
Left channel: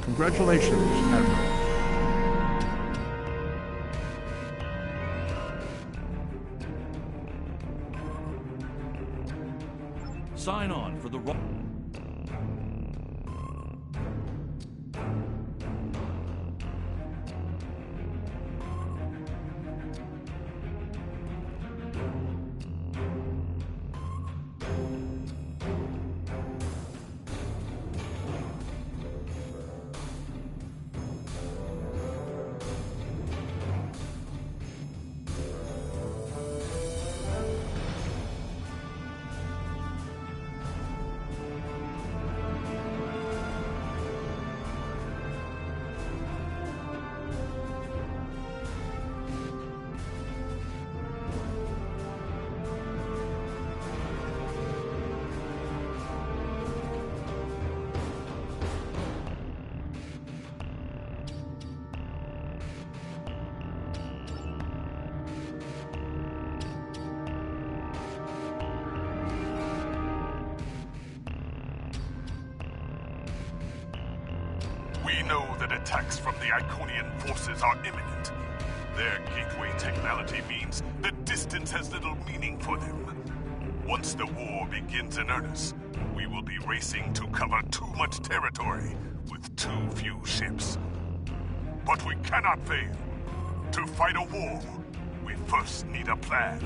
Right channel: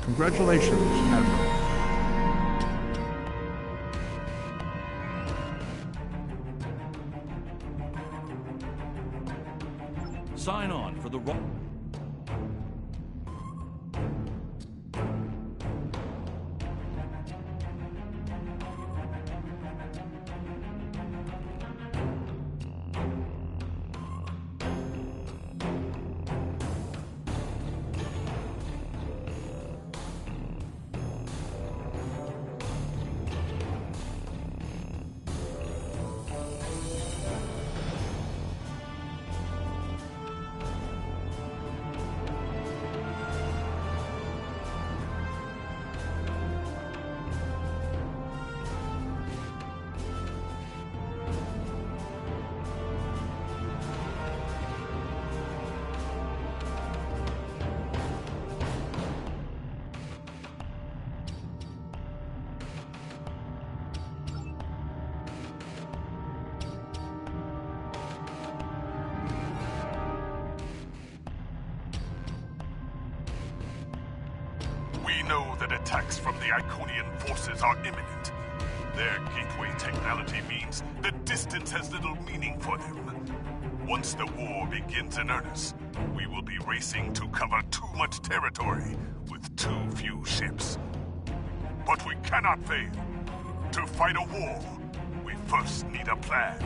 Congratulations, Admiral. Sign on for the know that attacks from the Iconian forces are imminent. Their gateway technology means that distance has little meaning for them. Once the war begins in earnest, we will be racing to cover too much territory with too few ships. But we cannot fail. To fight a war, we first need a plan.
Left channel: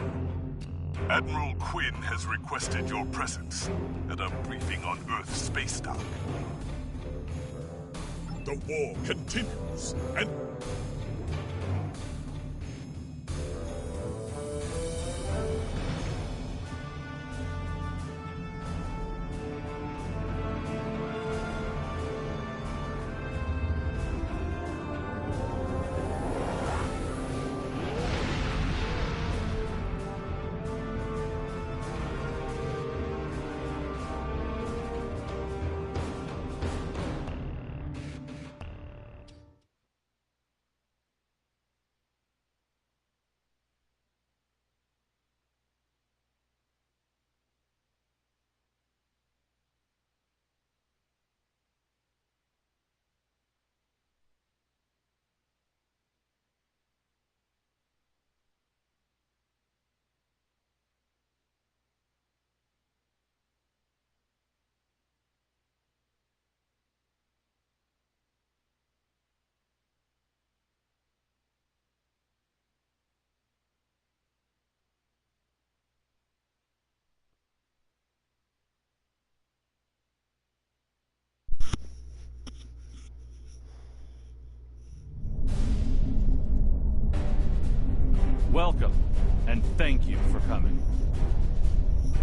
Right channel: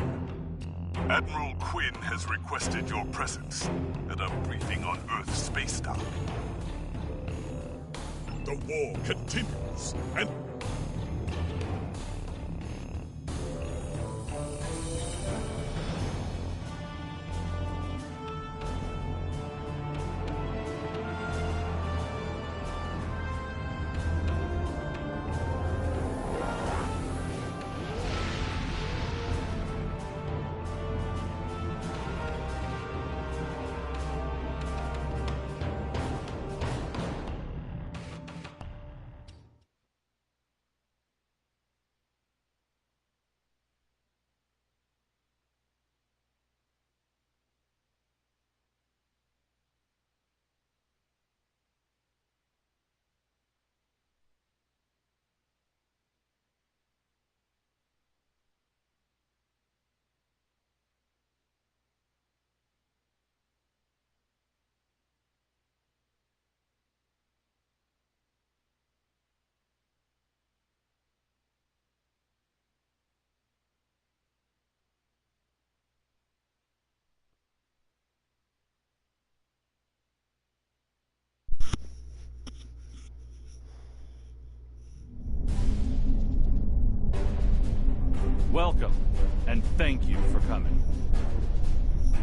Admiral Quinn has requested your presence at a briefing on Earth's space dock. The war continues, and... Welcome, and thank you for coming.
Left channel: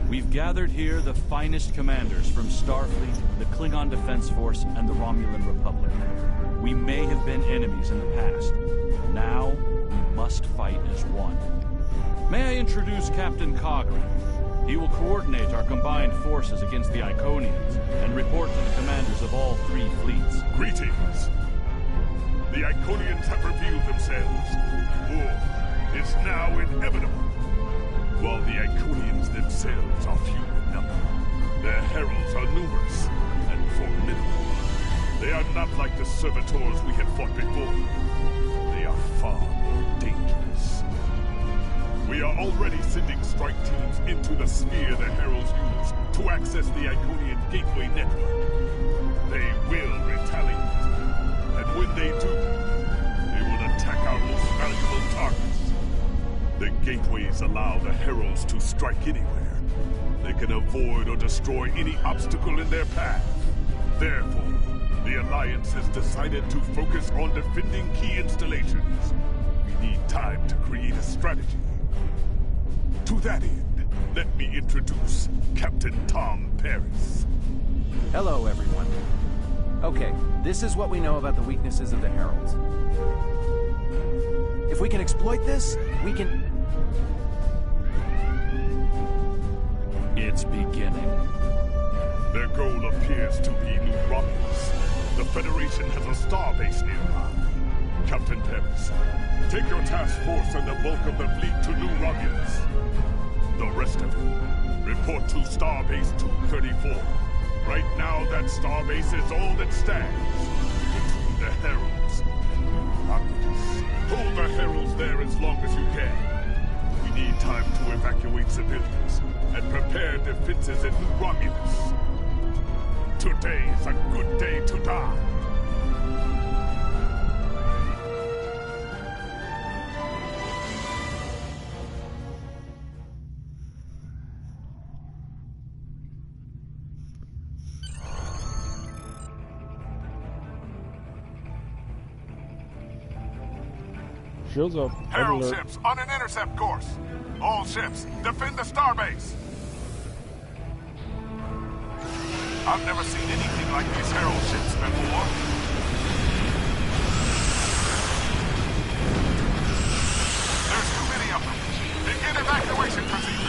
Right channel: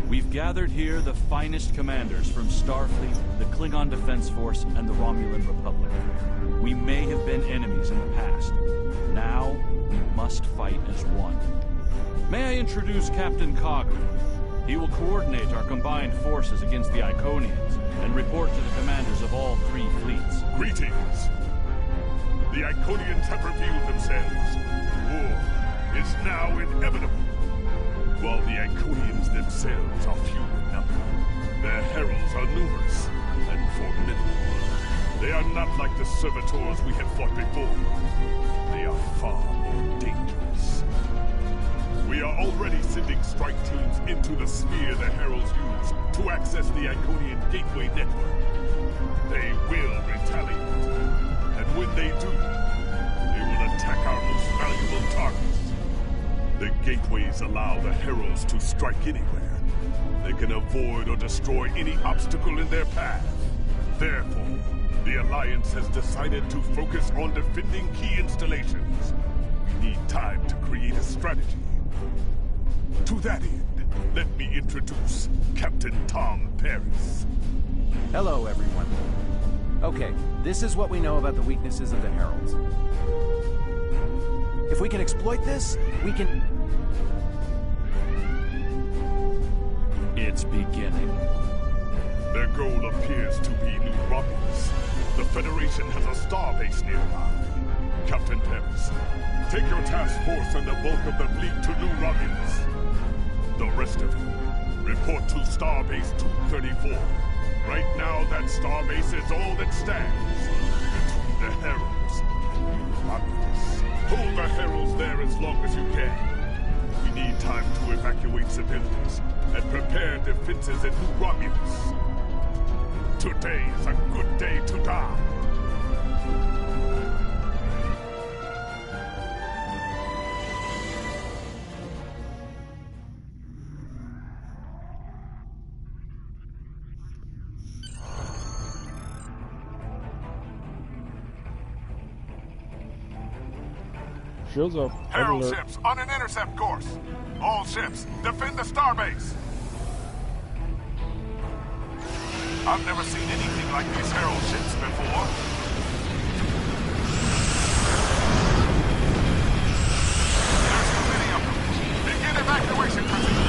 We've gathered here the finest commanders from Starfleet, the Klingon Defense Force, and the Romulan Republic. We may have been enemies in the past. Now, we must fight as one. May I introduce Captain Cogran? He will coordinate our combined forces against the Iconians and report to the commanders of all 3 fleets. Greetings. The Iconians have revealed themselves. War is now inevitable. While the Iconians themselves are few in number, their heralds are numerous and formidable. They are not like the servitors we have fought before. They are far more dangerous. We are already sending strike teams into the sphere the heralds use to access the Iconian gateway network. They will retaliate, and when they do, they will attack our most valuable targets. The gateways allow the heralds to strike anywhere. They can avoid or destroy any obstacle in their path. Therefore, the Alliance has decided to focus on defending key installations. We need time to create a strategy. To that end, let me introduce Captain Tom Paris. Hello, everyone. Okay, this is what we know about the weaknesses of the heralds. If we can exploit this, we can... It's beginning. Their goal appears to be New Romulus. The Federation has a starbase nearby. Captain Paris, take your task force and the bulk of the fleet to New Romulus. The rest of you, report to Starbase 234. Right now, that starbase is all that stands between the Heralds and New Romulus. Hold the Heralds there as long as you can. We need time to evacuate civilians and prepare defenses at New Romulus. Today is a good day to die. Shows up. Herald ships on an intercept course. All ships, defend the starbase. I've never seen anything like these Herald ships before. There's too many of them. Begin evacuation procedure.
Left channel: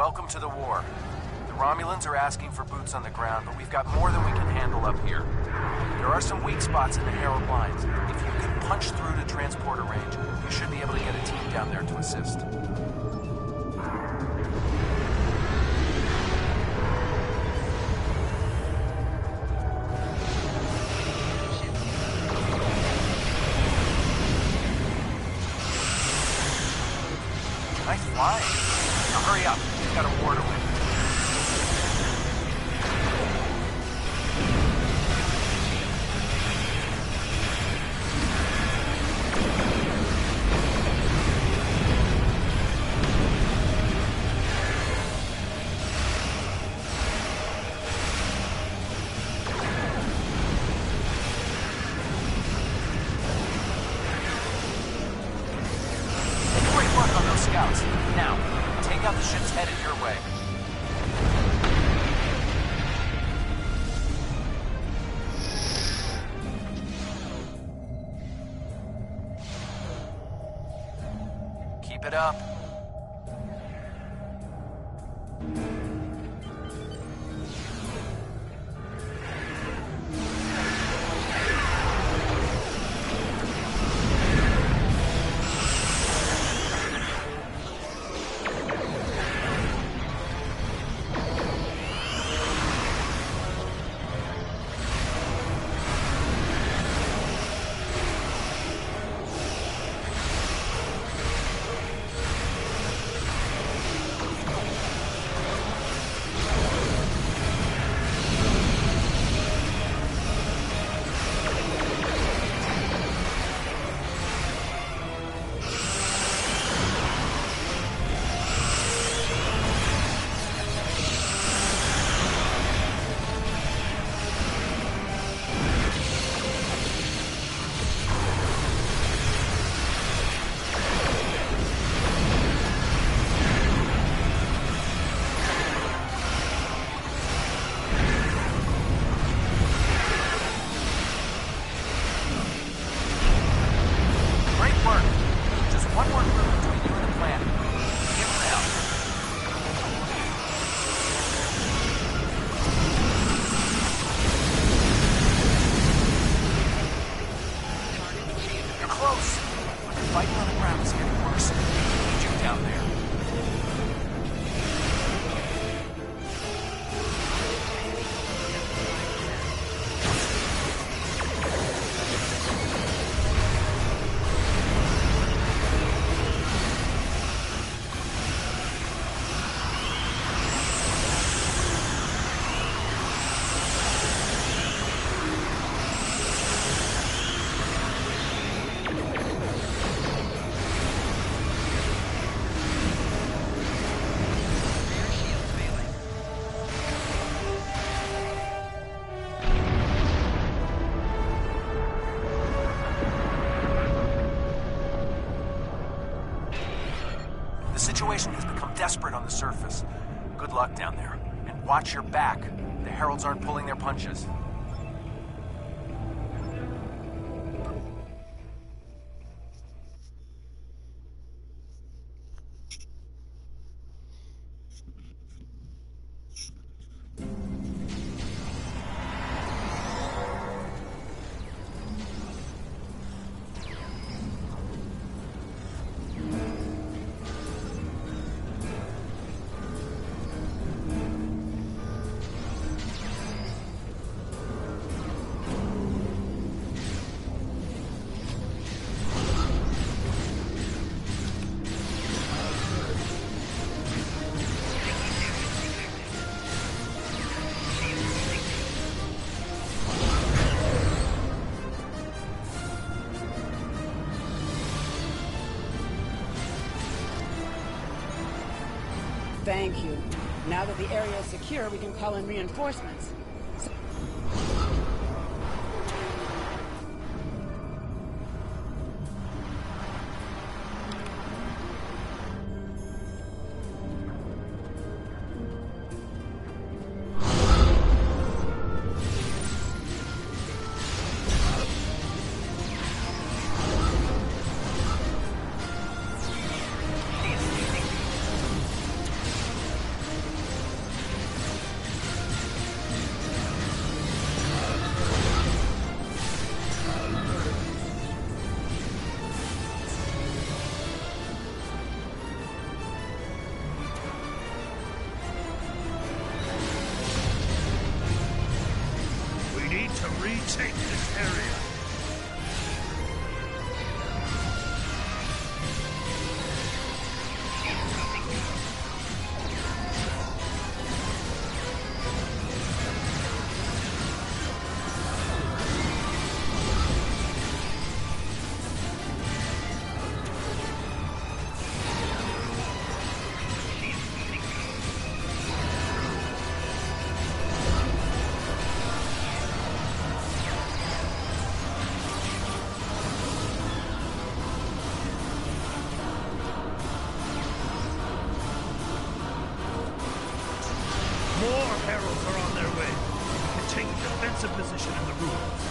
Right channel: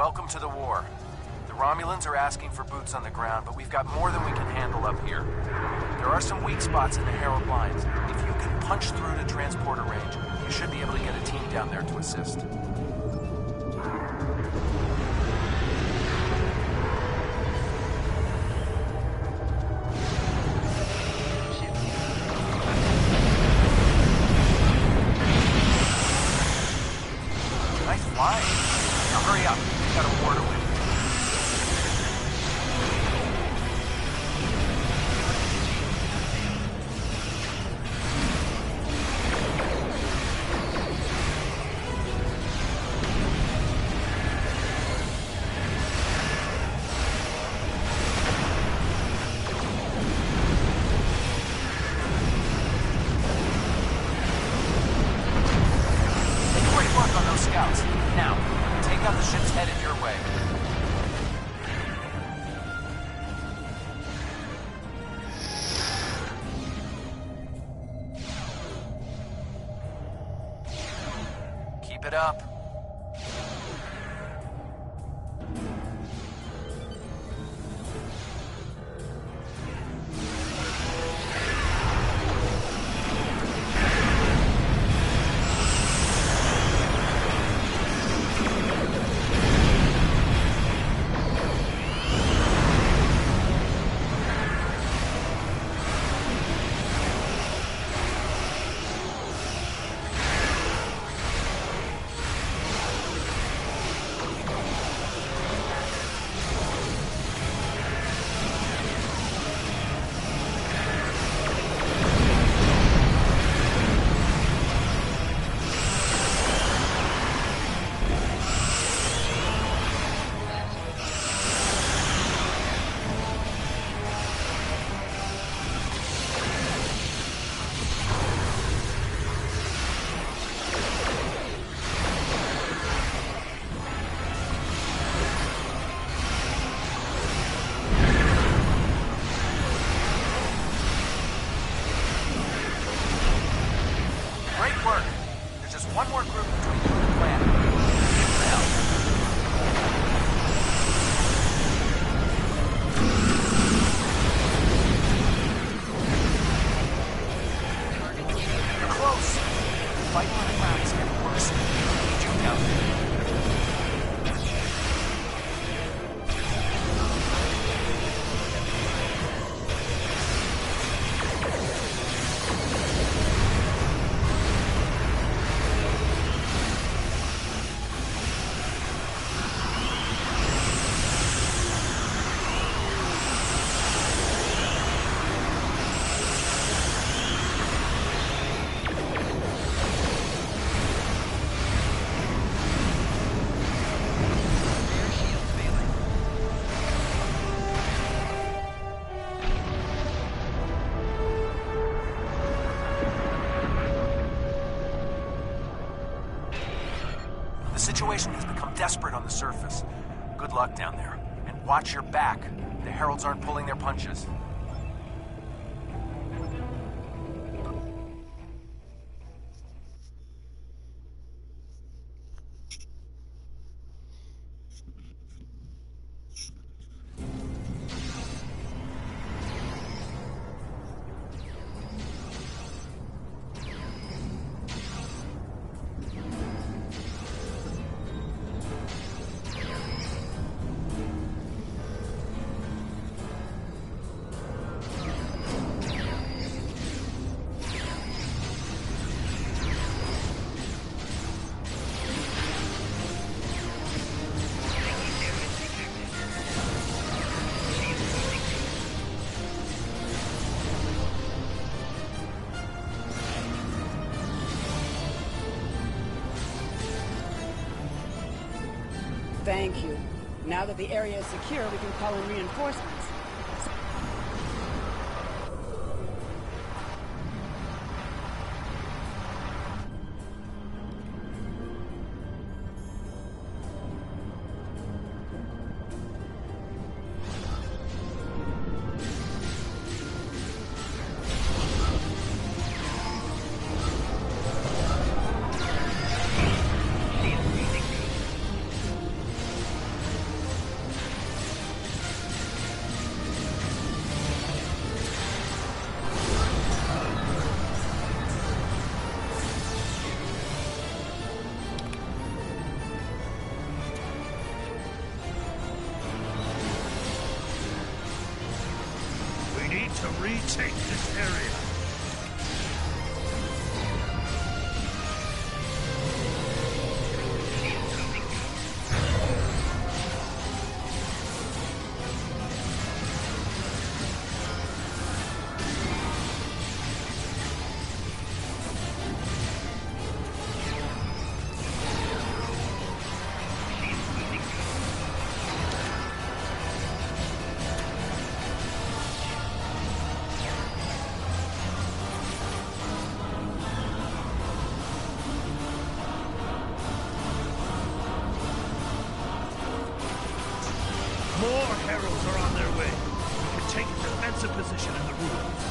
Welcome to the war. The Romulans are asking for boots on the ground, but we've got more than we can handle up here. There are some weak spots in the Herald lines. If you can punch through to transporter range, you should be able to get a team down there to assist. it up. The situation has become desperate on the surface. Good luck down there. And watch your back. The Heralds aren't pulling their punches. Thank you. Now that the area is secure, we can call in reinforcements. To retake this area. More heralds are on their way. We can take a defensive position in the ruins.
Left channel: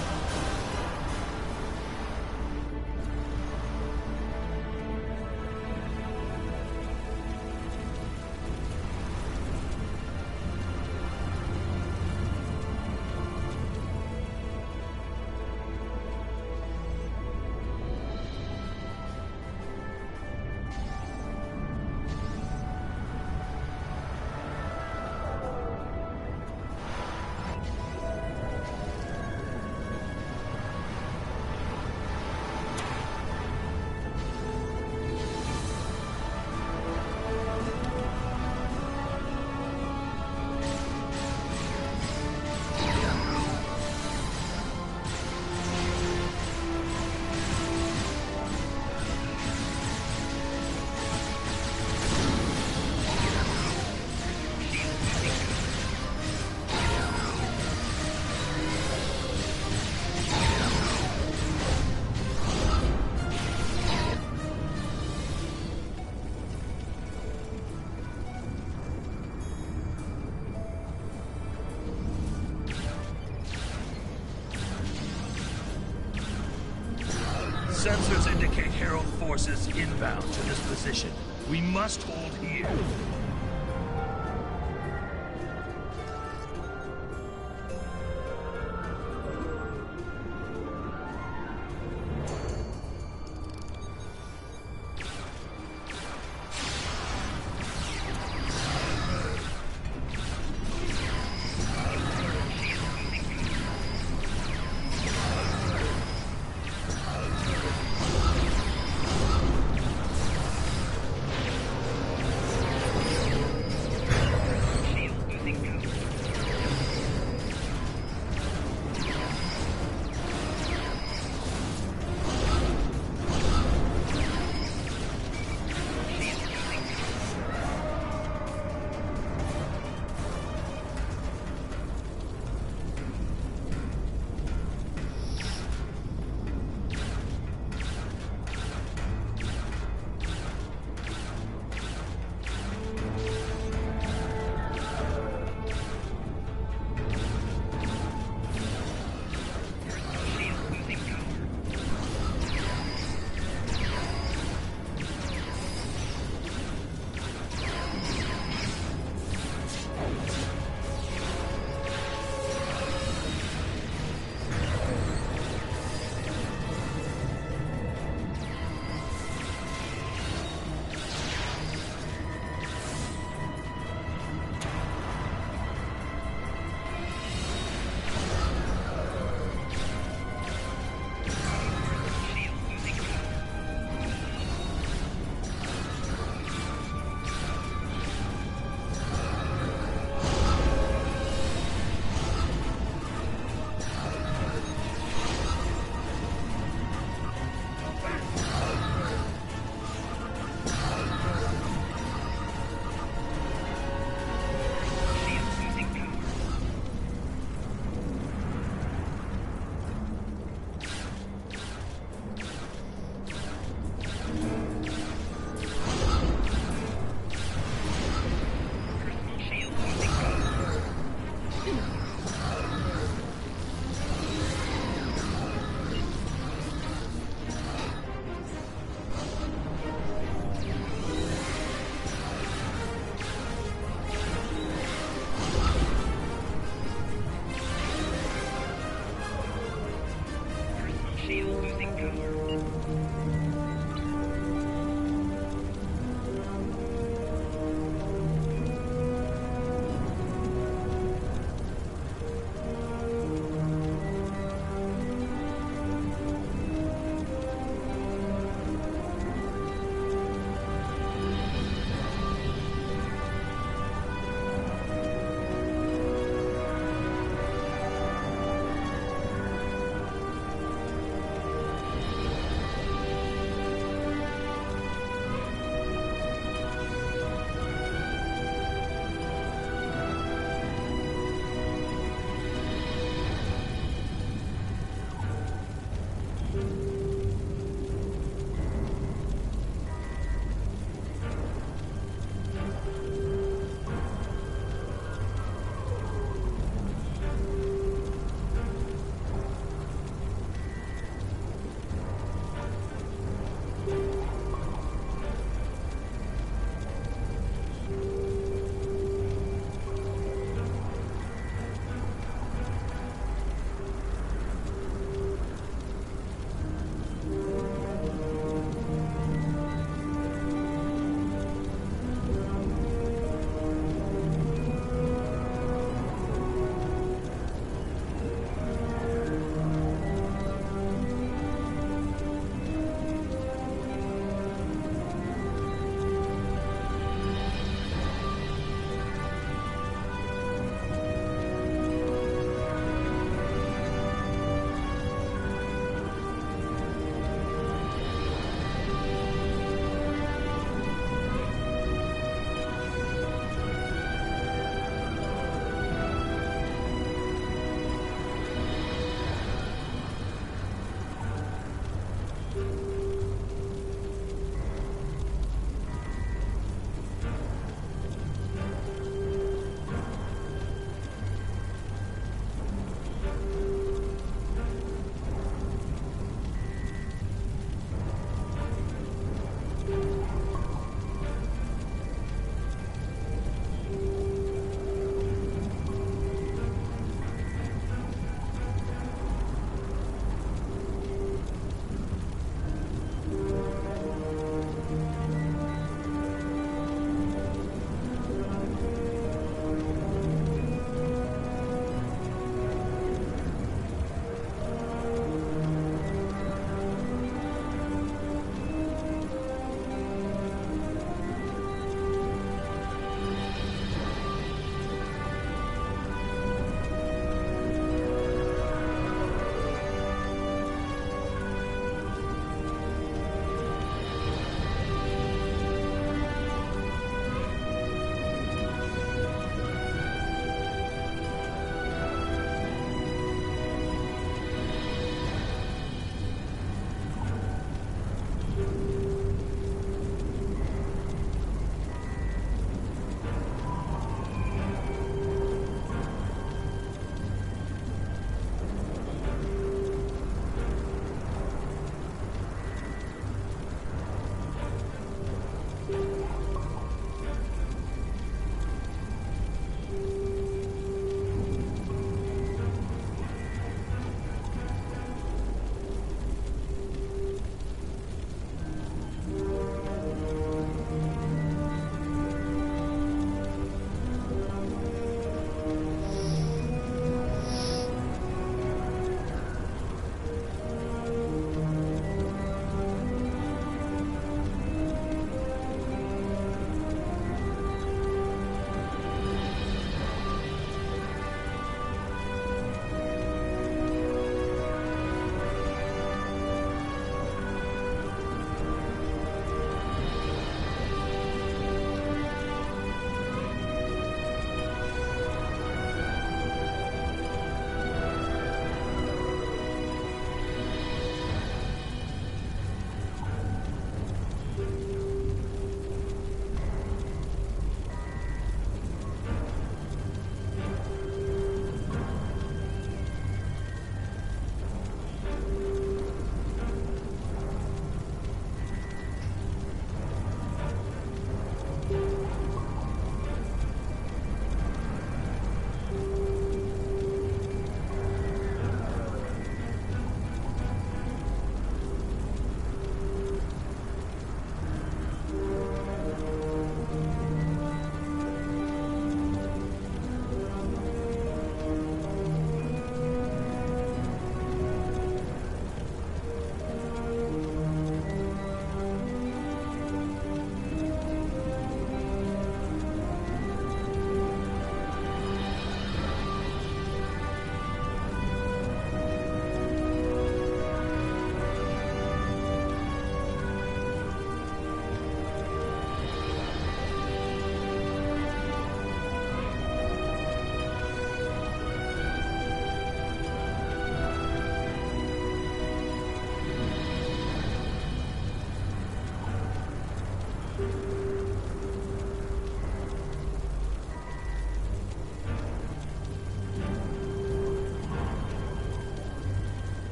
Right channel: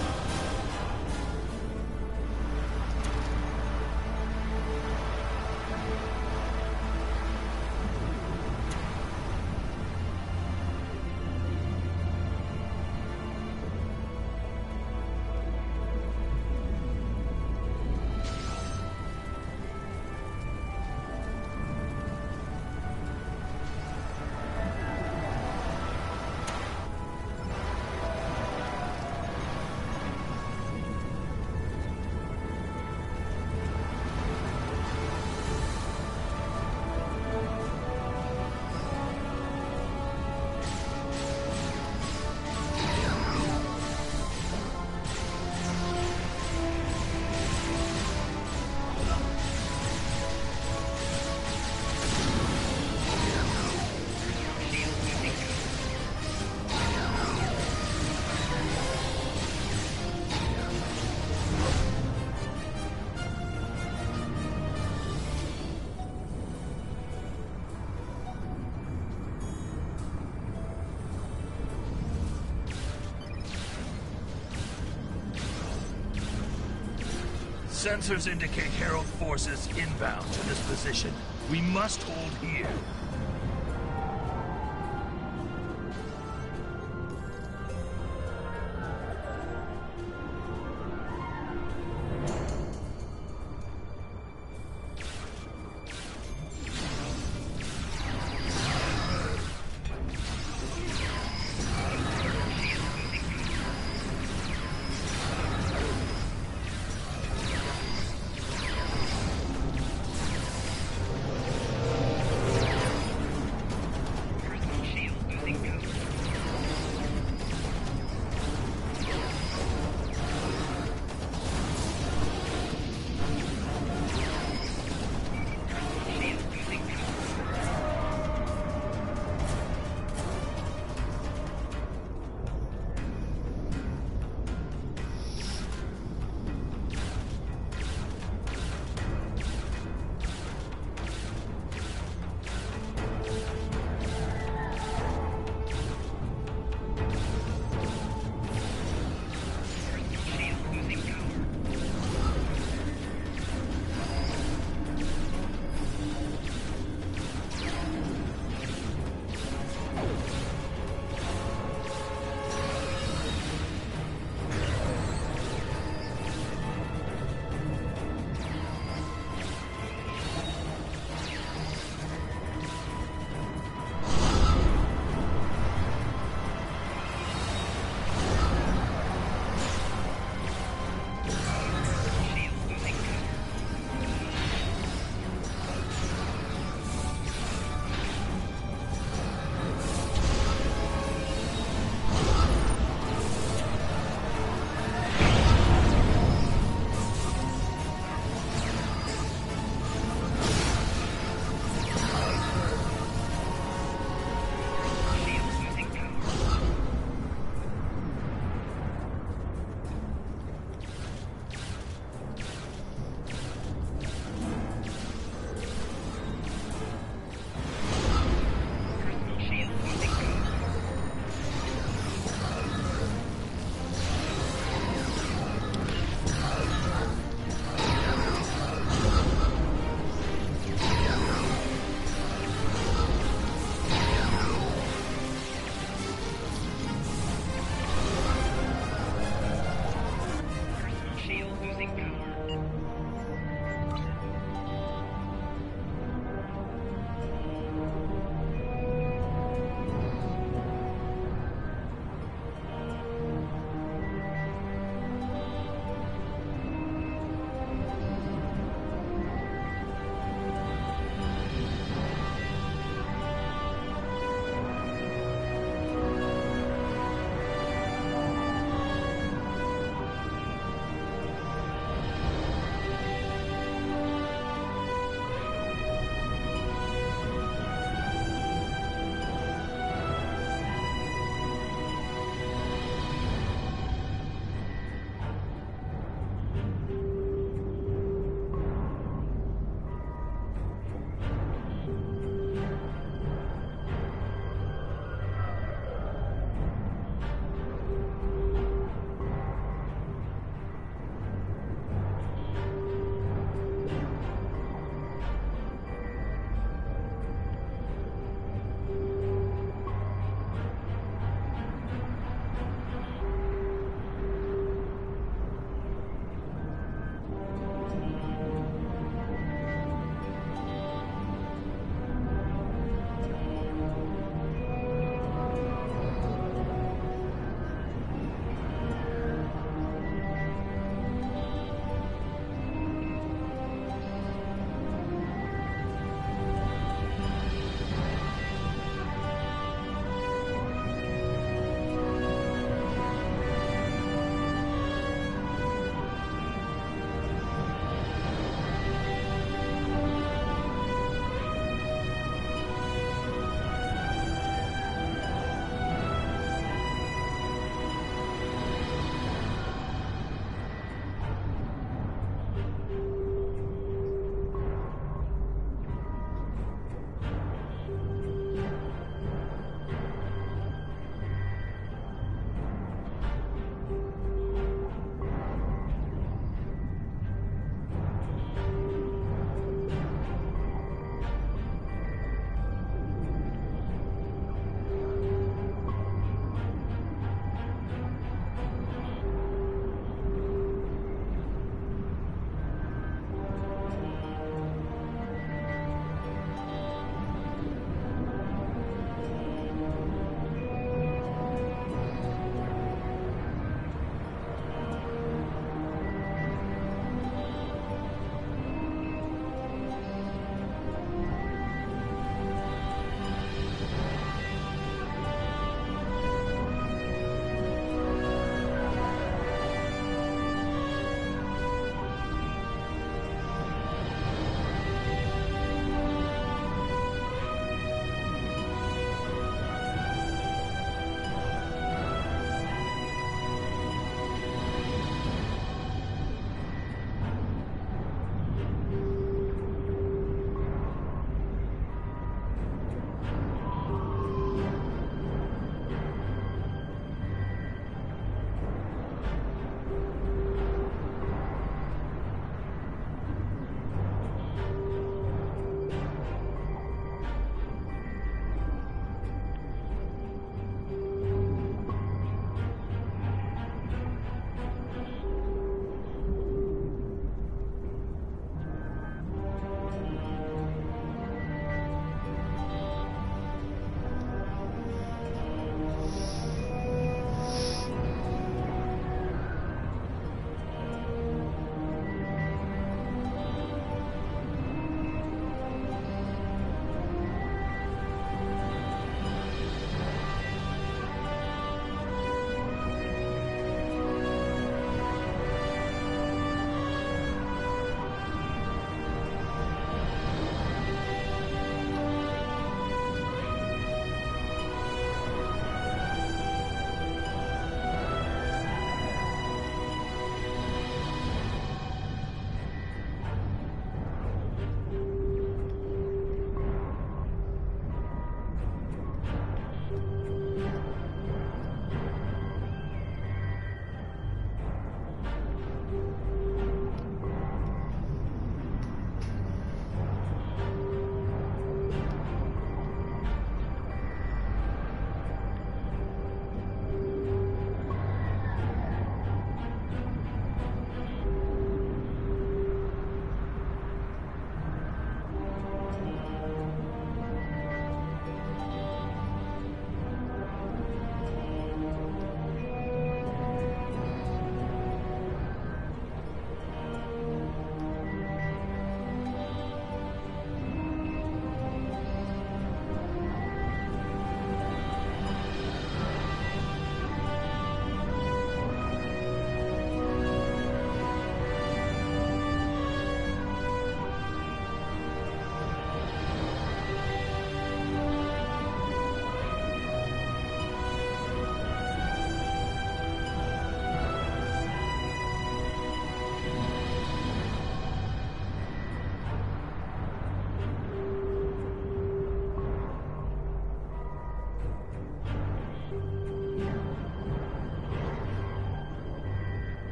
Sensors indicate Herald forces inbound to this position. We must hold here.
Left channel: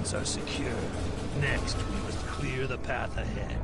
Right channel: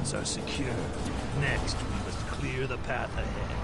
Romulans are secure. Next, we must clear the path ahead.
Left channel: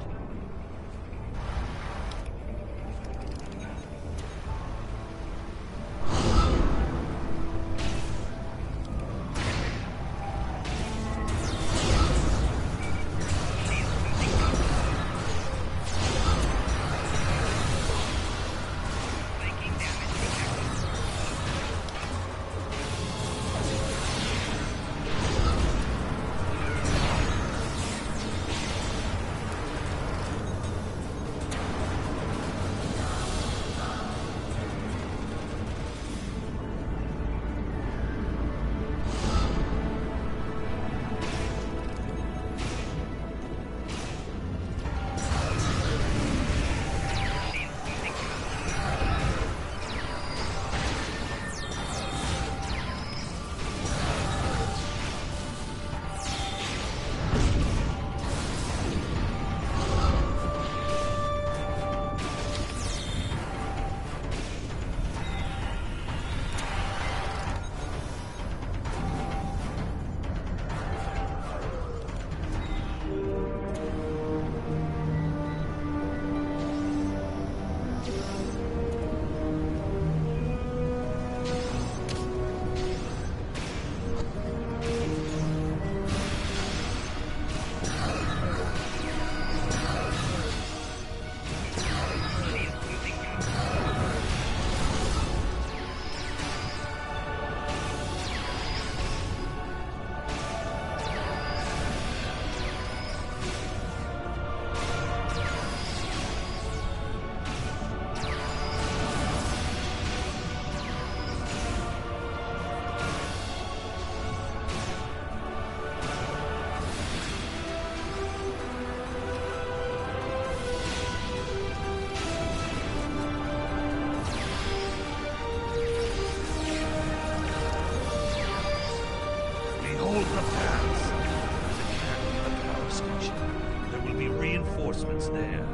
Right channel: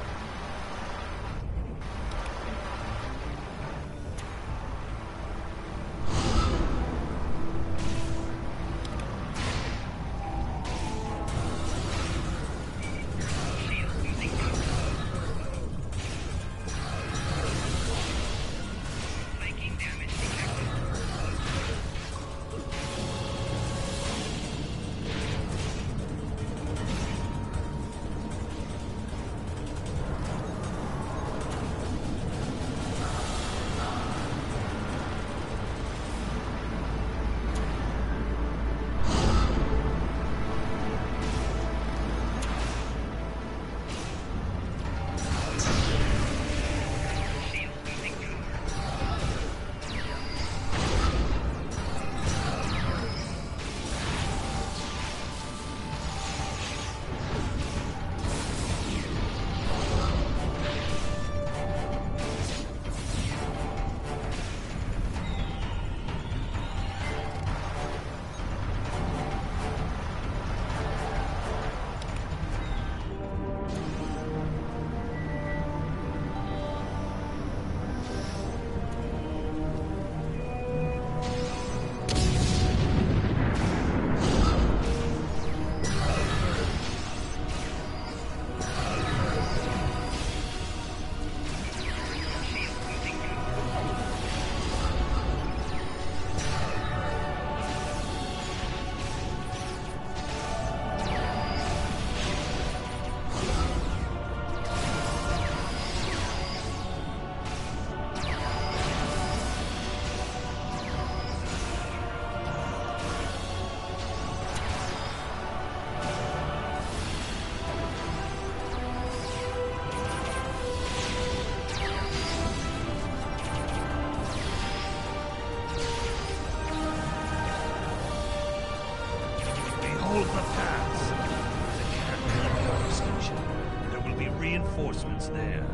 Behold the paths. There's a Caterpillar power station. There will be reinforcements there.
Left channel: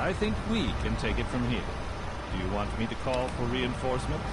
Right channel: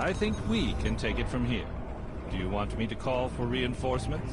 I think we can take it from here. Do you want me to call for reinforcements?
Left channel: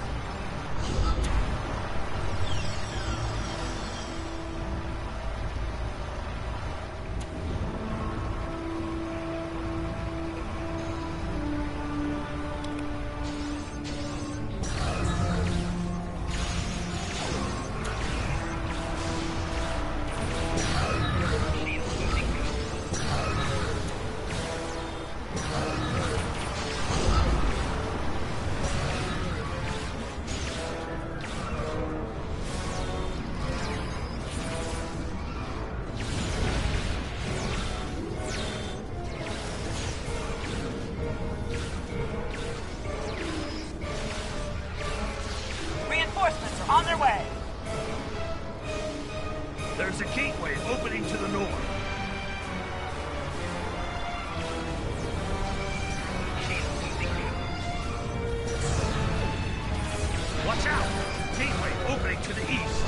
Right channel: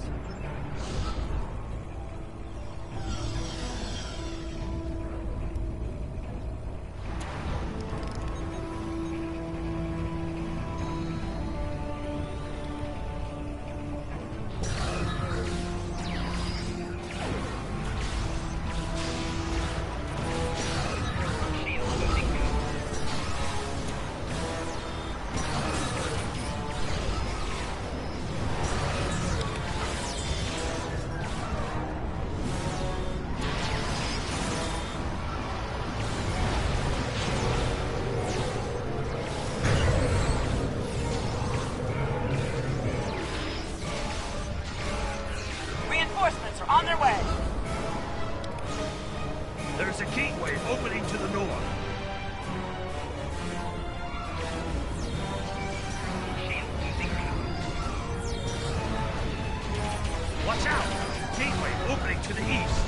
Reinforcements are on their way. There's a gateway opening to the north. Watch out! Gateway opening to the east.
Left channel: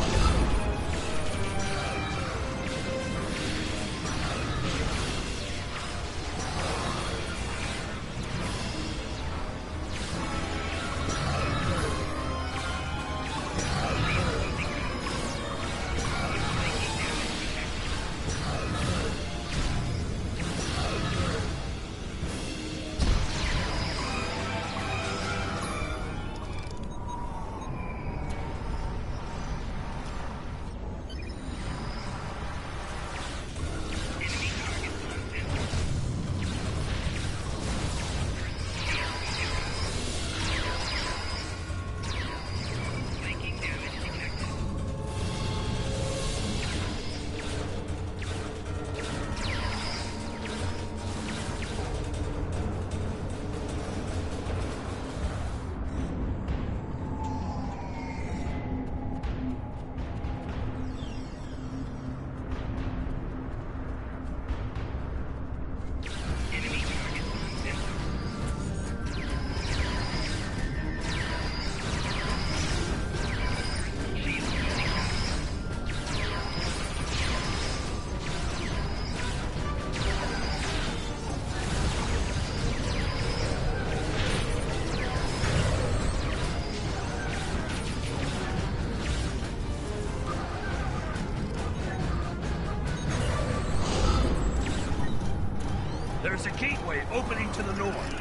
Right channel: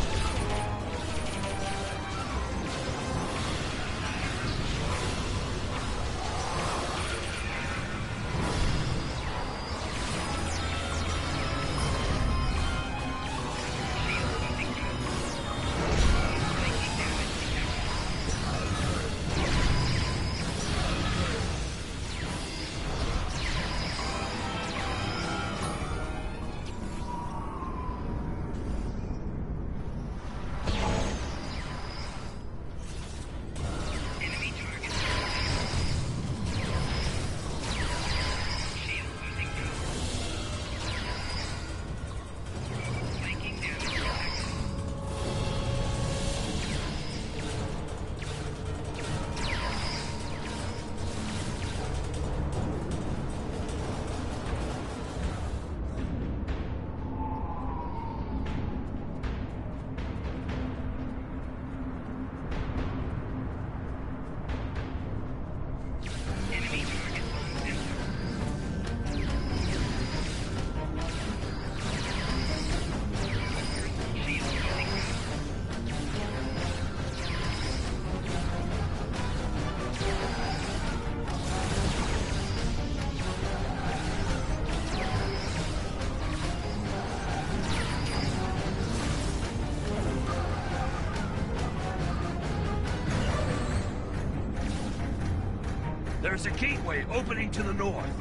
There's a gateway opening to the north.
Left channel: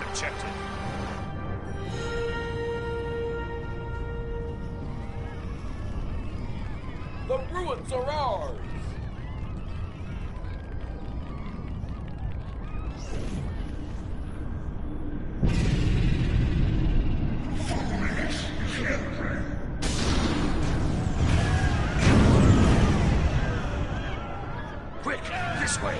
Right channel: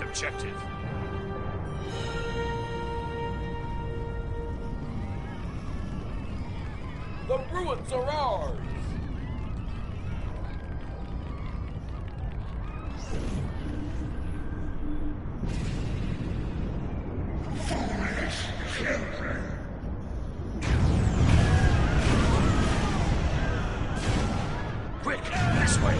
Objective. The ruins are ours! Quick, this way!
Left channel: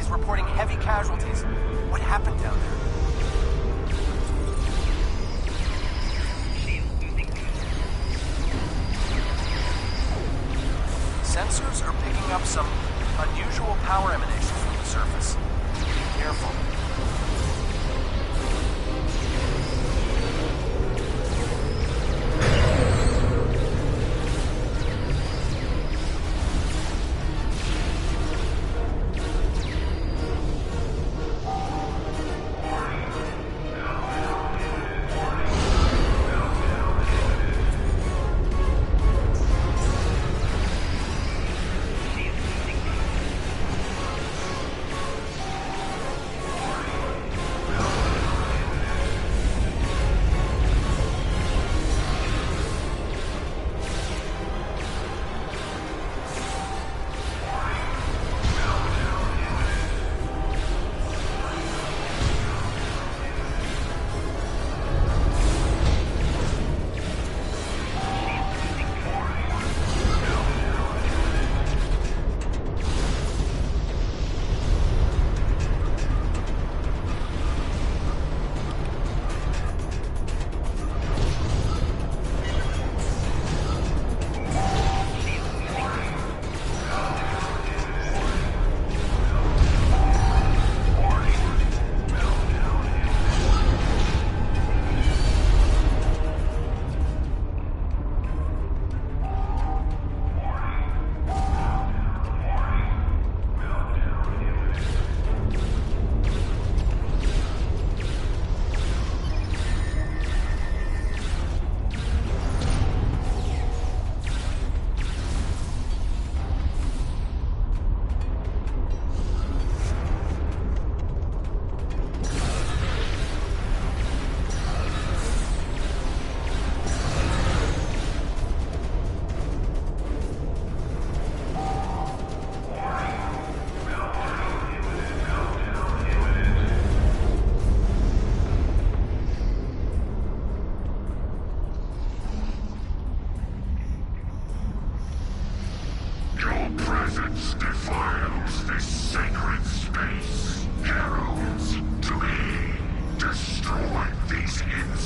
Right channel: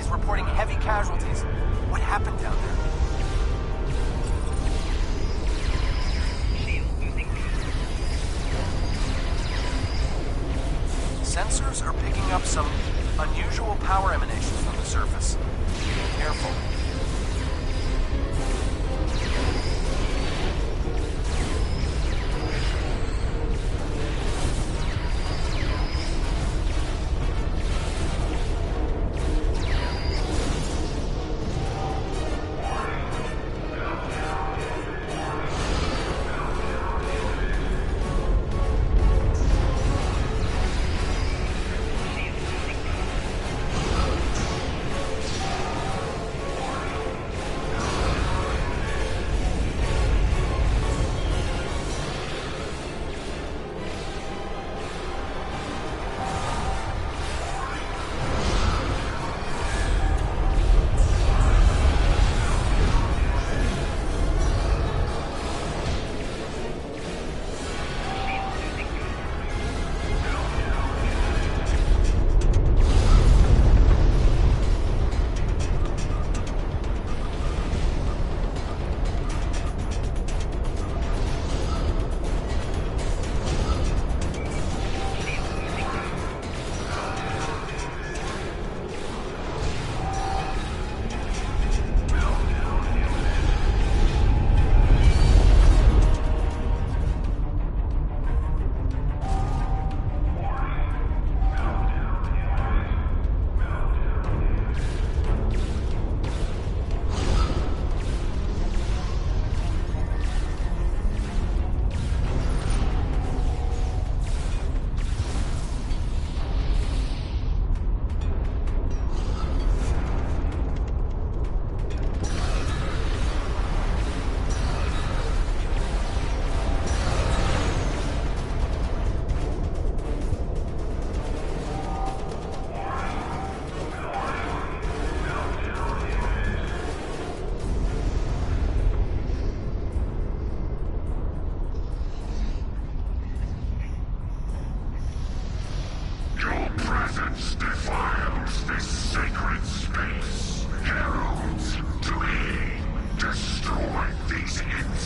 Is reporting heavy casualties. What happened down there? Sensors are picking up some unusual power emanations from the surface. Be careful.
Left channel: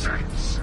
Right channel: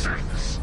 Nonsense.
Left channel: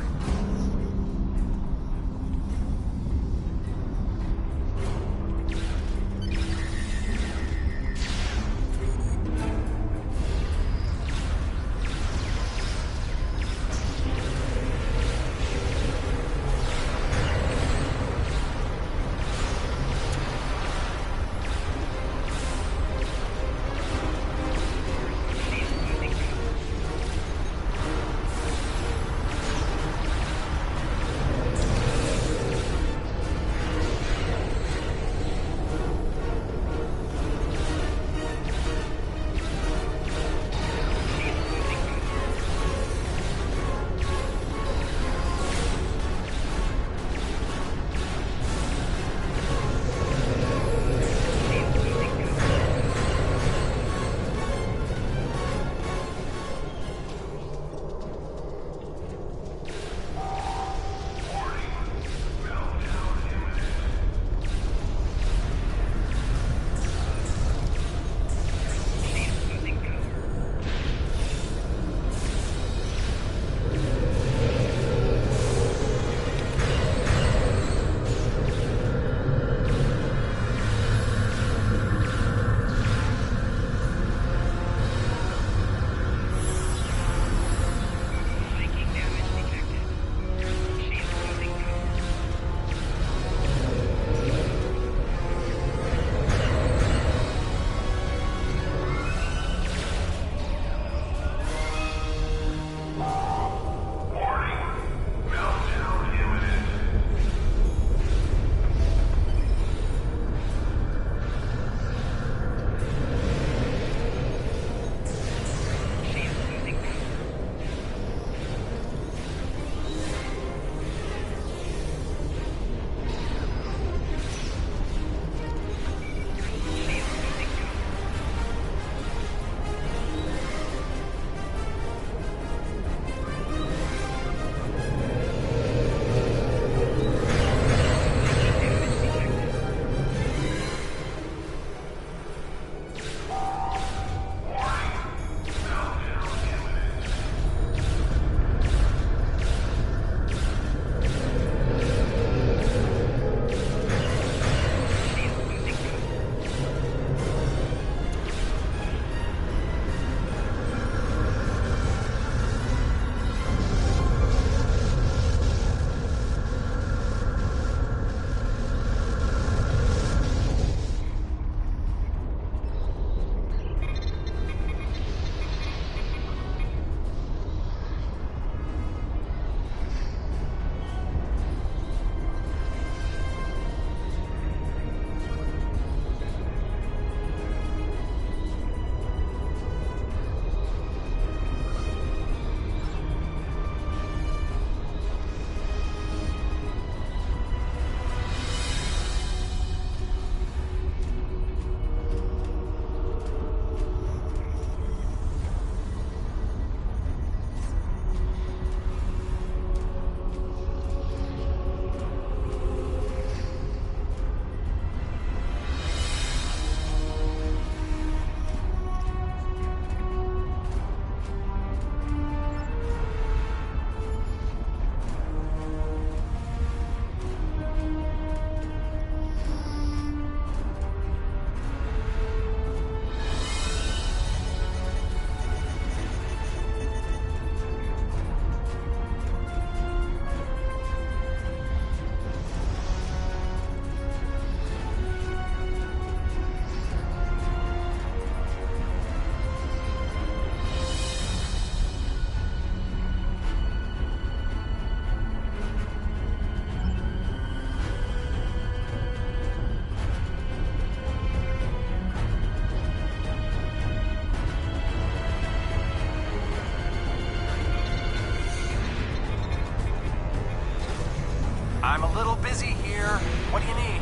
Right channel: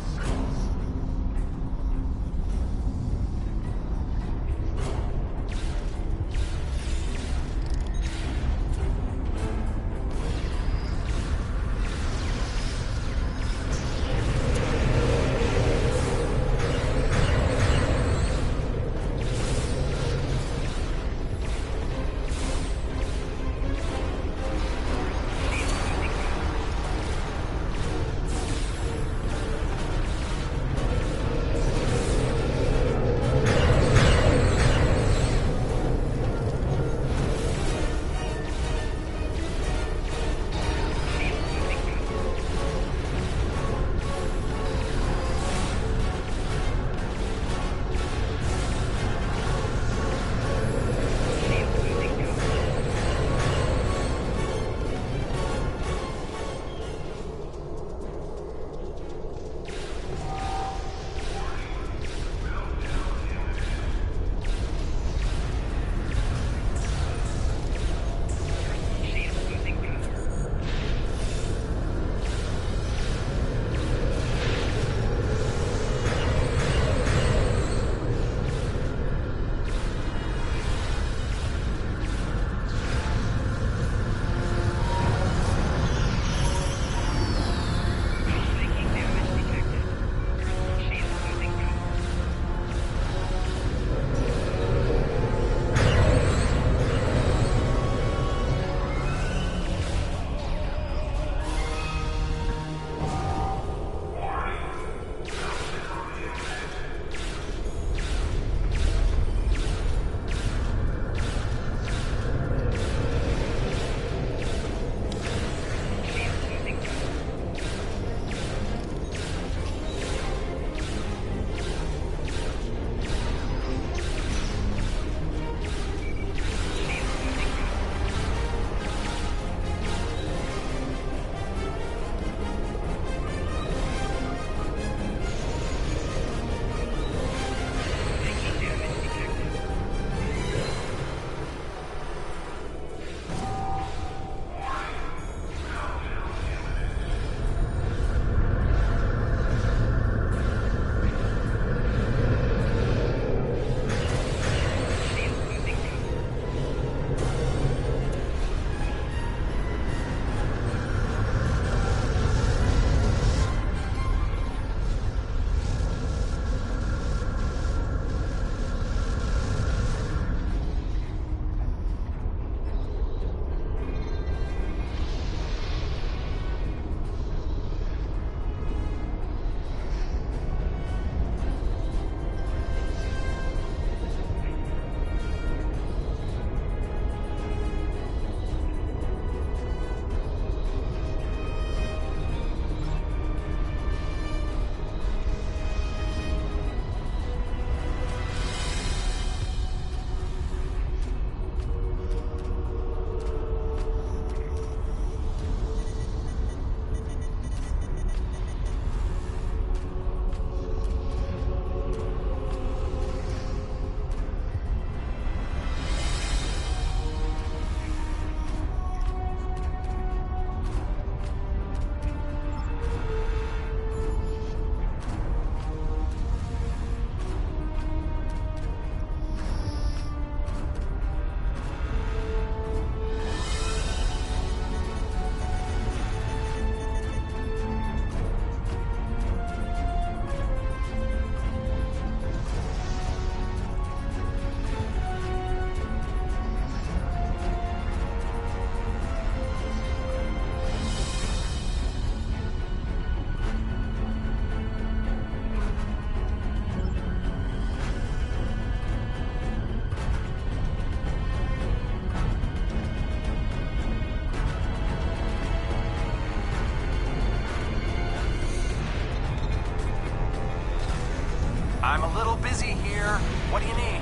I'm a little busy here. What do you need?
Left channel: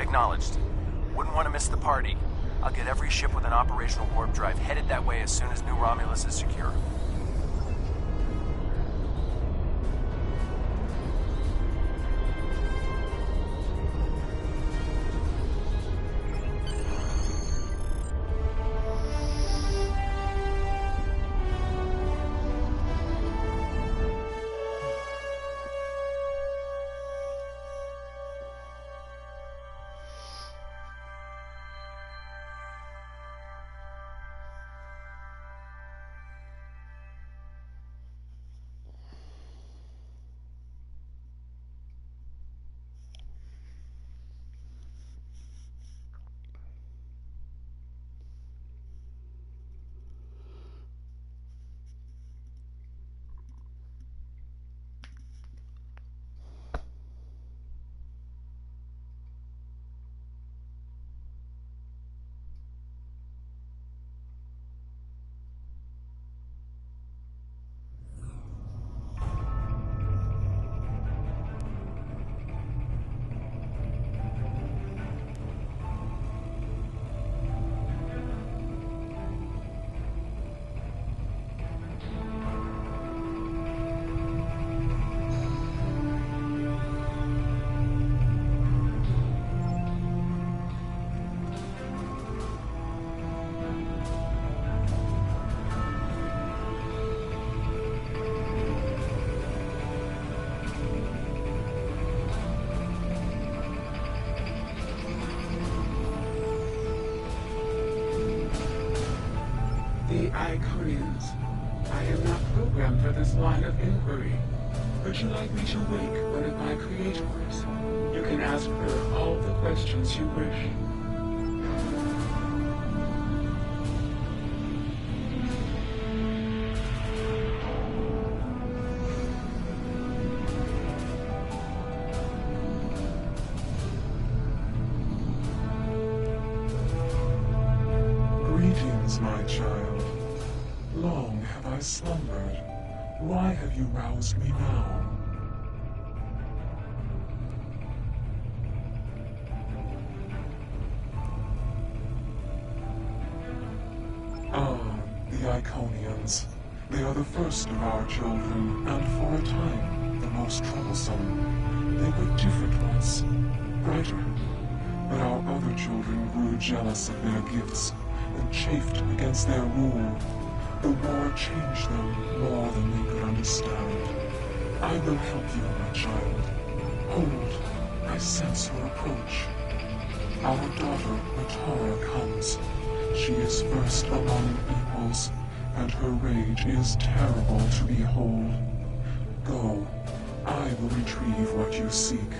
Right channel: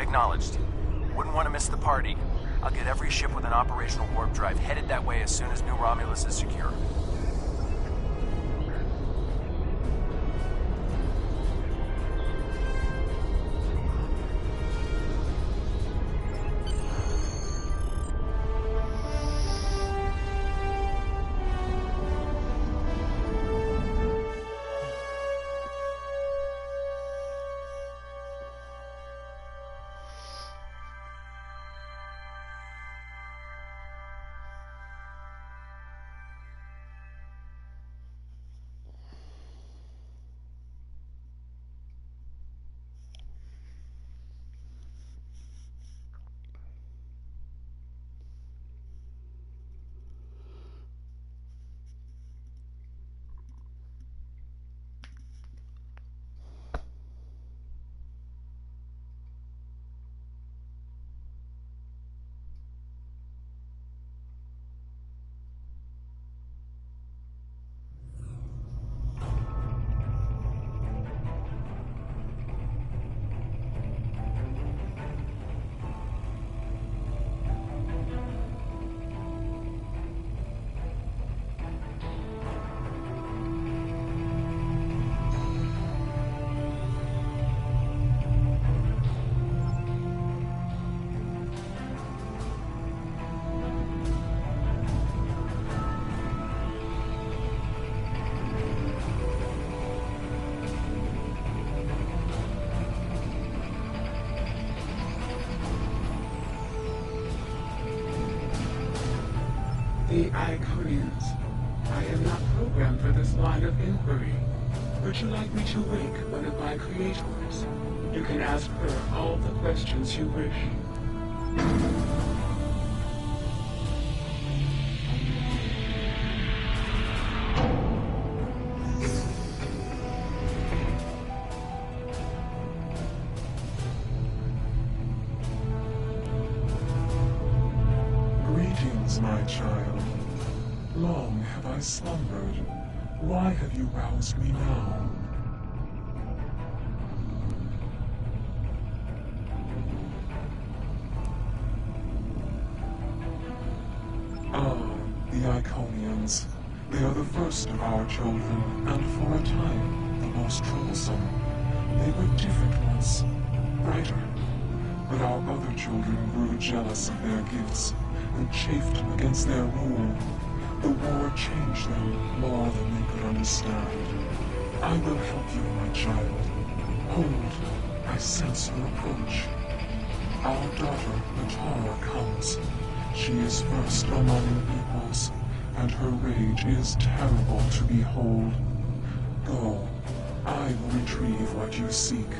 Acknowledged. Wouldn't want to miss the party. I'll get every ship with an operational warp drive headed that way as soon as New Romulus is secure. Iconians. I am not programmed for this line of inquiry. Would you like me to wake one of my creators? You can ask her all the questions you wish. Greetings, my child. Long have I slumbered. Why have you roused me now? Ah, the Iconians. They are the first of our children, and for a time, the most troublesome. They were different once, brighter. But our other children grew jealous of their gifts, and chafed against their rule. The war changed them more than they could understand. I will help you, my child. Hold, I sense her approach. Our daughter, Matara, comes. She is first among equals, and her rage is terrible to behold. Go, I will retrieve what you seek,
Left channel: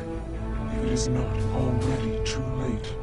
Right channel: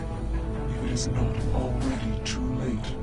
if it is not already too late.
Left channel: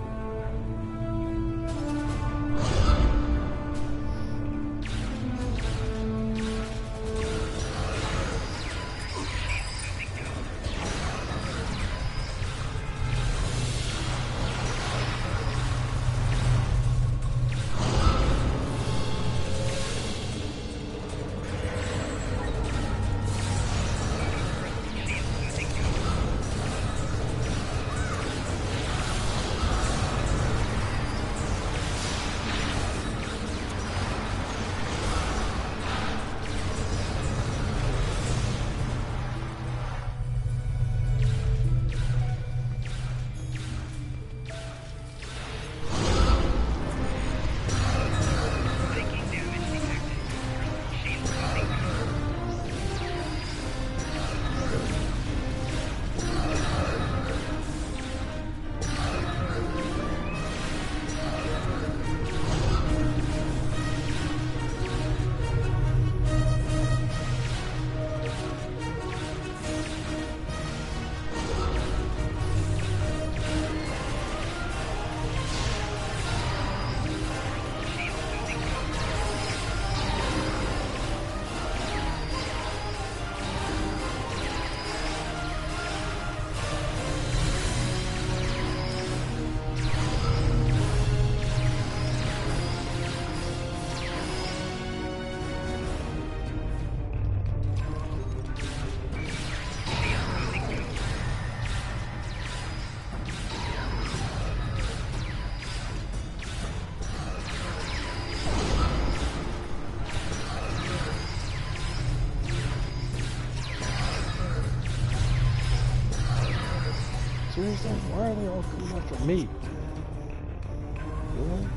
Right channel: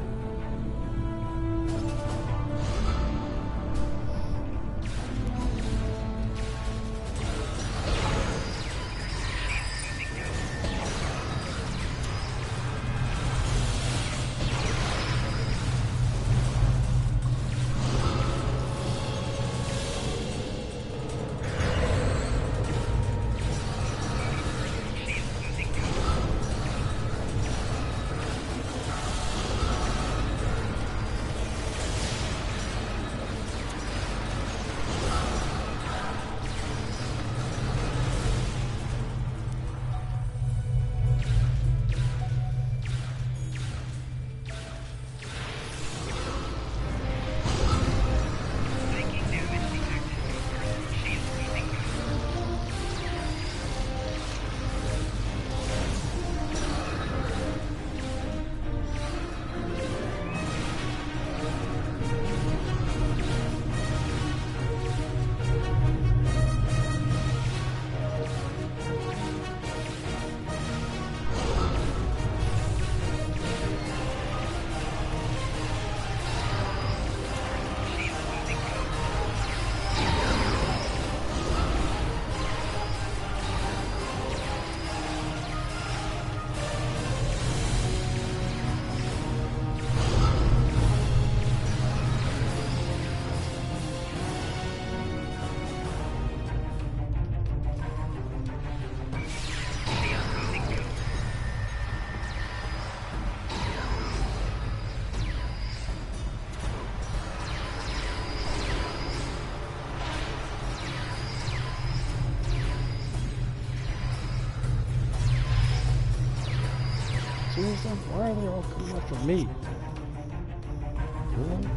Seriously? Why are they all coming after me? Really?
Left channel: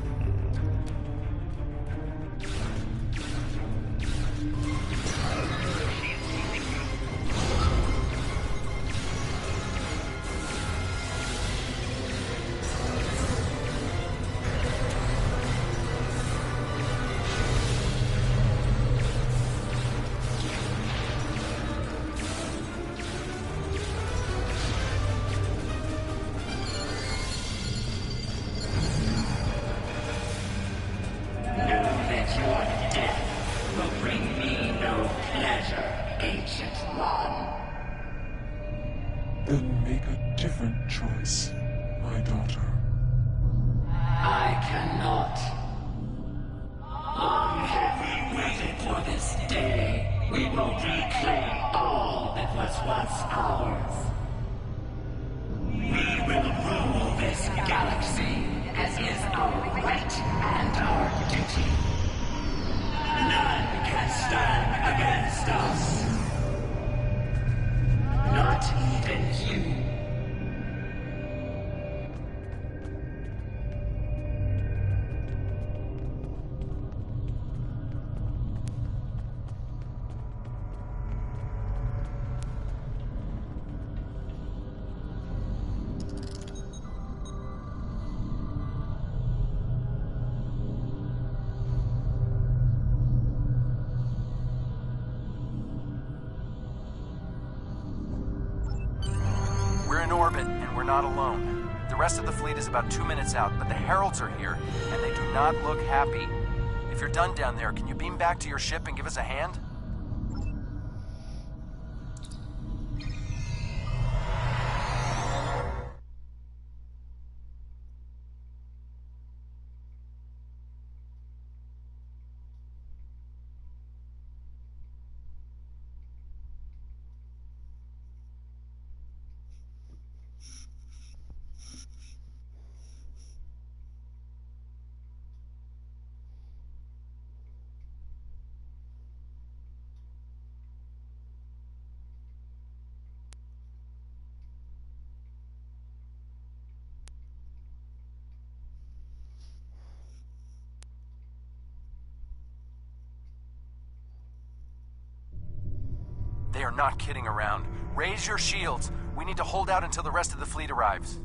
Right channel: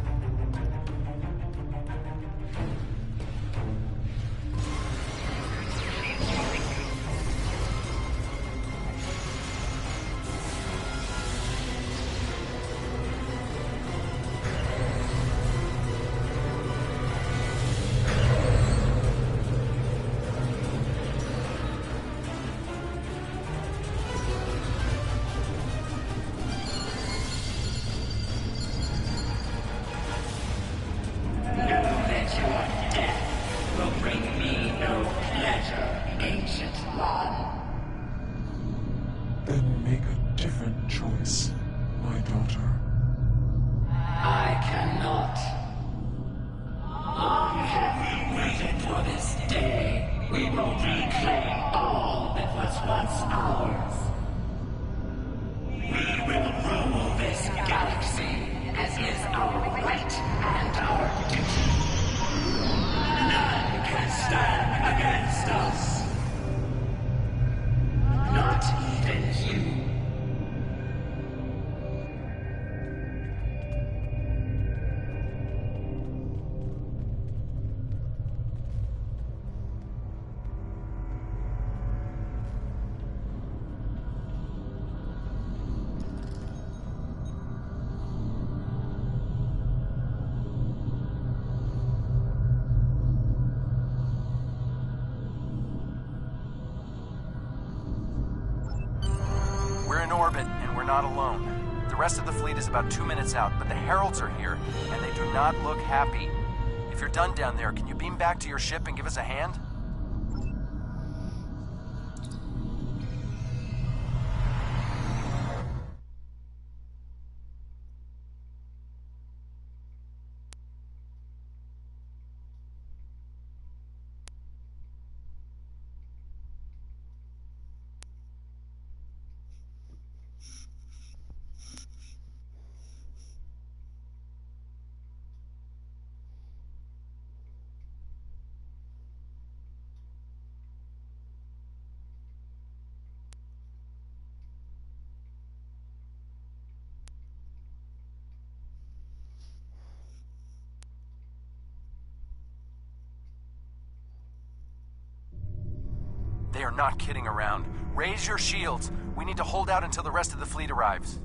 Then make a different choice, my daughter. I cannot. Long have we waited for this day. We will reclaim all that was once ours. We will rule this galaxy as is our right and our duty. None can stand against us. Not even you. We're in orbit, and we're not alone. The rest of the fleet is about 2 minutes out, but the Heralds are here, and they do not look happy. If you're done down there, can you beam back to your ship and give us a hand? They are not kidding around. Raise your shields. We need to hold out until the rest of the fleet arrives.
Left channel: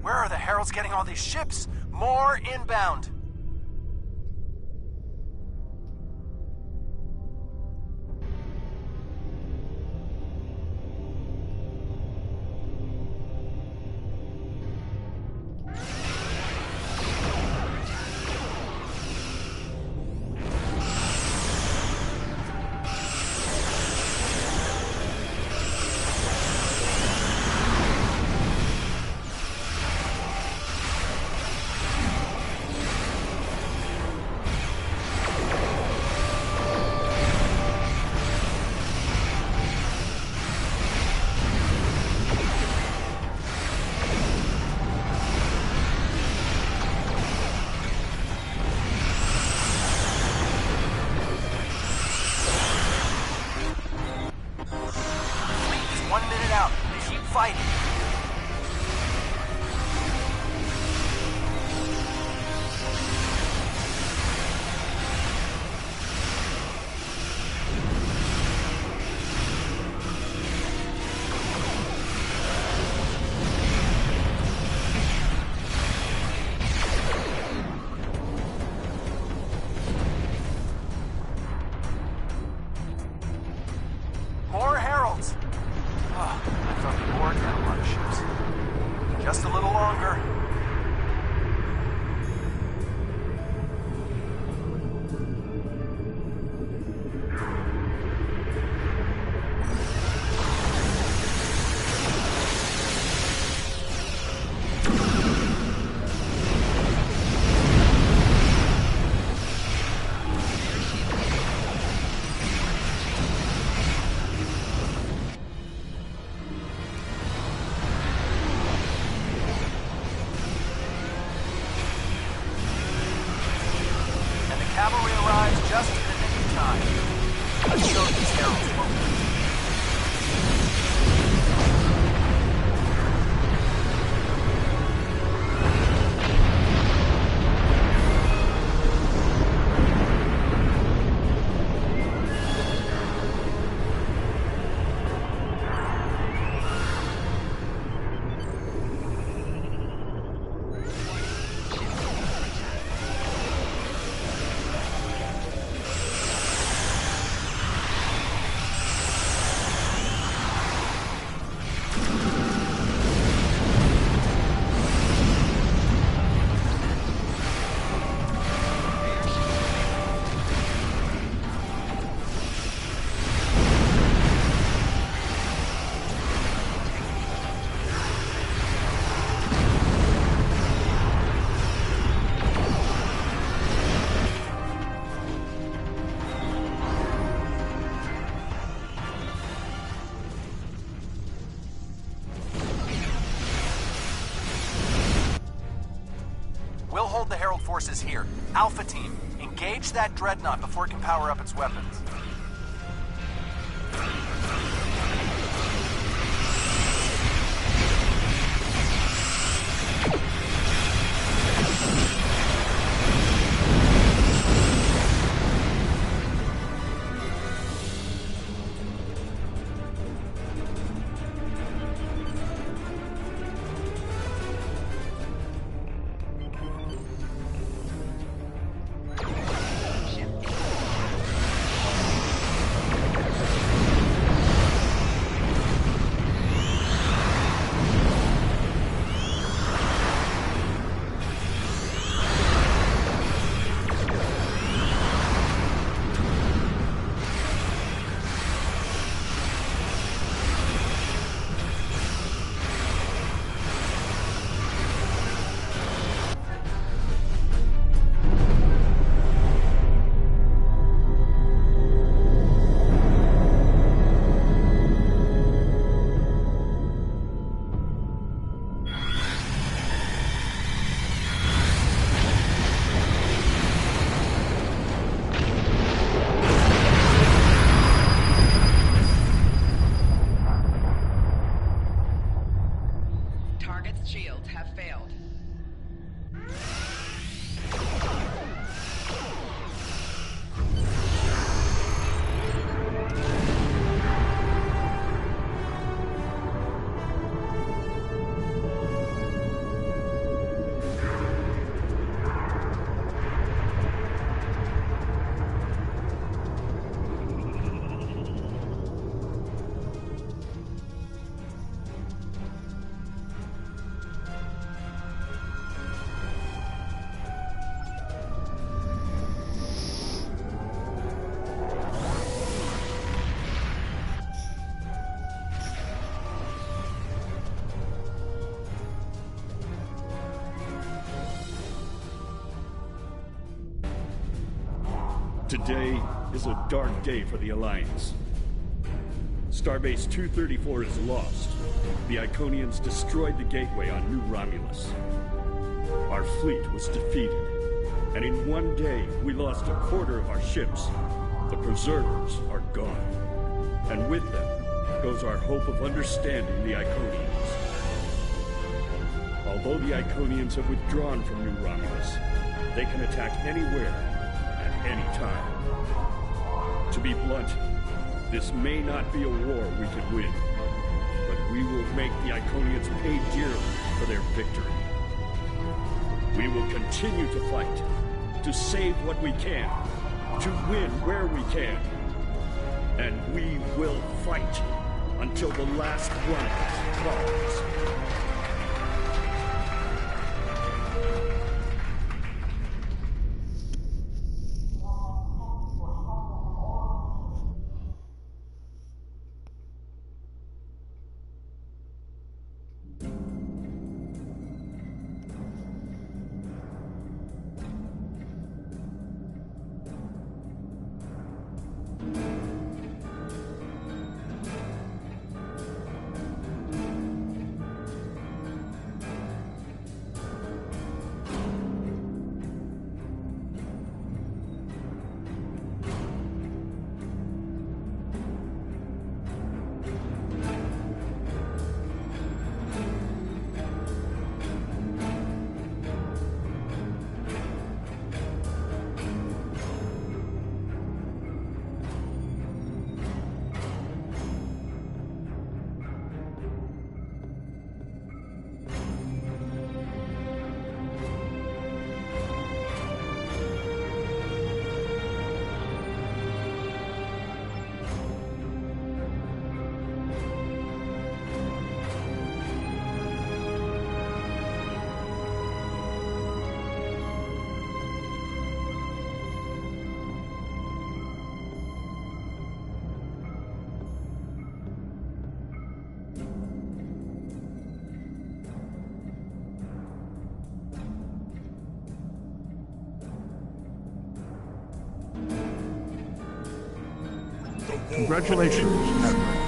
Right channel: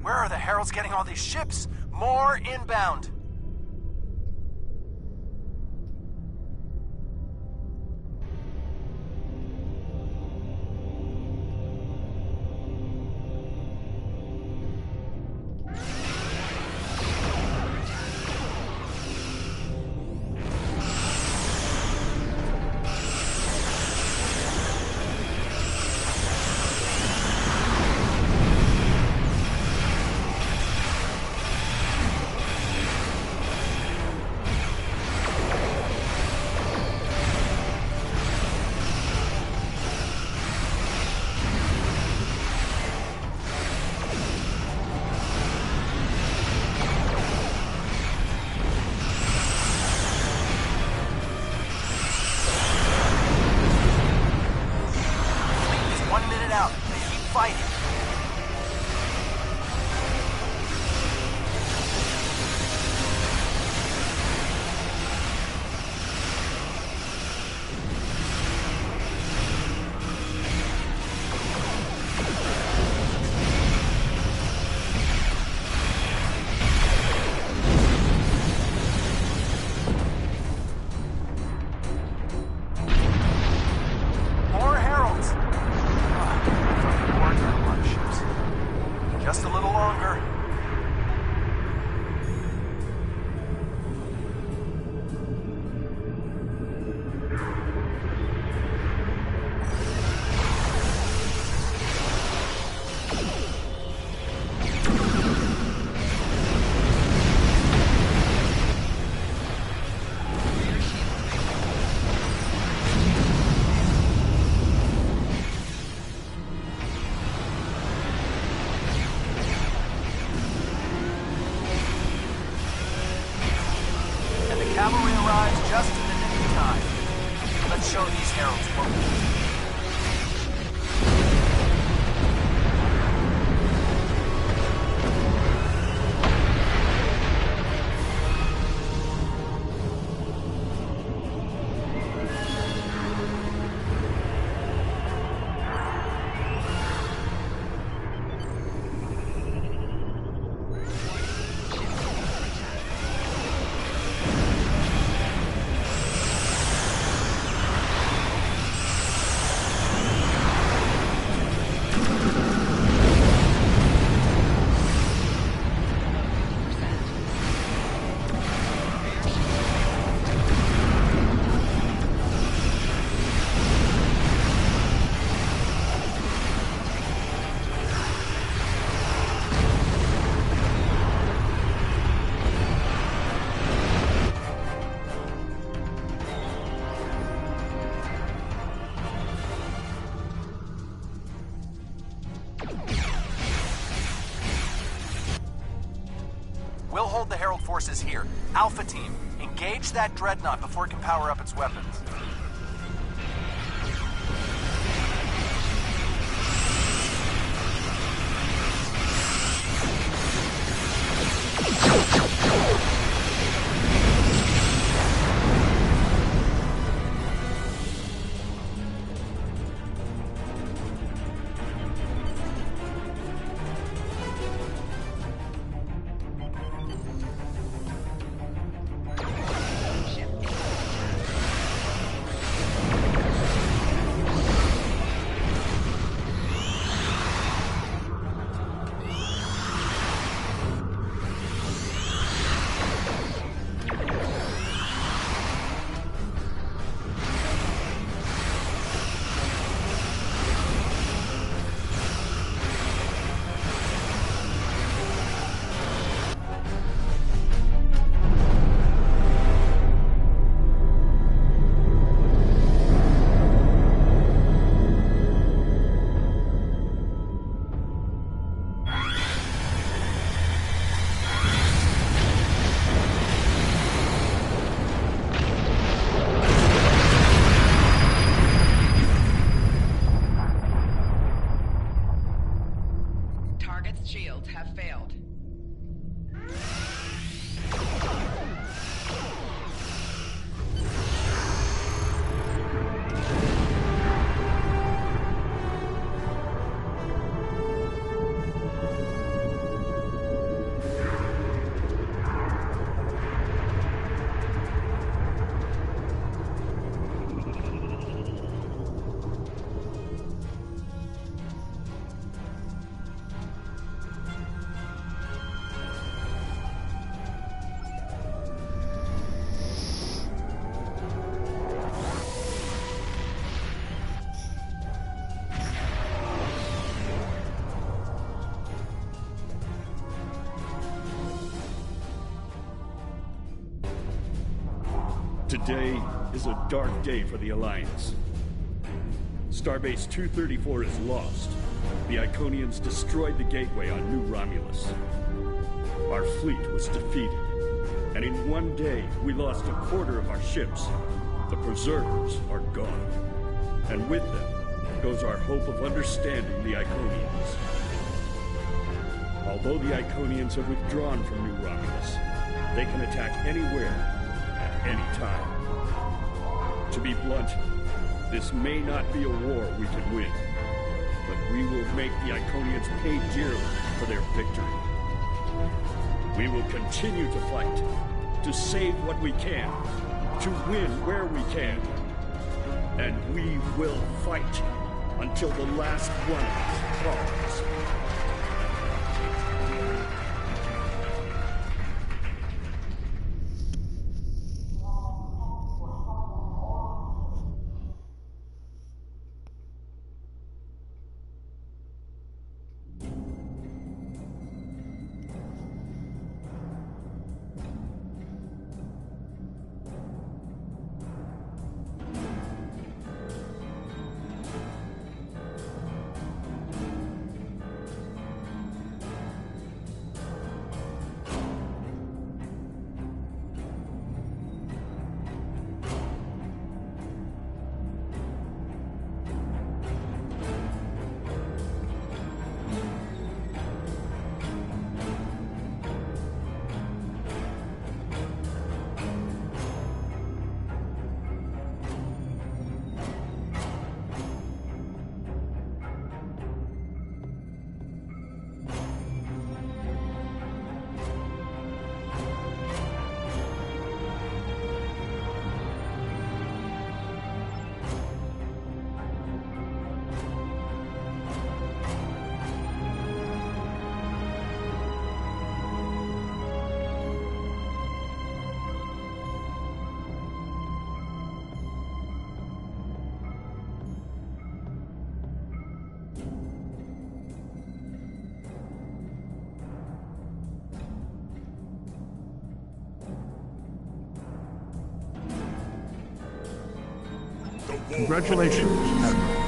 Where are the Heralds getting all these ships? More inbound. Just a little longer. Cavalry arrives just in the nick of time. Let's show these heralds what we do. We'll hold the Herald forces here. Alpha Team, engage that dreadnought before it can power up its weapons. Today is a dark day for the Alliance. Starbase 234 is lost. The Iconians destroyed the gateway on New Romulus. Our fleet was defeated, and in one day we lost a quarter of our ships. The Preservers are gone, and with them goes our hope of understanding the Iconians. Although the Iconians have withdrawn from New Romulus, they can attack anywhere, at any time. To be blunt, this may not be a war we can win, but we will make the Iconians pay dearly for their victory. We will continue to fight, to save what we can, to win where we can. And we will fight until the last one of us falls. Congratulations, Admiral.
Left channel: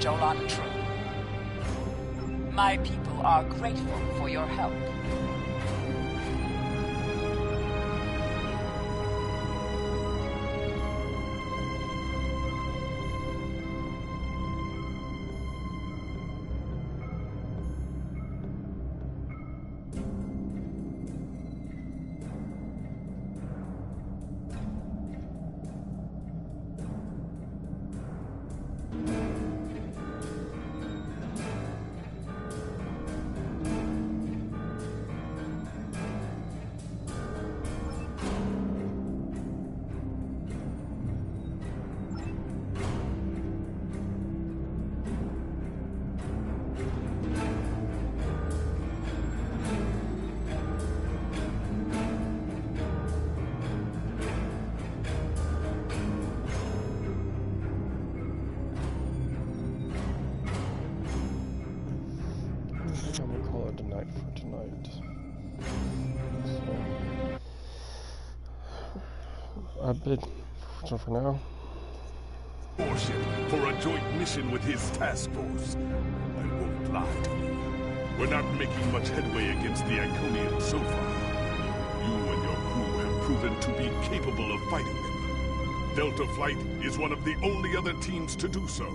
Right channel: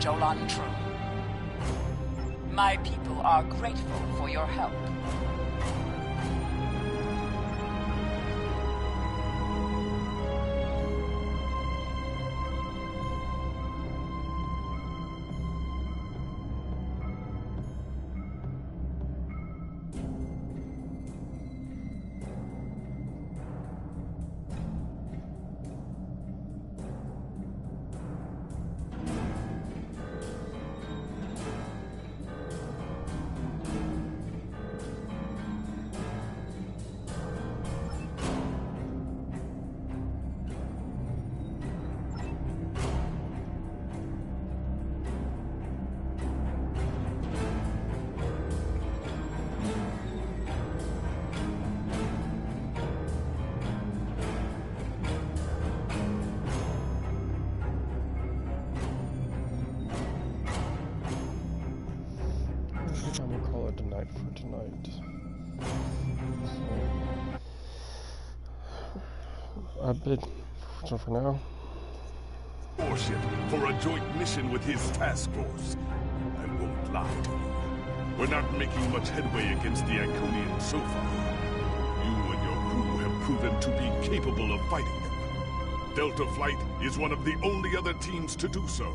Jolan True. My people are grateful for your help. I think I'm gonna call it a night for tonight. So for now. Warship for a joint mission with his task force. I won't lie to you. We're not making much headway against the Iconians so far. You and your crew have proven to be capable of fighting them. Delta Flight is one of the only other teams to do so.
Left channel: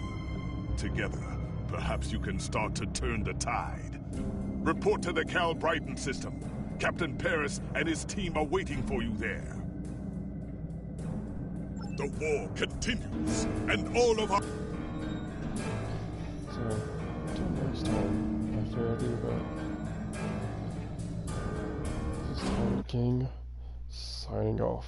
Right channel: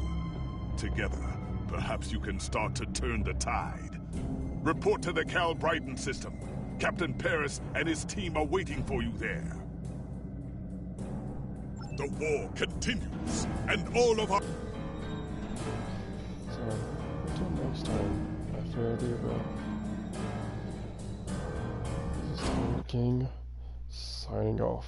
Together, perhaps you can start to turn the tide. Report to the Cal Brighton system. Captain Paris and his team are waiting for you there. The war continues, and all of our... So, next time after the bell. This is Talon King signing off.